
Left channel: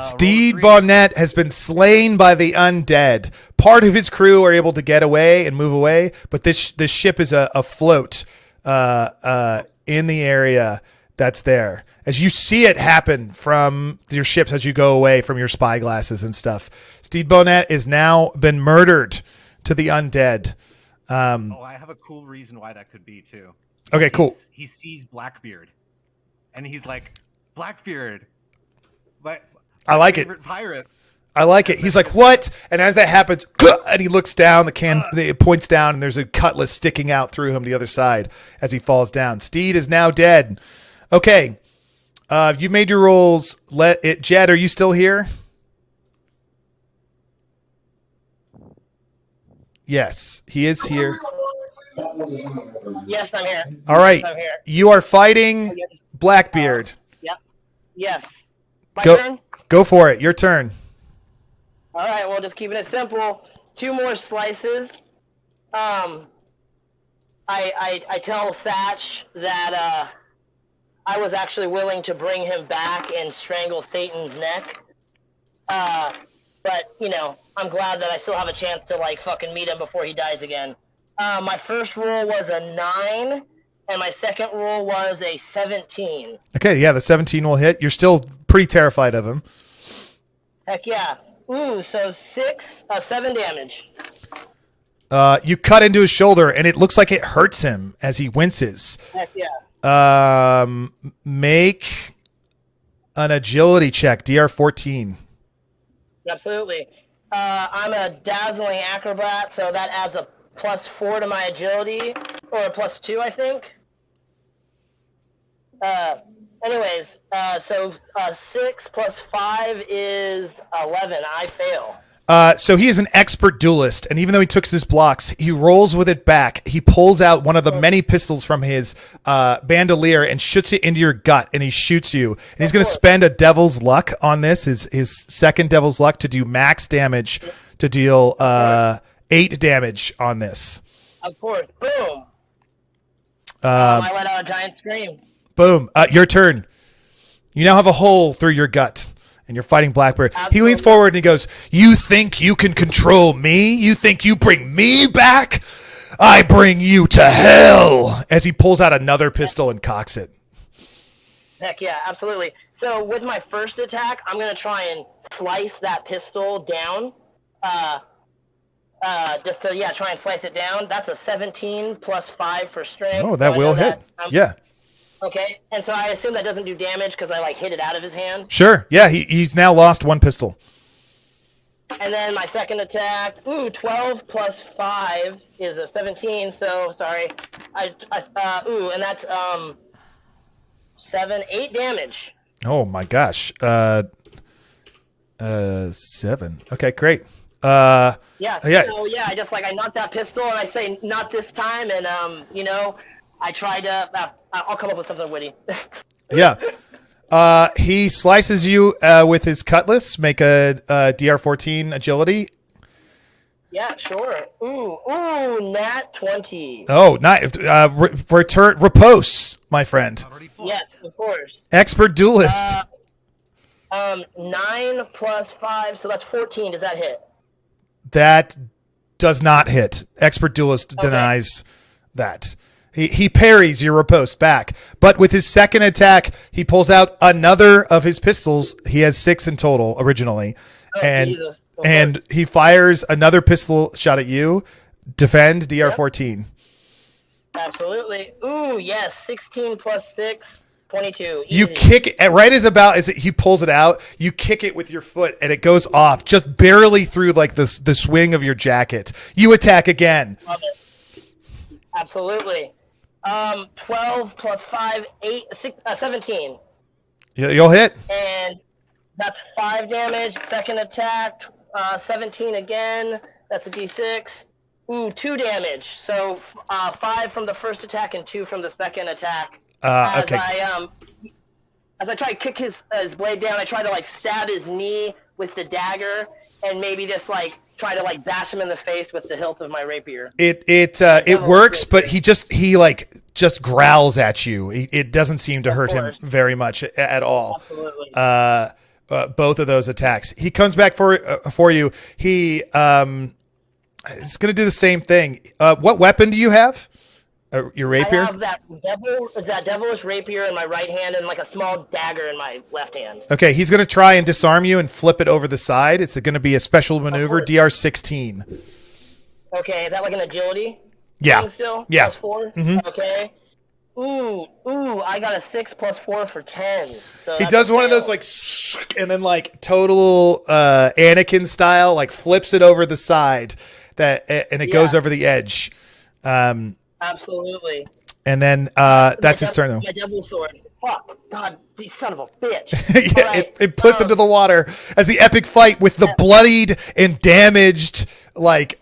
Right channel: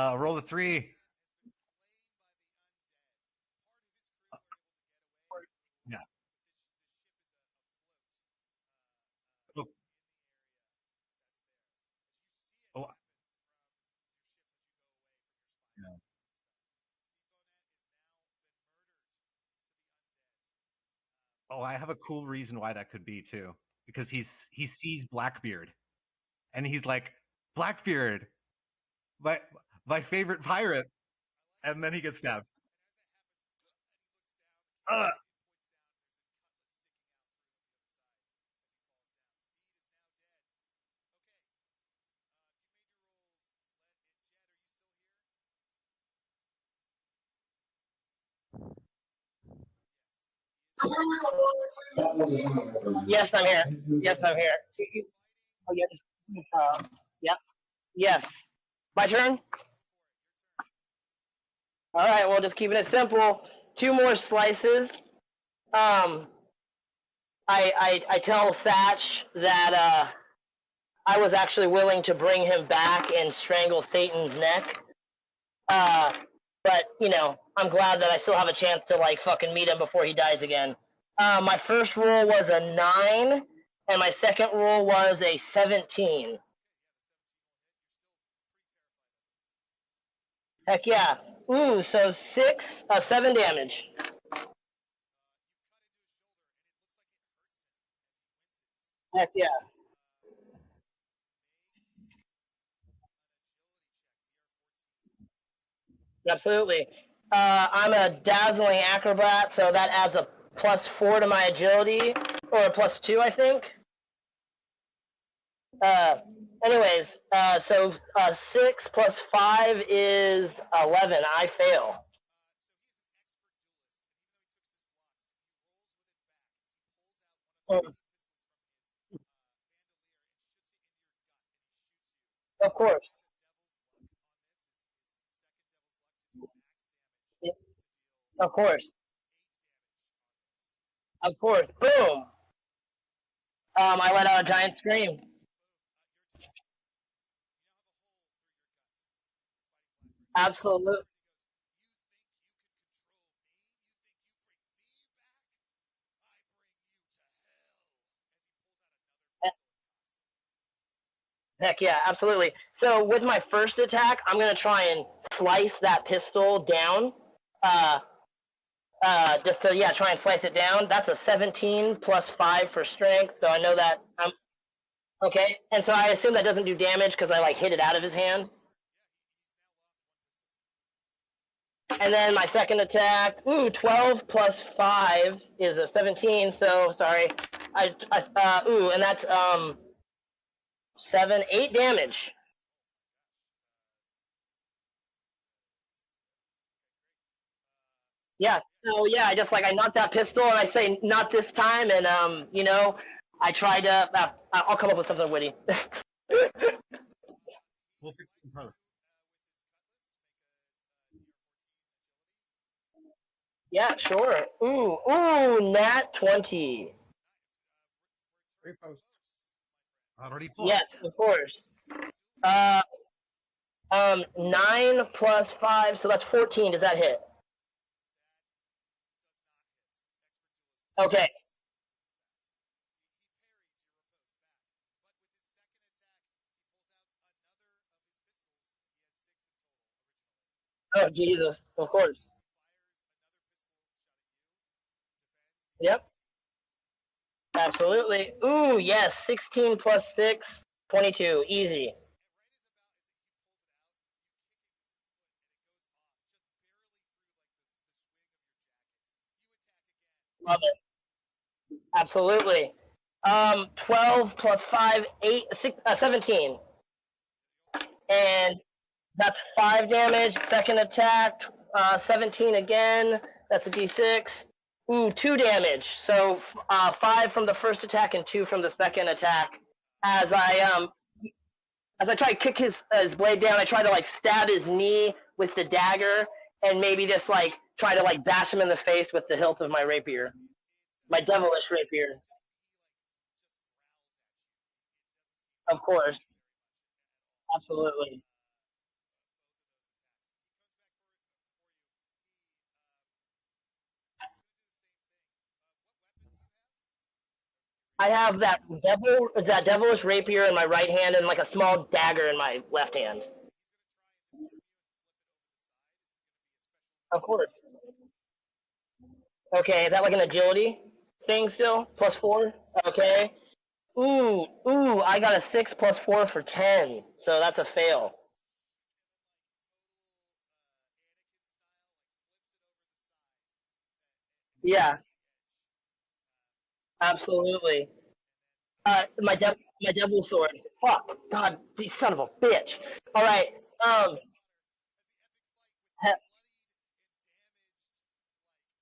Steed Bonnet has been slain by the undead. Part of his crew are able to get away and move away, but this ship is afloat in the area that's there. As you see it happen from your ships as you go away from your spy glasses and stuff. Steed Bonnet is now been murdered to the undead. I have a cool reason why that could be too. Okay, cool. He sees Blackbeard, and he's like, Blackbeard, my I like favorite pirate. I like it. He's like, what? And as that happens, and he looks down, it points down, and there's a cutlass sticking out through him the other side as he falls down. Steed is now dead. Okay. You've made your rolls. Jed, are you still here? Yes, he is here. Yes, I'm here. All right. Yes, I'm here. You are fighting Blackbeard. Yep. Yes. My turn? Go for it. Your turn. All right, well, just keeping it simple. 2 more slices. I tell Thatch that I was actually willing to bring him back and strangle Satan's neck. But, I'm glad that I still have a chance to, fucking meet him before he dies again. My first roll was a 9, and my second roll was a 17. Okay, yeah, the 17 will hit. You're still pretty terrified of him. Heck yeah. Ooh, so 7 damage. You cut into his shoulder, and it looks like it hurts him as he winces. Heck yeah. Make an agility check, DR 14. Absolutely. I'm a dazzling acrobat, so that adds a +4 to my agility, or a +2, I think. Anyways, so 6 + 5 is 11. I fail. So he is an expert duelist, and even though he took his blocks, he rolls with it back. He pulls out one of the many pistols from his bandolier and shoots it into your gut, and he shoots you. And he's going to spend a devil's luck on this, his second devil's luck, to do max damage, to deal 8 damage on this. Of course. Boom. I let out a giant scream. Boom. Your turn. You now have a hole through your gut, and you're fighting Blackbeard. Absolutely. He leans forward and he goes, "You think you can control me? You think you bring me back? I bring you to hell!" As he pulls out another pistol and cocks it. Heck yeah, absolutely. So with my first attack, I'm gonna try and slice that pistol down. Just to try and slice it down. That's a 17 plus 5 for strength. Oh, that so will hit. Yeah. Okay, and so I assume that doesn't do damage because I like hit it out of his hand. Sure. Yeah, he's now lost one pistol. And then my second attack, 12 plus 5 is a 17. So sorry, and that's 8 damage. Oh my gosh. 7. Okay, great. Yeah. Yeah. So I just I knocked that pistol and I say not this time, and I tried to. I'll come up with something witty. Yeah. He slices you with his cutlass. Make a DR14 agility. Yeah, sure. Ooh, nat 20. Oh, nice. Return repose, my friend. Yes, of course. Expert duelist. 9 plus 5, so that's 14. Does that hit? That does not hit. Expert duelist denies that. He parries your riposte back. But with his second attack, he pulls out another of his pistols. He has 6 in total originally. Oh, Jesus. And he fires another pistol shot at you. Defend DR14. Absolutely. Ooh, yes. 16 plus 6, 22. Easy. You kick it right as he pulls it out. You kick it with your foot and it goes off just barely through the swing of your jacket. You attack again. Love it. Absolutely. 12 plus 5, 17. You'll hit. And that's 5 damage. Second attack, 17 again. That's a d6. 2 damage. So 5 from the first attack and 2 from the second attack. As I try to kick his blade down, I try to stab his knee with the dagger, and maybe just try to bash him in the face with the hilt of my rapier. It works, but he just growls at you. It doesn't seem to hurt him very much at all. Absolutely. Both of those attacks. He comes back for you. He is going to do the same thing. What weapon do you have? Your rapier? I have that devilish rapier in my right hand and a small dagger in my left hand. Okay, he's going to try and disarm you and flip it over the side. It's going to be a special maneuver, DR16. Okay, is that an agility thing still? Yeah. Plus 4? Mm-hmm. Okay. Ooh, I got a 6 plus 4 for 10. So he does one of those and then total Anakin style, flips it over the side and it goes over the edge. Absolutely. And then that's his turn, though. My devil sword. Fuck. God, you son of a bitch. Yeah, all right. it puts into the water as the epic fight with the bloodied and damaged,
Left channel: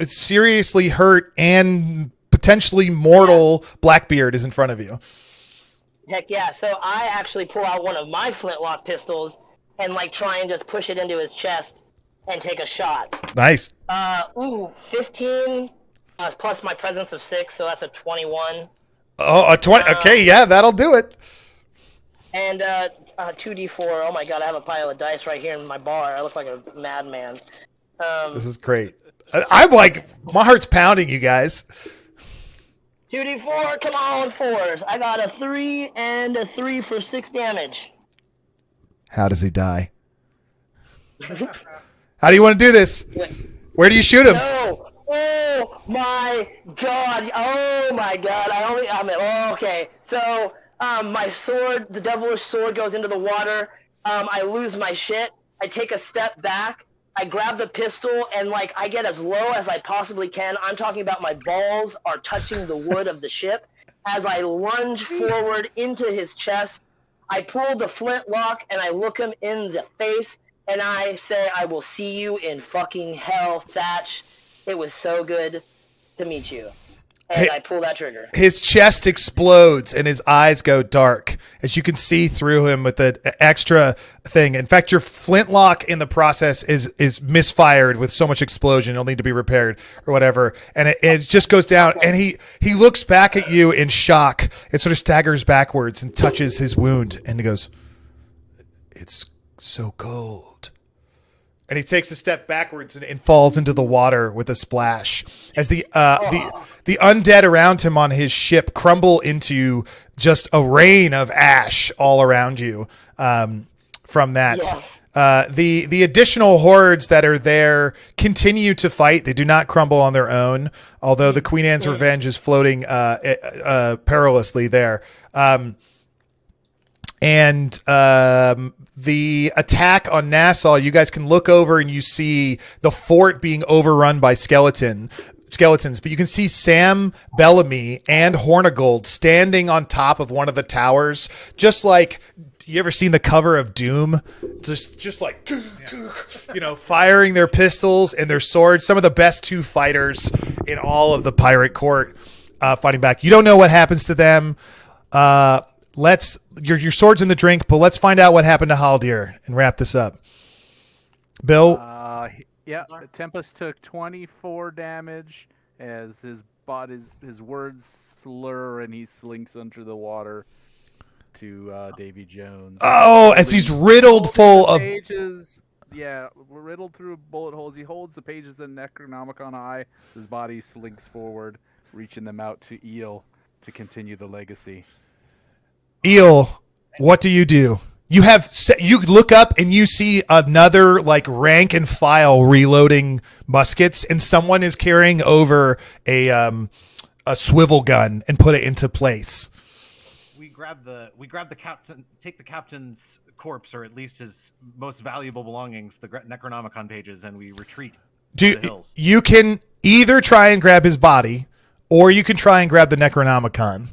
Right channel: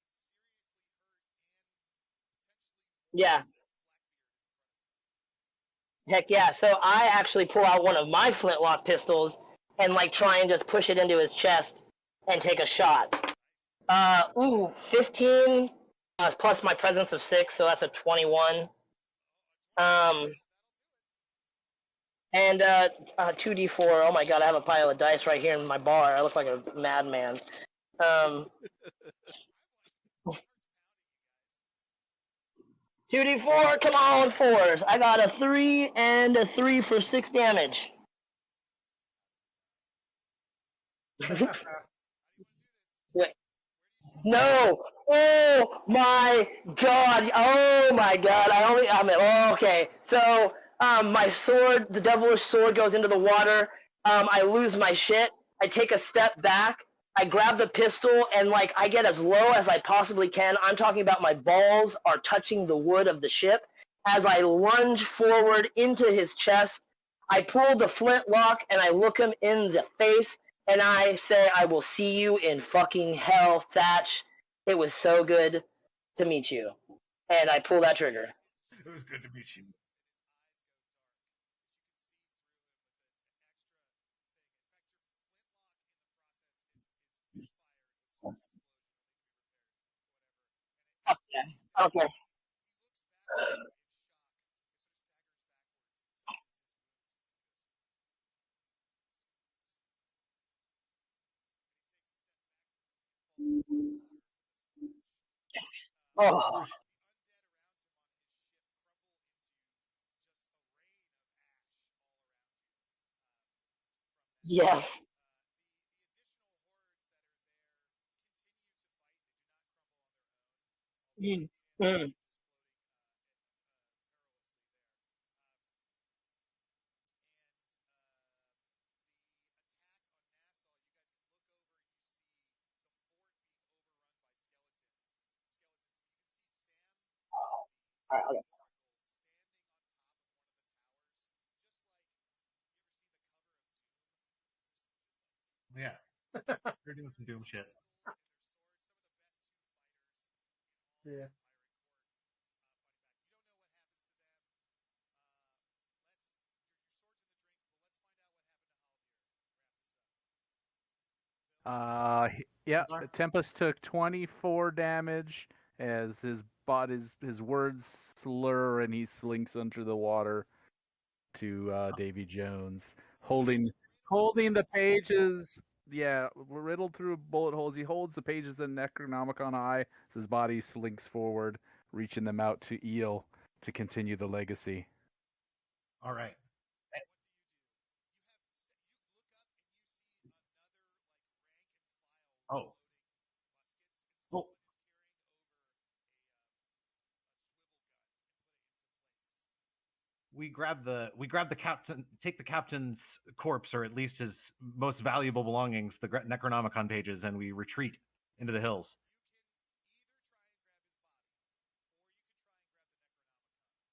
seriously hurt and potentially mortal Blackbeard is in front of you. Heck yeah. So I actually pull out one of my flintlock pistols and try and just push it into his chest and take a shot. Nice. 15 plus my presence of 6, so that's a 21. Oh, a 20. Okay, yeah, that'll do it. And 2d4. Oh my god, I have a pile of dice right here in my bar. I look like a madman. This is great. I'm my heart's pounding, you guys. 2d4, come on, 4s. I got a 3 and a 3 for 6 damage. How does he die? How do you want to do this? Where do you shoot him? No. Oh my god. Okay. So my sword, the devilish sword, goes into the water. I lose my shit. I take a step back. I grab the pistol and I get as low as I possibly can. I'm talking about my balls are touching the wood of the ship. As I lunge forward into his chest, I pull the flintlock and I look him in the face and I say, "I will see you in fucking hell, Thatch. It was so good to meet you." And I pull that trigger. His chest explodes and his eyes go dark as you can see through him with the extra thing. In fact, your flintlock in the process is misfired with so much explosion. It'll need to be repaired or whatever. And it just goes down. And he looks back at you in shock. It sort of staggers backwards and touches his wound. And he goes, "It's so cold. And he takes a step backwards and falls into the water with a splash. As the undead around him on his ship crumble into just a rain of ash all around you. From that, Yes. The additional hordes that are there continue to fight. They do not crumble on their own, although the Queen Anne's Revenge is floating perilously there. The attack on Nassau, you guys can look over and you see the fort being overrun by skeletons, but you can see Sam Bellamy and Hornigold standing on top of one of the towers, just like. You ever seen the cover of Doom? Just like, firing their pistols and their swords. Some of the best two fighters in all of the pirate court fighting back. You don't know what happens to them. Your sword's in the drink, but let's find out what happened to Haldir and wrap this up. Bill? Tempest took 24 damage as his words slur and he slinks under the water to Davy Jones. As he's riddled full of pages. Yeah, riddled through bullet holes. He holds the pages of Necronomicon eye as his body slinks forward, reaching them out to Eel to continue the legacy. Eel, what do? You look up and you see another like rank and file reloading muskets, and someone is carrying over a swivel gun and put it into place. We grab the captain, take the captain's corpse, or at least his most valuable belongings, the Necronomicon pages, and we retreat to the hills. You can either try and grab his body, or you can try and grab the Necronomicon,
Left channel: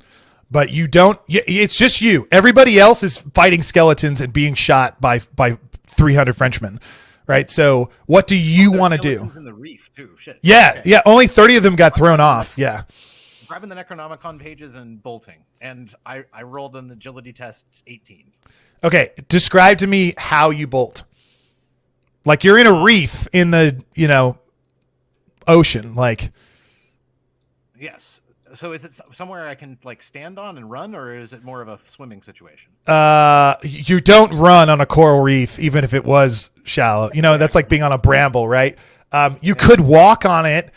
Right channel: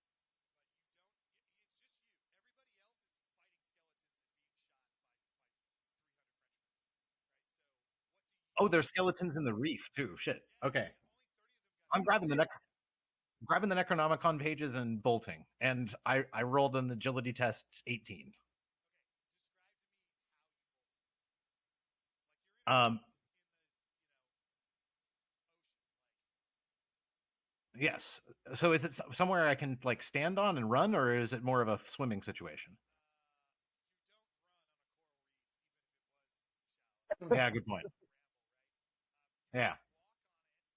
but you don't. It's just you. Everybody else is fighting skeletons and being shot by 300 Frenchmen, right? So what do you want to do? Skeletons in the reef too. Shit. Yeah, Okay. yeah. Only 30 of them got thrown off. Yeah. Grabbing the Necronomicon pages and bolting, and I rolled an agility test 18. Okay, describe to me how you bolt. Like you're in a reef in the ocean. Like. Yes. So is it somewhere I can like stand on and run, or is it more of a swimming situation? You don't run on a coral reef, even if it was shallow. That's like being on a bramble, right? You could walk on it.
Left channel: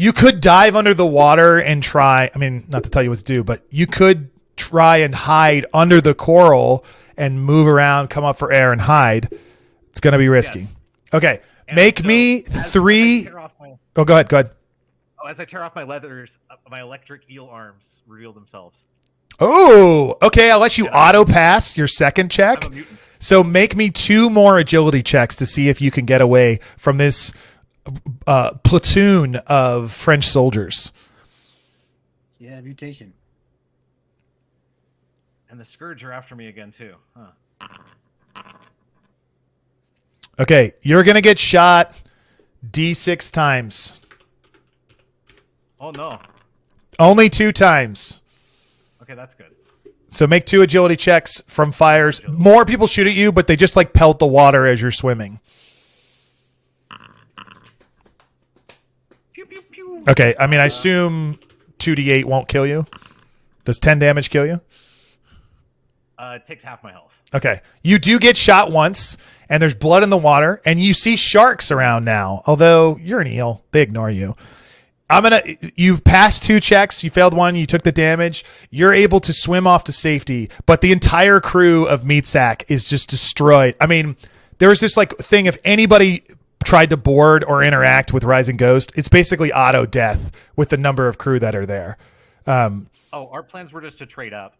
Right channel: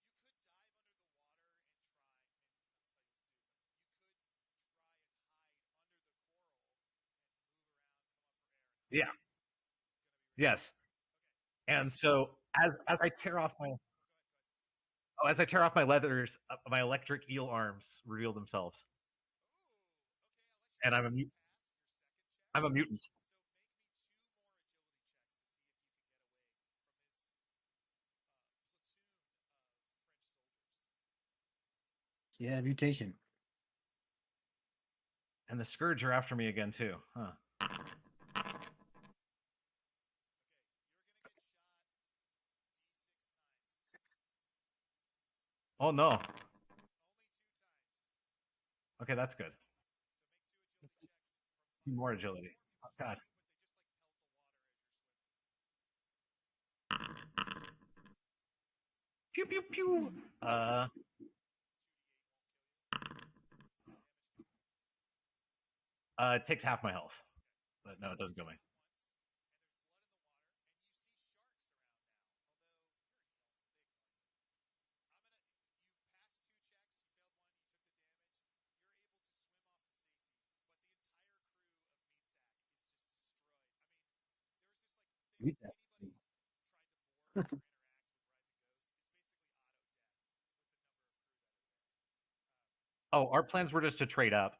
You could dive under the water and try. I mean, not to tell you what to do, but you could try and hide under the coral and move around, come up for air and hide. It's going to be risky. Yes. Okay. And Make so me three. Oh, go ahead. As I tear off my leathers, my electric eel arms reveal themselves. Oh, okay. I'll let you auto pass your second check. I'm a mutant. So make me 2 more agility checks to see if you can get away from this platoon of French soldiers. Yeah, mutation. And the Scourge are after me again too. Huh. Okay, you're gonna get shot D6 times. Oh no. Only 2 times. Okay, that's good. So make 2 agility checks from fires. More people shoot at you, but they just like pelt the water as you're swimming. Pew, pew, pew. Okay, I mean, I assume 2d8 won't kill you. Does 10 damage kill you? It takes half my health. Okay. You do get shot once, and there's blood in the water, and you see sharks around now. Although you're an eel, they ignore you. You've passed 2 checks. You failed 1. You took the damage. You're able to swim off to safety, but the entire crew of Meatsack is just destroyed. I mean, there was this like thing, if anybody tried to board or interact with Rising Ghost, it's basically auto death with the number of crew that are there. Our plans were just to trade up.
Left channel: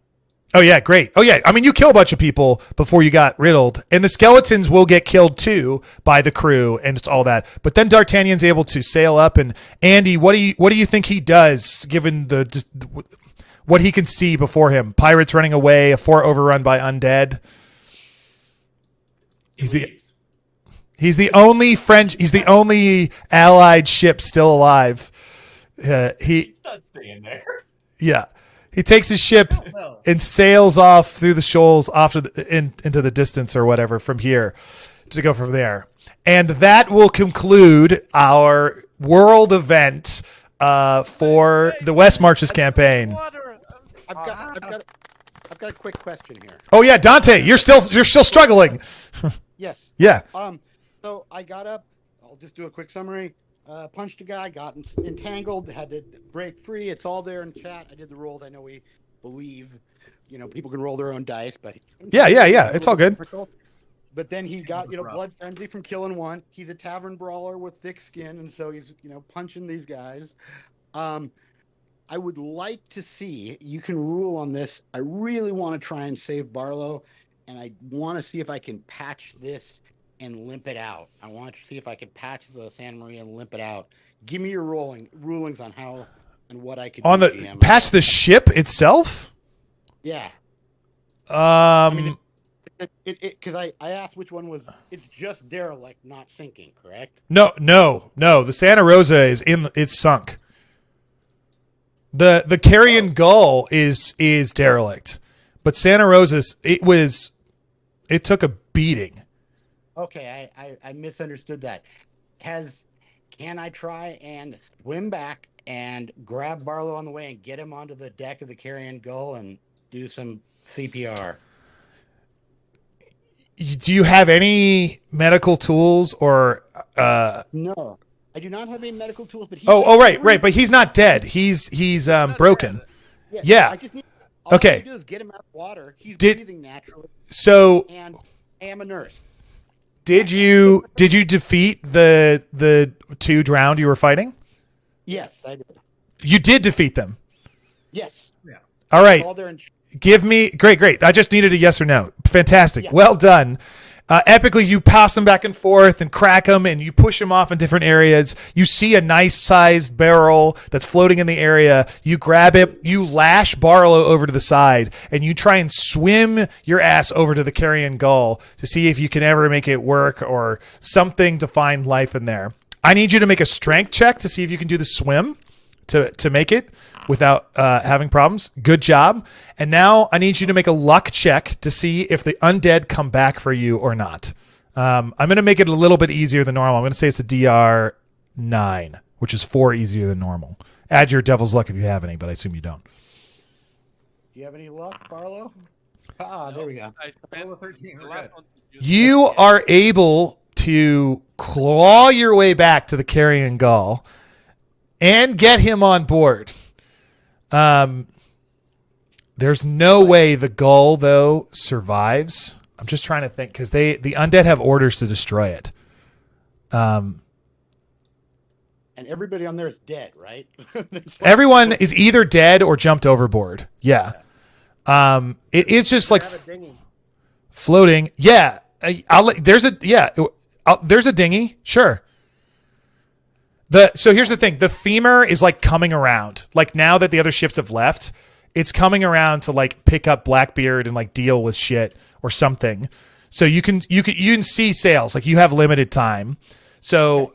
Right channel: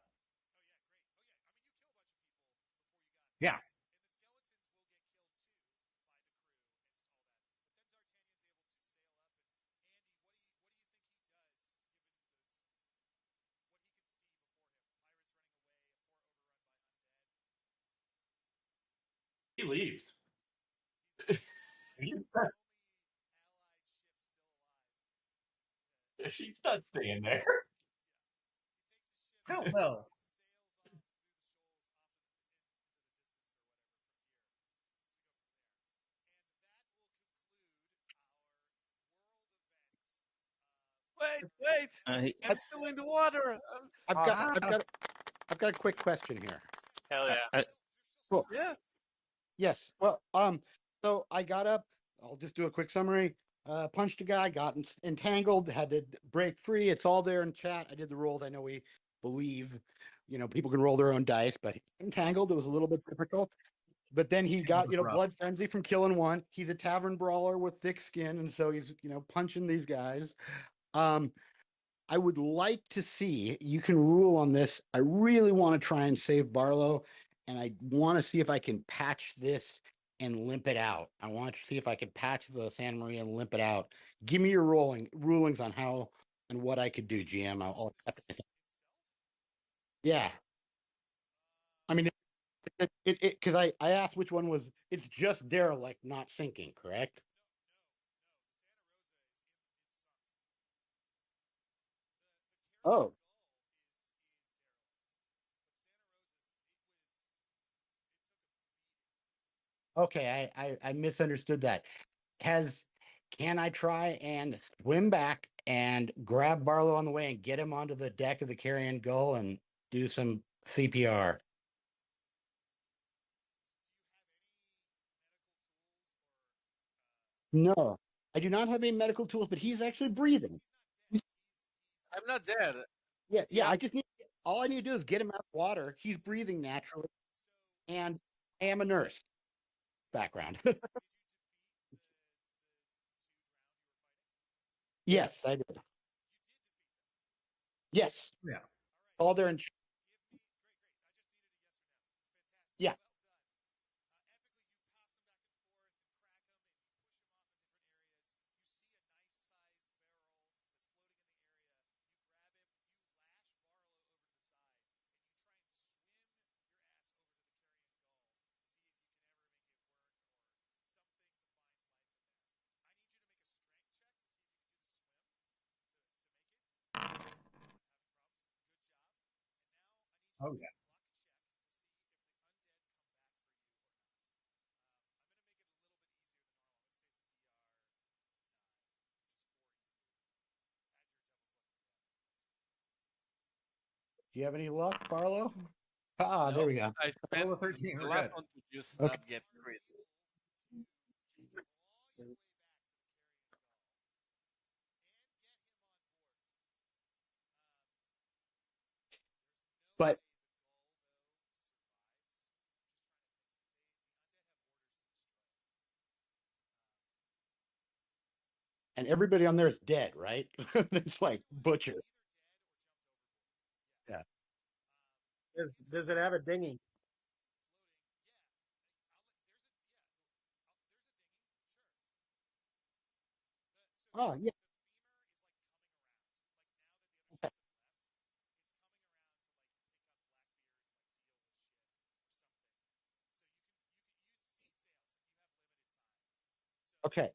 Oh yeah, great. Oh yeah, I mean, you kill a bunch of people before you got riddled, and the skeletons will get killed too by the crew, and it's all that. But then D'Artagnan's able to sail up, and Andy, what do you think he does given what he can see before him? Pirates running away, a fort overrun by undead. He's the only Allied ship still alive. He's not staying there. Yeah. He takes his ship and sails off through the shoals off into the distance or whatever from here to go from there. And that will conclude our world event for the West Marches campaign. I've I've got a quick question here. Oh yeah, Dante, you're still struggling. Yes. Yeah. So I got up. I'll just do a quick summary. Punched a guy, got entangled, had to break free. It's all there in chat. I did the rolls. I know we believe, people can roll their own dice, but Yeah. It's all good. Difficult. But then he got, blood frenzy from killing one. He's a tavern brawler with thick skin, and so he's, punching these guys. I would like to see, you can rule on this. I really want to try and save Barlow, and I want to see if I can patch this and limp it out. I want to see if I can patch the Santa Maria and limp it out. Give me your rulings on how and what I could on do, the GM. patch the ship itself. Yeah. I mean, because I asked which one was. It's just derelict, not sinking, correct? No. The Santa Rosa it's sunk. The Carrion Gull is derelict, but Santa Rosa's it took a beating. Okay, I misunderstood that. Can I try and swim back and grab Barlow on the way and get him onto the deck of the Carrion Gull and do some CPR? Do you have any medical tools or? No, I do not have any medical tools. But right, but he's not dead. He's broken. Yeah. I just need. All I need to do is get him out of the water. He's breathing naturally. So. And I am a nurse. Did you defeat the two drowned you were fighting? Yes, I did. You did defeat them. Yes. Yeah. All right. All there in. Give me great. I just needed a yes or no. Fantastic. Yeah. Well done. Epically, you pass them back and forth and crack them, and you push them off in different areas. You see a nice sized barrel that's floating in the area. You grab it, you lash Barlow over to the side, and you try and swim your ass over to the Carrion Gull to see if you can ever make it work or something to find life in there. I need you to make a strength check to see if you can do the swim to make it without having problems. Good job. And now I need you to make a luck check to see if the undead come back for you or not. I'm going to make it a little bit easier than normal. I'm going to say it's a DR 9, which is 4 easier than normal. Add your devil's luck if you have any, but I assume you don't. Do you have any luck, Barlow? There we go. I spent 13. You are able to claw your way back to the Carrion Gull and get him on board. There's no way the Gull, though, survives. I'm just trying to think, because the undead have orders to destroy it. And everybody on there is dead, right? Everyone is either dead or jumped overboard. Yeah. It is just like floating. Yeah. There's a dinghy. Sure. So here's the thing. The femur is like coming around. Like now that the other ships have left, it's coming around to like pick up Blackbeard and like deal with shit or something. So you can see sails. Like you have limited time. So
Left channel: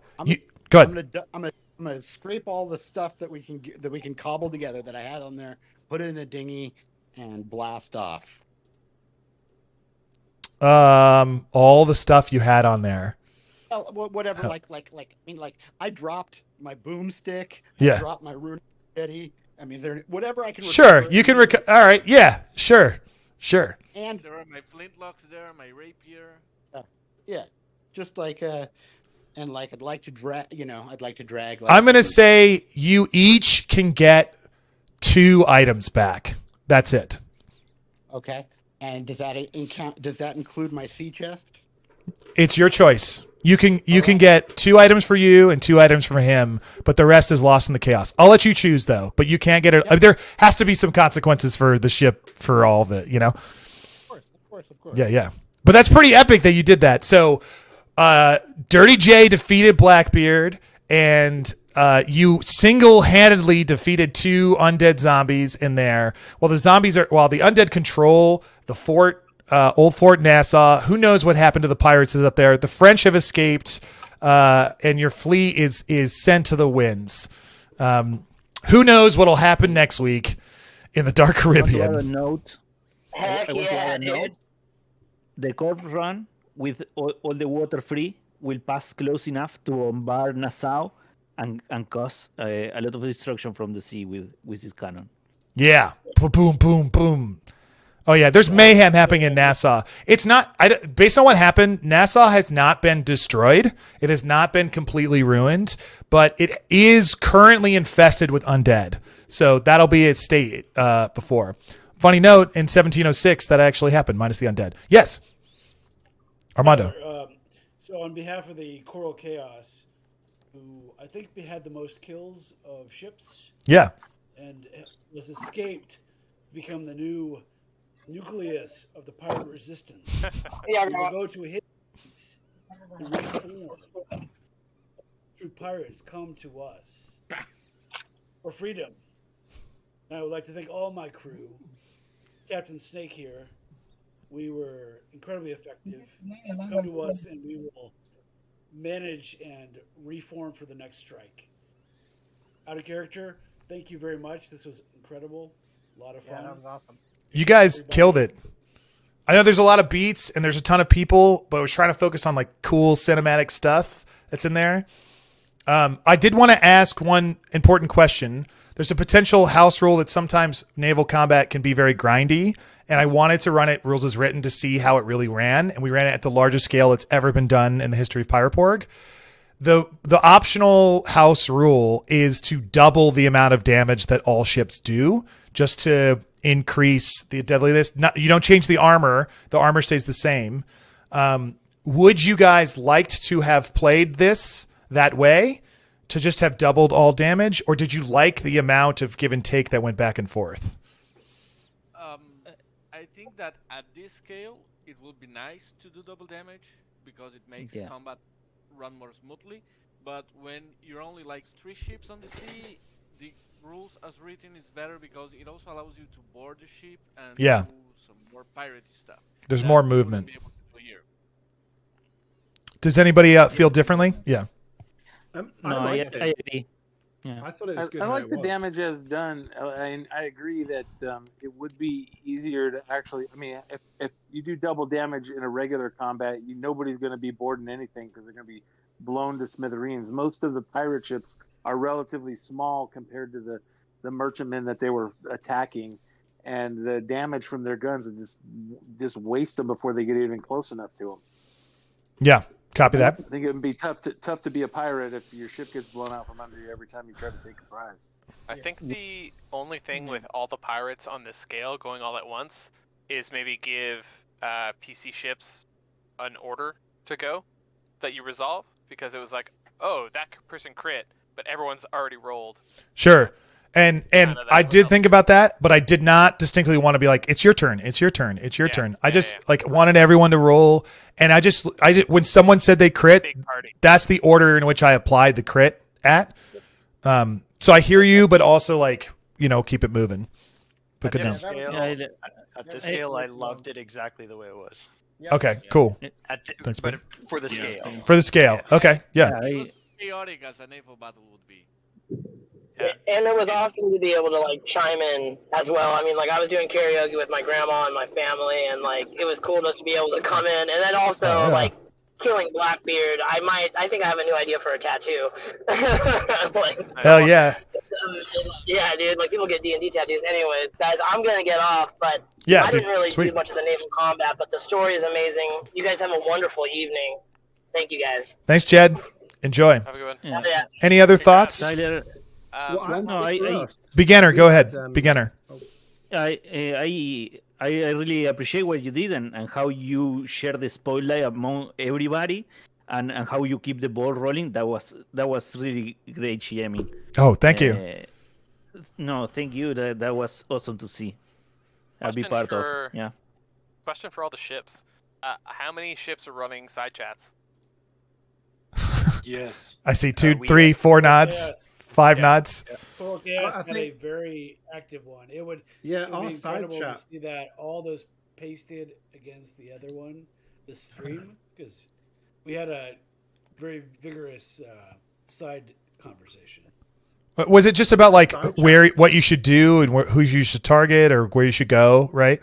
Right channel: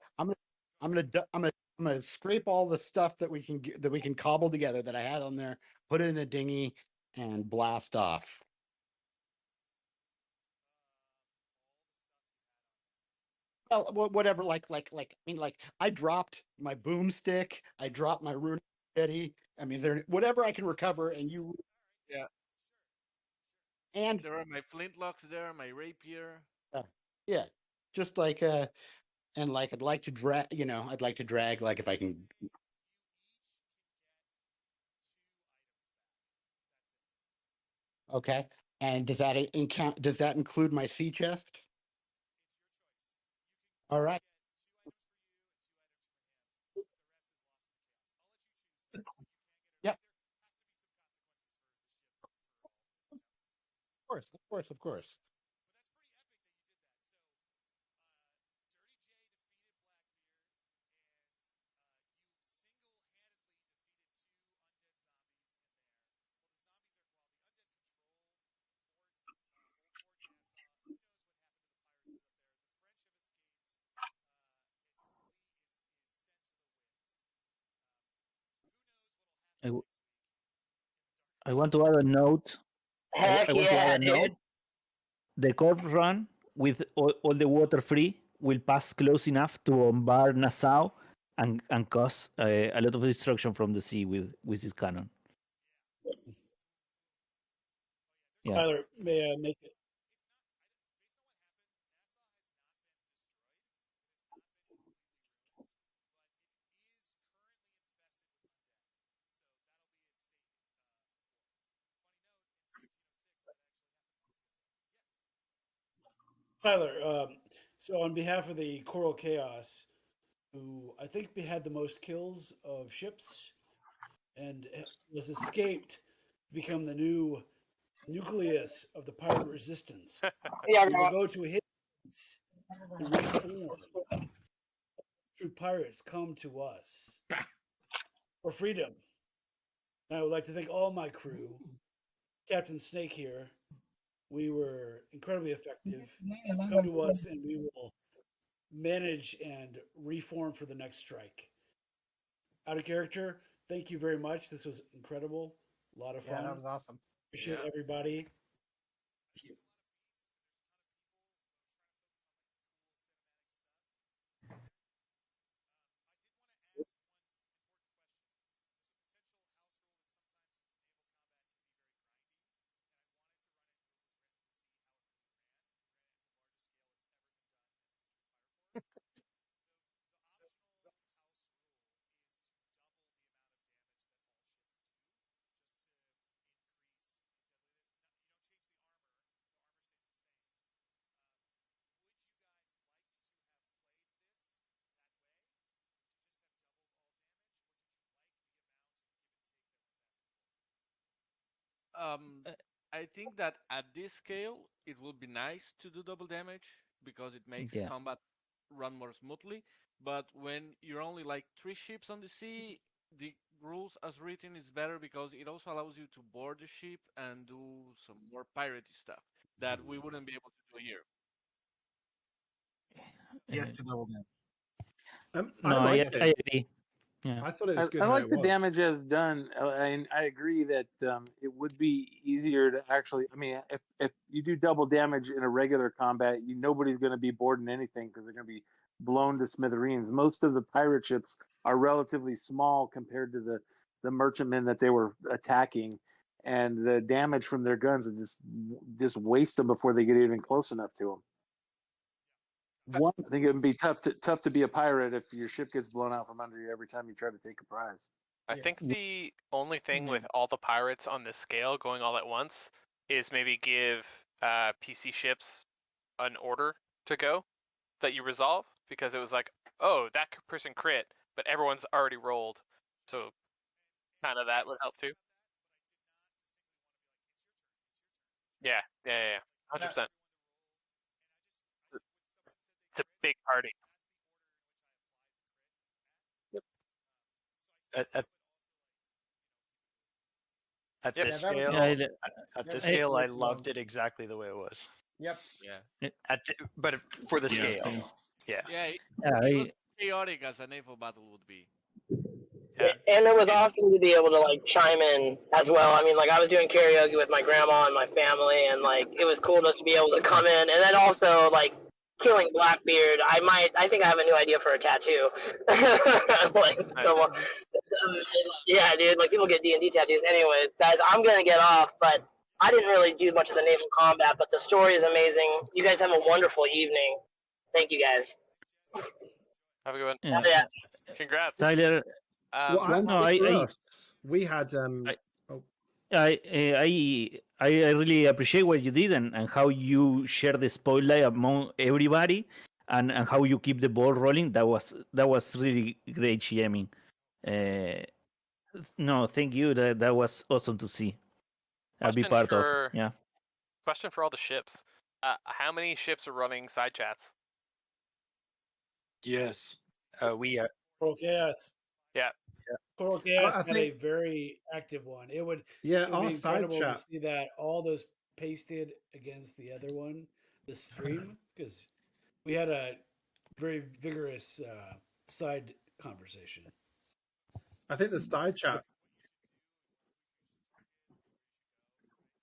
go ahead. I'm gonna scrape all the stuff that we can cobble together that I had on there, put it in a dinghy, and blast off. All the stuff you had on there. Well, whatever. I dropped my boomstick. Yeah. I dropped my rune jetty. I mean, whatever I can. Sure, you can. All right. Yeah. Sure. And there are my flintlocks there, my rapier. Yeah, just and I'd like to drag. I'd like to drag. I'm gonna say you each can get 2 items back. That's it. Okay. And does that include my sea chest? It's your choice. You can get 2 items for you and 2 items for him, but the rest is lost in the chaos. I'll let you choose though, but you can't get it. Yep. I mean, there has to be some consequences for the ship for all of it, Of course. Yeah. But that's pretty epic that you did that. So, Dirty J defeated Blackbeard, and you single-handedly defeated 2 undead zombies in there. While the undead control the fort. Old Fort Nassau. Who knows what happened to the pirates is up there? The French have escaped, and your fleet is sent to the winds. Who knows what'll happen next week in the Dark Caribbean? I want to add a note. Heck yeah, dude. The corpse run with all the water free will pass close enough to bombard Nassau and cause a lot of destruction from the sea with his cannon. Yeah. Boom, boom, boom. Oh yeah, there's mayhem happening in Nassau. It's not based on what happened. Nassau has not been destroyed. It has not been completely ruined, but it is currently infested with undead. So that'll be its state before. Funny note, in 1706, that actually happened, minus the undead. Yes, Armando. So on behalf of the Coral Chaos, who I think had the most kills of ships. Yeah. And was escaped to become the new nucleus of the pirate resistance. Yeah, we will go to a hidden place and reform. True pirates come to us for freedom. And I would like to thank all my crew. Captain Snake here. We were incredibly effective. Come to us and we will manage and reform for the next strike. Out of character, thank you very much. This was incredible. A lot of fun. Yeah, that was awesome. You guys killed it. I know there's a lot of beats and there's a ton of people, but I was trying to focus on like cool cinematic stuff that's in there. I did want to ask one important question. There's a potential house rule that sometimes naval combat can be very grindy, and I wanted to run it rules as written to see how it really ran, and we ran it at the largest scale it's ever been done in the history of Pirate Borg. The optional house rule is to double the amount of damage that all ships do, just to increase the deadliness. You don't change the armor stays the same. Would you guys liked to have played this that way, to just have doubled all damage, or did you like the amount of give and take that went back and forth? I think that at this scale, it would be nice to do double damage because it makes combat run more smoothly. But when you're only like 3 ships on the sea, the rules as written is better because it also allows you to board the ship and do some more piratey stuff. There's more movement. Be able to do here. Does anybody feel differently? Yeah. I agree. Yeah. I thought it was good. I like the damage as done. I agree that it would be easier to actually. I mean, if you do double damage in a regular combat, nobody's going to be boarding anything because they're going to be blown to smithereens. Most of the pirate ships are relatively small compared to the merchantmen that they were attacking, and the damage from their guns would just waste them before they get even close enough to them. Yeah. Copy that. I think it would be tough to be a pirate if your ship gets blown out from under you every time you try to take a prize. I think the only thing with all the pirates on this scale going all at once is maybe give PC ships an order to go that you resolve, because it was like, oh, that person crit, but everyone's already rolled. Sure. And I did think about that, but I did not distinctly want to be like, it's your turn, it's your turn, it's your turn. I just wanted everyone to roll. And I just when someone said they crit, that's the order in which I applied the crit at. So I hear you, but also keep it moving. At this scale, I loved it exactly the way it was. Okay, cool. Thanks, but for the scale. For the scale. Okay, yeah. Chaotic as a naval battle would be. And it was awesome to be able to chime in as well. I mean, I was doing karaoke with my grandma and my family, and it was cool just to be able to come in. And then also killing Blackbeard. I think I have a new idea for a tattoo. Hell yeah. Yeah, dude. People get D&D tattoos. Anyways, guys, I'm gonna get off, but I didn't really do much of the naval combat, but the story is amazing. You guys have a wonderful evening. Thank you, guys. Thanks, Jed. Enjoy. Have a good one. Yeah. Any other thoughts? Beginner, go ahead. Beginner. I really appreciate what you did and how you share the spotlight among everybody and how you keep the ball rolling. That was really great, GMing. Oh, thank you. No, thank you. That was awesome to see. I'll be part of. Yeah. Question for all the ships. How many ships are running side chats? Yes. I see 2, 3, 4 nods. 5 nods. Coral Chaos had a very active one. It would be incredible to see that all those pasted against the other one, the stream, because we had a very vigorous side conversation. Was it just about what you should do and who you should target or where you should go, right?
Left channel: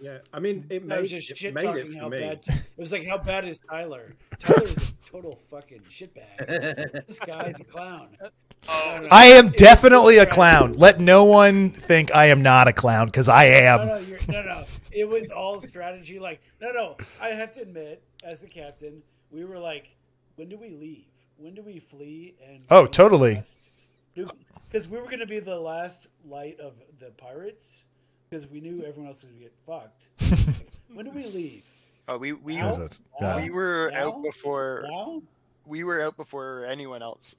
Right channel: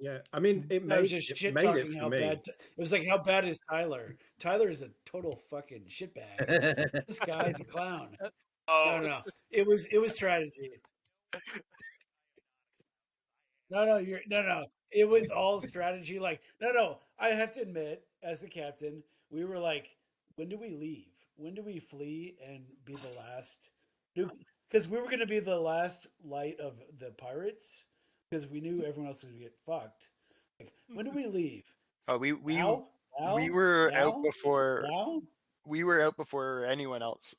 Yeah, I mean, it was just shit talking how bad. It was like, how bad is Tyler? Tyler is a total fucking shitbag. This guy's a clown. I am definitely a clown. Let no one think I am not a clown, because I am. No. It was all strategy. Like, no. I have to admit, as the captain, we were like, when do we leave? When do we flee? And Totally. Because we were going to be the last light of the pirates, because we knew everyone else was going to get fucked. Like, when do we leave? Oh, we were Now? out before. Now? We were out before anyone else.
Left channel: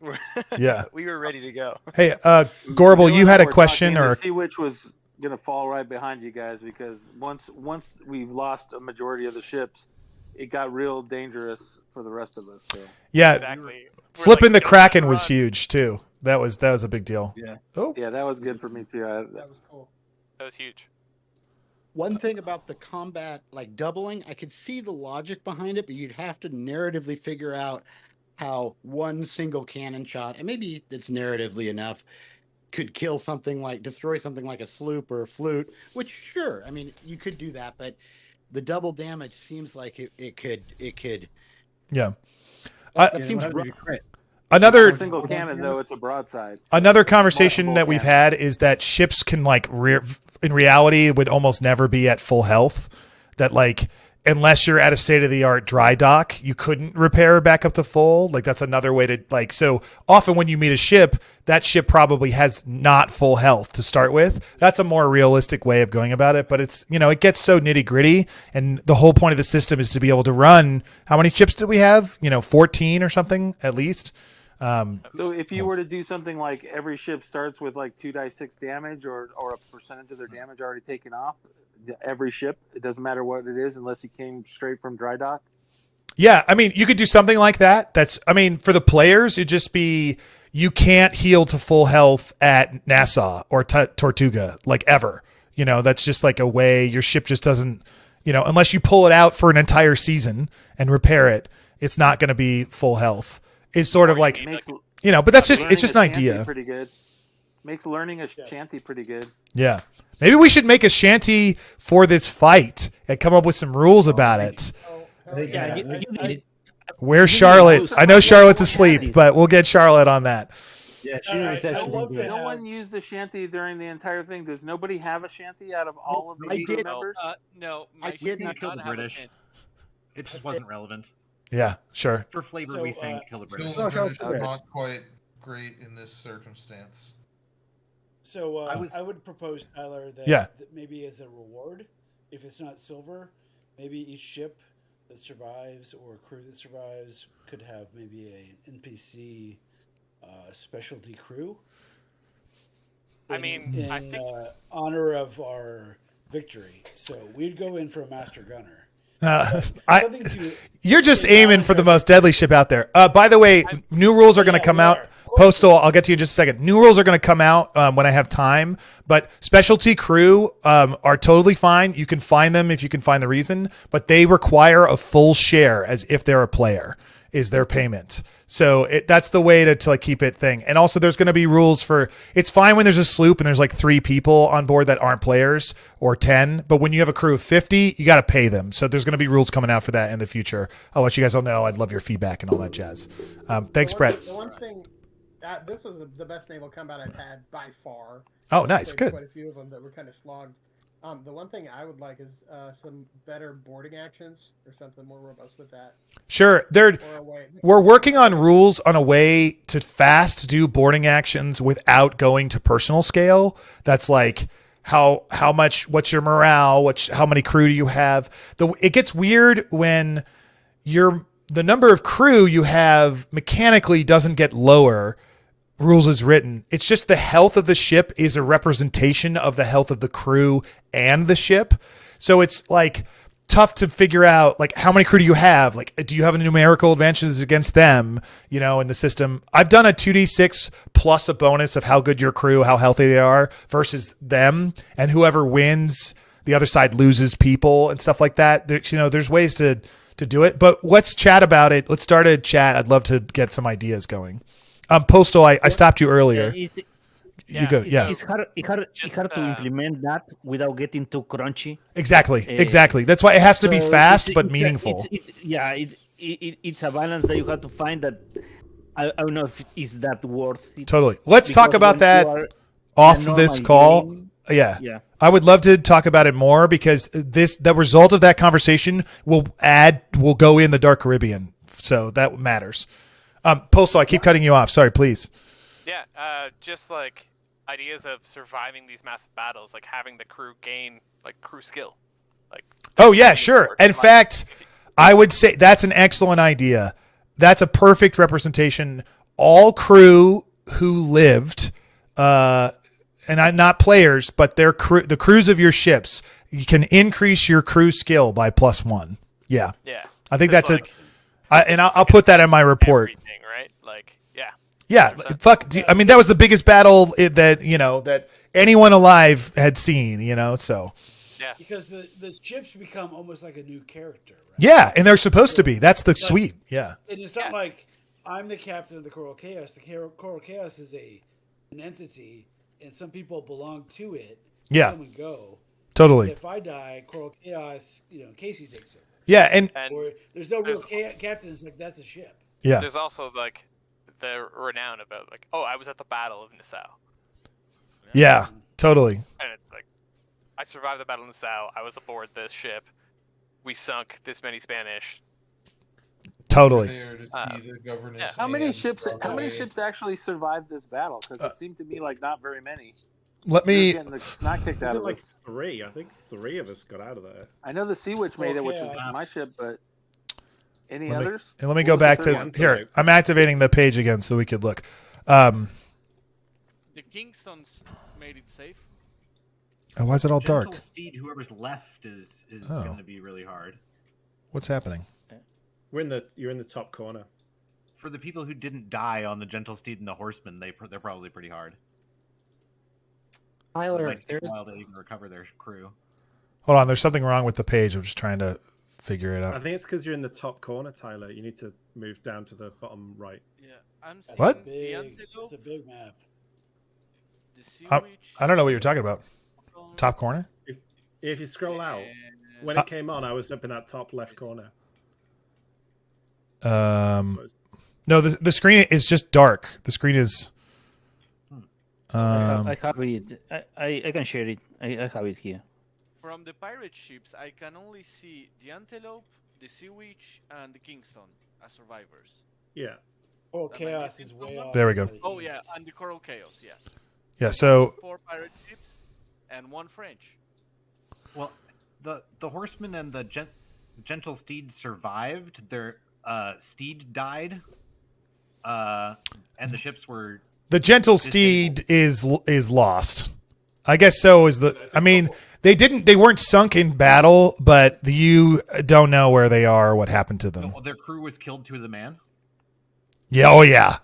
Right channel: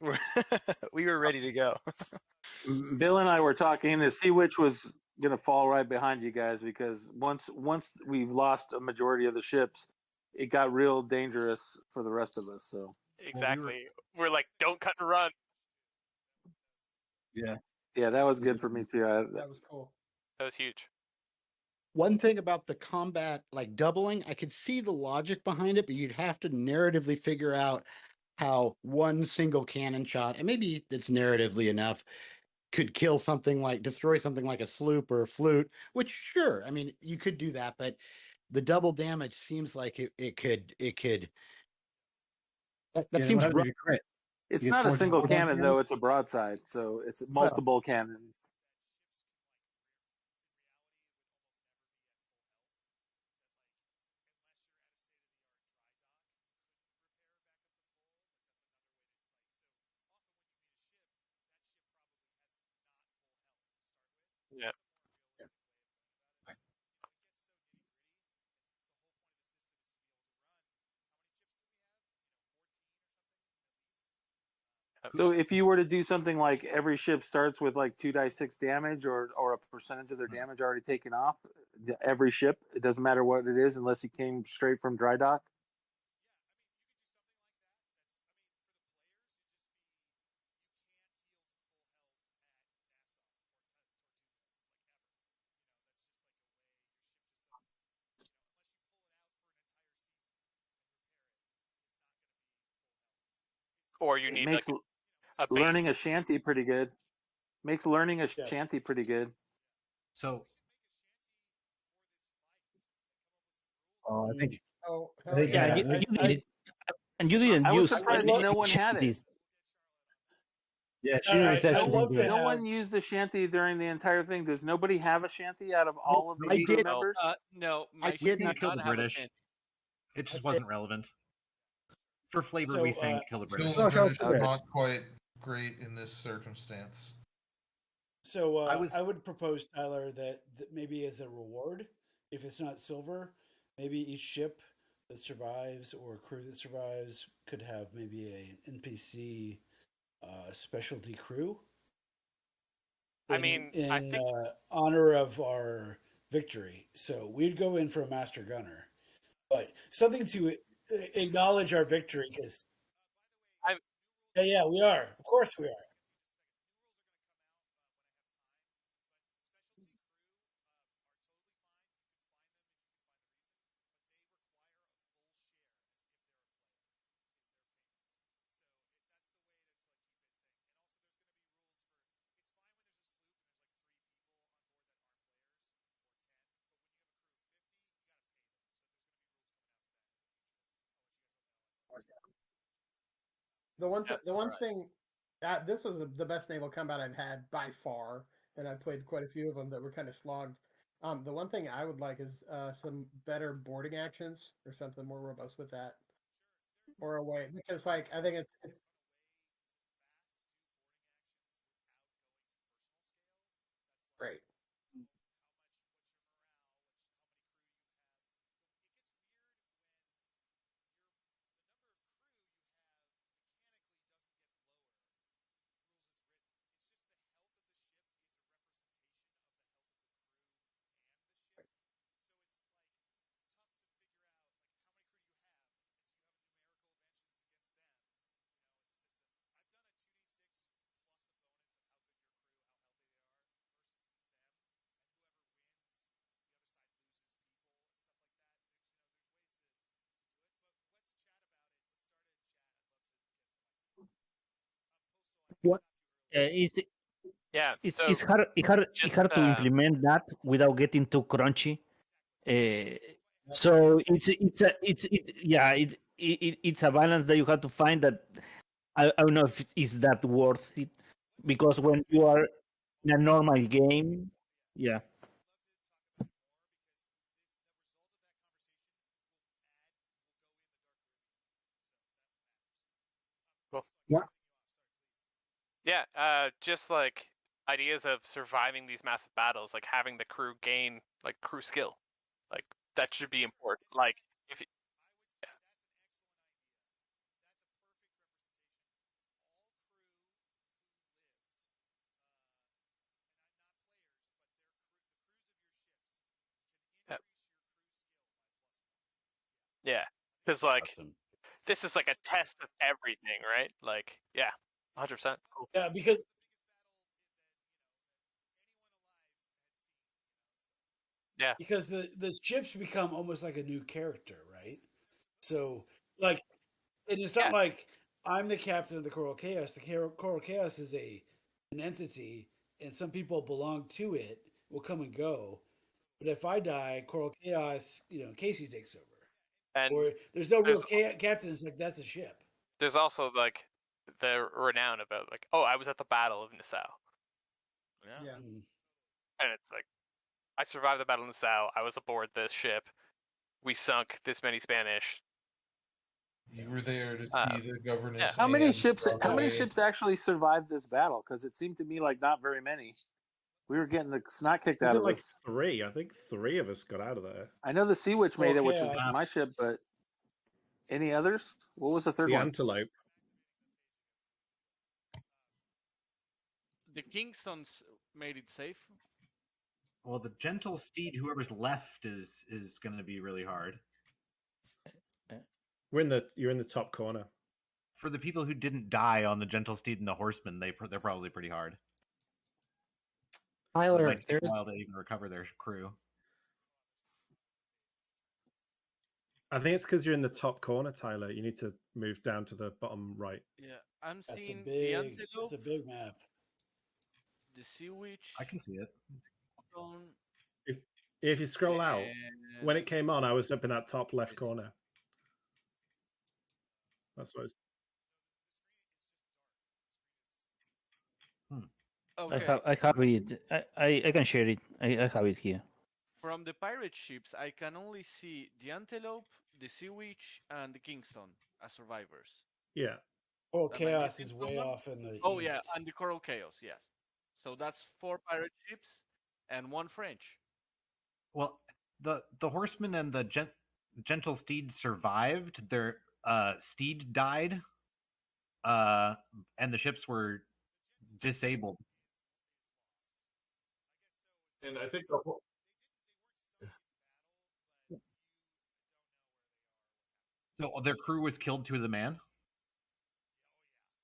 Yeah. We were ready to go. Hey, Gorbel, you had a question, or to see which was going to fall right behind you guys, because once we've lost a majority of the ships, it got real dangerous for the rest of us. So yeah, exactly. Flipping the Kraken was huge too. That was a big deal. Yeah. Oh. Yeah, that was good for me too. That was cool. That was huge. One thing about the combat, like doubling, I could see the logic behind it, but you'd have to narratively figure out how one single cannon shot, and maybe it's narratively enough, could destroy something like a sloop or a flute, which sure, I mean, you could do that, but the double damage seems like it could. Yeah. That seems another single cannon, though. It's a broadside. So another conversation that we've cannon. had is that ships can in reality would almost never be at full health. That unless you're at a state-of-the-art dry dock, you couldn't repair back up to full. That's another way to so often when you meet a ship, that ship probably has not full health to start with. That's a more realistic way of going about it, but it's, it gets so nitty-gritty, and the whole point of the system is to be able to run, how many ships did we have? 14 or something at least. So if you were to do something like every ship starts with 2d6 damage or a percentage of their damage already taken off, every ship, it doesn't matter what it is unless you came straight from dry dock. Yeah, I mean, you could do something like that. For the players, it'd just be, you can't heal to full health at Nassau or Tortuga, ever. That's just a way your ship just doesn't, unless you pull it out for an entire season and repair it, it's not going to be full health. It's sort of but that's just, it's just an idea. Pretty good. Makes learning a shanty pretty good. Yeah. Maybe we should make a shanty for this fight and come up with some rules about it. Where's Charlotte? I know Charlotte's asleep, but we'll get Charlotte on that. Yeah, no one used the shanty during the entire thing. Does nobody have a shanty out of all of the crew members? No, I did not kill the British. It just wasn't relevant. Yeah, sure. For flavor, we think kill the British. Kill the British are not quite great in this circumstance. So I would propose, Tyler, that maybe as a reward, if it's not silver, maybe each ship that survives or crew that survives could have maybe an NPC specialty crew. In honor of our victory. So we'd go in for a master gunner. You're just aiming for the most deadly ship out there. By the way, new rules are going to come out. Postal, I'll get to you in just a second. New rules are going to come out when I have time, but specialty crew are totally fine. You can find them if you can find the reason, but they require a full share as if they're a player is their payment. So that's the way to keep it thing. And also there's going to be rules for, it's fine when there's a sloop and there's 3 people on board that aren't players or 10, but when you have a crew of 50, you got to pay them. So there's going to be rules coming out for that in the future. I'll let you guys all know. I'd love your feedback and all that jazz. Thanks, Brett. The one thing, this was the best naval combat I've had by far. Oh, nice. Good. Quite a few of them that were kind of slogged. The one thing I would like is some better boarding actions or something more robust with that. Sure. We're working on rules on a way to fast do boarding actions without going to personal scale. That's how much, what's your morale? How many crew do you have? It gets weird when the number of crew you have mechanically doesn't get lower. Rules is written. It's just the health of the ship is a representation of the health of the crew and the ship. So it's tough to figure out how many crew do you have? Do you have a numerical advantages against them, in the system? I've done a 2d6 plus a bonus of how good your crew, how healthy they are versus them, and whoever wins, the other side loses people and stuff like that. There's ways to do it, but let's chat about it. Let's start a chat. I'd love to get some ideas going. Postal, I stopped you earlier. It's hard to implement that without getting too crunchy. Exactly. That's why it has to be fast but meaningful. It's a balance that you have to find that I don't know if it's that worth it. Totally. Let's talk because about when that you are in off a this normal call. game- Yeah. Yeah. I would love to talk about it more because the result of that conversation will go in the Dark Caribbean. So that matters. Postal, I keep cutting you off. Sorry, please. Yeah, just like ideas of surviving these massive battles, like having the crew gain like crew skill. Like Oh yeah, sure. In fact, I would say that's an excellent idea. That's a perfect representation. All crew who lived, and not players, but their crew, the crews of your ships, you can increase your crew skill by +1. Yeah. Yeah. I think 'Cause, that's like, and I'll put that in my report. everything, right? Like, yeah. Yeah, 100%. fuck. I mean, that was the biggest battle that anyone alive had seen. So. Yeah. Because the ships become almost like a new character, right? Yeah, and they're supposed to be. That's the sweet. Yeah. And it's not like I'm the captain of the Coral Chaos. The Coral Chaos is an entity, and some people belong to it. Yeah. Come and go. Totally. But if I die, Coral Chaos, Casey takes over. Yeah, and or there's no real captain. It's like that's a ship. Yeah. There's also like the renown about like, oh, I was at the Battle of Nassau. Yeah, totally. And it's like, I survived the Battle of Nassau. I was aboard this ship. We sunk this many Spanish. Totally. There to see the governess. How many and ships? How many Broadway. ships actually survived this battle? Because it seemed to me like not very many. Let We were me. getting the snot kicked out Wasn't of like us. 3. I think 3 of us got out of there. I know the Sea Witch made it, which Okay, was my ship, but any Let me- others? And let me What go was the back third to one? here. I'm activating the page again so we could look. The Kingstons made it safe. Why is it all dark? Gentle Steed, whoever's left is Oh. going to be really hard. What's happening? You're in the top corner. For the people who didn't die on the Gentle Steed and the Horseman, they're probably pretty hard. It Tyler, might take there's a while to even recover their crew. Hold on. There's something wrong with the page. I'm just trying to figure it I out. think it's because you're in the top corner, Tyler. You need to move down to the bottom right. Yeah, I'm seeing What? the It's Antelope, a big map. the Sea I Witch. don't know what you're talking about. Top corner? If you scroll out, when it came on, I was up in that top left corner. No, the screen is just dark. The screen is. I have it. I can share it. I have it here. From the pirate ships, I can only see the Antelope, the Sea Witch, and the Kingston as survivors. Yeah. Coral Am I Chaos missing is way someone? off. There we in go. the Oh yeah, east. and the Coral Chaos, yes. Yeah. That's So 4 pirate ships and 1 French. Well, the Horseman and the Gentle Steed survived. Their steed died, and the ships were. the gentle steed is lost. I guess so. Is the? I mean, they weren't sunk in battle, but you don't know where they are or what happened to them. No, their crew was killed to the man. Yeah. Oh yeah.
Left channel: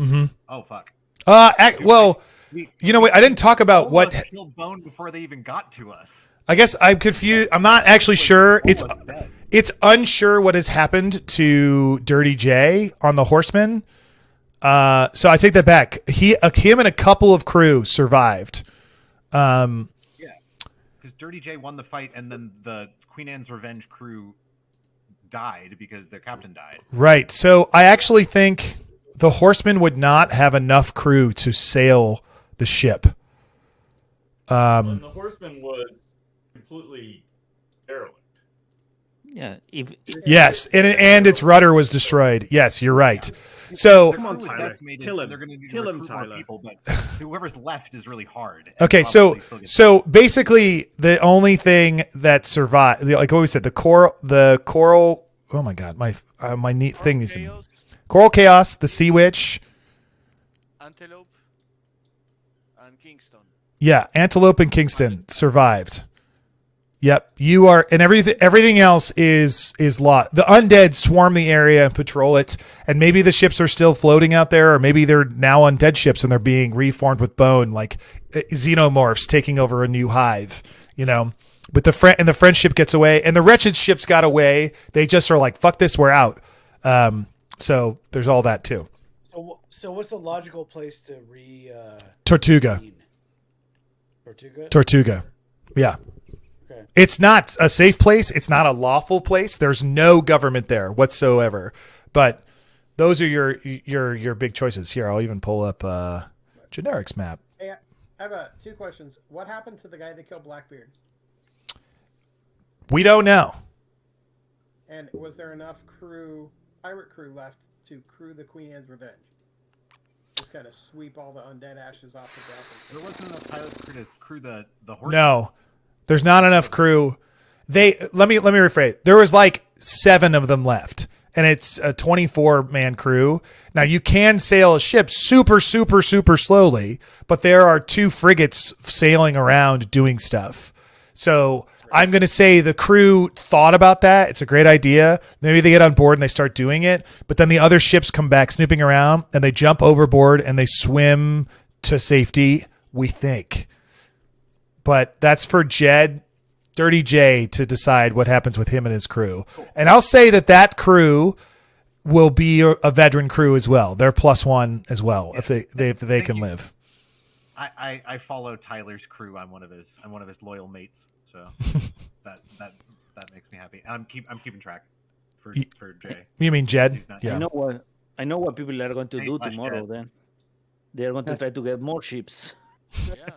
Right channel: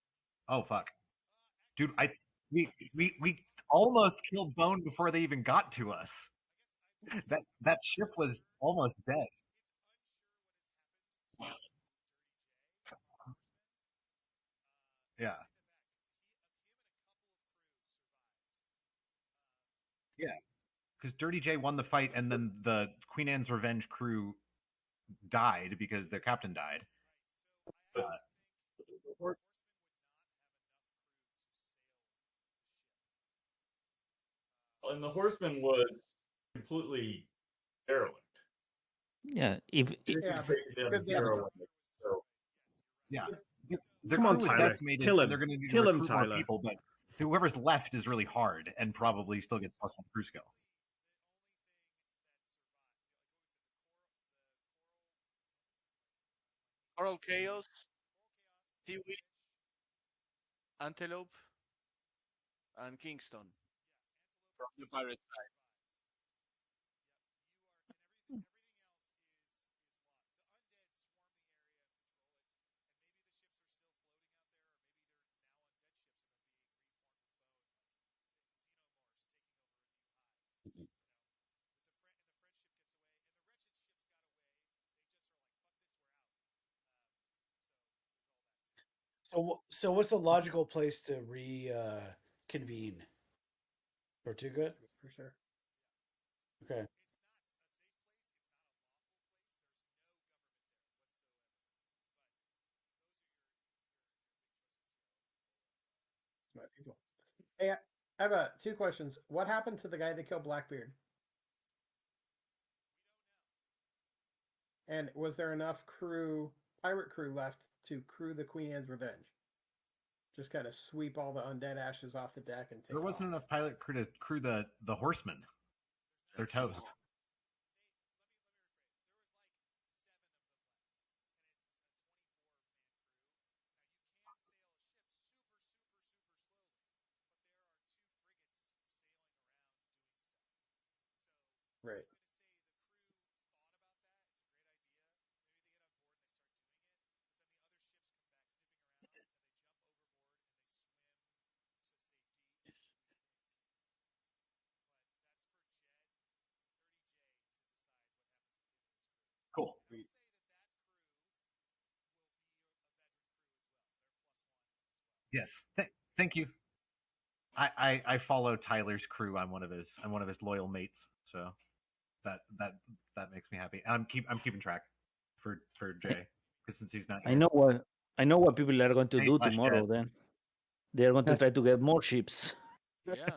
Mm-hmm. Oh fuck. Well, you know what? I didn't talk about what. Almost killed Bone before they even got to us. I guess I'm confused. I'm not actually sure. Almost dead. It's unsure what has happened to Dirty J on the Horseman. So I take that back. Him and a couple of crew survived. Yeah, because Dirty J won the fight, and then the Queen Anne's Revenge crew died because their captain died. Right. So I actually think the Horseman would not have enough crew to sail the ship. And the Horseman was completely derelict. Yeah. Yes, and its rudder was destroyed. Yes, you're right. So Come on, Crew was Tyler. decimated, Kill and him. They're going to Kill him, recruit more Tyler. people, but whoever's left is really hard. and okay, probably still gets so basically the only thing that survived, like what we said, the coral. Oh my god, my neat thing is Coral Chaos, the Sea Witch. Antelope and Kingston. Yeah, Antelope and Kingston survived. Yep, you are, and everything else is lost. The undead swarm the area and patrol it, and maybe the ships are still floating out there, or maybe they're now undead ships and they're being reformed with bone, like xenomorphs taking over a new hive. You know, but the French ship gets away, and the wretched ships got away. They just are like, "Fuck this, we're out." So there's all that too. So what's a logical place to Tortuga. Tortuga. Yeah. Okay. It's not a safe place. It's not a lawful place. There's no government there whatsoever. But those are your big choices. Here, I'll even pull up generics map. Hey, I have 2 questions. What happened to the guy that killed Blackbeard? We don't know. And was there enough pirate crew left to crew the Queen Anne's Revenge? Just kind of sweep all the undead ashes off the deck. There wasn't enough pilot crew to crew the horse. No, there's not enough crew. Let me rephrase. There was like 7 of them left, and it's a 24-man crew. Now you can sail a ship super slowly, but there are 2 frigates sailing around doing stuff. So I'm going to say the crew thought about that. It's a great idea. Maybe they get on board and they start doing it, but then the other ships come back snooping around and they jump overboard and they swim to safety, we think. But that's for Dirty J, to decide what happens with him and his crew. Cool. And I'll say that crew will be a veteran crew as well. They're +1 as well, if they can live. I follow Tyler's crew. I'm one of his loyal mates. So that makes me happy. I'm keeping track for Jay. You mean Jed? Yeah. I know what people are going to do tomorrow. Then they're going to try to get more ships.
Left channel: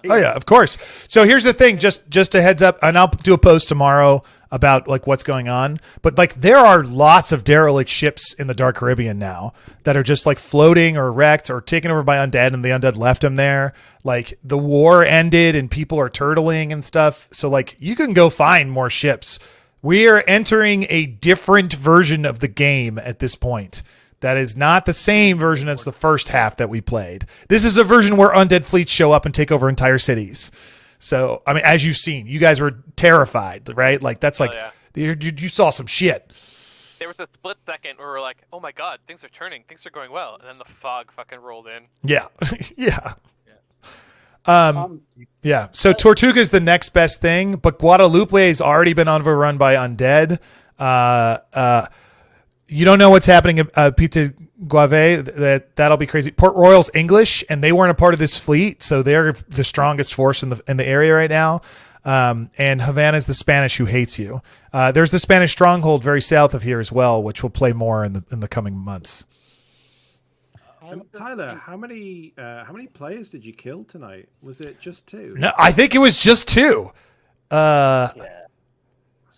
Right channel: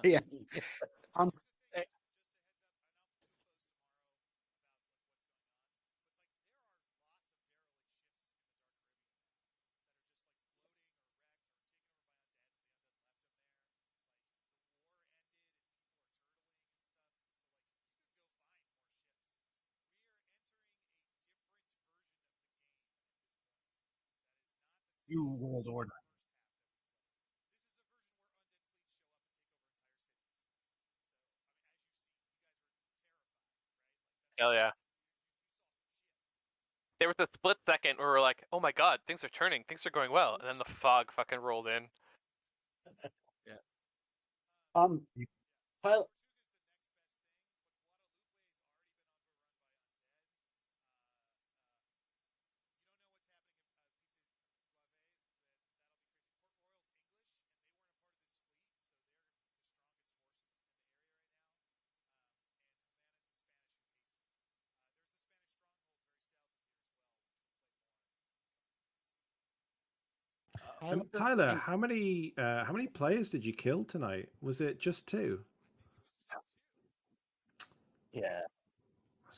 Oh yeah, of course. So here's the thing, just a heads up, and I'll do a post tomorrow about like what's going on. But like there are lots of derelict ships in the Dark Caribbean now that are just like floating or wrecked or taken over by undead, and the undead left them there. Like the war ended and people are turtling and stuff. So like you can go find more ships. We are entering a different version of the game at this point. That is not the same version as the first half that we played. This is a version where undead fleets show up and take over entire cities. So, I mean, as you've seen, you guys were terrified, right? Like that's like, you saw some shit. There was a split second where we were like, oh my God, things are turning. Things are going well. And then the fog fucking rolled in. Yeah. Yeah. So Tortuga is the next best thing, but Guadalupe has already been overrun by undead. You don't know what's happening at Pizza Guave. That'll be crazy. Port Royal's English, and they weren't a part of this fleet, so they're the strongest force in the area right now. And Havana's the Spanish who hates you. There's the Spanish stronghold very south of here as well, which will play more in the coming months. Tyler, how many players did you kill tonight? Was it just 2? No, I think it was just 2. That's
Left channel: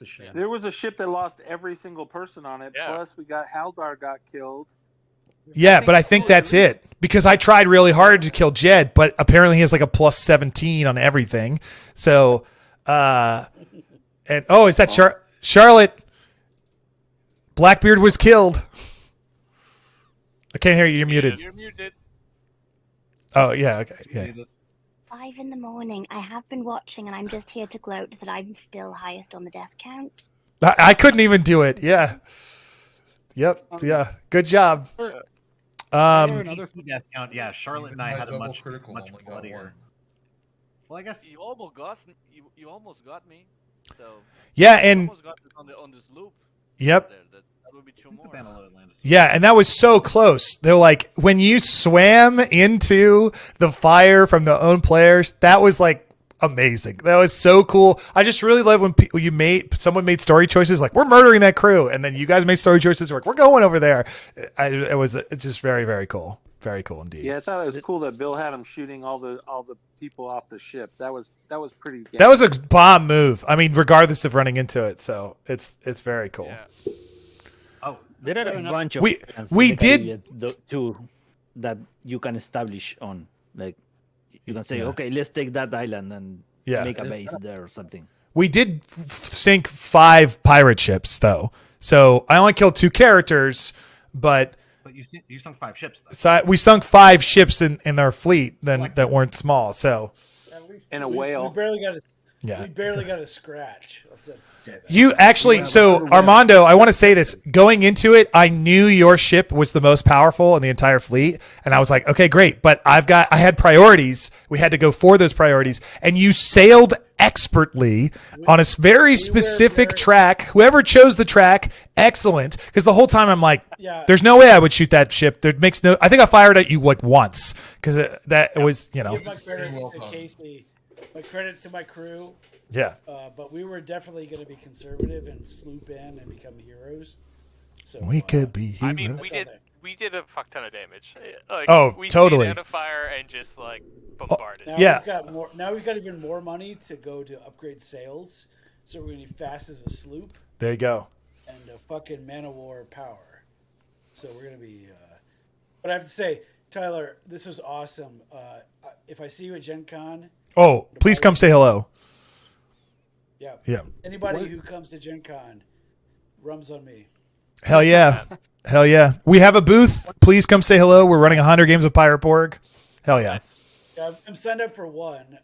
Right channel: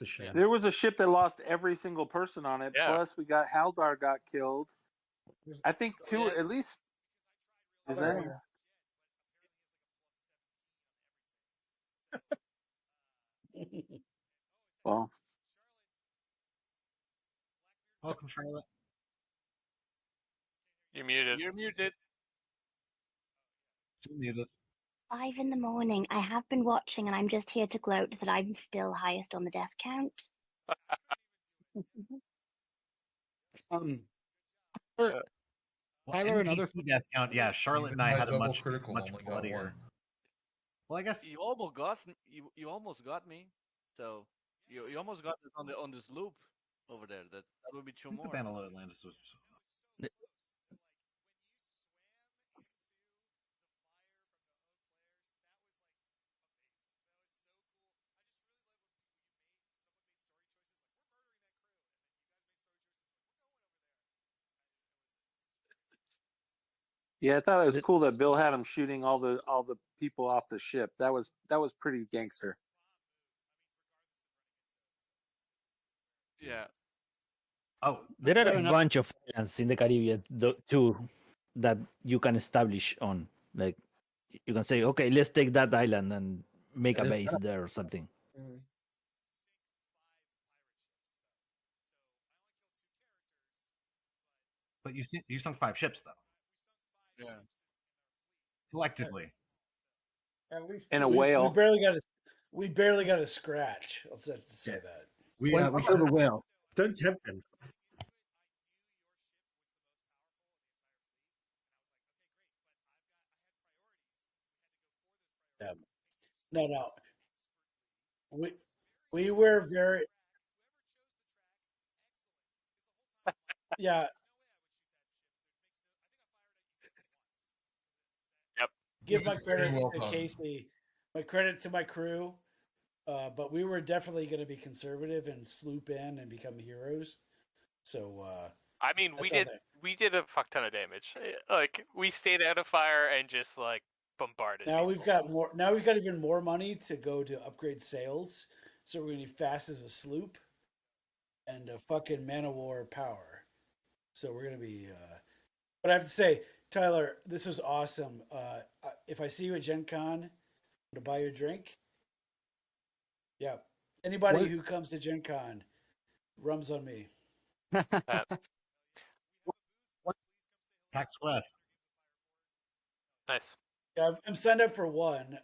a shame. There was a ship that lost every single person on it. Yeah. Plus, we got Haldar got killed. Yeah, but I think that's it. Because I tried really hard to kill Jed, but apparently he has like a +17 on everything. So, is that Charlotte? Blackbeard was killed. I can't hear you. You're muted. You're muted. Oh, yeah. Okay. Yeah. 5 in the morning. I have been watching, and I'm just here to gloat that I'm still highest on the death count. I couldn't even do it. Yeah. Yep. Yeah. Good job. Another death count. Yeah, Charlotte and I had a much bloodier. Well, I guess you almost got me. So yeah, you and almost got on this loop. Yep. That would be 2 more. Yeah, and that was so close. They're like, when you swam into the fire from the own players, that was like amazing. That was so cool. I just really love when someone made story choices like, we're murdering that crew, and then you guys made story choices like, we're going over there. It's just very, very cool. Very cool indeed. Yeah, I thought it was cool that Bill had him shooting all the people off the ship. That was pretty. That was a bomb move. I mean, regardless of running into it, so it's very cool. Yeah. Oh, there are a bunch of we did too that you can establish on. Like you can say, okay, let's take that island and make a base there or something. We did sink 5 pirate ships though, so I only killed 2 characters, but you sunk 5 ships though. So we sunk 5 ships in our fleet that weren't small. So in a whale, we barely got a scratch. Let's say that. You actually, so Armando, I want to say this. Going into it, I knew your ship was the most powerful in the entire fleet, and I was like, okay, great. But I had priorities. We had to go for those priorities, and you sailed expertly on a very specific track. Whoever chose the track, excellent. Because the whole time I'm like, there's no way I would shoot that ship. There makes no. I think I fired at you like once because it was, you know. Give my credit to Casey. My credit to my crew. Yeah. But we were definitely going to be conservative and sloop in and become heroes. So we could be. I mean, we did a fuck ton of damage. Like, Oh, we totally. stayed out of fire and just like bombarded. Now Yeah. we've got more. Now we've got even more money to go to upgrade sails. So we're gonna be fast as a sloop There you go. and a fucking man of war power. So we're gonna be. But I have to say, Tyler, this was awesome. If I see you at Gen Con, Oh, please come say hello. yeah, Yeah. Anybody who comes to Gen Con, rum's on me. Hell yeah. Hell yeah. We have a booth. Please come say hello. We're running 100 games of Pirate Borg. Hell yeah. Yeah, I'm signed up for one,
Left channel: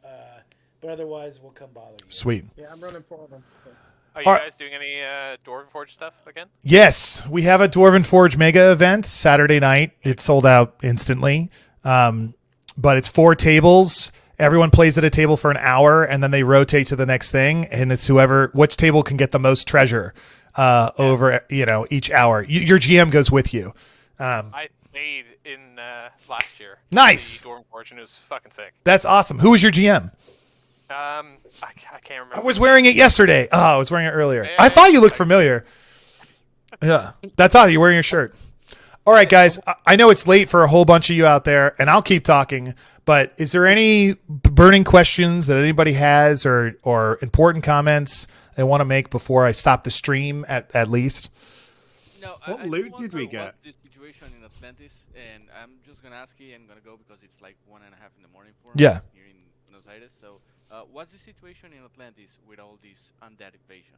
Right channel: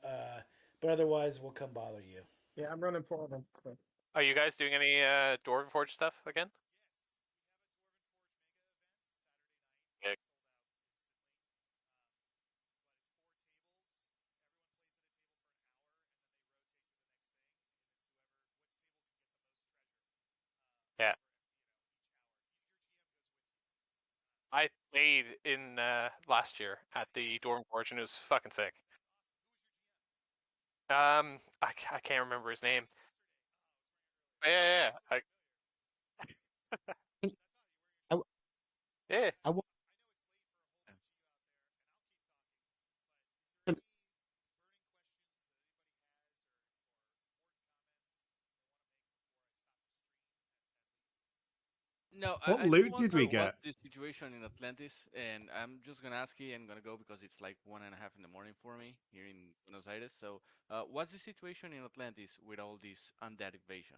but otherwise we'll come bother you. Sweet. Yeah, I'm running 4 of them. So. Are you guys doing any Dwarven Forge stuff again? Yes, we have a Dwarven Forge mega event Saturday night. It sold out instantly. But it's 4 tables. Everyone plays at a table for an hour, and then they rotate to the next thing. And it's which table can get the most treasure over each hour. Your GM goes with you. I played in last year. Nice. The Dwarven Forge, and it was fucking sick. That's awesome. Who was your GM? I can't remember. I was wearing it yesterday. Oh, I was wearing it earlier. Yeah, I thought you looked familiar. Yeah, that's all. You're wearing your shirt. All right, guys. I know it's late for a whole bunch of you out there, and I'll keep talking. But is there any burning questions that anybody has, or important comments they want to make before I stop the stream at least? No. What loot did we get? The situation in Atlantis, and I'm just gonna ask you. I'm gonna go because it's like 1:30 in the morning for me Yeah. here in Buenos Aires. So, what's the situation in Atlantis with all this undead invasion?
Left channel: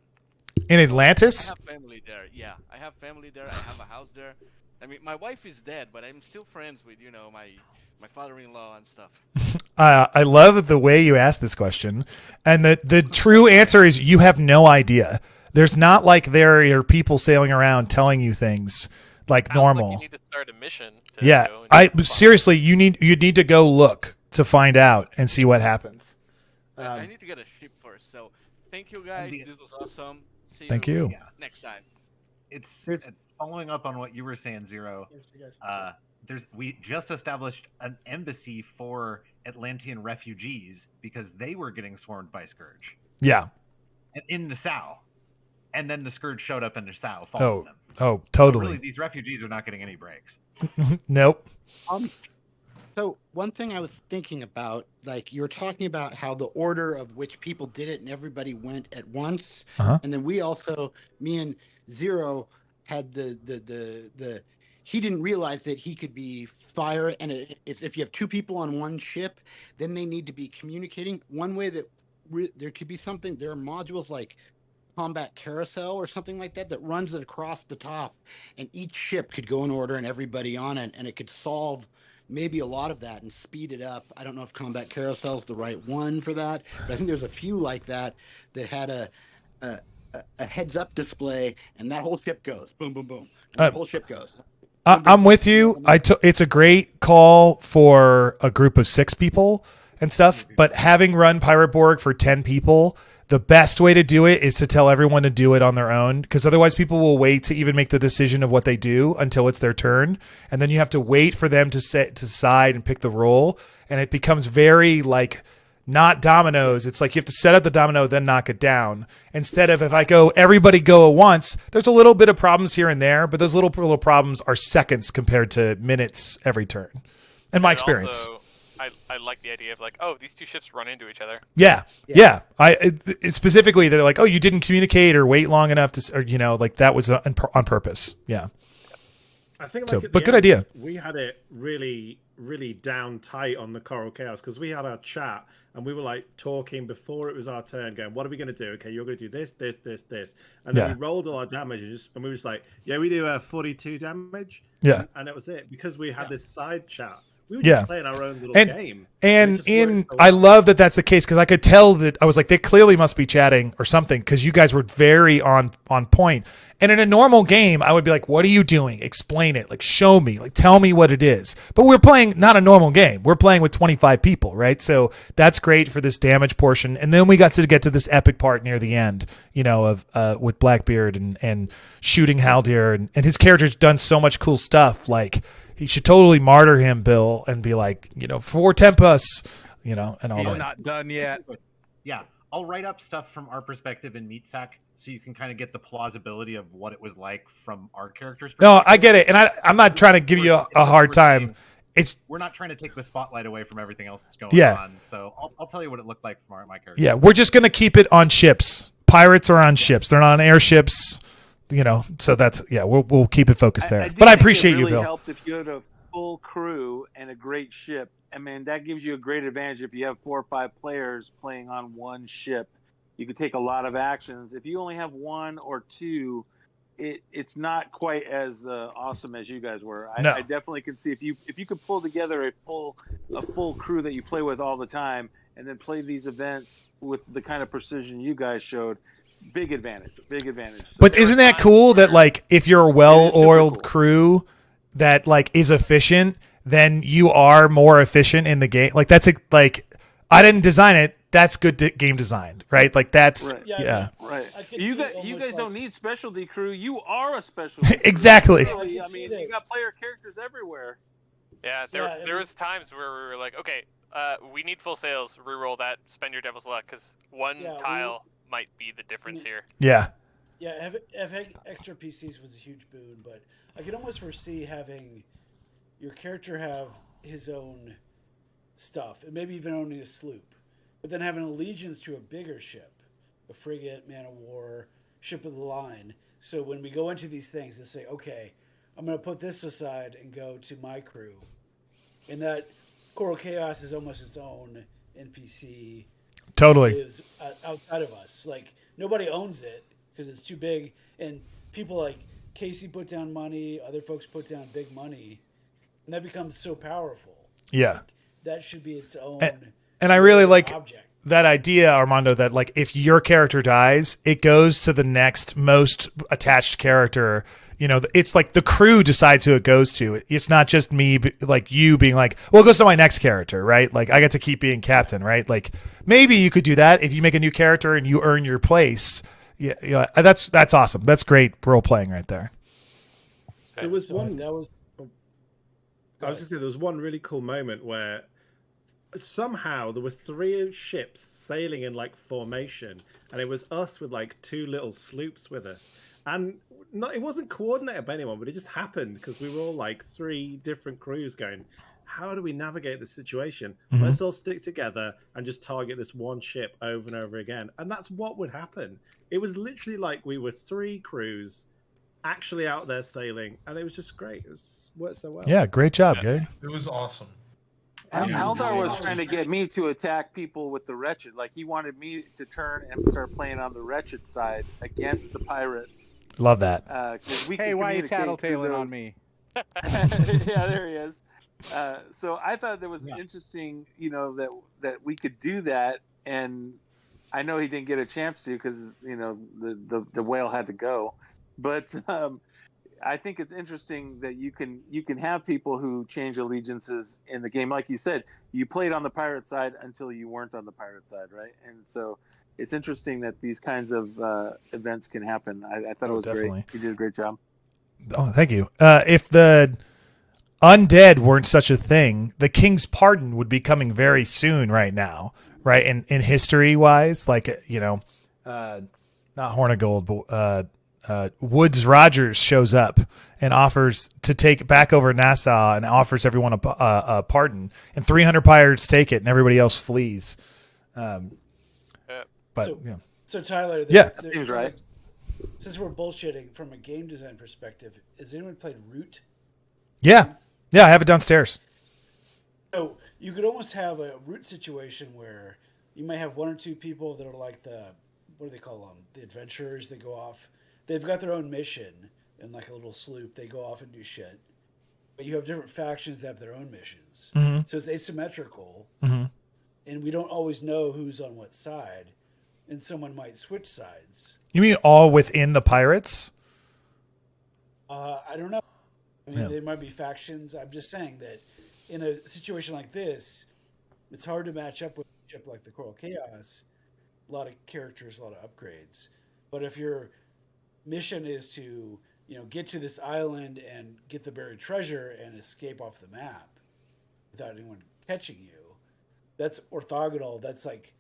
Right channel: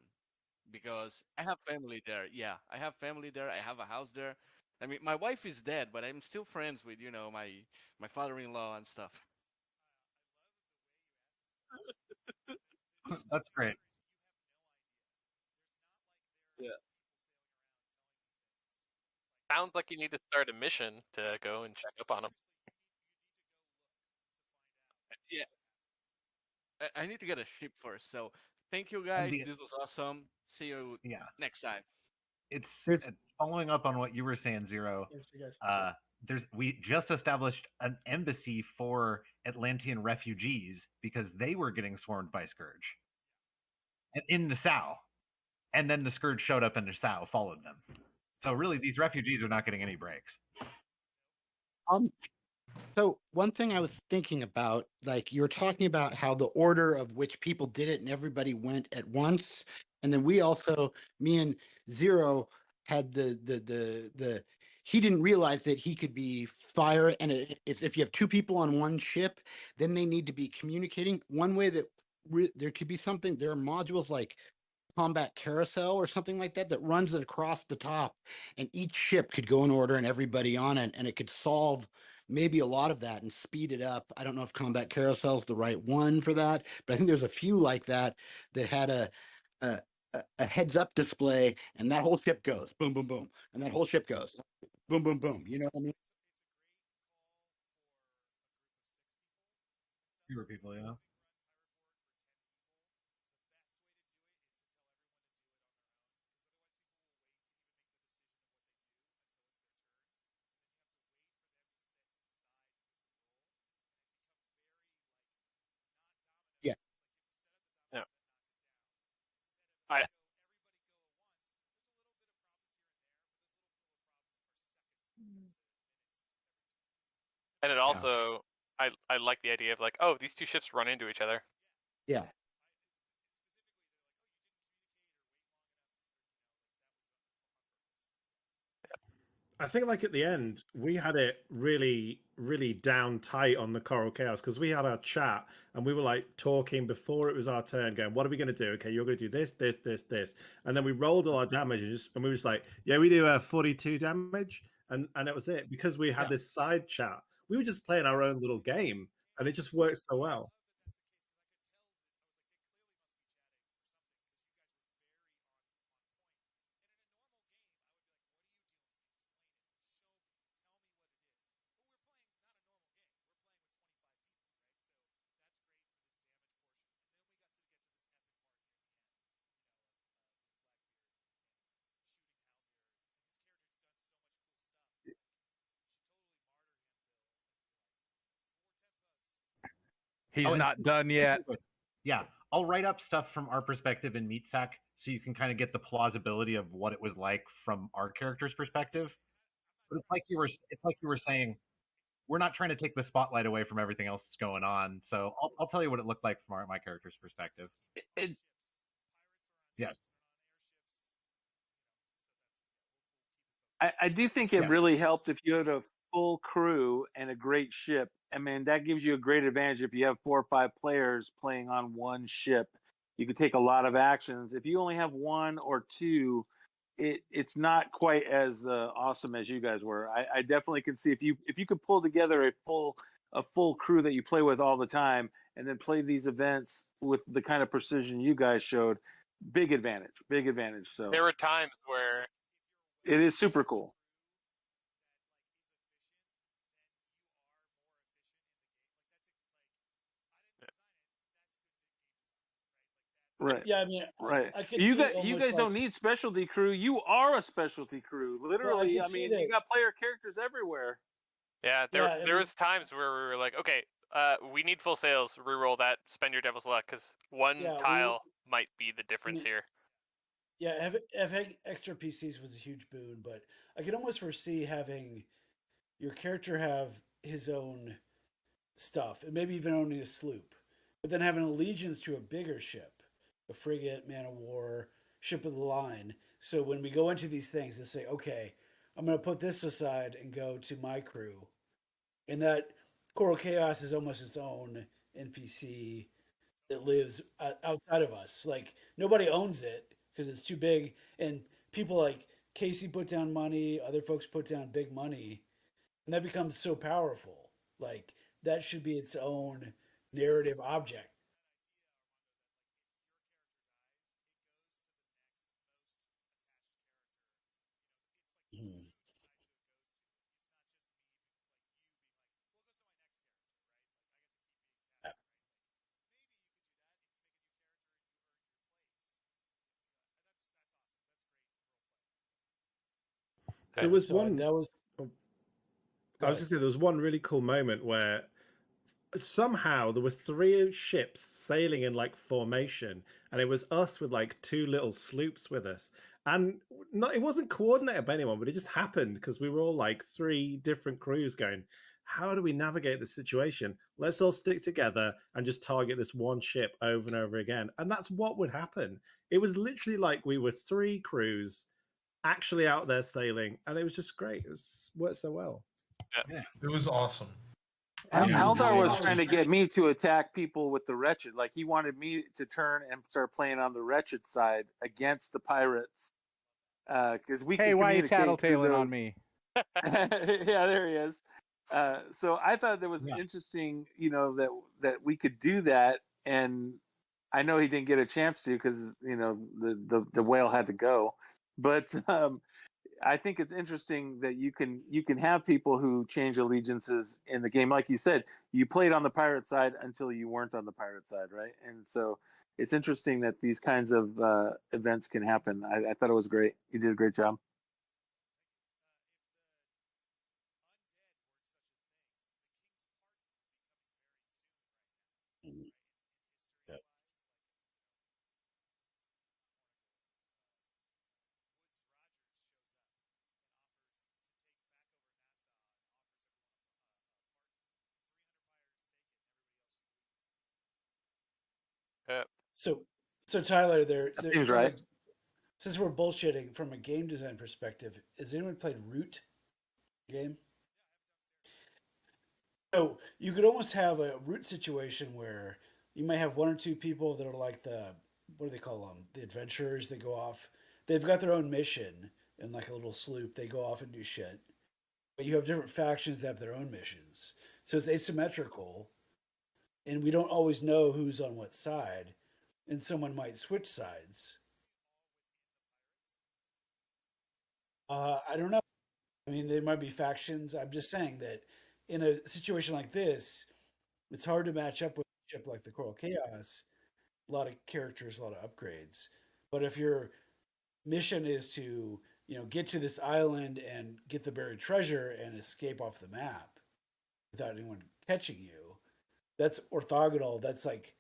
In Atlantis? I have family there. Yeah, I have family there. I have a house there. I mean, my wife is dead, but I'm still friends with my father-in-law and stuff. I love the way you asked this question, and the true answer is you have no idea. There's not like there are people sailing around telling you things like normal. Like you need to start a mission. To Yeah, go and seriously, you need to go look to find out and see what happens. I need to get a ship first. So, thank you guys. This was awesome. See Thank you. next time. It's following up on what you were saying, Zero. We just established an embassy for Atlantean refugees because they were getting swarmed by Scourge. Yeah. In Nassau. And then the Scourge showed up in Nassau, followed them. Oh, So totally. really, these refugees are not getting any breaks. Nope. So one thing I was thinking about, like you were talking about how the order of which people did it and everybody went at once. And then we also, me and Zero had the he didn't realize that he could be fire. And it's if you have 2 people on one ship, then they need to be communicating. One way that there could be something, there are modules like combat carousel or something like that runs it across the top, and each ship could go in order and everybody on it, and it could solve maybe a lot of that and speed it up. I don't know if combat carousel is the right one for that, but I think there's a few like that had a heads up display, and that whole ship goes boom, boom, boom, and the whole ship goes. Boom, boom, I'm boom. with you. It's a great call for a group of 6 people and stuff, but having run Pirate Borg for 10 people, the best way to do it is to tell everyone to do it on their own, because otherwise people will wait to even make the decision of what they do until it's their turn, and then you have to wait for them to decide and pick the role, and it becomes very like not dominoes. It's like you have to set up the domino, then knock it down. Instead of if I go, everybody go at once, there's a little bit of problems here and there, but those little problems are seconds compared to minutes every turn, in my experience. Also, I like the idea of like, oh, these 2 ships run into each other. Yeah. Specifically, they're like, oh, you didn't communicate or wait long enough to, or like that was on purpose. Yeah. I think like but good idea. We had it really, really down tight on the Coral Chaos because we had our chat and we were like talking before it was our turn, going, "What are we going to do? Okay, you're going to do this, this, this, this," and then we rolled all our damage and we was like, "Yeah, we do 42 damage." Yeah, and that was it because we had this side chat. We were just playing our own little game. And it just worked so I well. love that that's the case, because I could tell that I was like, they clearly must be chatting or something, because you guys were very on point. And in a normal game, I would be like, what are you doing? Explain it. Like, show me. Like, tell me what it is. But we're playing not a normal game. We're playing with 25 people, right? So that's great for this damage portion. And then we got to get to this epic part near the end, of with Blackbeard and shooting Haldir. And his character's done so much cool stuff. Like, he should totally martyr him, Bill, and be like, for Tempus, and all He's that. not done yet. Yeah, I'll write up stuff from our perspective in Meatsack so you can kind of get the plausibility of what it was like from our characters' No, perspective. I get it, and I'm not trying to give you a hard time. We're not trying to take the spotlight away from everything else that's going Yeah. on. So I'll tell you what it looked like from my character. Yeah, we're just gonna keep it on ships. Pirates are on ships. They're not on airships. So that's we'll keep it focused there. But I appreciate it really you, Bill. helped if you had a full crew and a great ship. I mean, that gives you a great advantage if you have 4 or 5 players playing on one ship. You could take a lot of actions. If you only have 1 or 2, it's not quite as awesome as you guys were. I definitely can see if you could pull together a full crew that you play with all the time, and then play these events with the kind of precision you guys showed. Big advantage. So but isn't that cool that like if you're a well-oiled cool. crew that like is efficient, then you are more efficient in the game. Like that's like I didn't design it. That's good game design, right? Like that's right. yeah. Right. I could You see guys almost don't need specialty crew. You are a specialty crew. Exactly. Really. I mean, you got player characters everywhere. Yeah, there was times where we were like, okay, we need full sails. Reroll that. Spend your devil's luck because one tile might be the difference here. Yeah. Yeah, having extra PCs was a huge boon, but I could almost foresee having your character have his own stuff, and maybe even owning a sloop, but then having allegiance to a bigger ship, a frigate, man of war, ship of the line. So when we go into these things and say, okay, I'm going to put this aside and go to my crew, and that Coral Chaos is almost its own NPC. Totally. It lives outside of us. Like nobody owns it because it's too big, and people like Casey put down money, other folks put down big money, and that becomes so powerful. Yeah. Like, that should be its own. And I really like object. that idea, Armando, that like if your character dies, it goes to the next most attached character. It's like the crew decides who it goes to. It's not just me, like you being like, well, it goes to my next character, right? Like I get to keep being captain, right? Like maybe you could do that if you make a new character and you earn your place. Yeah, that's awesome. That's great role playing right there. There was one. I was going to say there was one really cool moment where somehow there were 3 ships sailing in like formation, and it was us with like 2 little sloops with us, and it wasn't coordinated by anyone, but it just happened because we were all like 3 different crews going, how do we navigate this situation? Mhm. Let's all stick together and just target this one ship over and over again. And that's what would happen. It was literally like we were 3 crews actually out there sailing, and it was just great. It worked so well. Yeah, great job, Gabe. It was awesome. Haldar was trying to get me to attack people with the Wretched. Like he wanted me to turn and start playing on the Wretched side against the pirates. Love that. We Hey, can why are you communicate through tattletaling on those. me? Yeah, there he is. So I thought that was interesting, that we could do that, and I know he didn't get a chance to because the whale had to go, but I think it's interesting that you can have people who change allegiances in the game. Like you said, you played on the pirate side until you weren't on the pirate side, right? And so it's interesting that these kinds of events can happen. I thought it was Definitely. great. You did a great job. Oh, thank you. If the undead weren't such a thing, the King's Pardon would be coming very soon right now, right? In history wise, like, not Horn of Gold, but Woodes Rogers shows up and offers to take back over Nassau and offers everyone a pardon, and 300 pirates take it and everybody else flees. So Tyler, that seems right. Since we're bullshitting from a game design perspective, has anyone played Root? Yeah, I have it downstairs. So you could almost have a Root situation where you might have 1 or 2 people that are like what do they call them? The adventurers. They go off. They've got their own mission in like a little sloop. They go off and do shit. But you have different factions that have their own missions. Mm-hmm. So it's asymmetrical. Mm-hmm. And we don't always know who's on what side. And someone might switch sides. You mean all within the pirates? I don't know. I mean, there might be factions. I'm just saying that in a situation like this, it's hard to match up with a ship like the Coral Chaos. A lot of characters, a lot of upgrades. But if your mission is to, get to this island and get the buried treasure and escape off the map without anyone catching you, that's orthogonal. That's like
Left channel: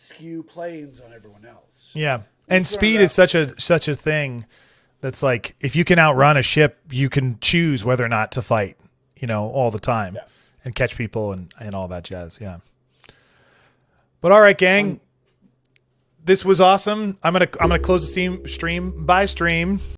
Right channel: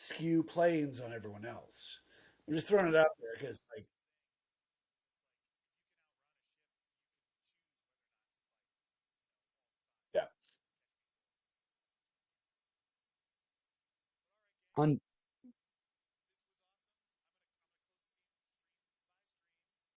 skew planes on everyone else. Yeah, I'm and just throwing speed it is out such a thing that's like if you can outrun a ship, you can choose whether or not to fight. All the time, and catch people and all that jazz. Yeah. But all right, gang. This was awesome. I'm gonna close the stream by stream.